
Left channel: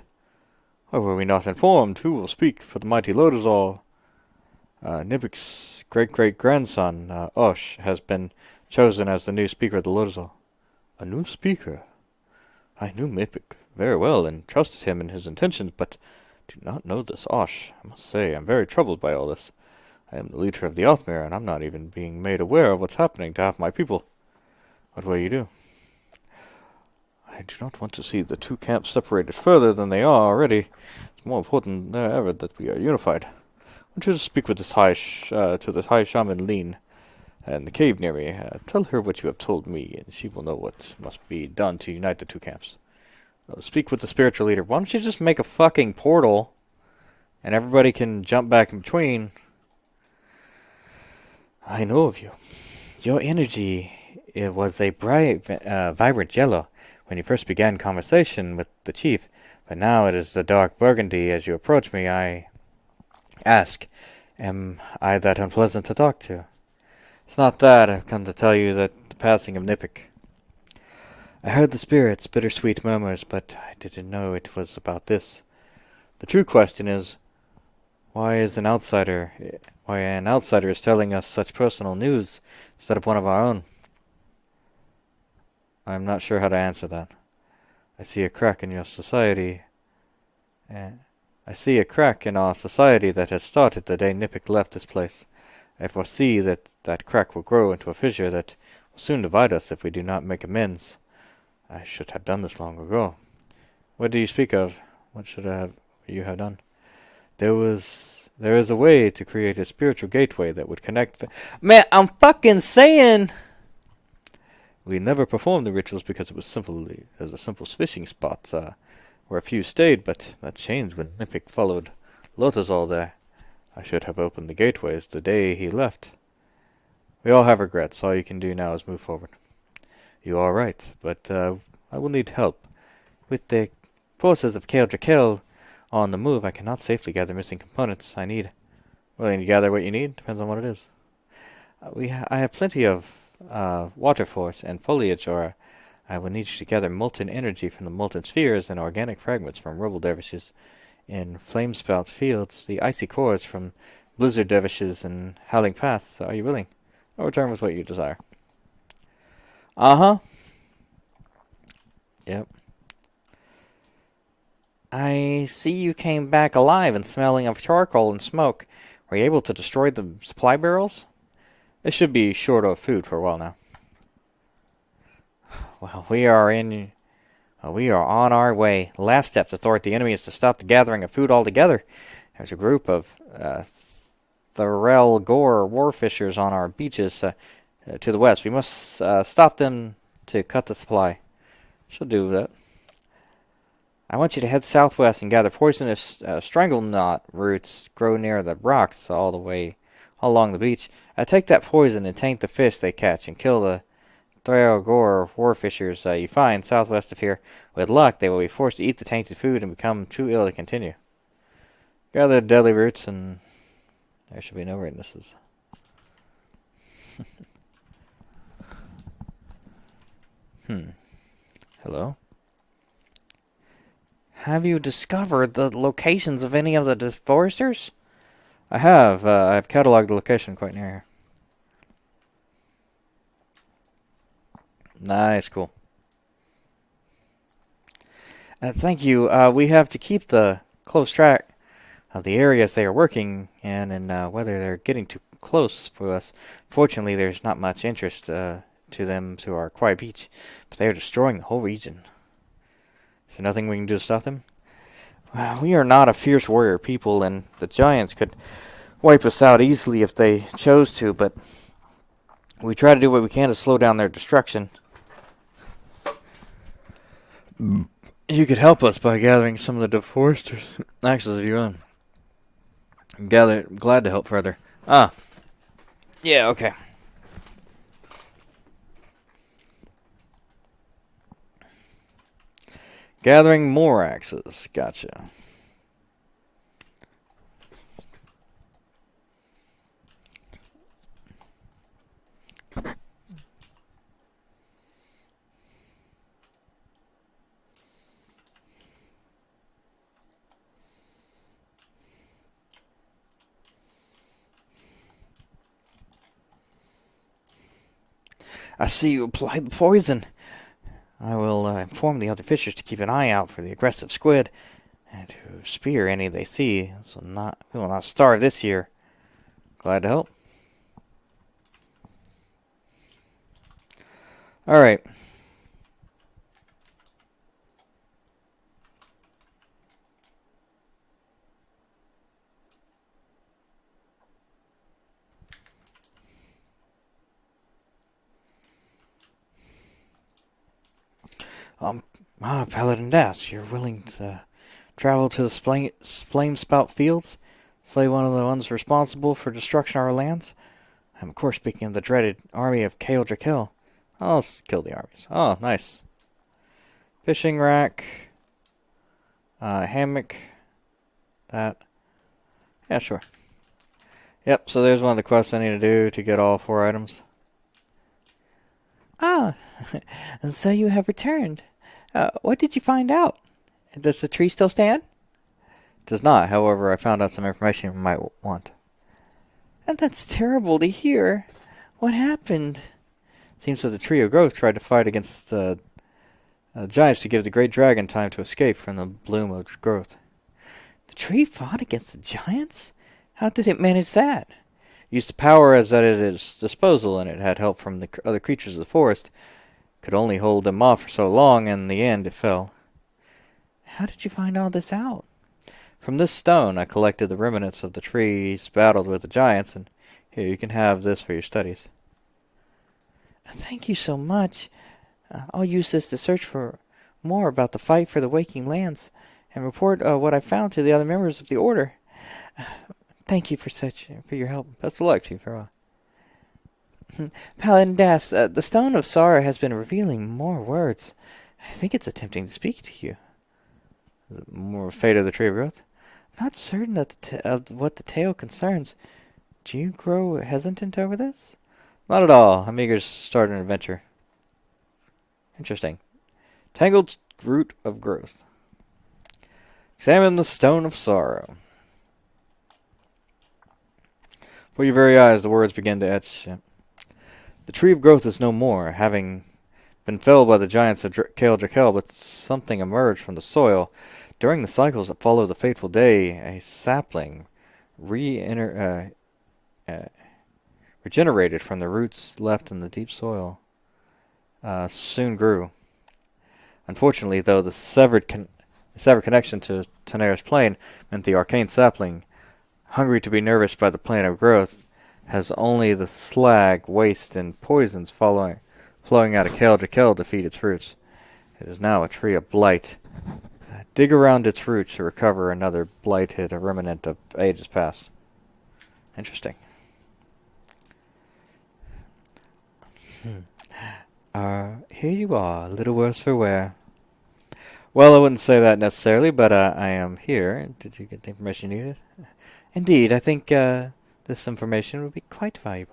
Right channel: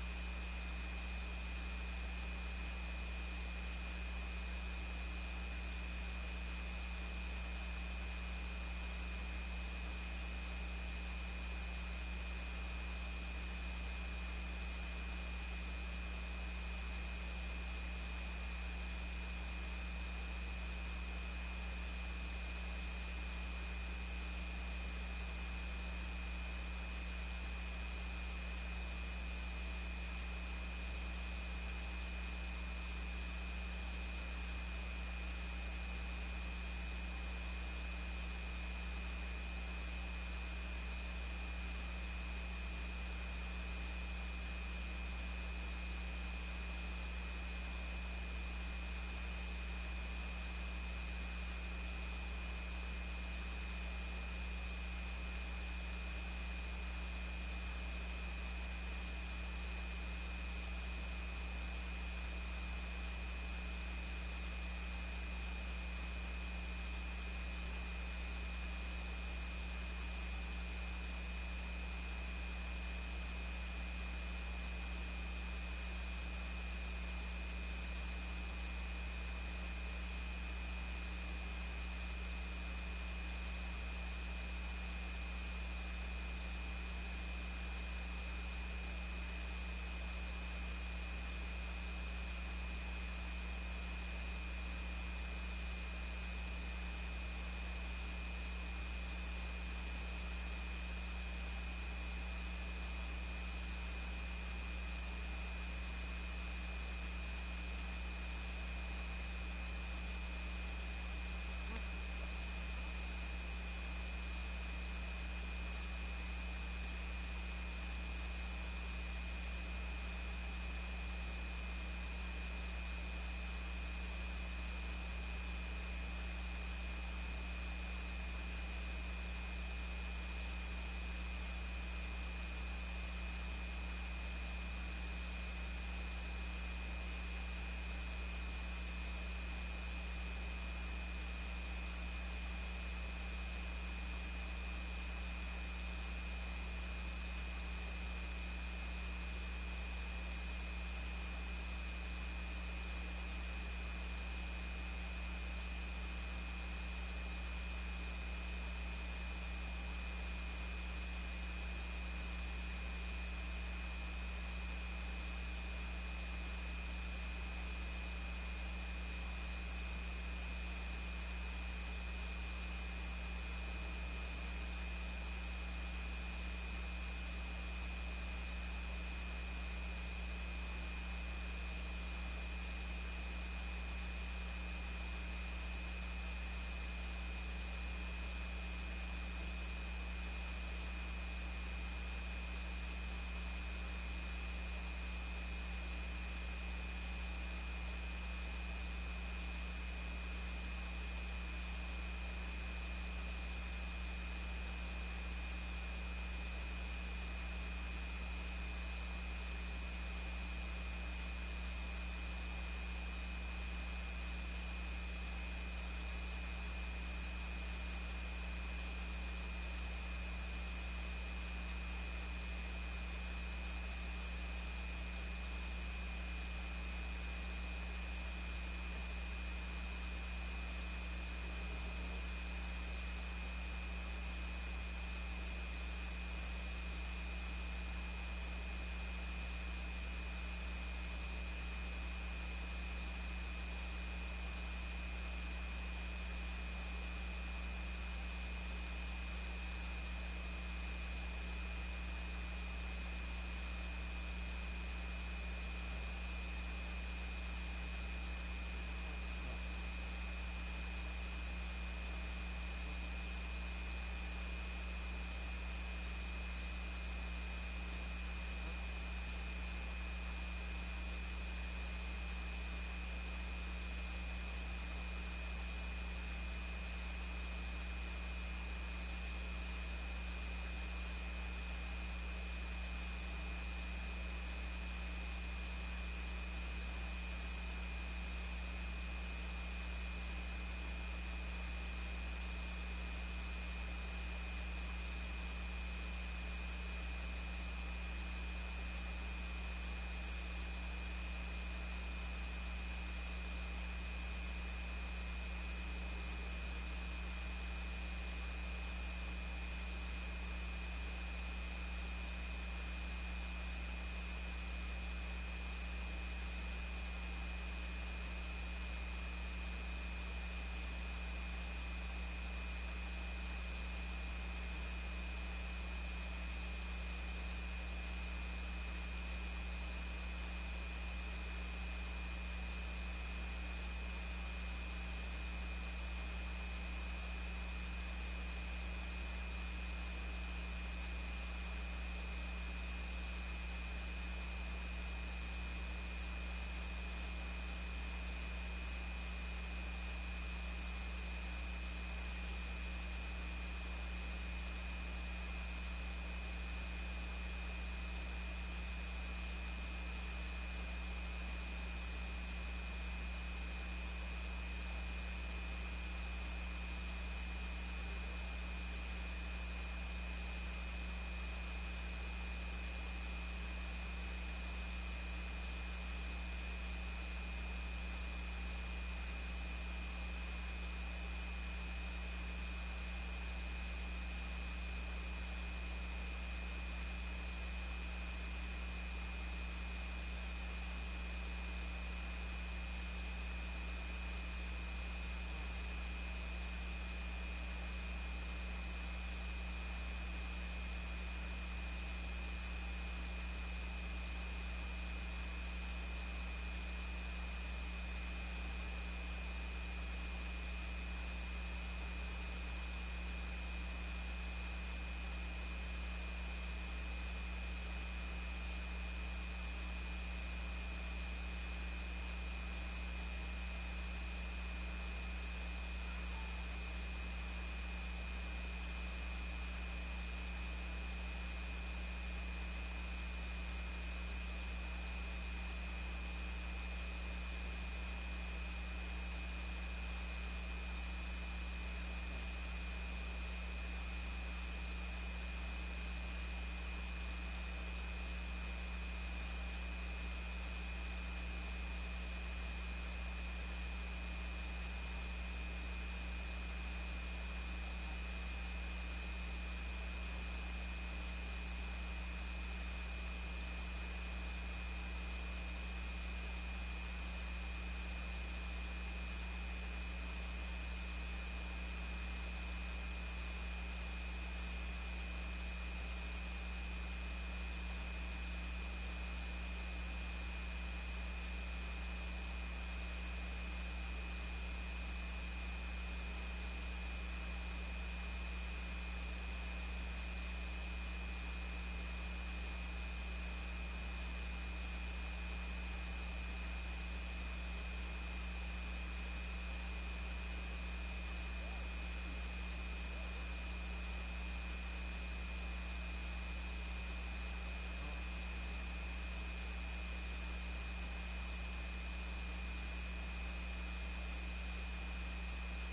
Why were we not informed? Who will speak for the mighty Lodazal? Nipik's great-great-grandson, Osh, has been chosen as the new speaker of the Lodazal. A new speaker? I knew Nipik very well and trusted him in his intentions, but do not know this Osh. I must say, I'm very troubled by all this. I am the leader of the Othmere, and I'm not even being made aware of what's happening to half my people. What will you do? I do not want to see the two camps separated further than they are already. It's more important than ever that we are unified. I want you to speak with to the High Shaman Lean in the cave near me. Tell her what you have told me, and she will know what must be done to unite the two camps. Speak with the spiritual leader. Why don't you just make a fucking portal, and everybody can jump back in between? I know of you. Your energy, it was a bright, vibrant yellow when you first began conversation with the chief, but now it is a dark burgundy. As you approach me, I ask, am I that unpleasant to talk to? It's not that. I've come to tell you that the passing of Nipik. I heard the spirit's bittersweet murmurs, but I didn't know it was about this. The true question is, why is an outsider, why an outsider is telling us such personal news instead of one of our own? I'm not sure how to answer that. I see a crack in your society, and I see a crack in our society that has started the day Nipik left this place. I foresee that that crack will grow into a fissure that will soon divide us if we do not make amends. I should have done this long ago. What do you speak of? What should you have done? There is a way to create a spiritual gateway that would connect. Man, I'm fucking saying. We never performed the rituals because it was a simple fishing spot, where a few stayed, but that changed when Nipik followed Lotazol there. I should have opened the gateways the day he left. We all have regrets. All you can do now is move forward. You are right, but I will need help. With the forces of Kale Drakel on the move, I cannot safely gather missing components. Willing to gather what you need? Depends on what it is. I have plenty of water force and foliage aura. I will need you to gather molten energy from the molten spheres and organic fragments from rubble dervishes. In Flamespout fields, the icy cores from blizzard dervishes and howling paths. Are you willing? I'll return with what you desire. Uh-huh. Yep. I see you came back alive and smelling of charcoal and smoke. Were you able to destroy the supply barrels? They should be short of food for a while now. Well, we are on our way. The last step to thwart the enemy is to stop the gathering of food altogether. There's a group of Thorel Gore warfishers on our beaches to the west. We must stop them to cut the supply. She'll do that. I want you to head southwest and gather poisonous strangle knot roots grow near the rocks all along the beach. Take that poison and taint the fish they catch and kill the Thorel warfishers you find southwest of here. With luck, they will be forced to eat the tainted food and become too ill to continue. Gather the deadly roots and there should be no witnesses. Hello? Have you discovered the locations of any of the deforesters? I have. I've cataloged the location quite near here. Nice, cool. Thank you. We have to keep the close track of the areas they are working in and whether they're getting too close for us. Fortunately, there's not much interest to them to our quiet beach, but they are destroying the whole region. Is there nothing we can do to stop them? We are not a fierce warrior people, and the giants could wipe us out easily if they chose to, but we try to do what we can to slow down their destruction. You could help us by gathering some of the deforesters' axes of your own. Glad to help further. Ah. Yeah, okay. Gathering more axes. Gotcha. I see you applied the poison. I will inform the other fishers to keep an eye out for the aggressive squid and to spear any they see, so we will not starve this year. Glad to help. Alright. Paladin Das, you're willing to travel to the flame spout fields? Slay one of the ones responsible for destruction of our lands? I'm of course speaking of the dreaded army of Kale Drakel. I'll kill the armies. Oh, nice. Fishing rack. Hammock. That. Yeah, sure. Yep, so there's one of the quests I need to do to get all 4 items. Ah, And so you have returned. What did you find out? Does the tree still stand? It does not, however, I found out some information you might want. And that's terrible to hear. What happened? It seems that the Tree of Growth tried to fight against giants to give the great dragon time to escape from the bloom of growth. The tree fought against the giants? How did it manage that? Used the power as at its disposal, and it had help from the other creatures of the forest. Could only hold them off for so long, and in the end it fell. How did you find all this out? From this stone I collected the remnants of the trees battled with the giants, and here you can have this for your studies. Thank you so much. I'll use this to search for more about the fight for the waking lands and report what I found to the other members of the order. Thank you for your help. Best of luck, Chief Farewell. Paladin Das, the Stone of Sorrow has been revealing more words. I think it's attempting to speak to you. More fate of the Tree of Growth? Not certain of what the tale concerns. Do you grow hesitant over this? Not at all. I'm eager to start an adventure. Interesting. Tangled root of growth. Examine the stone of sorrow. Before your very eyes, the words begin to etch. The tree of growth is no more, having been felled by the giants of Kale Drakel, but something emerged from the soil. During the cycles that follow the fateful day, a sapling regenerated from the roots left in the deep soil soon grew. Unfortunately, though, the severed connection to Tanera's plane meant the arcane sapling, hungry to be nourished by the plant of growth, has only the slag, waste, and poisons flowing out of Kale Drakel to feed its roots. It is now a tree of blight. Dig around its roots to recover another blighted remnant of ages past. Interesting. Here you are, a little worse for wear. Well, I wouldn't say that necessarily, but I am here. Did you get the information you needed? Indeed, I think this information would be quite valuable.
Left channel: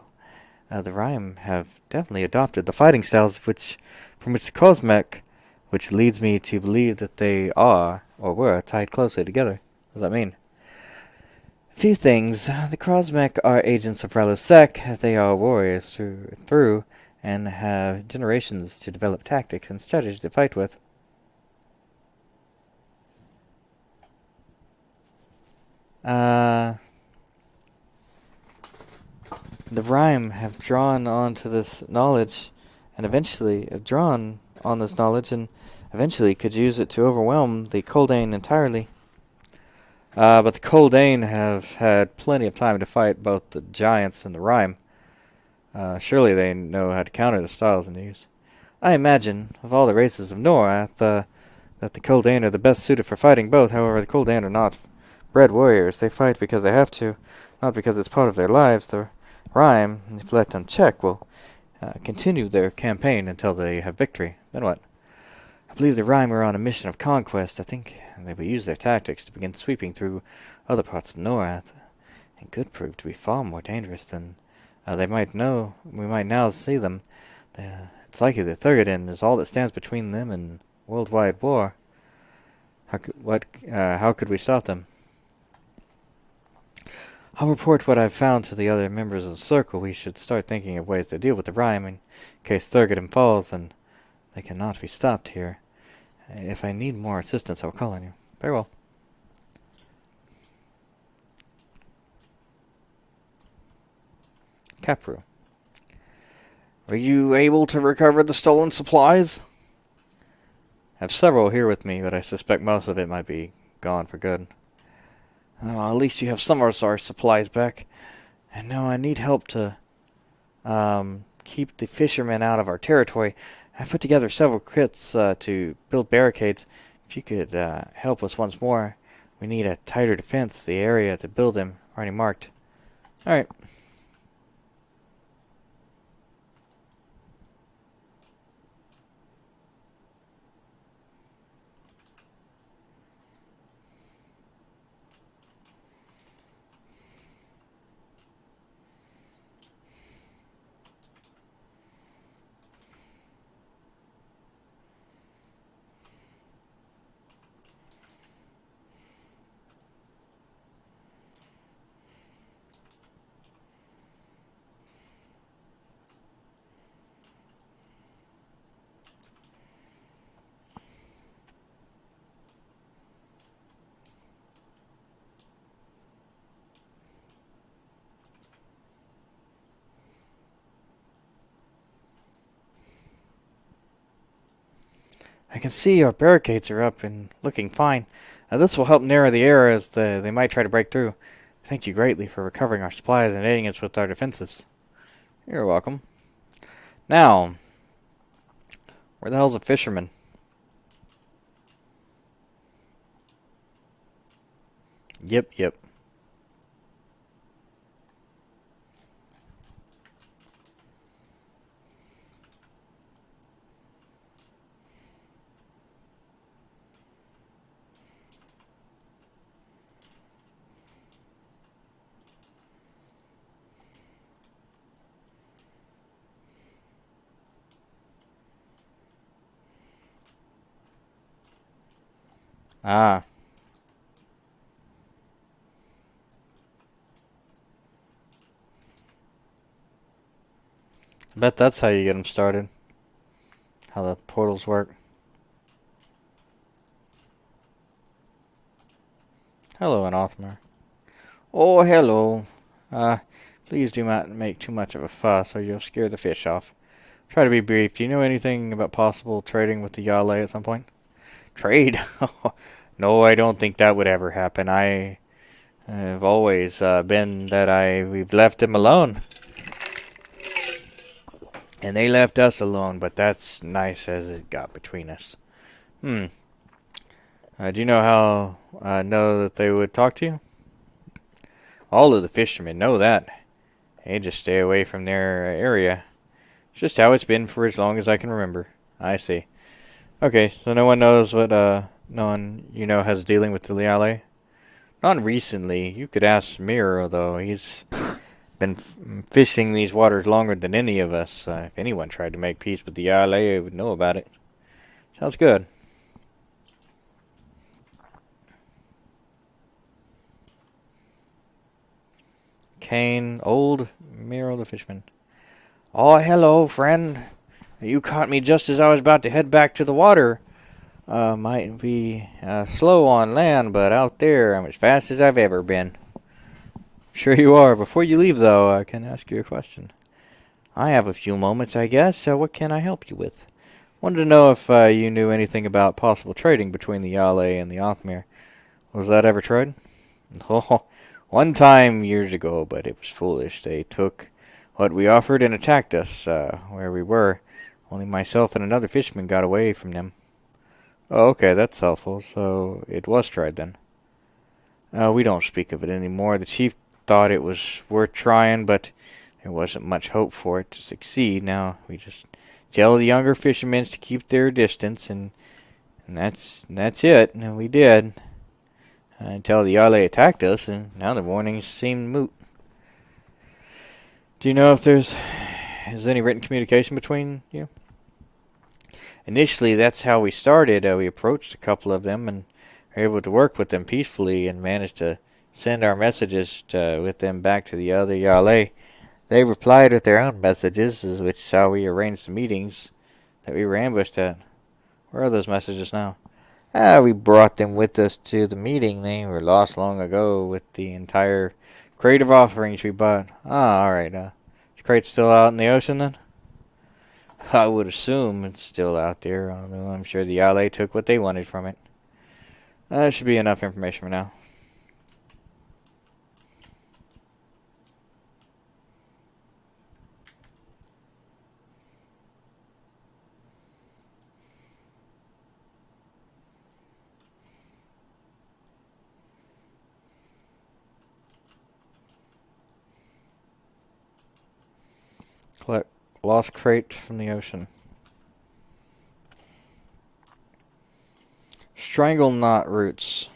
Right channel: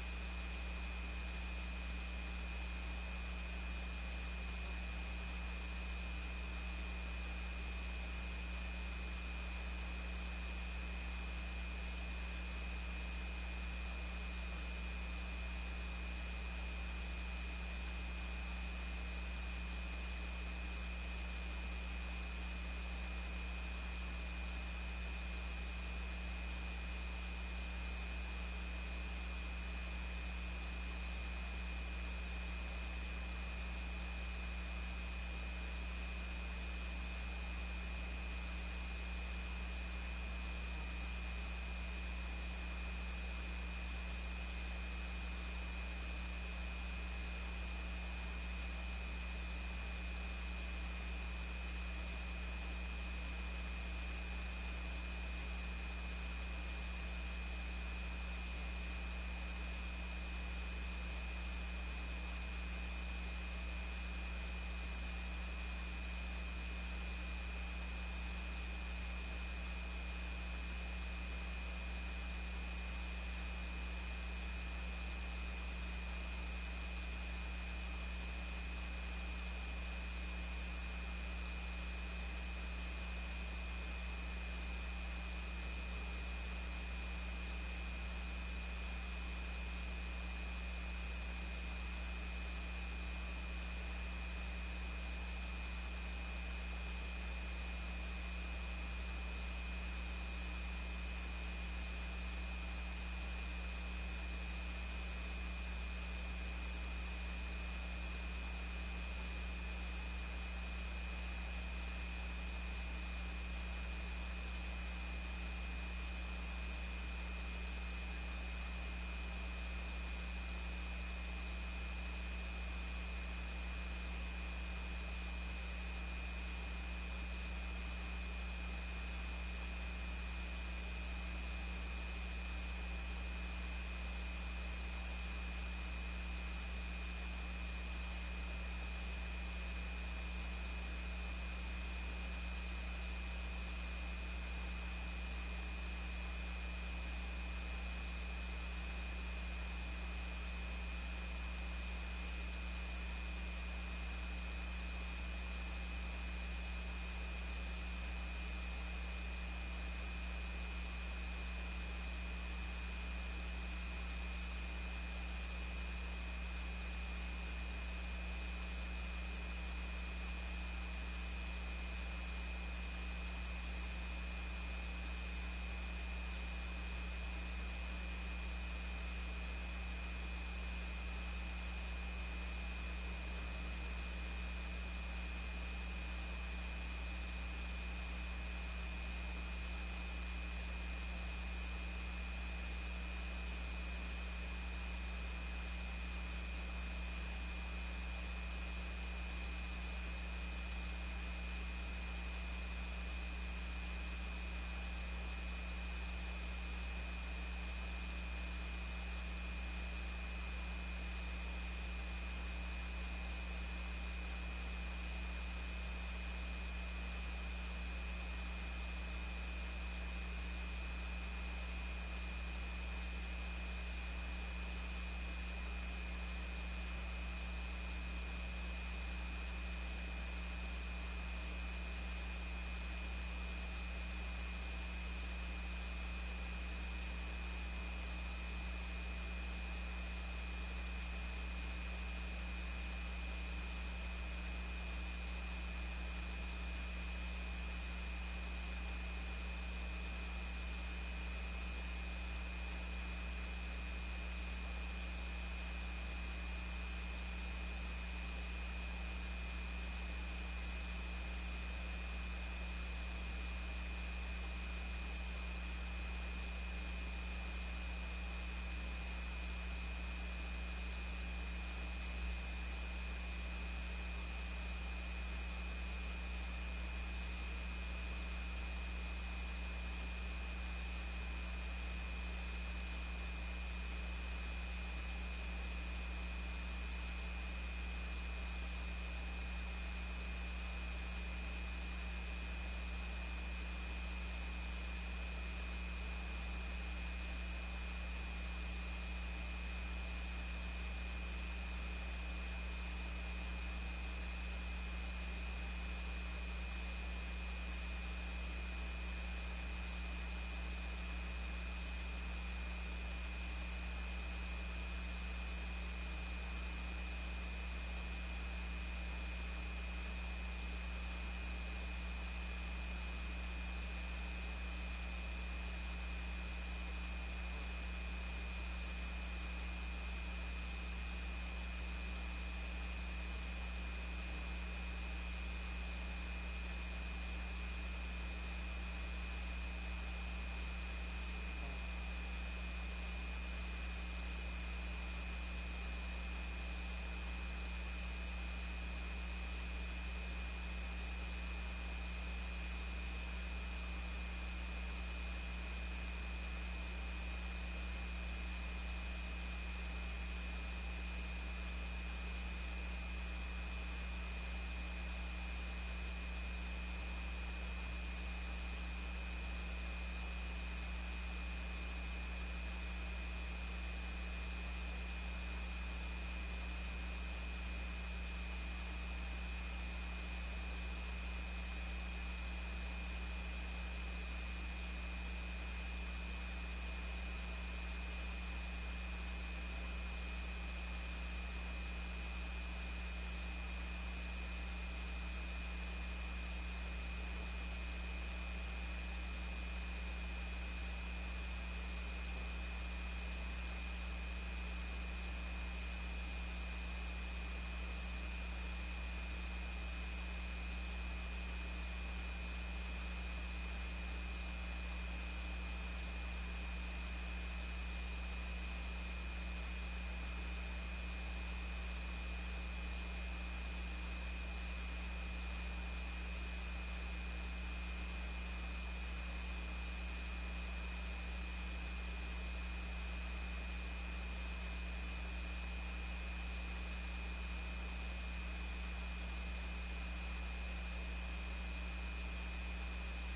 The Rhyme have definitely adopted the fighting styles from which the Cosmec, which leads me to believe that they are, or were, tied closely together. What does that mean? Few things. The Cosmec are agents of Ralosek. They are warriors through and have generations to develop tactics and strategies to fight with. The Rhyme have drawn onto this knowledge, and eventually have drawn on this knowledge, and eventually could use it to overwhelm the Coldane entirely. But the Coldane have had plenty of time to fight both the giants and the Rhyme. Surely they know how to counter the styles in these. I imagine, of all the races of Norath, that the Coldane are the best suited for fighting both. However, the Coldane are not bred warriors. They fight because they have to, not because it's part of their lives. The Rhyme, if let them check, will continue their campaign until they have victory. Then what? I believe the Rhyme are on a mission of conquest. I think they will use their tactics to begin sweeping through other parts of Norath. It could prove to be far more dangerous than they might know. We might now see them. It's likely that Thurgadin is all that stands between them and worldwide war. How could we stop them? I'll report what I've found to the other members of the Circle. We should start thinking of ways to deal with the Rhyme in case Thurgadin falls and they cannot be stopped here. If I need more assistance, I'll call on you. Very well. Capru. Were you able to recover the stolen supplies? I have several here with me, but I suspect most of it might be gone for good. At least you have some of our supplies back. And now I need help to keep the fishermen out of our territory. I put together several kits to build barricades. If you could help us once more, we need a tighter defense. The area to build them already marked. All right. can see our barricades are up and looking fine. This will help narrow the area as they might try to break through. Thank you greatly for recovering our supplies and aiding us with our defenses. You're welcome. Now, where the hell's a fisherman? Yep, yep. Ah, Bet that's how you get them started. How the portals work. Hello, Anathema. Oh, hello. Uh, Please do not make too much of a fuss or you'll scare the fish off. Try to be brief. Do you know anything about possible trading with the Yale at some point? Trade? No, I don't think that would ever happen. I've always been that we've left them alone. And they left us alone, but that's nice as it got between us. Hmm. Do you know how I know that they would talk to you? All of the fishermen know that. They just stay away from their area. It's just how it's been for as long as I can remember. I see. Okay, so no one knows what, no one you know has dealing with the Liale? Not recently. You could ask Miro, though. He's been fishing these waters longer than any of us. If anyone tried to make peace with the Liale, I would know about it. Sounds good. Kane, old Miro the fisherman. Oh, hello, friend. You caught me just as I was about to head back to the water. Might be slow on land, but out there I'm as fast as I've ever been. Sure you are. Before you leave, though, I can ask you a question. I have a few moments, I guess. So what can I help you with? Wanted to know if you knew anything about possible trading between the Yale and the Othmere. Was that ever tried? Oh, one time years ago, but it was foolish. They took what we offered and attacked us where we were. Only myself and another fisherman got away from them. Oh, okay, that's helpful. So it was tried then. We don't speak of it anymore. The chief thought it was worth trying, but there wasn't much hope for it to succeed. Now we just tell the younger fishermen to keep their distance, and that's it. And we did until the Yale attacked us, and now the warnings seem moot. Do you know if there's is any written communication between you? Initially, that's how we started. We approached a couple of them and were able to work with them peacefully and managed to send our messages with them back to the other Yale. They replied with their own messages, which is how we arranged the meetings that we were ambushed at. Where are those messages now? We brought them with us to the meeting. They were lost long ago with the entire crate of offerings we bought. Ah, alright. The crate's still out in the ocean then? I would assume it's still out there, although I'm sure the Yale took what they wanted from it. That should be enough information for now. Collect lost crate from the ocean. Strangle knot roots.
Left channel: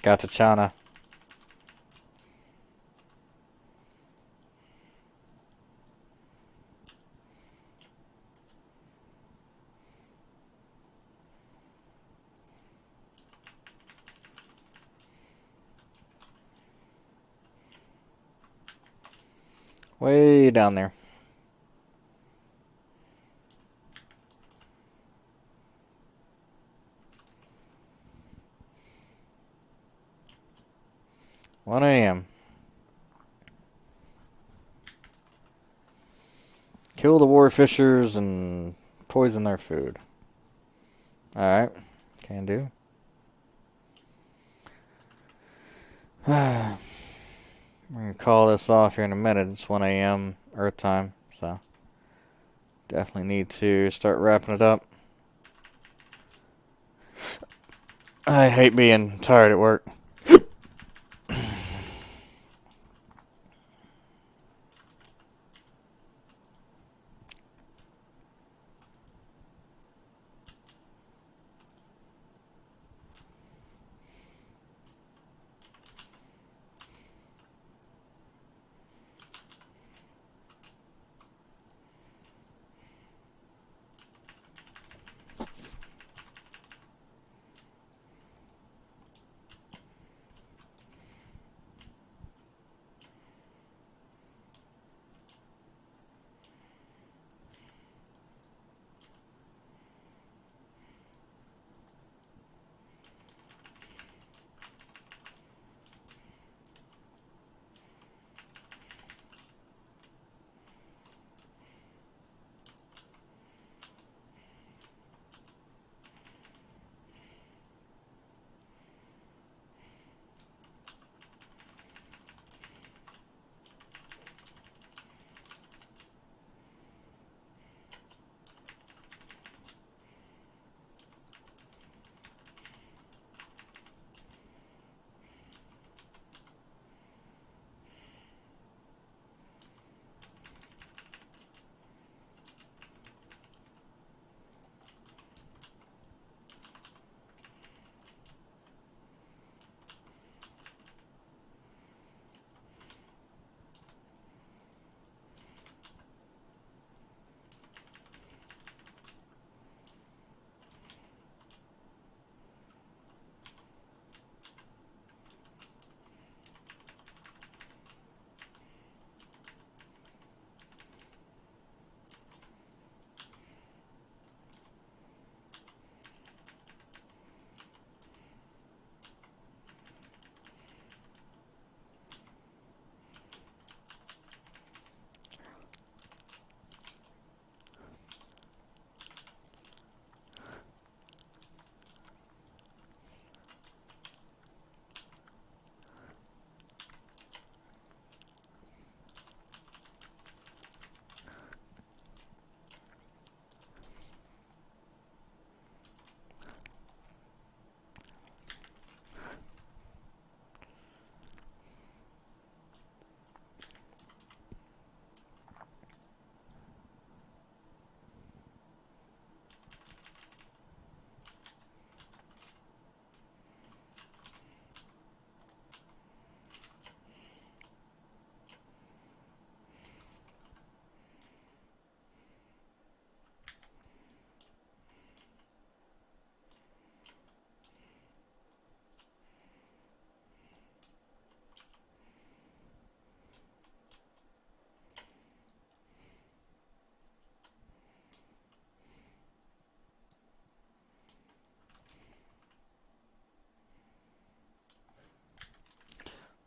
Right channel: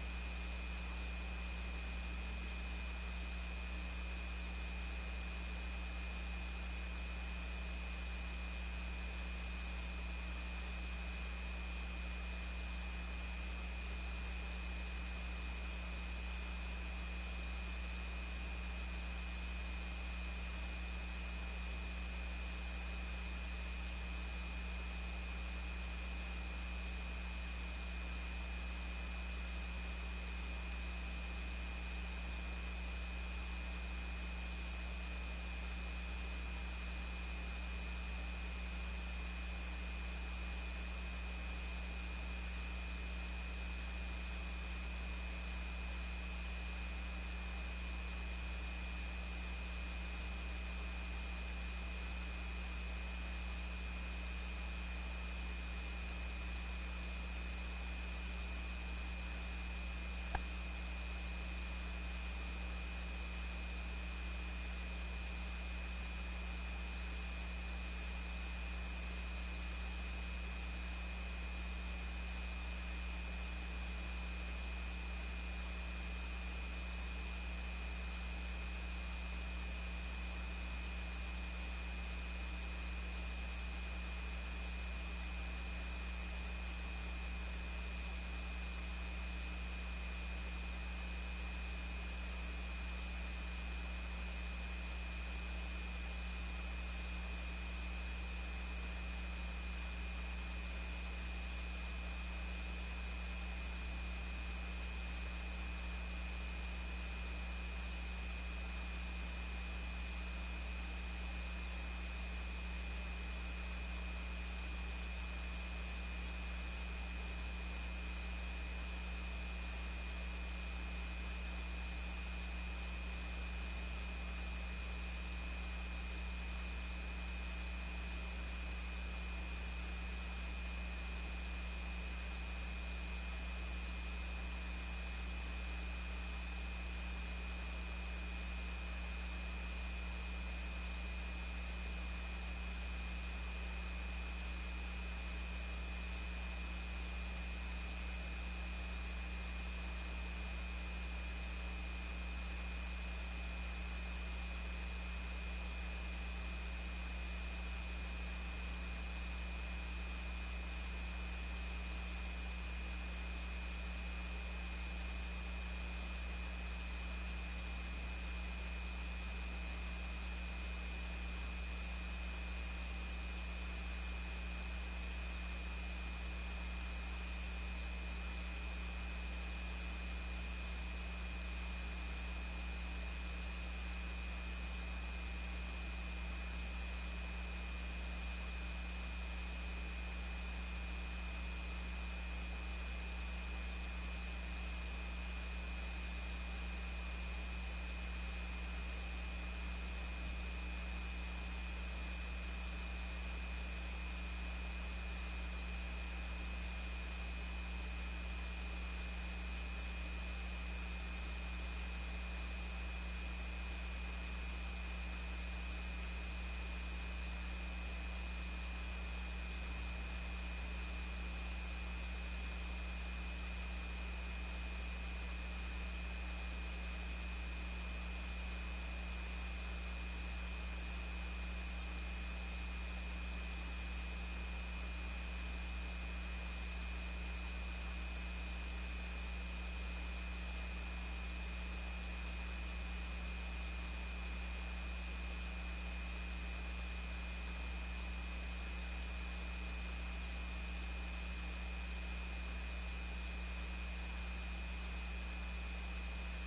Got to China. Way down there. One a.m. Kill the warfishers and poison their food. Alright. Can do. I'm gonna call this off here in a minute. It's 1 a.m. Earth time, so definitely need to start wrapping it up. I hate being tired at work.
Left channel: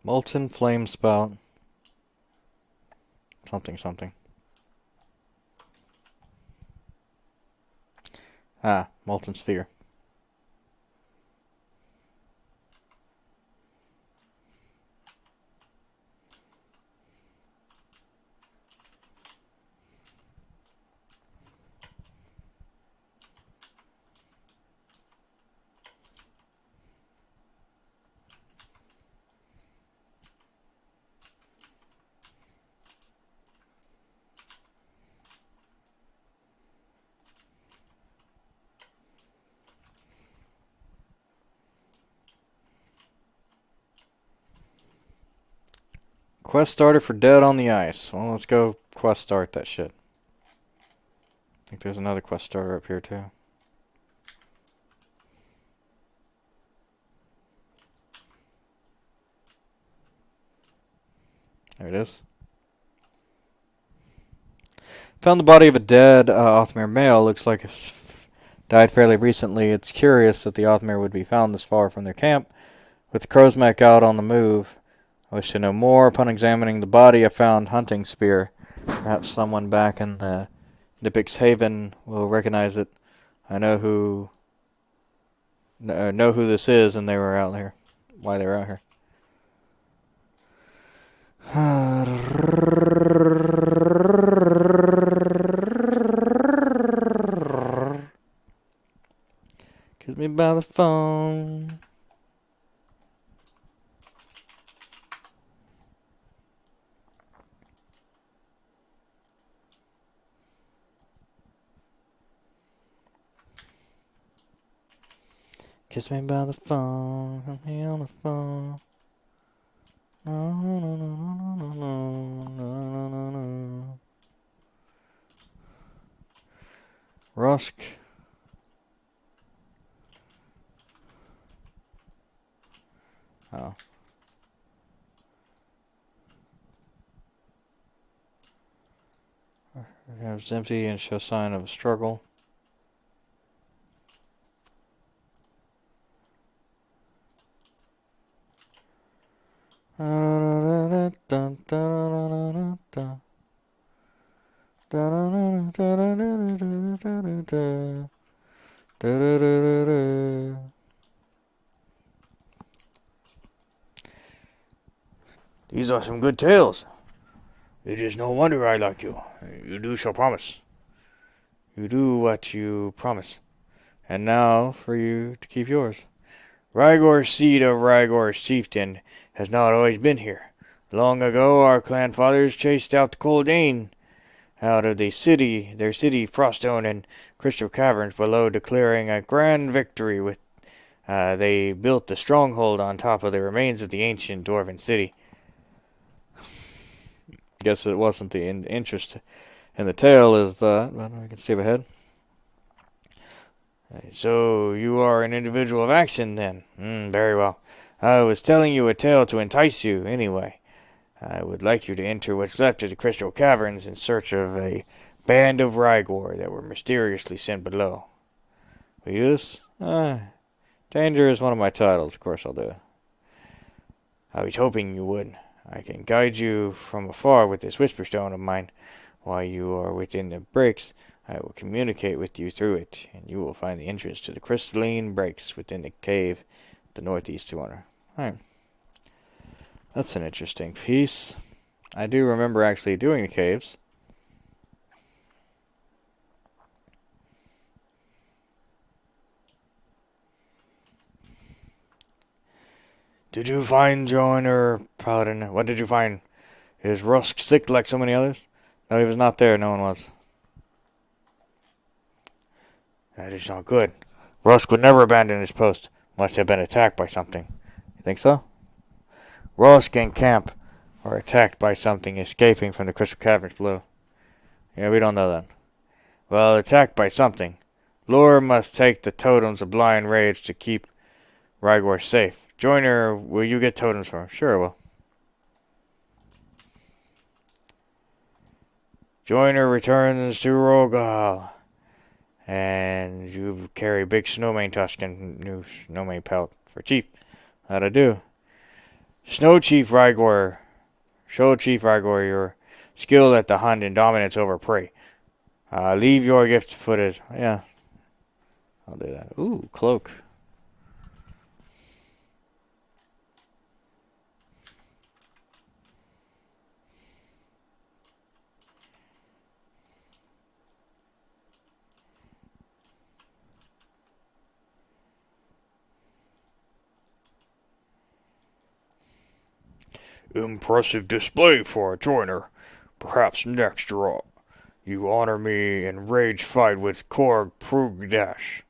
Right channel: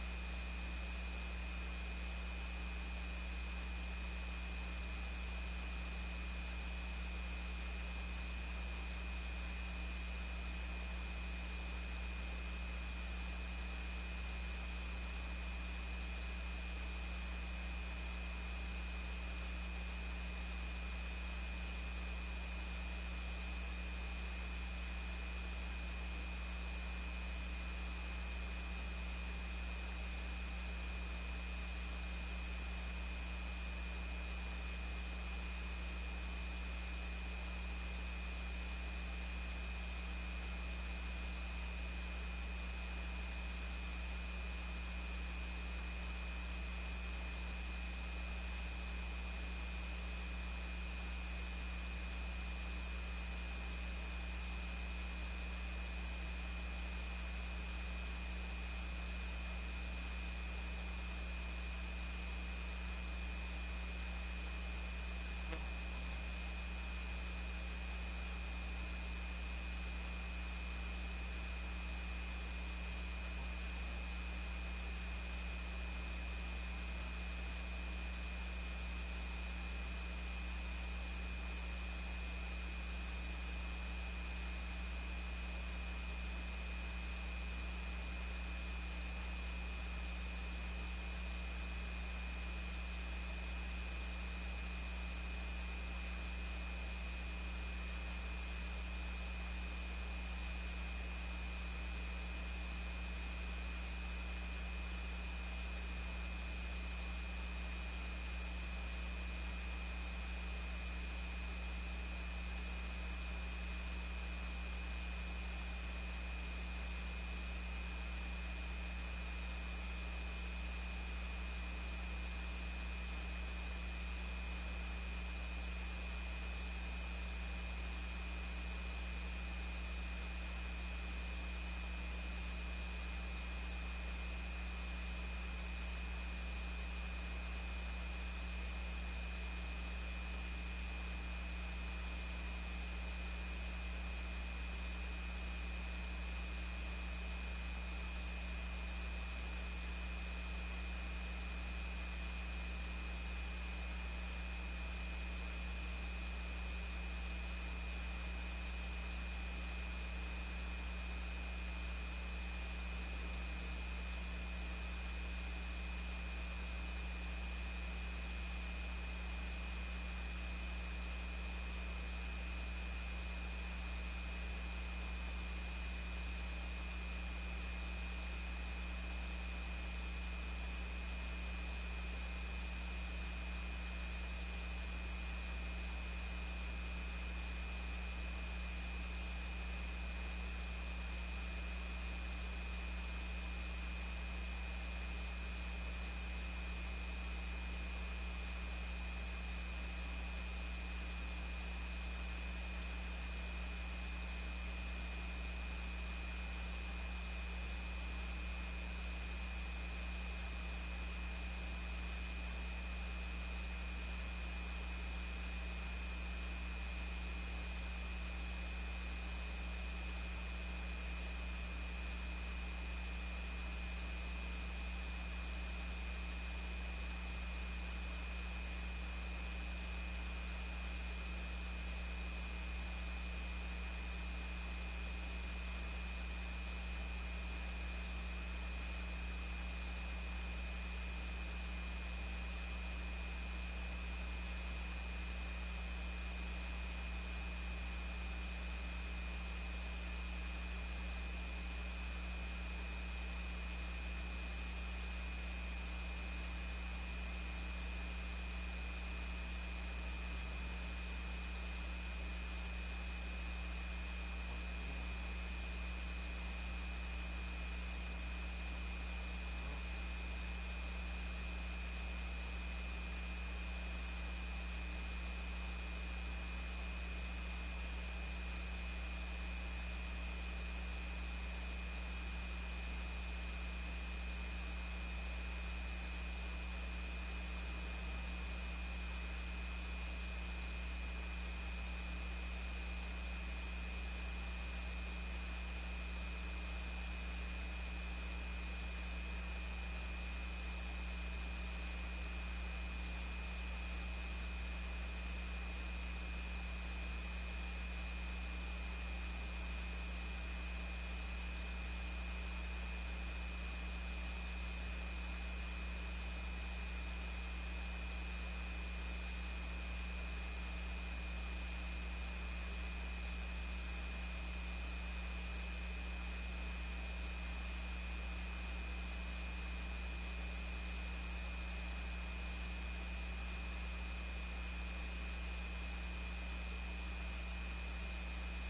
Molten flame spout. Something, something. Ah, molten sphere. Quest started for Dead on the Ice. Well, let's go quest start that shit. I think there's another quest starter up here too. There it is. Found the body of a dead Othmere male. Looks like it died fairly recently. It's curious that the Othmere would be found this far from their camp, with the Crowsmack out on the move. I wish to know more. Upon examining the body, I found hunting spear. Perhaps someone back in the Nipix Haven will recognize it. I know who this is, and they were out here. Why they were out here? Kiss me by the phone. Kiss me by the phone. I'm here on the phone. No, no, no, no, no, no, no, no. Rusk. Oh. It's empty and shows sign of a struggle. These are some good tales. It is no wonder I like you. You do shall promise. You do what you promise. And now for you to keep yours. Rygor's seed of Rygor's chieftain has not always been here. Long ago our clan fathers chased out the Coldane out of their city, Froststone and Crystal Caverns below, declaring a grand victory with they built the stronghold on top of the remains of the ancient dwarven city. Guess it wasn't the interest in the tale is the. Well, I can skip ahead. So you are an individual of action then? Very well. I was telling you a tale to entice you anyway. I would like you to enter what's left of the Crystal Caverns in search of a band of Rygor that were mysteriously sent below. Yes? Danger is one of my titles. Of course I'll do it. I was hoping you would. I can guide you from afar with this Whisperstone of mine. While you are within the breaks, I will communicate with you through it, and you will find the entrance to the crystalline breaks within the cave, the northeast corner. Alright. That's an interesting piece. I do remember actually doing the caves. Did you find Joiner Paladin? What did you find? Is Rusk sick like so many others? No, he was not there. No one was. That is not good. Rusk would never abandon his post. Must have been attacked by something. Think so? Rusk and Camp are attacked by something escaping from the Crystal Caverns below. Yeah, we don't know that. Well, attacked by something. Lure must take the totems of blind rage to keep Rygor safe. Joiner, will you get totems for him? Sure, I will. Joiner returns to Rogal. And you carry big snowmane tusk and new snowmane pelt for Chief. How'd I do? Snow Chief Rygor. Show Chief Rygor your skill at the hunt and dominance over prey. Leave your gift footed. Yeah. I'll do that. Ooh, cloak. Impressive display for a joiner. Perhaps next draw. You honor me in rage fight with Korg Prugdash.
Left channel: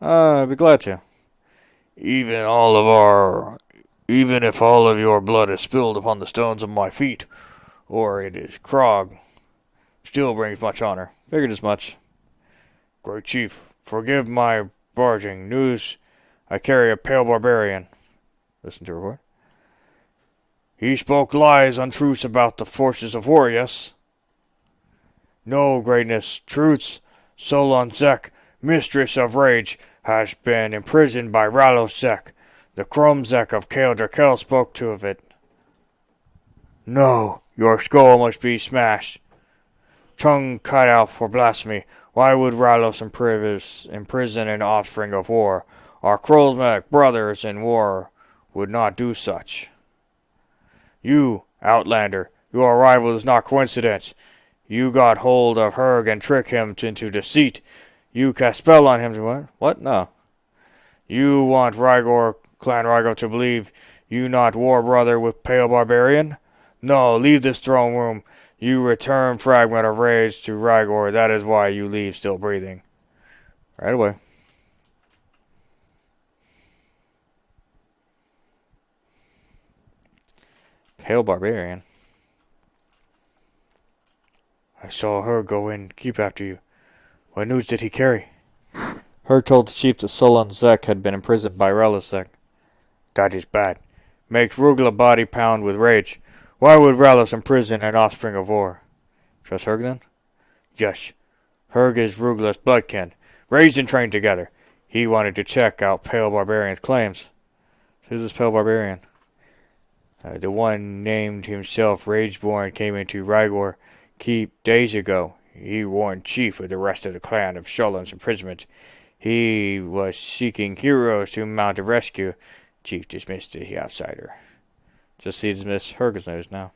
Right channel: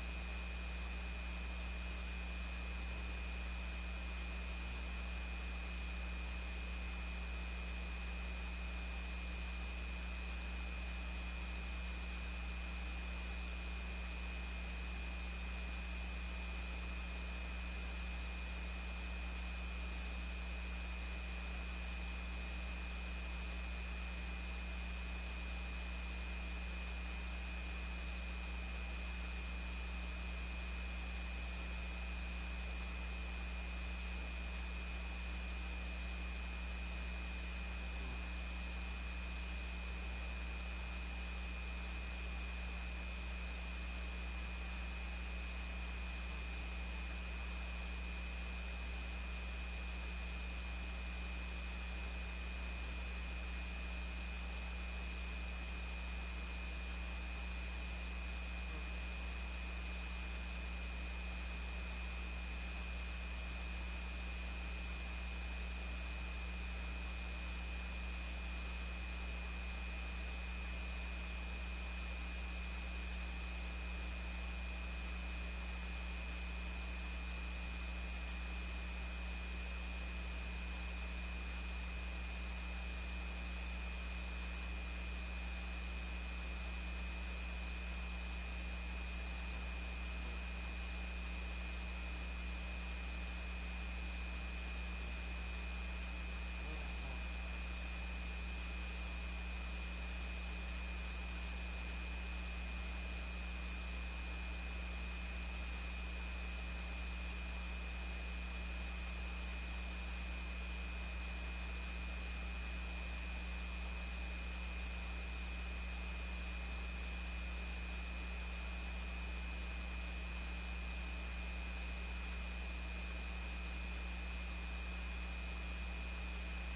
I'd be glad to. Even all of our Even if all of your blood is spilled upon the stones of my feet, or it is Krog, still brings much honor. Figured as much. Great chief, forgive my barging. News I carry a pale barbarian. Listen to report. He spoke lies, untruths about the forces of war, yes? No, greatness, truths. Solon Zek, mistress of rage, has been imprisoned by Ralosek. The Kromzek of Kael'Drakel spoke to of it. No, your skull must be smashed. Tongue cut out for blasphemy. Why would Ralos imprison an offspring of war? Our Krolsmek brothers in war would not do such. You, Outlander, your arrival is not coincidence. You got hold of Herg and tricked him into deceit. You cast spell on him to what? What? No. You want Clan Rygor to believe you not war brother with Pale Barbarian? No, leave this throne room. You return fragment of rage to Rygor. That is why you leave still breathing. Right away. Pale Barbarian. I saw her go in, keep after you. What news did he carry? Her told the chief that Solon Zek had been imprisoned by Relisek. That is bad. Makes Rugla body pound with rage. Why would Ralos imprison an offspring of war? Trust Herg then? Yes. Herg is Rugla's bloodkin, raised and trained together. He wanted to check out Pale Barbarian's claims. Who's this Pale Barbarian? The one named himself Rageborn came into Rygor Keep days ago. He warned Chief with the rest of the clan of Sholon's imprisonment. He was seeking heroes to mount a rescue. Chief dismissed the outsider. Just see dismiss Herg's news now.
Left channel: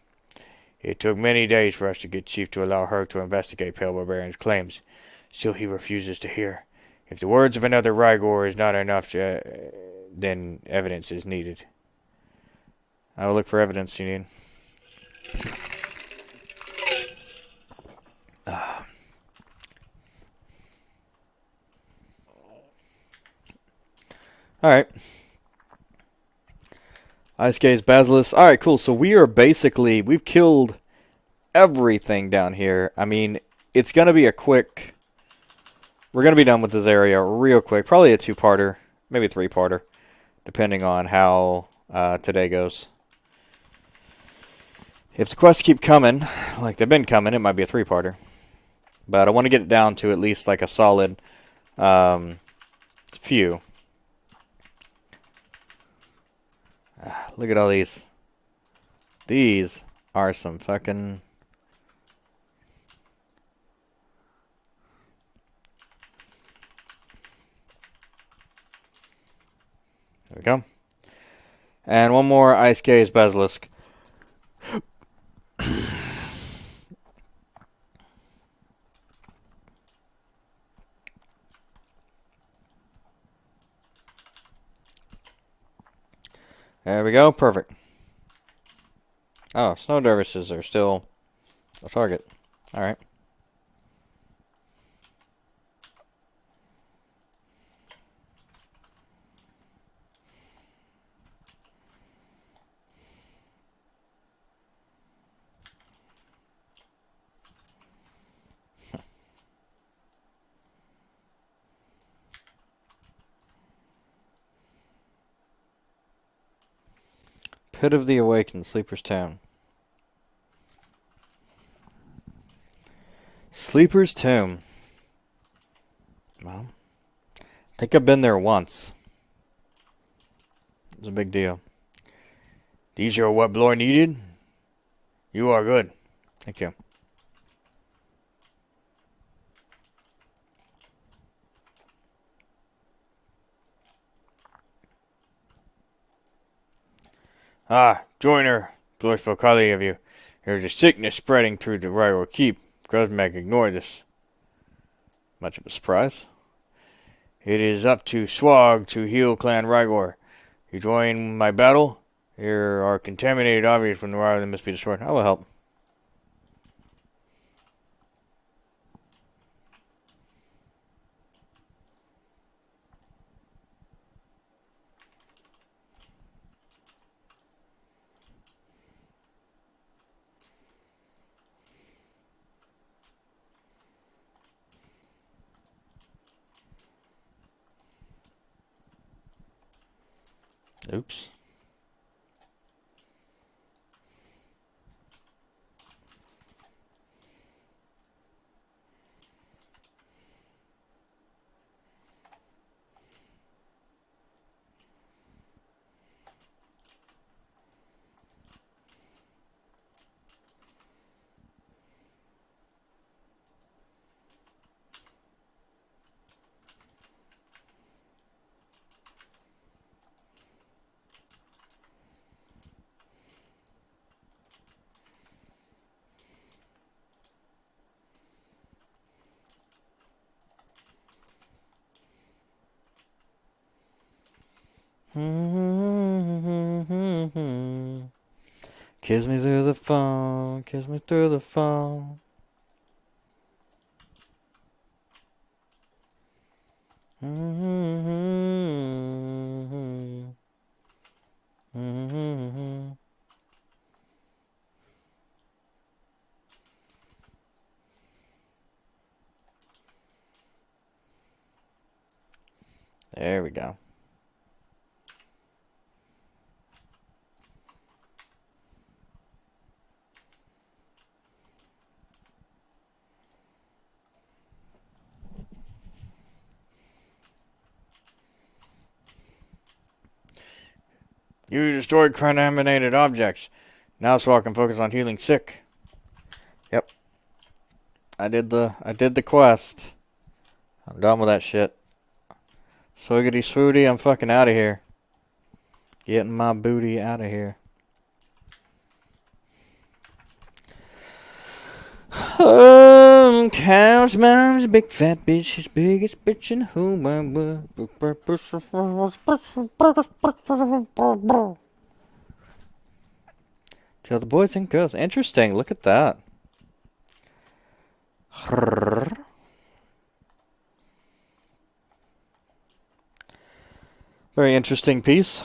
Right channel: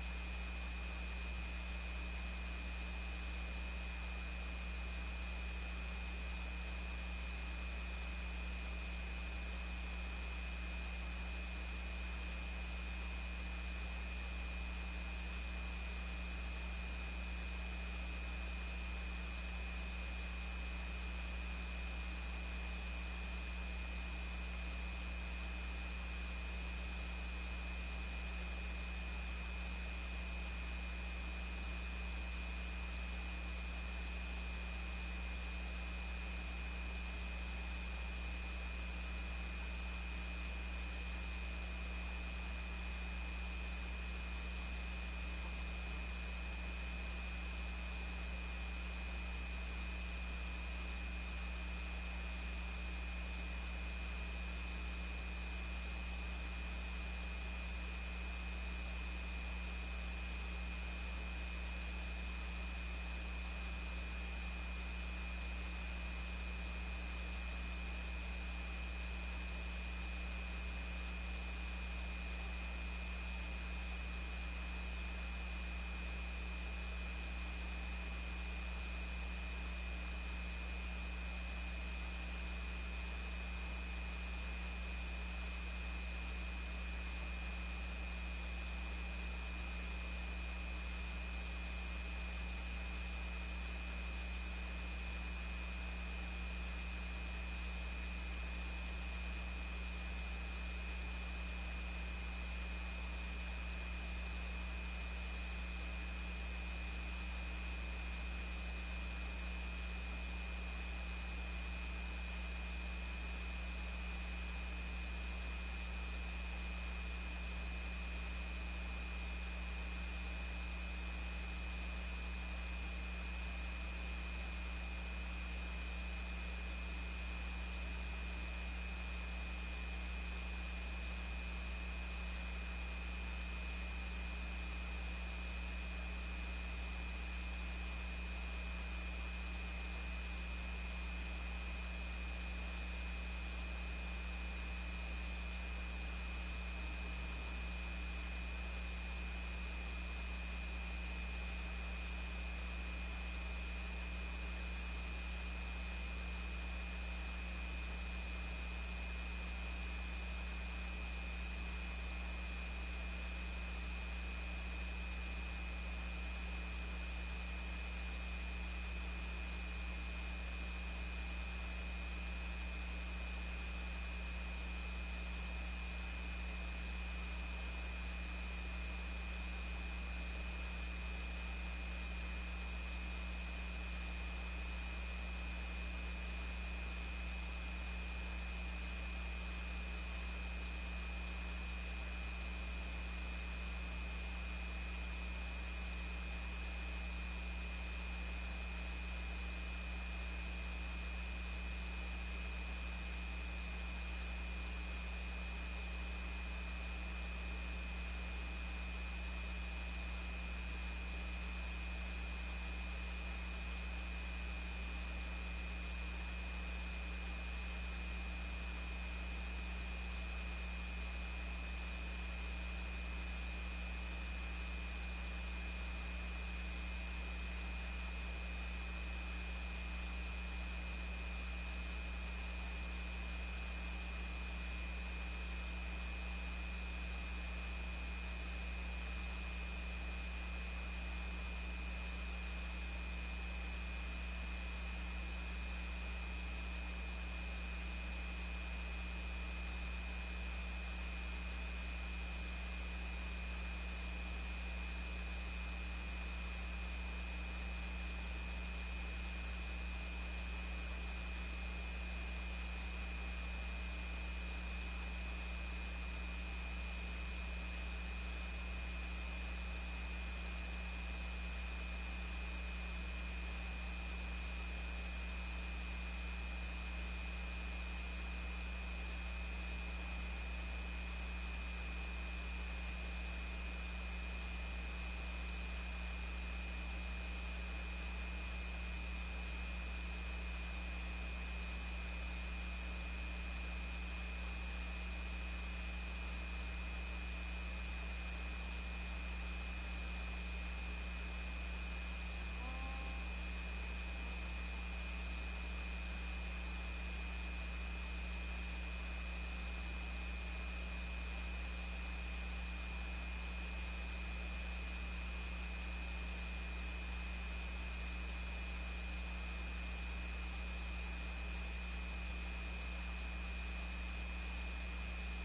It took many days for us to get Chief to allow Herg to investigate Pale Barbarian's claims. Still he refuses to hear. If the words of another Rygor is not enough, then evidence is needed. I will look for evidence you need. Alright. Ice Gaze, Basilisk. Alright, cool. So we've killed everything down here. I mean, it's going to be we're going to be done with this area real quick. Probably a two-parter, maybe a three-parter, depending on how today goes. If the quests keep coming, like they've been coming, it might be a three-parter. But I want to get it down to at least like a solid few. Look at all these. These are some fucking... There we go. And one more Ice Gaze Basilisk. There we go, perfect. Oh, snow dervishes are still a target. Alright. Pit of the Awakened, Sleeper's Tomb. Sleeper's Tomb. Well, I think I've been there once. It was a big deal. These are what Bloor needed? You are good. Thank you. Ah, Joiner. Bloor spoke highly of you. There's a sickness spreading through the Rygor Keep. Grosmag ignored this. Much of a surprise. It is up to Swag to heal Clan Rygor. You join my battle? There are contaminated objects from the Rygor that must be destroyed. I will help. Oops. Kiss me through the phone, kiss me through the phone. There we go. You destroyed contaminated objects. Now so I can focus on healing sick. Yep. I did the quest. I'm done with that shit. Swiggity swooty, I'm fucking out of here. Getting my booty out of here. Couch mom's big fat bitch, his biggest bitch in whom I was. Tell the boys and girls. Interesting, look at that. Very interesting piece.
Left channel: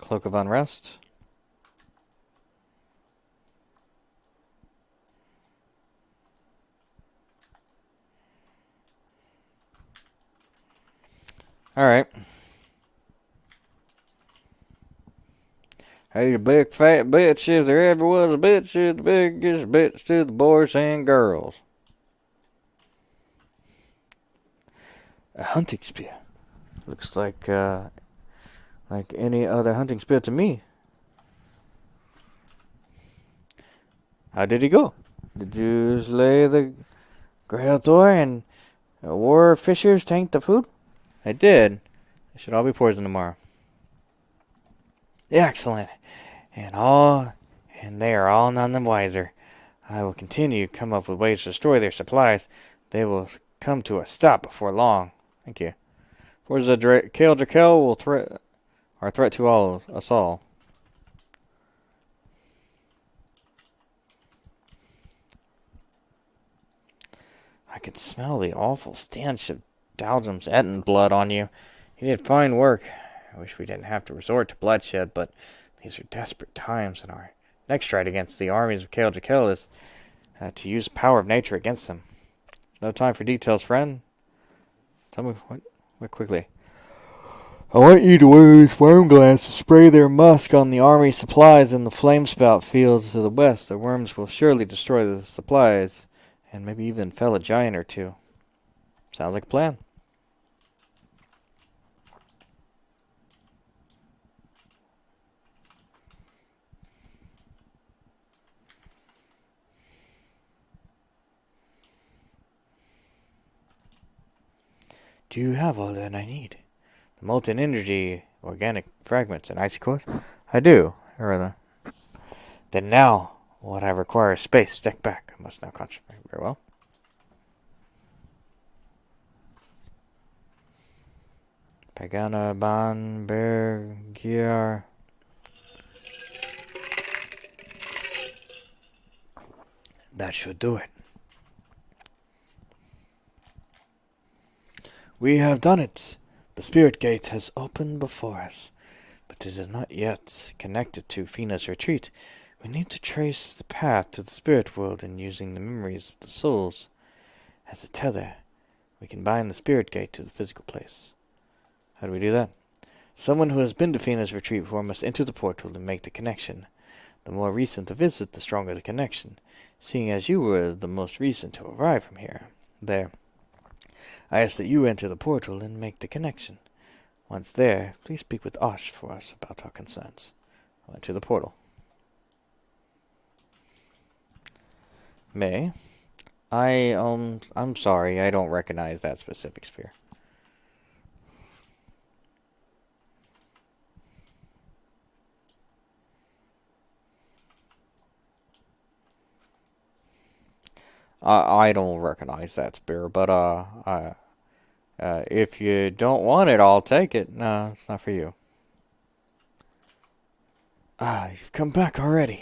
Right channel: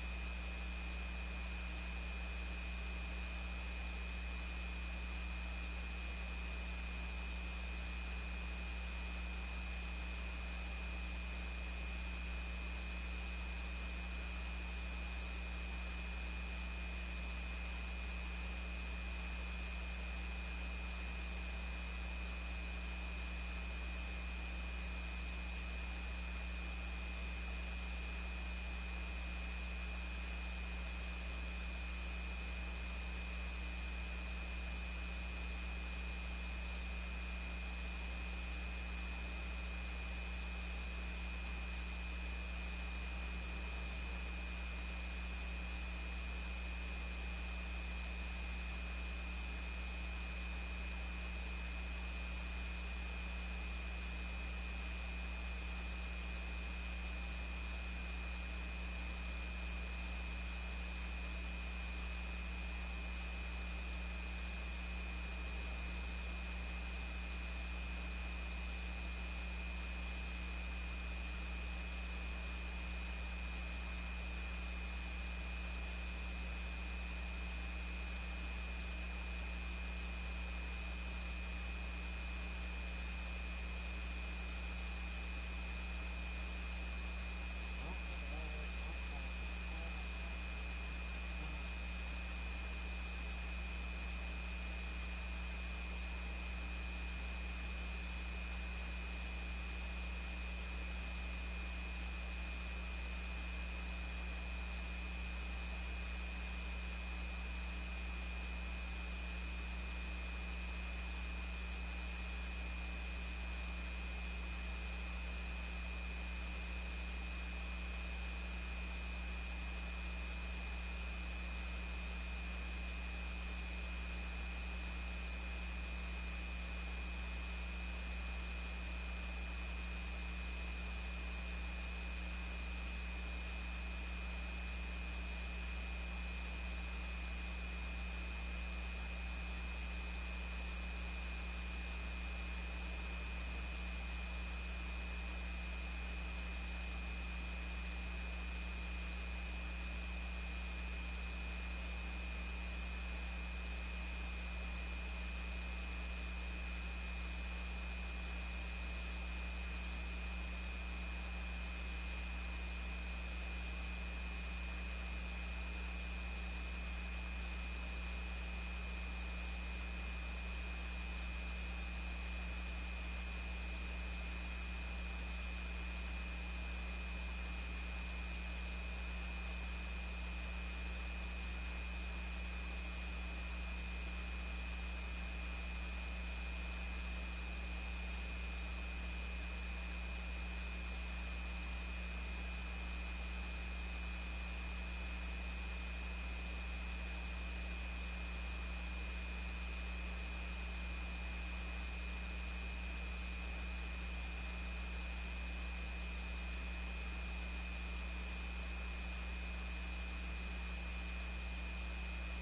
Cloak of Unrest. Alright. Hey, the big fat bitch, if there ever was a bitch, is the biggest bitch to the boys and girls. A hunting spear. Looks like any other hunting spear to me. How did he go? Did you slay the Grail Thor and the War Fishers tank the food? I did. It should all be poisoned tomorrow. Excellent. And they are all none the wiser. I will continue to come up with ways to destroy their supplies. They will come to a stop before long. Thank you. Where's the Kale Drakel will threat to all of us all. I can smell the awful stench of Dowdham's Etten blood on you. You did fine work. I wish we didn't have to resort to bloodshed, but these are desperate times, and our next stride against the armies of Kale Drakel is to use the power of nature against them. No time for details, friend. Tell me what quickly. I want you to wear this worm glass to spray their musk on the army supplies in the flamespout fields to the west. The worms will surely destroy the supplies, and maybe even fell a giant or two. Sounds like a plan. Do you have all that I need? Molten energy, organic fragments, and icy cores? I do. Then now, what I require is space. Step back. I must now concentrate. Very well. Pagana Ban Bergier. That should do it. We have done it. The spirit gate has opened before us, but it is not yet connected to Fina's retreat. We need to trace the path to the spirit world and using the memories of the souls as a tether. We can bind the spirit gate to the physical place. How do we do that? Someone who has been to Fina's retreat before must enter the portal and make the connection. The more recent the visit, the stronger the connection, seeing as you were the most recent to arrive from here. There. I ask that you enter the portal and make the connection. Once there, please speak with Osh for us about our concerns. To the portal. May. I'm sorry, I don't recognize that specific sphere. I don't recognize that sphere, but, if you don't want it, I'll take it. No, it's not for you. Ah, you've come back already.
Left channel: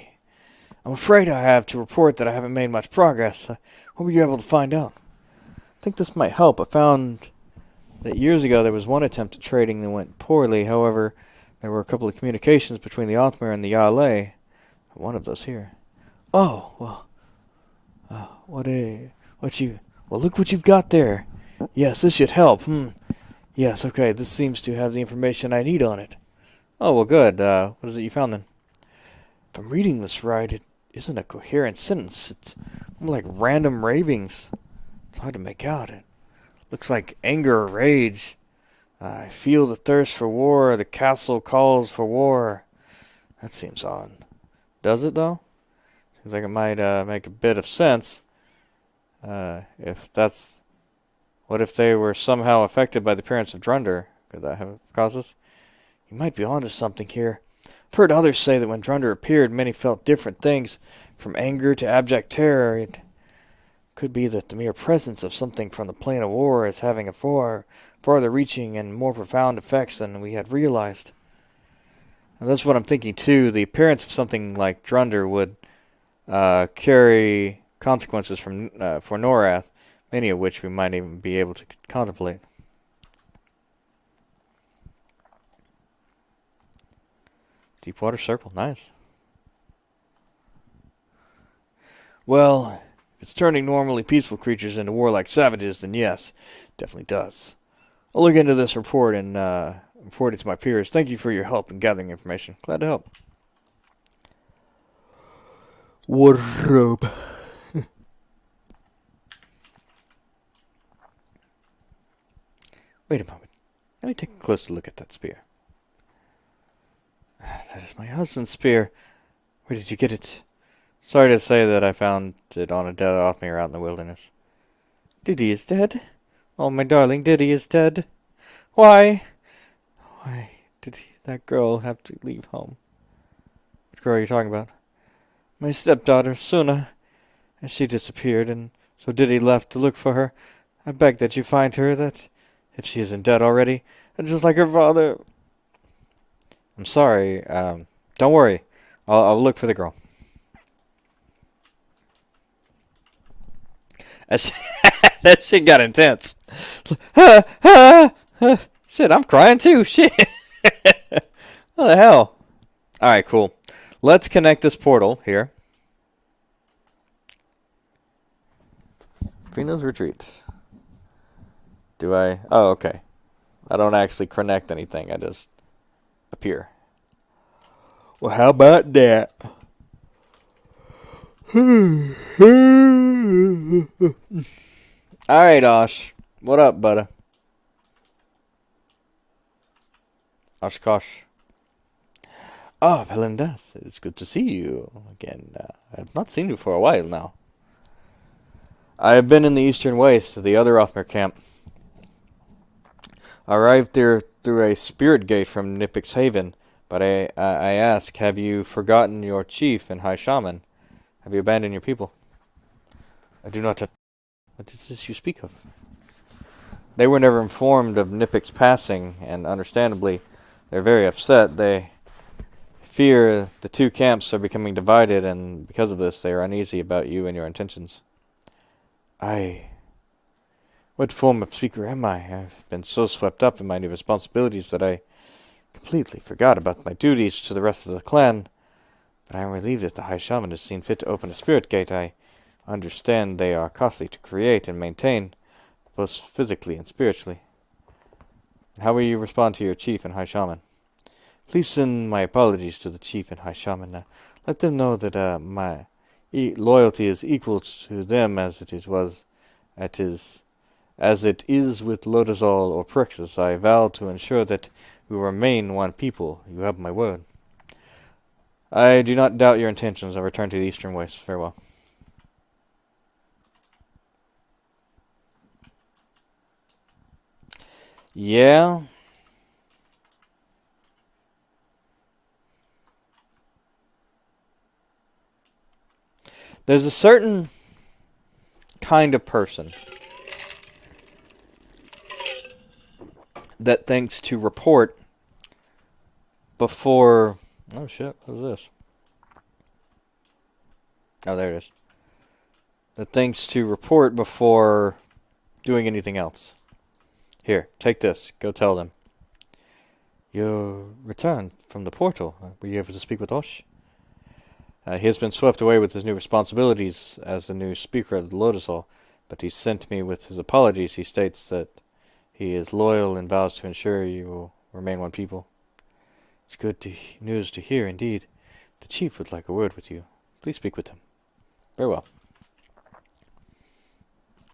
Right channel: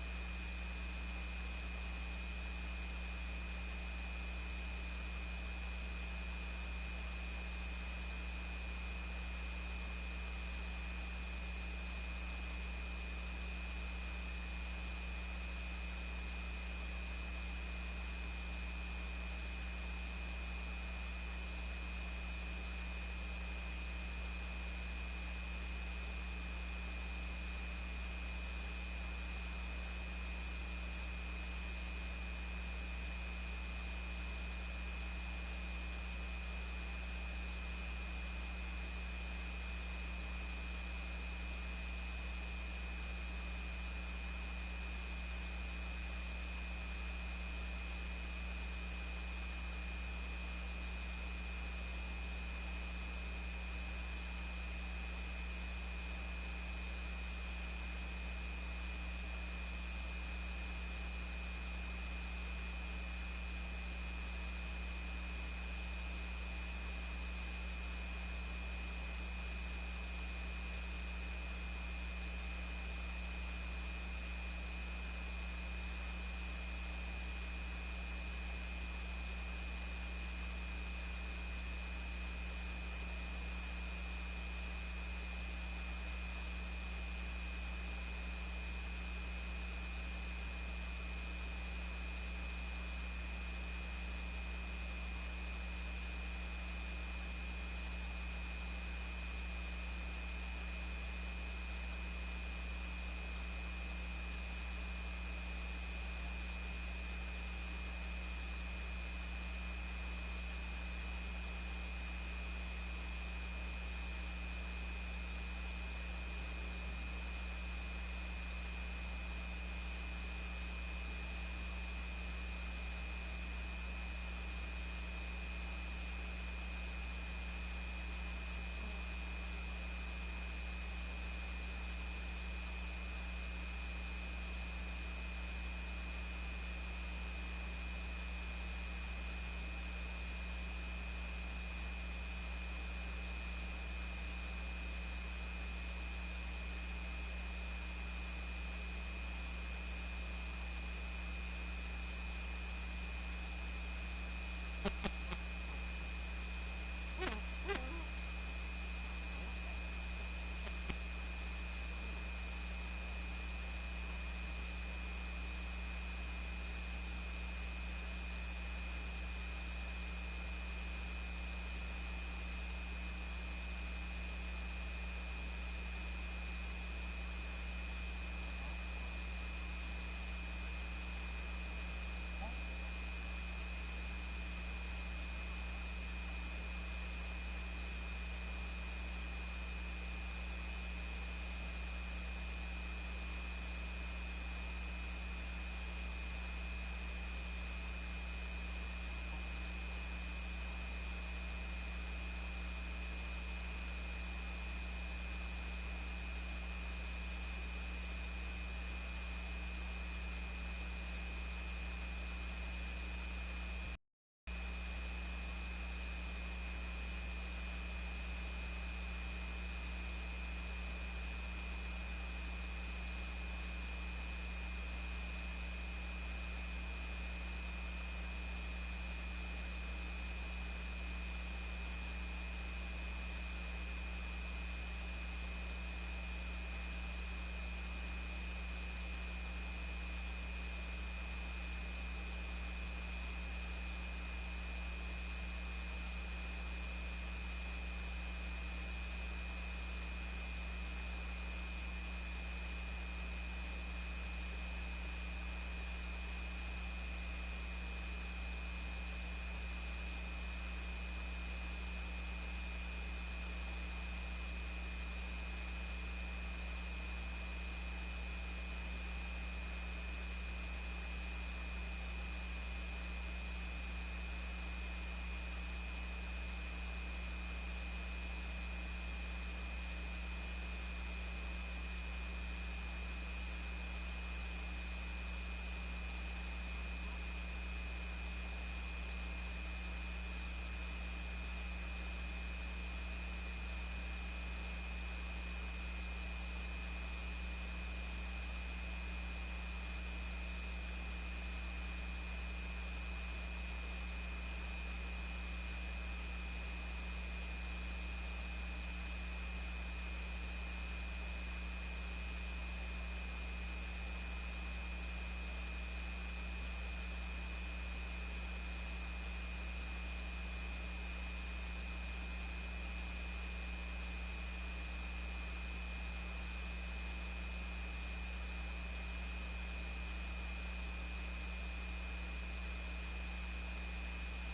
I'm afraid I have to report that I haven't made much progress. What were you able to find out? I think this might help. I found that years ago there was one attempt at trading that went poorly. However, there were a couple of communications between the Othmir and the Yale. One of those here. Oh, well, well, look what you've got there. Yes, this should help. Yes, okay, this seems to have the information I need on it. Oh, well, good. What is it you found then? If I'm reading this right, it isn't a coherent sentence. It's more like random ravings. It's hard to make out. It looks like anger or rage. I feel the thirst for war. The castle calls for war. That seems odd. Does it, though? I think it might make a bit of sense. If that's... What if they were somehow affected by the appearance of Drunder? Could that have caused this? You might be onto something here. I've heard others say that when Drunder appeared, many felt different things, from anger to abject terror. It could be that the mere presence of something from the plane of war is having a farther-reaching and more profound effects than we had realized. And that's what I'm thinking too. The appearance of something like Drunder would carry consequences for Norath, many of which we might even be able to contemplate. Deepwater Circle, nice. Well, if it's turning normally peaceful creatures into warlike savages, then yes, definitely does. I'll look into this report and report it to my peers. Thank you for your help in gathering information. Glad to help. Wardrobe. Wait a moment. Let me take a closer look at that spear. That is my husband's spear. Where did you get it? Sorry to say that I found it on a dead Othmir out in the wilderness. Diddy is dead? Oh, my darling, Diddy is dead. Why? Why did that girl have to leave home? Which girl are you talking about? My stepdaughter, Suna. She disappeared, and so Diddy left to look for her. I beg that you find her, that if she isn't dead already, just like her father. I'm sorry. Don't worry. I'll look for the girl. That shit got intense. Shit, I'm crying too. Shit. What the hell? Alright, cool. Let's connect this portal here. Fina's retreat. Do I? Oh, okay. I don't actually connect anything. I just appear. Well, how about that? Alright, Osh. What up, buddy? Oshkosh. Oh, Belindas. It's good to see you again. I've not seen you for a while now. I have been in the Eastern Waste, the other Othmir camp. I arrived there through a spirit gate from Nipik's Haven, but I ask, have you forgotten your chief and high shaman? Have you abandoned your people? I do not. What is this you speak of? They were never informed of Nipik's passing, and understandably, they're very upset. They fear the two camps are becoming divided, and because of this, they are uneasy about you and your intentions. What form of speaker am I? I've been so swept up in my new responsibilities that I completely forgot about my duties to the rest of the clan. I am relieved that the High Shaman has seen fit to open a spirit gate. I understand they are costly to create and maintain, both physically and spiritually. How will you respond to your chief and High Shaman? Please send my apologies to the chief and High Shaman. Let them know that my loyalty is equal to them it is as it is with Lodazal or Prixus. I vow to ensure that we remain one people. You have my word. I do not doubt your intentions. I return to the Eastern Waste. Farewell. Yeah, there's a certain kind of person that thinks to report before. Oh shit! What is this? Oh, there it is. That thinks to report before doing anything else. Here, take this. Go tell them. You returned from the portal. Were you able to speak with Osh? He has been swept away with his new responsibilities as the new speaker of the Lotus Hall, but he sent me with his apologies. He states that he is loyal and vows to ensure you will remain one people. It's news to hear, indeed. The chief would like a word with you. Please speak with him. Very well.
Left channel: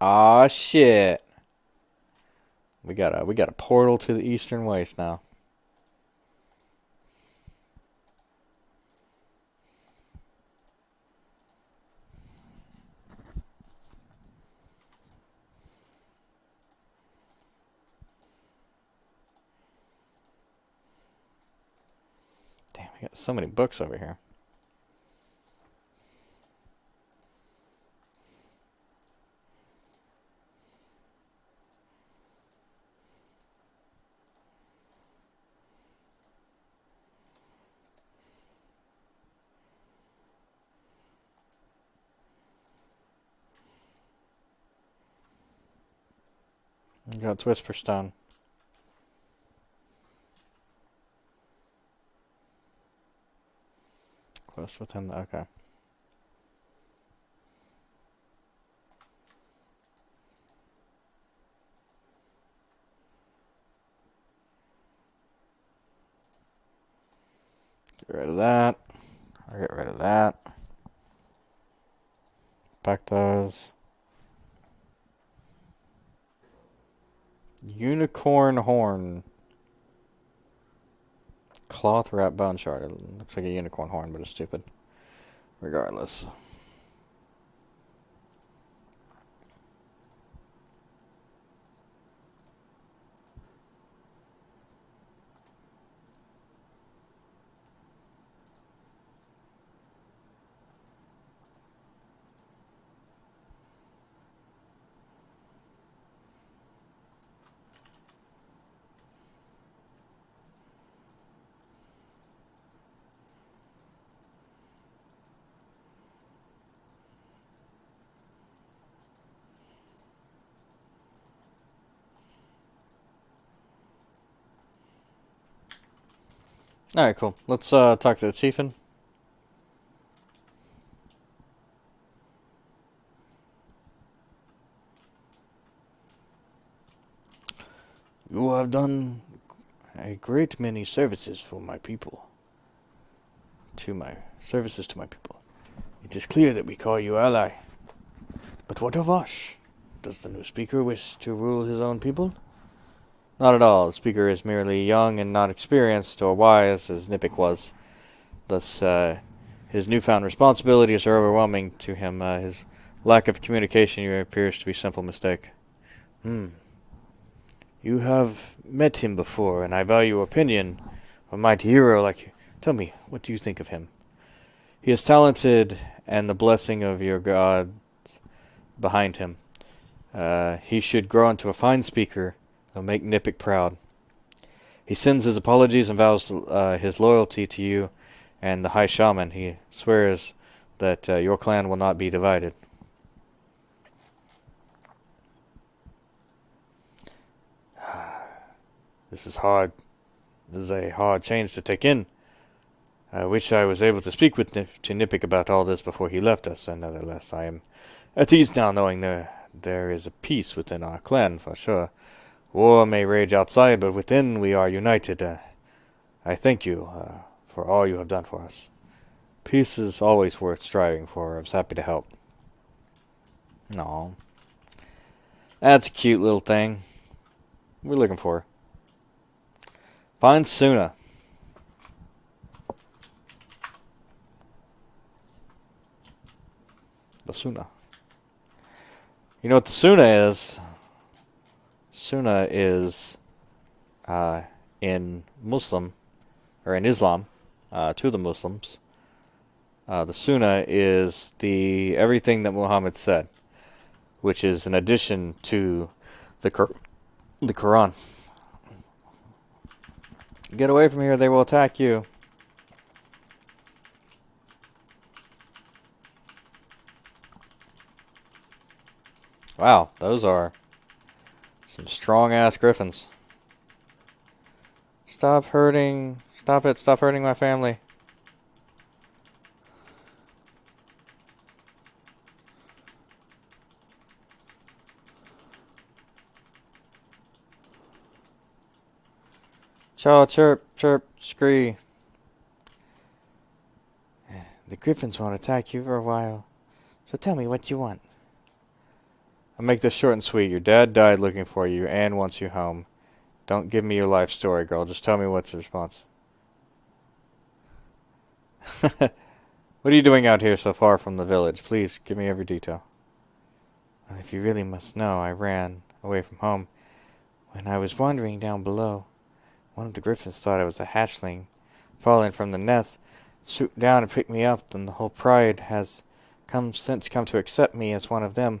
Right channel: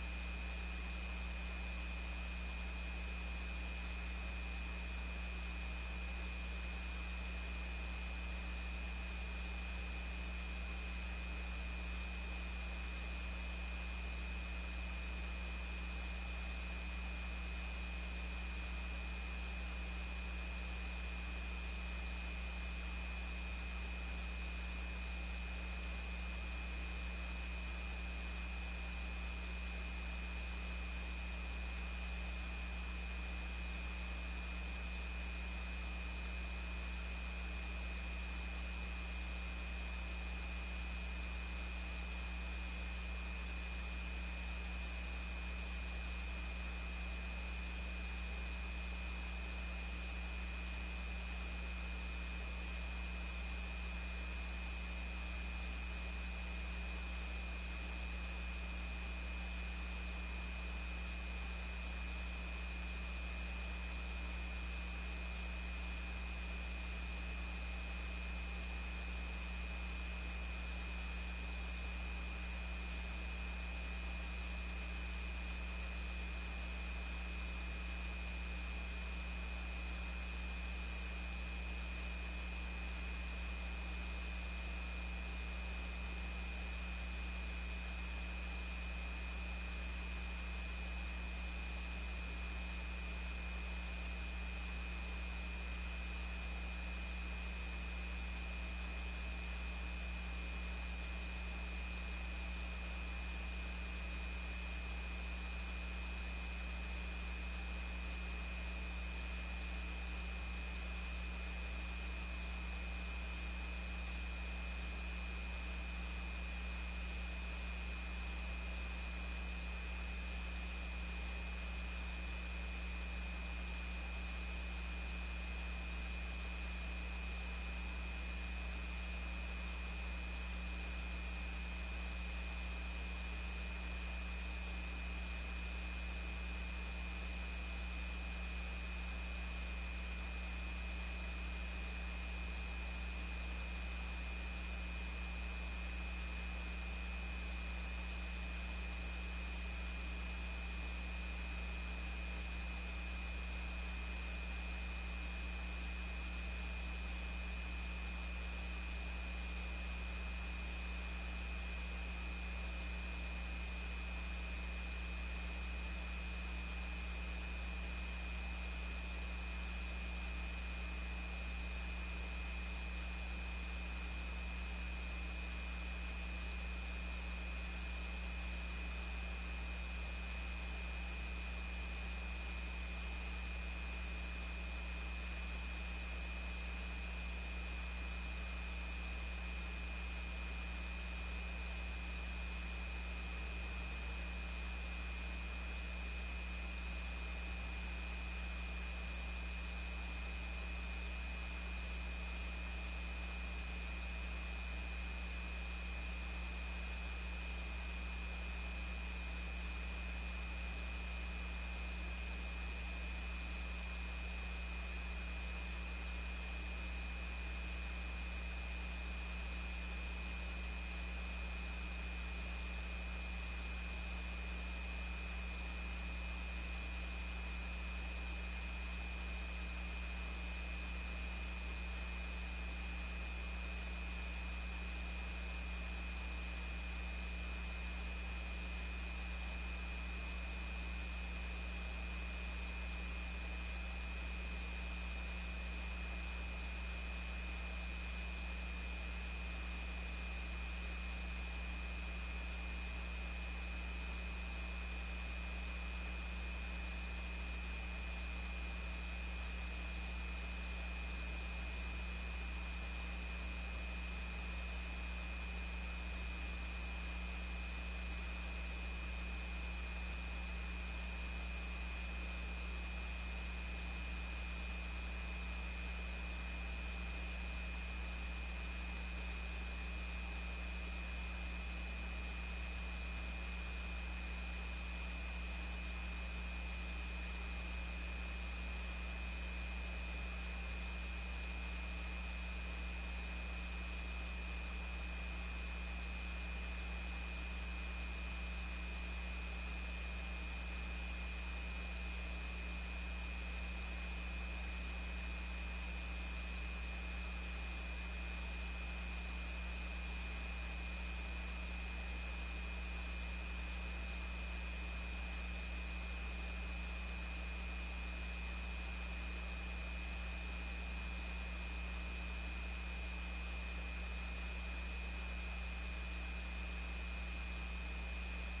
Ah shit. We got a portal to the Eastern Waste now. Damn, we got so many books over here. We got Whisper Stone. Close within. Okay. Get rid of that. I'll get rid of that. Back those. Unicorn horn. Cloth wrap bone shard. It looks like a unicorn horn, but it's stupid. Regardless. Alright, cool. Let's talk to the chiefin. You have done a great many services for my people. To my services to my people. It is clear that we call you ally. But what of Osh? Does the new speaker wish to rule his own people? Not at all. The speaker is merely young and not experienced or wise, as Nipik was. Thus, his newfound responsibilities are overwhelming to him. His lack of communication appears to be a simple mistake. Hmm. You have met him before, and I value your opinion. A mighty hero like you. Tell me, what do you think of him? He is talented, and the blessing of your god behind him. He should grow into a fine speaker. He'll make Nipik proud. He sends his apologies and vows his loyalty to you and the High Shaman. He swears that your clan will not be divided. This is hard. This is a hard change to take in. I wish I was able to speak with to Nipik about all this before he left us, and nevertheless, I am at ease now knowing there is a peace within our clan, for sure. War may rage outside, but within we are united. I thank you for all you have done for us. Peace is always worth striving for. I was happy to help. No, that's a cute little thing. What are we looking for? Find Suna. The Suna. You know what the Suna is? Suna is uh, in Muslim or in Islam to the Muslims. The Sunnah is the everything that Muhammad said, which is an addition to the the Quran. Get away from here; they will attack you. Wow, those are some strong ass griffins. Stop hurting! Stop it! Stop hurting my family! Chaw, chirp, chirp, scree. The griffins won't attack you for a while, so tell me what you want. I'll make this short and sweet. Your dad died looking for you and wants you home. Don't give me your life story, girl. Just tell me what's the response. What are you doing out here so far from the village? Please, give me every detail. If you really must know, I ran away from home. When I was wandering down below, one of the griffins thought I was a hatchling, falling from the nest, swooped down and picked me up, and the whole pride has come to accept me as one of them.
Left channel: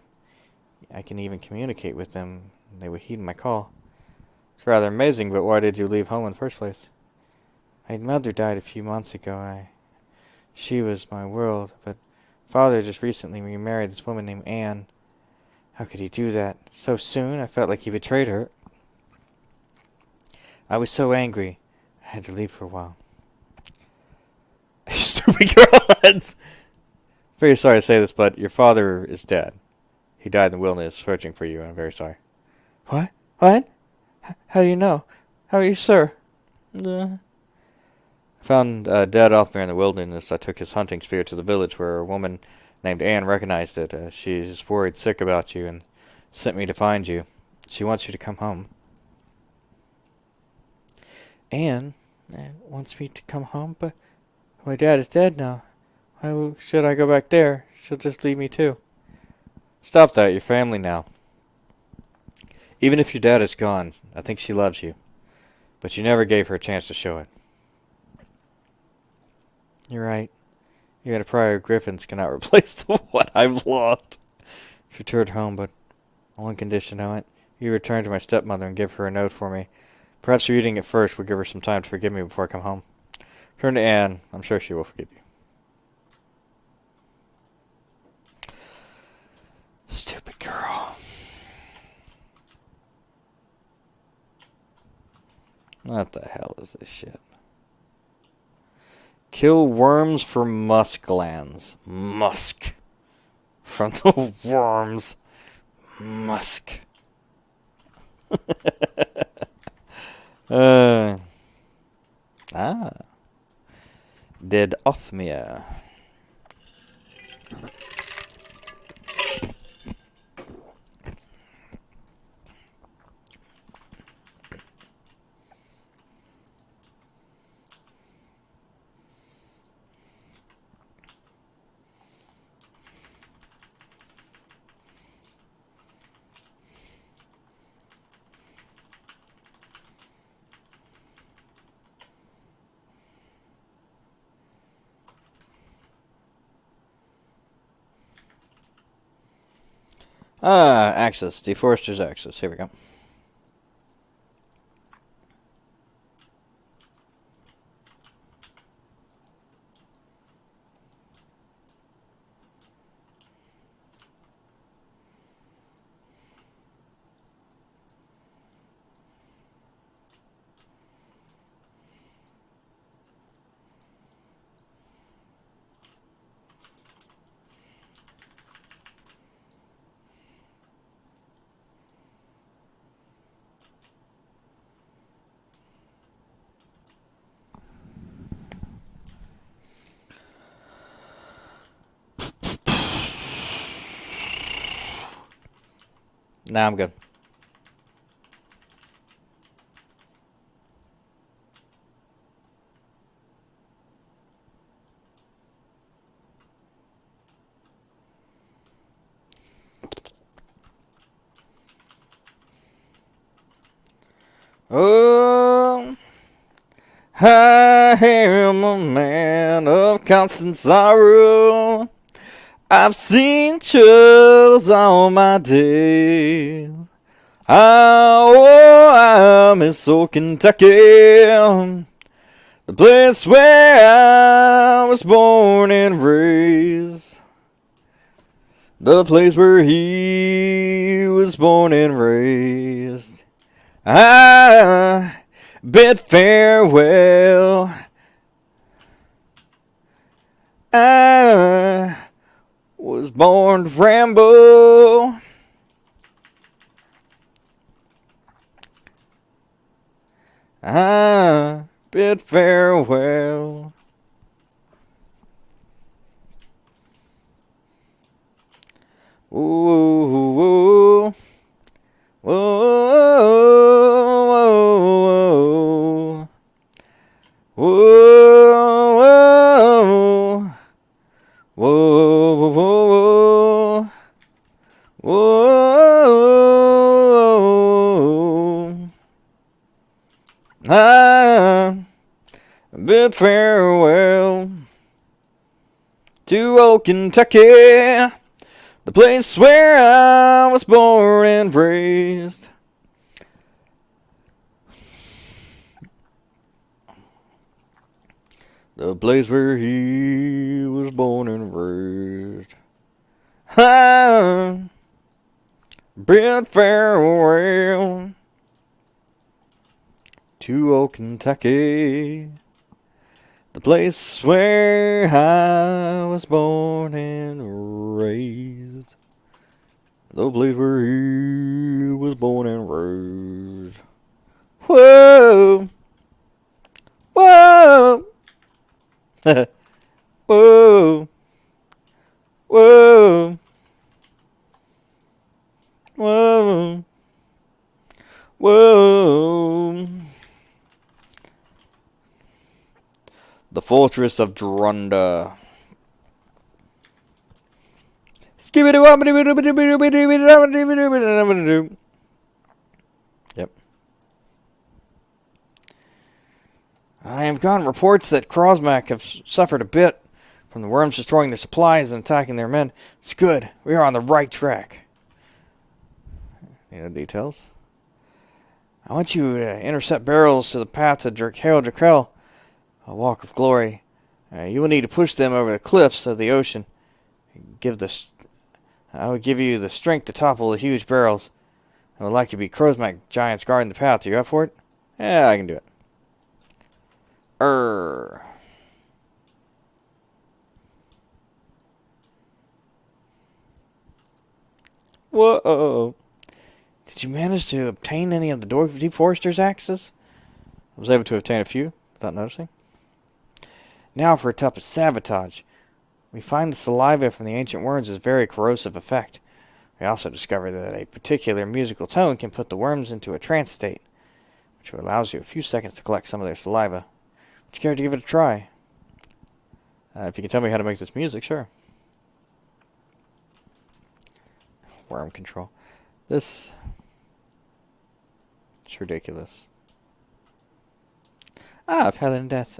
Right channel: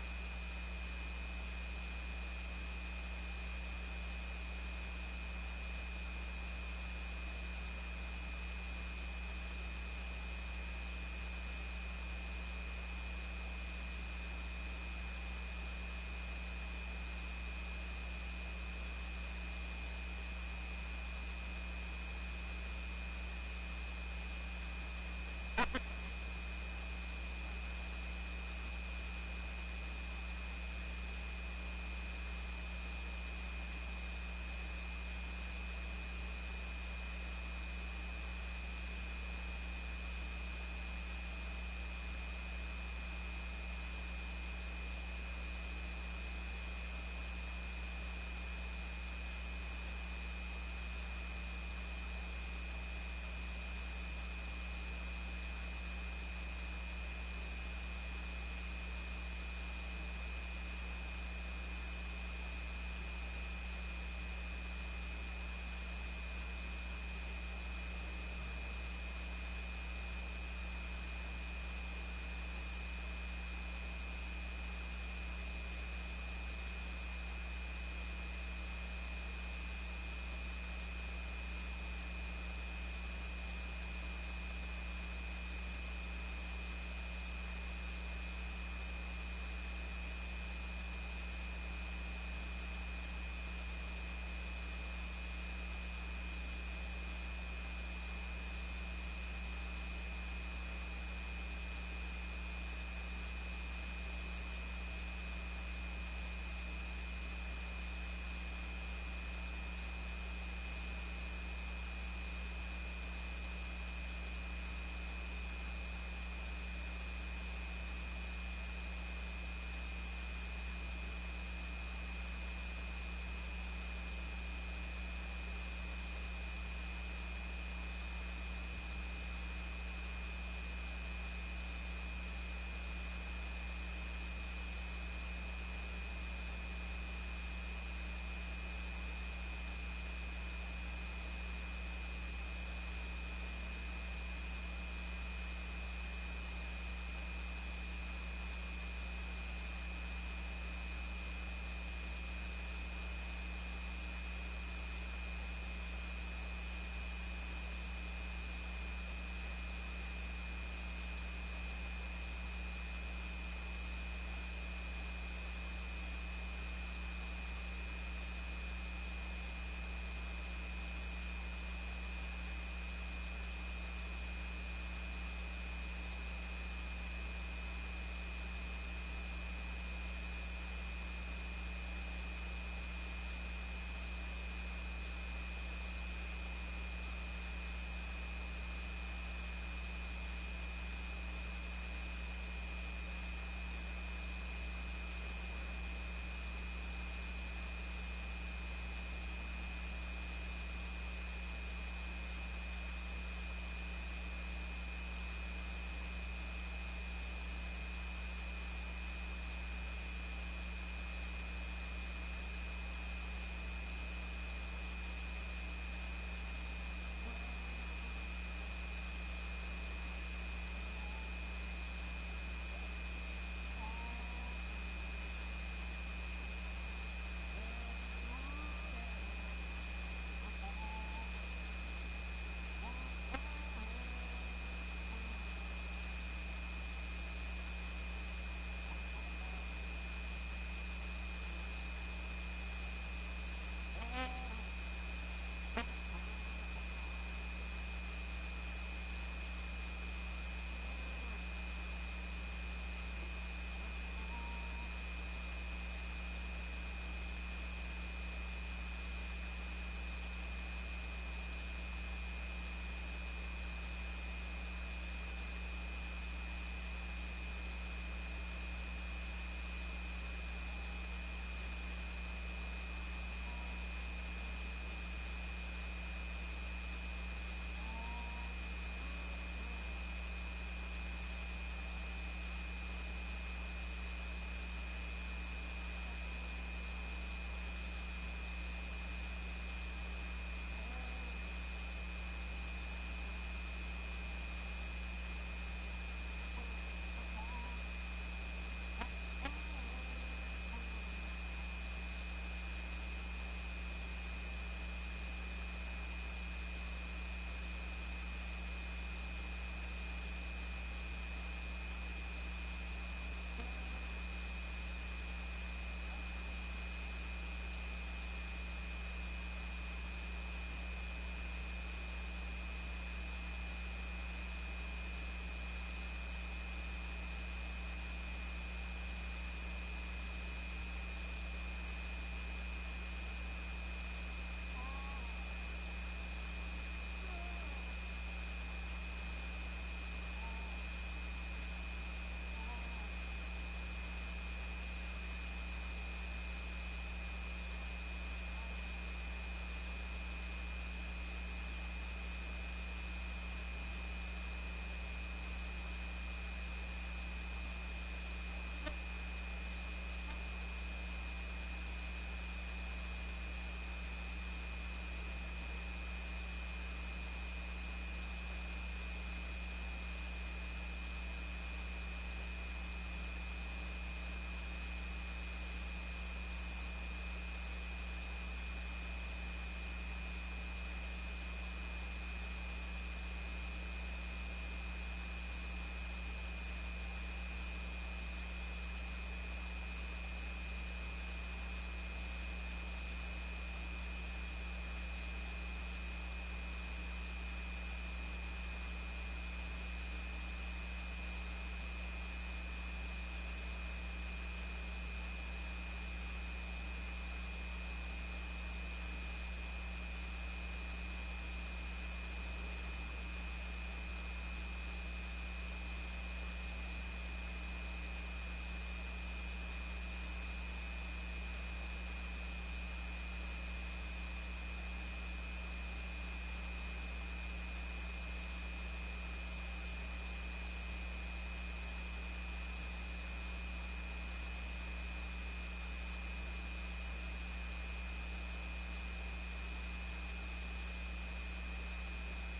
I can even communicate with them, and they would heed my call. It's rather amazing, but why did you leave home in the first place? My mother died a few months ago. She was my world, but father just recently remarried this woman named Anne. How could he do that? So soon, I felt like he betrayed her. I was so angry, I had to leave for a while. Stupid girls! Very sorry to say this, but your father is dead. He died in the wilderness searching for you, and I'm very sorry. What? What? How do you know? How are you, sir? Found dead off there in the wilderness. I took his hunting spear to the village where a woman named Anne recognized it. She's worried sick about you and sent me to find you. She wants you to come home. Anne wants me to come home, but my dad is dead now. Why should I go back there? She'll just leave me too. Stop that. You're family now. Even if your dad is gone, I think she loves you. But you never gave her a chance to show it. You're right. You had a prior Griffins cannot replace the what I've lost. She returned home, but on one condition, I went. You return to my stepmother and give her a note for me. Perhaps reading it first will give her some time to forgive me before I come home. Turn to Anne. I'm sure she will forgive you. Stupid girl. What the hell is this shit? Kill worms for musk glands. Musk. From the worms. Musk. uh, ah. Dead Othmere. Ah, axis. Deforester's axis. Here we go. Nah, I'm good. Oh, I am a man of constant sorrow. I've seen troubles all my days. Oh, I'm in so Kentucky, the place where I was born and raised. The place where he was born and raised. I bid farewell. I was born to ramble. I bid farewell. Ooh, ooh, ooh, ooh, ooh, ooh, ooh, ooh. I bid farewell to old Kentucky, the place where I was born and raised. The place where he was born and raised. I bid farewell to old Kentucky, the place where I was born and raised. The place where he was born and raised. Whoa, whoa, whoa, whoa, whoa, whoa. The fortress of Drunda. Yep. I have gotten reports that Krosmak have suffered a bit from the worms destroying their supplies and attacking their men. It's good. We are on the right track. Any details? I want you to intercept barrels to the path to Hail Drakel, a walk of glory. You will need to push them over the cliffs of the ocean. I will give you the strength to topple the huge barrels. I would like to be Krosmak giants guarding the path. Are you up for it? Yeah, I can do it. Err. Whoa. Did you manage to obtain any of the deforester's axes? I was able to obtain a few, without noticing. Now for a type of sabotage. We find the saliva from the ancient worms has very corrosive effect. We also discover that a particular musical tone can put the worms into a trance state, which allows you a few seconds to collect some of their saliva. Would you care to give it a try? If you can tell me how to make this music, sure. Worm control. This is ridiculous. Ah, Paladin Deaths.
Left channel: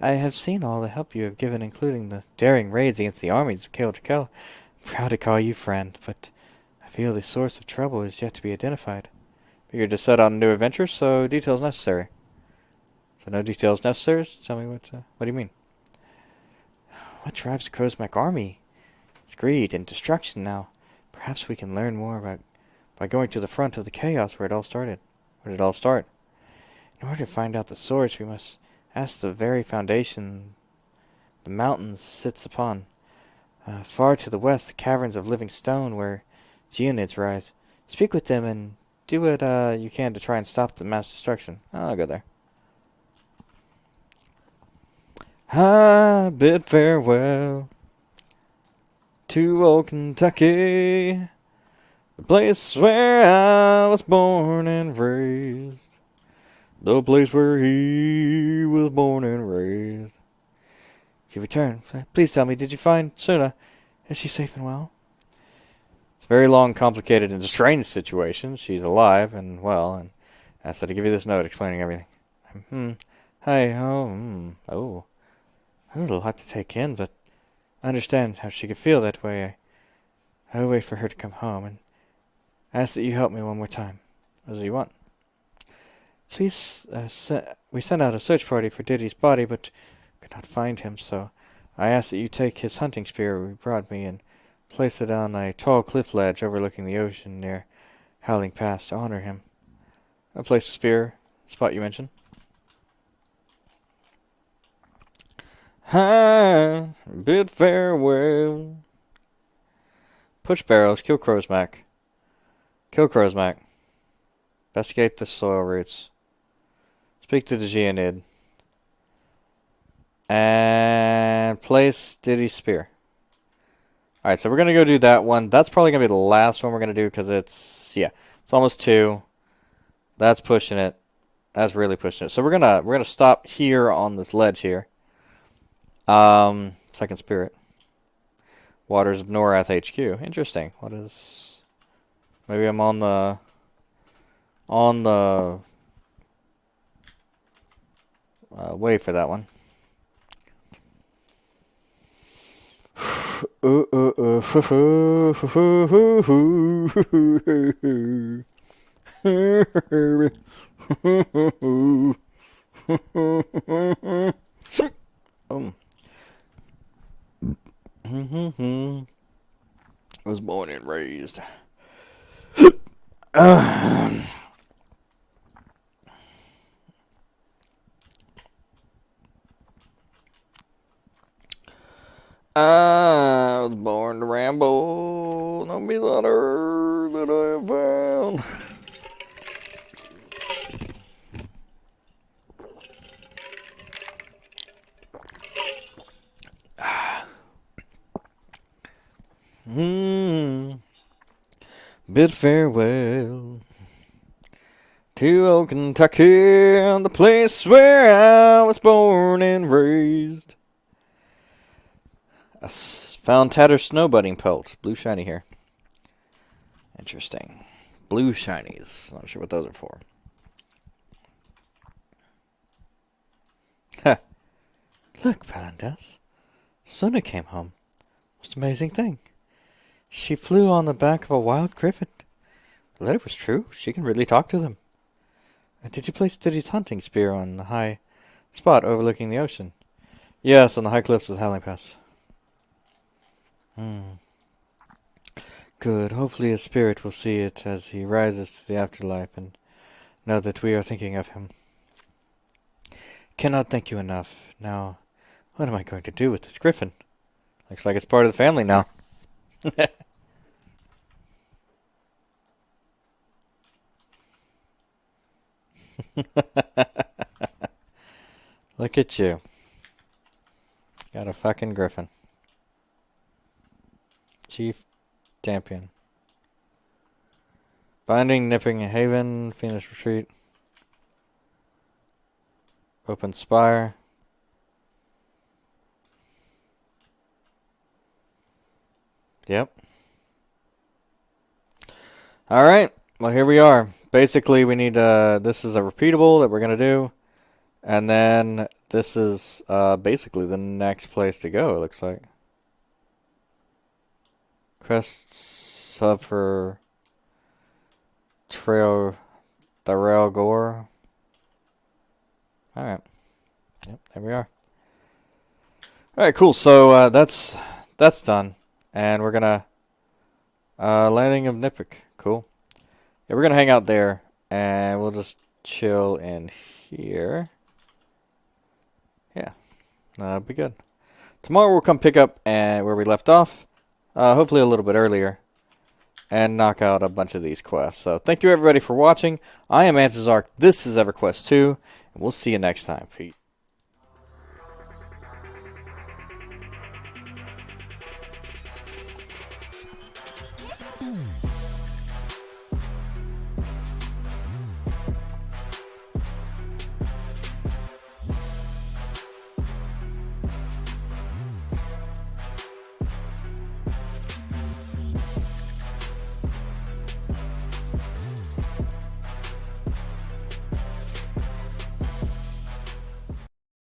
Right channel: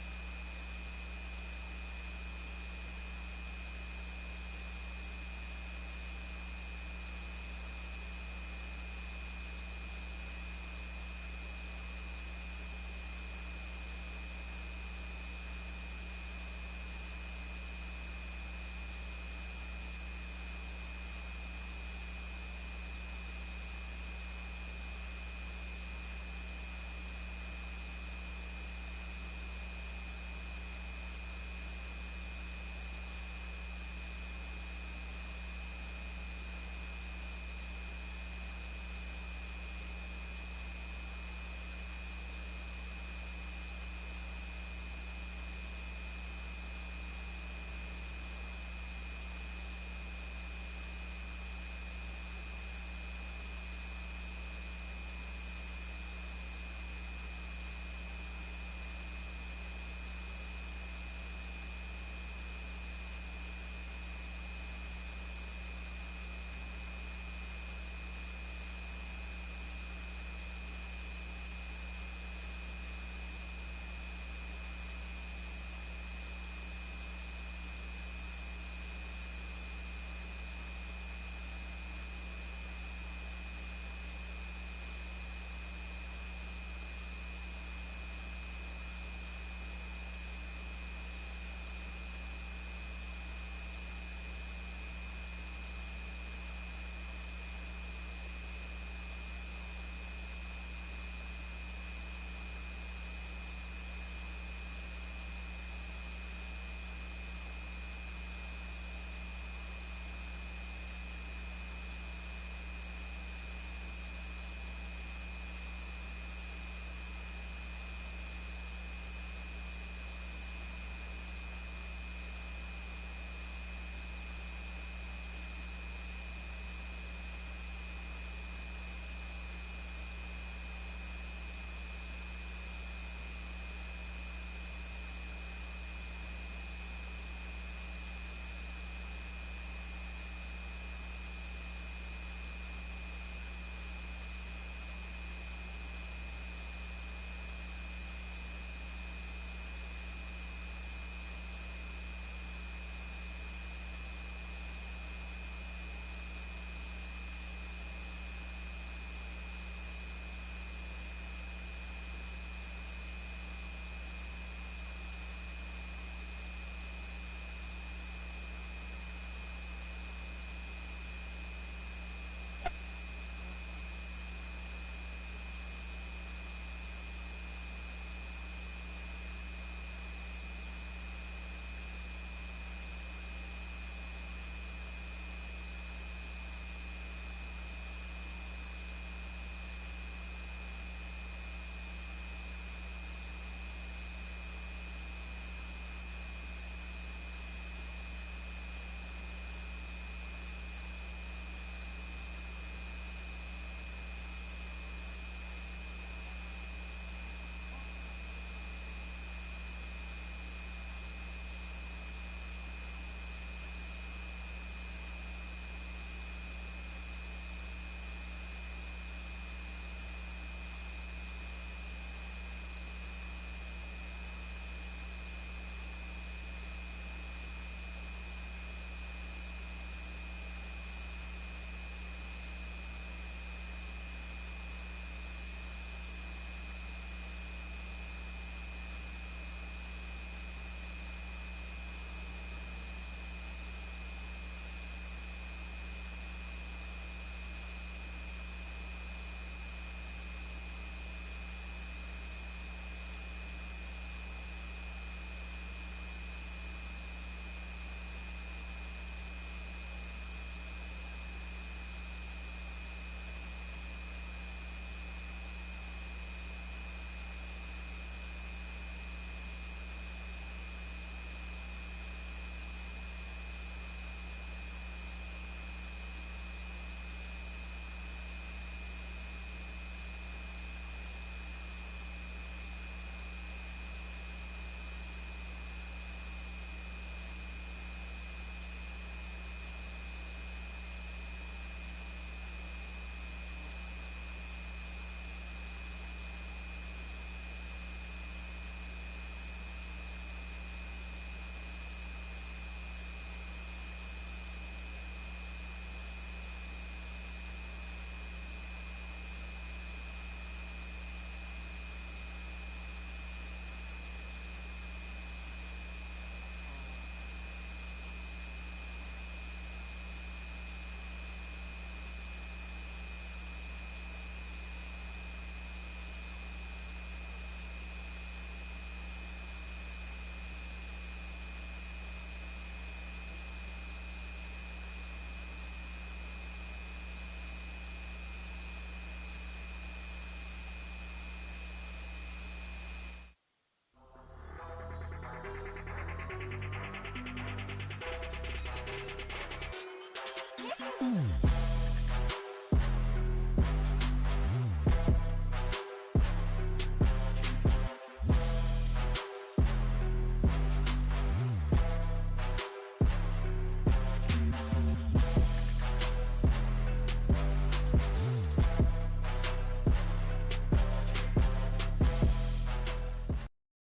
I have seen all the help you have given, including the daring raids against the armies of Kael Drakel. Proud to call you friend, but I feel the source of trouble is yet to be identified. You're to set on new adventures, so details necessary. So no details necessary? Tell me what do you mean? What drives the Krosmak army? It's greed and destruction now. Perhaps we can learn more about by going to the front of the chaos where it all started. Where did it all start? In order to find out the source, we must ask the very foundation the mountain sits upon. Far to the west, the caverns of living stone where geonids rise. Speak with them and do what you can to try and stop the mass destruction. I'll go there. I bid farewell to old Kentucky, The place where I was born and raised. The place where he was born and raised. You returned. Please tell me, did you find Suna? Is she safe and well? It's a very long, complicated, and strange situation. She's alive and well, and I said to give you this note explaining everything. Hmm. Hi. Oh. That was a lot to take in, but I understand how she could feel that way. I will wait for her to come home and ask that you help me one more time. As you want. Please, we sent out a search party for Diddy's body, but could not find him, so I ask that you take his hunting spear you brought me and place it on a tall cliff ledge overlooking the ocean near Howling Pass to honor him. I'll place the spear, spot you mentioned. Hi, bid farewell. Push barrels, kill Crowsmack. Kill Crowsmack. Investigate the soil roots. Speak to the Geonid. And place Diddy's spear. Alright, so we're going to go do that one. That's probably going to be the last one we're going to do because it's almost 2. That's pushing it. That's really pushing it. So we're gonna stop here on this ledge here. Second spirit. Waters of Norath HQ. Interesting. What is? Maybe I'm on the way for that one. Was born and raised. I was born to ramble. No be the earth that I have found. Bid farewell to old Kentucky, the place where I was born and raised. I found tattered snowbudding pelts, blue shiny here. Interesting. Blue shinies. Not sure what those are for. Huh. Look, Palandas. Suna came home. It's an amazing thing. She flew on the back of a wild griffin. Well, that it was true. She can really talk to them. And did you place Diddy's hunting spear on the high spot overlooking the ocean? Yes, on the high cliffs of the Howling Pass. Good. Hopefully his spirit will see it as he rises to the afterlife and know that we are thinking of him. Cannot thank you enough. Now, what am I going to do with this griffin? Looks like it's part of the family now. Look at you. Got a fucking griffin. Chief champion. Binding, Nipping Haven, Phoenix Retreat. Open Spire. Yep. Alright, well here we are. Basically we need, this is a repeatable that we're going to do. And then this is basically the next place to go, it looks like. Crest sub for Trail Darrell Gore. Alright. Yep, here we are. Alright, cool. So that's done. And we're gonna landing of Nipik. Cool. Yeah, we're gonna hang out there and we'll just chill in here. Yeah. That'll be good. Tomorrow we'll come pick up where we left off. Hopefully a little bit earlier. And knock out a bunch of these quests. So thank you everybody for watching. I am Antizark. This is Everquest 2. And we'll see you next time. Peace.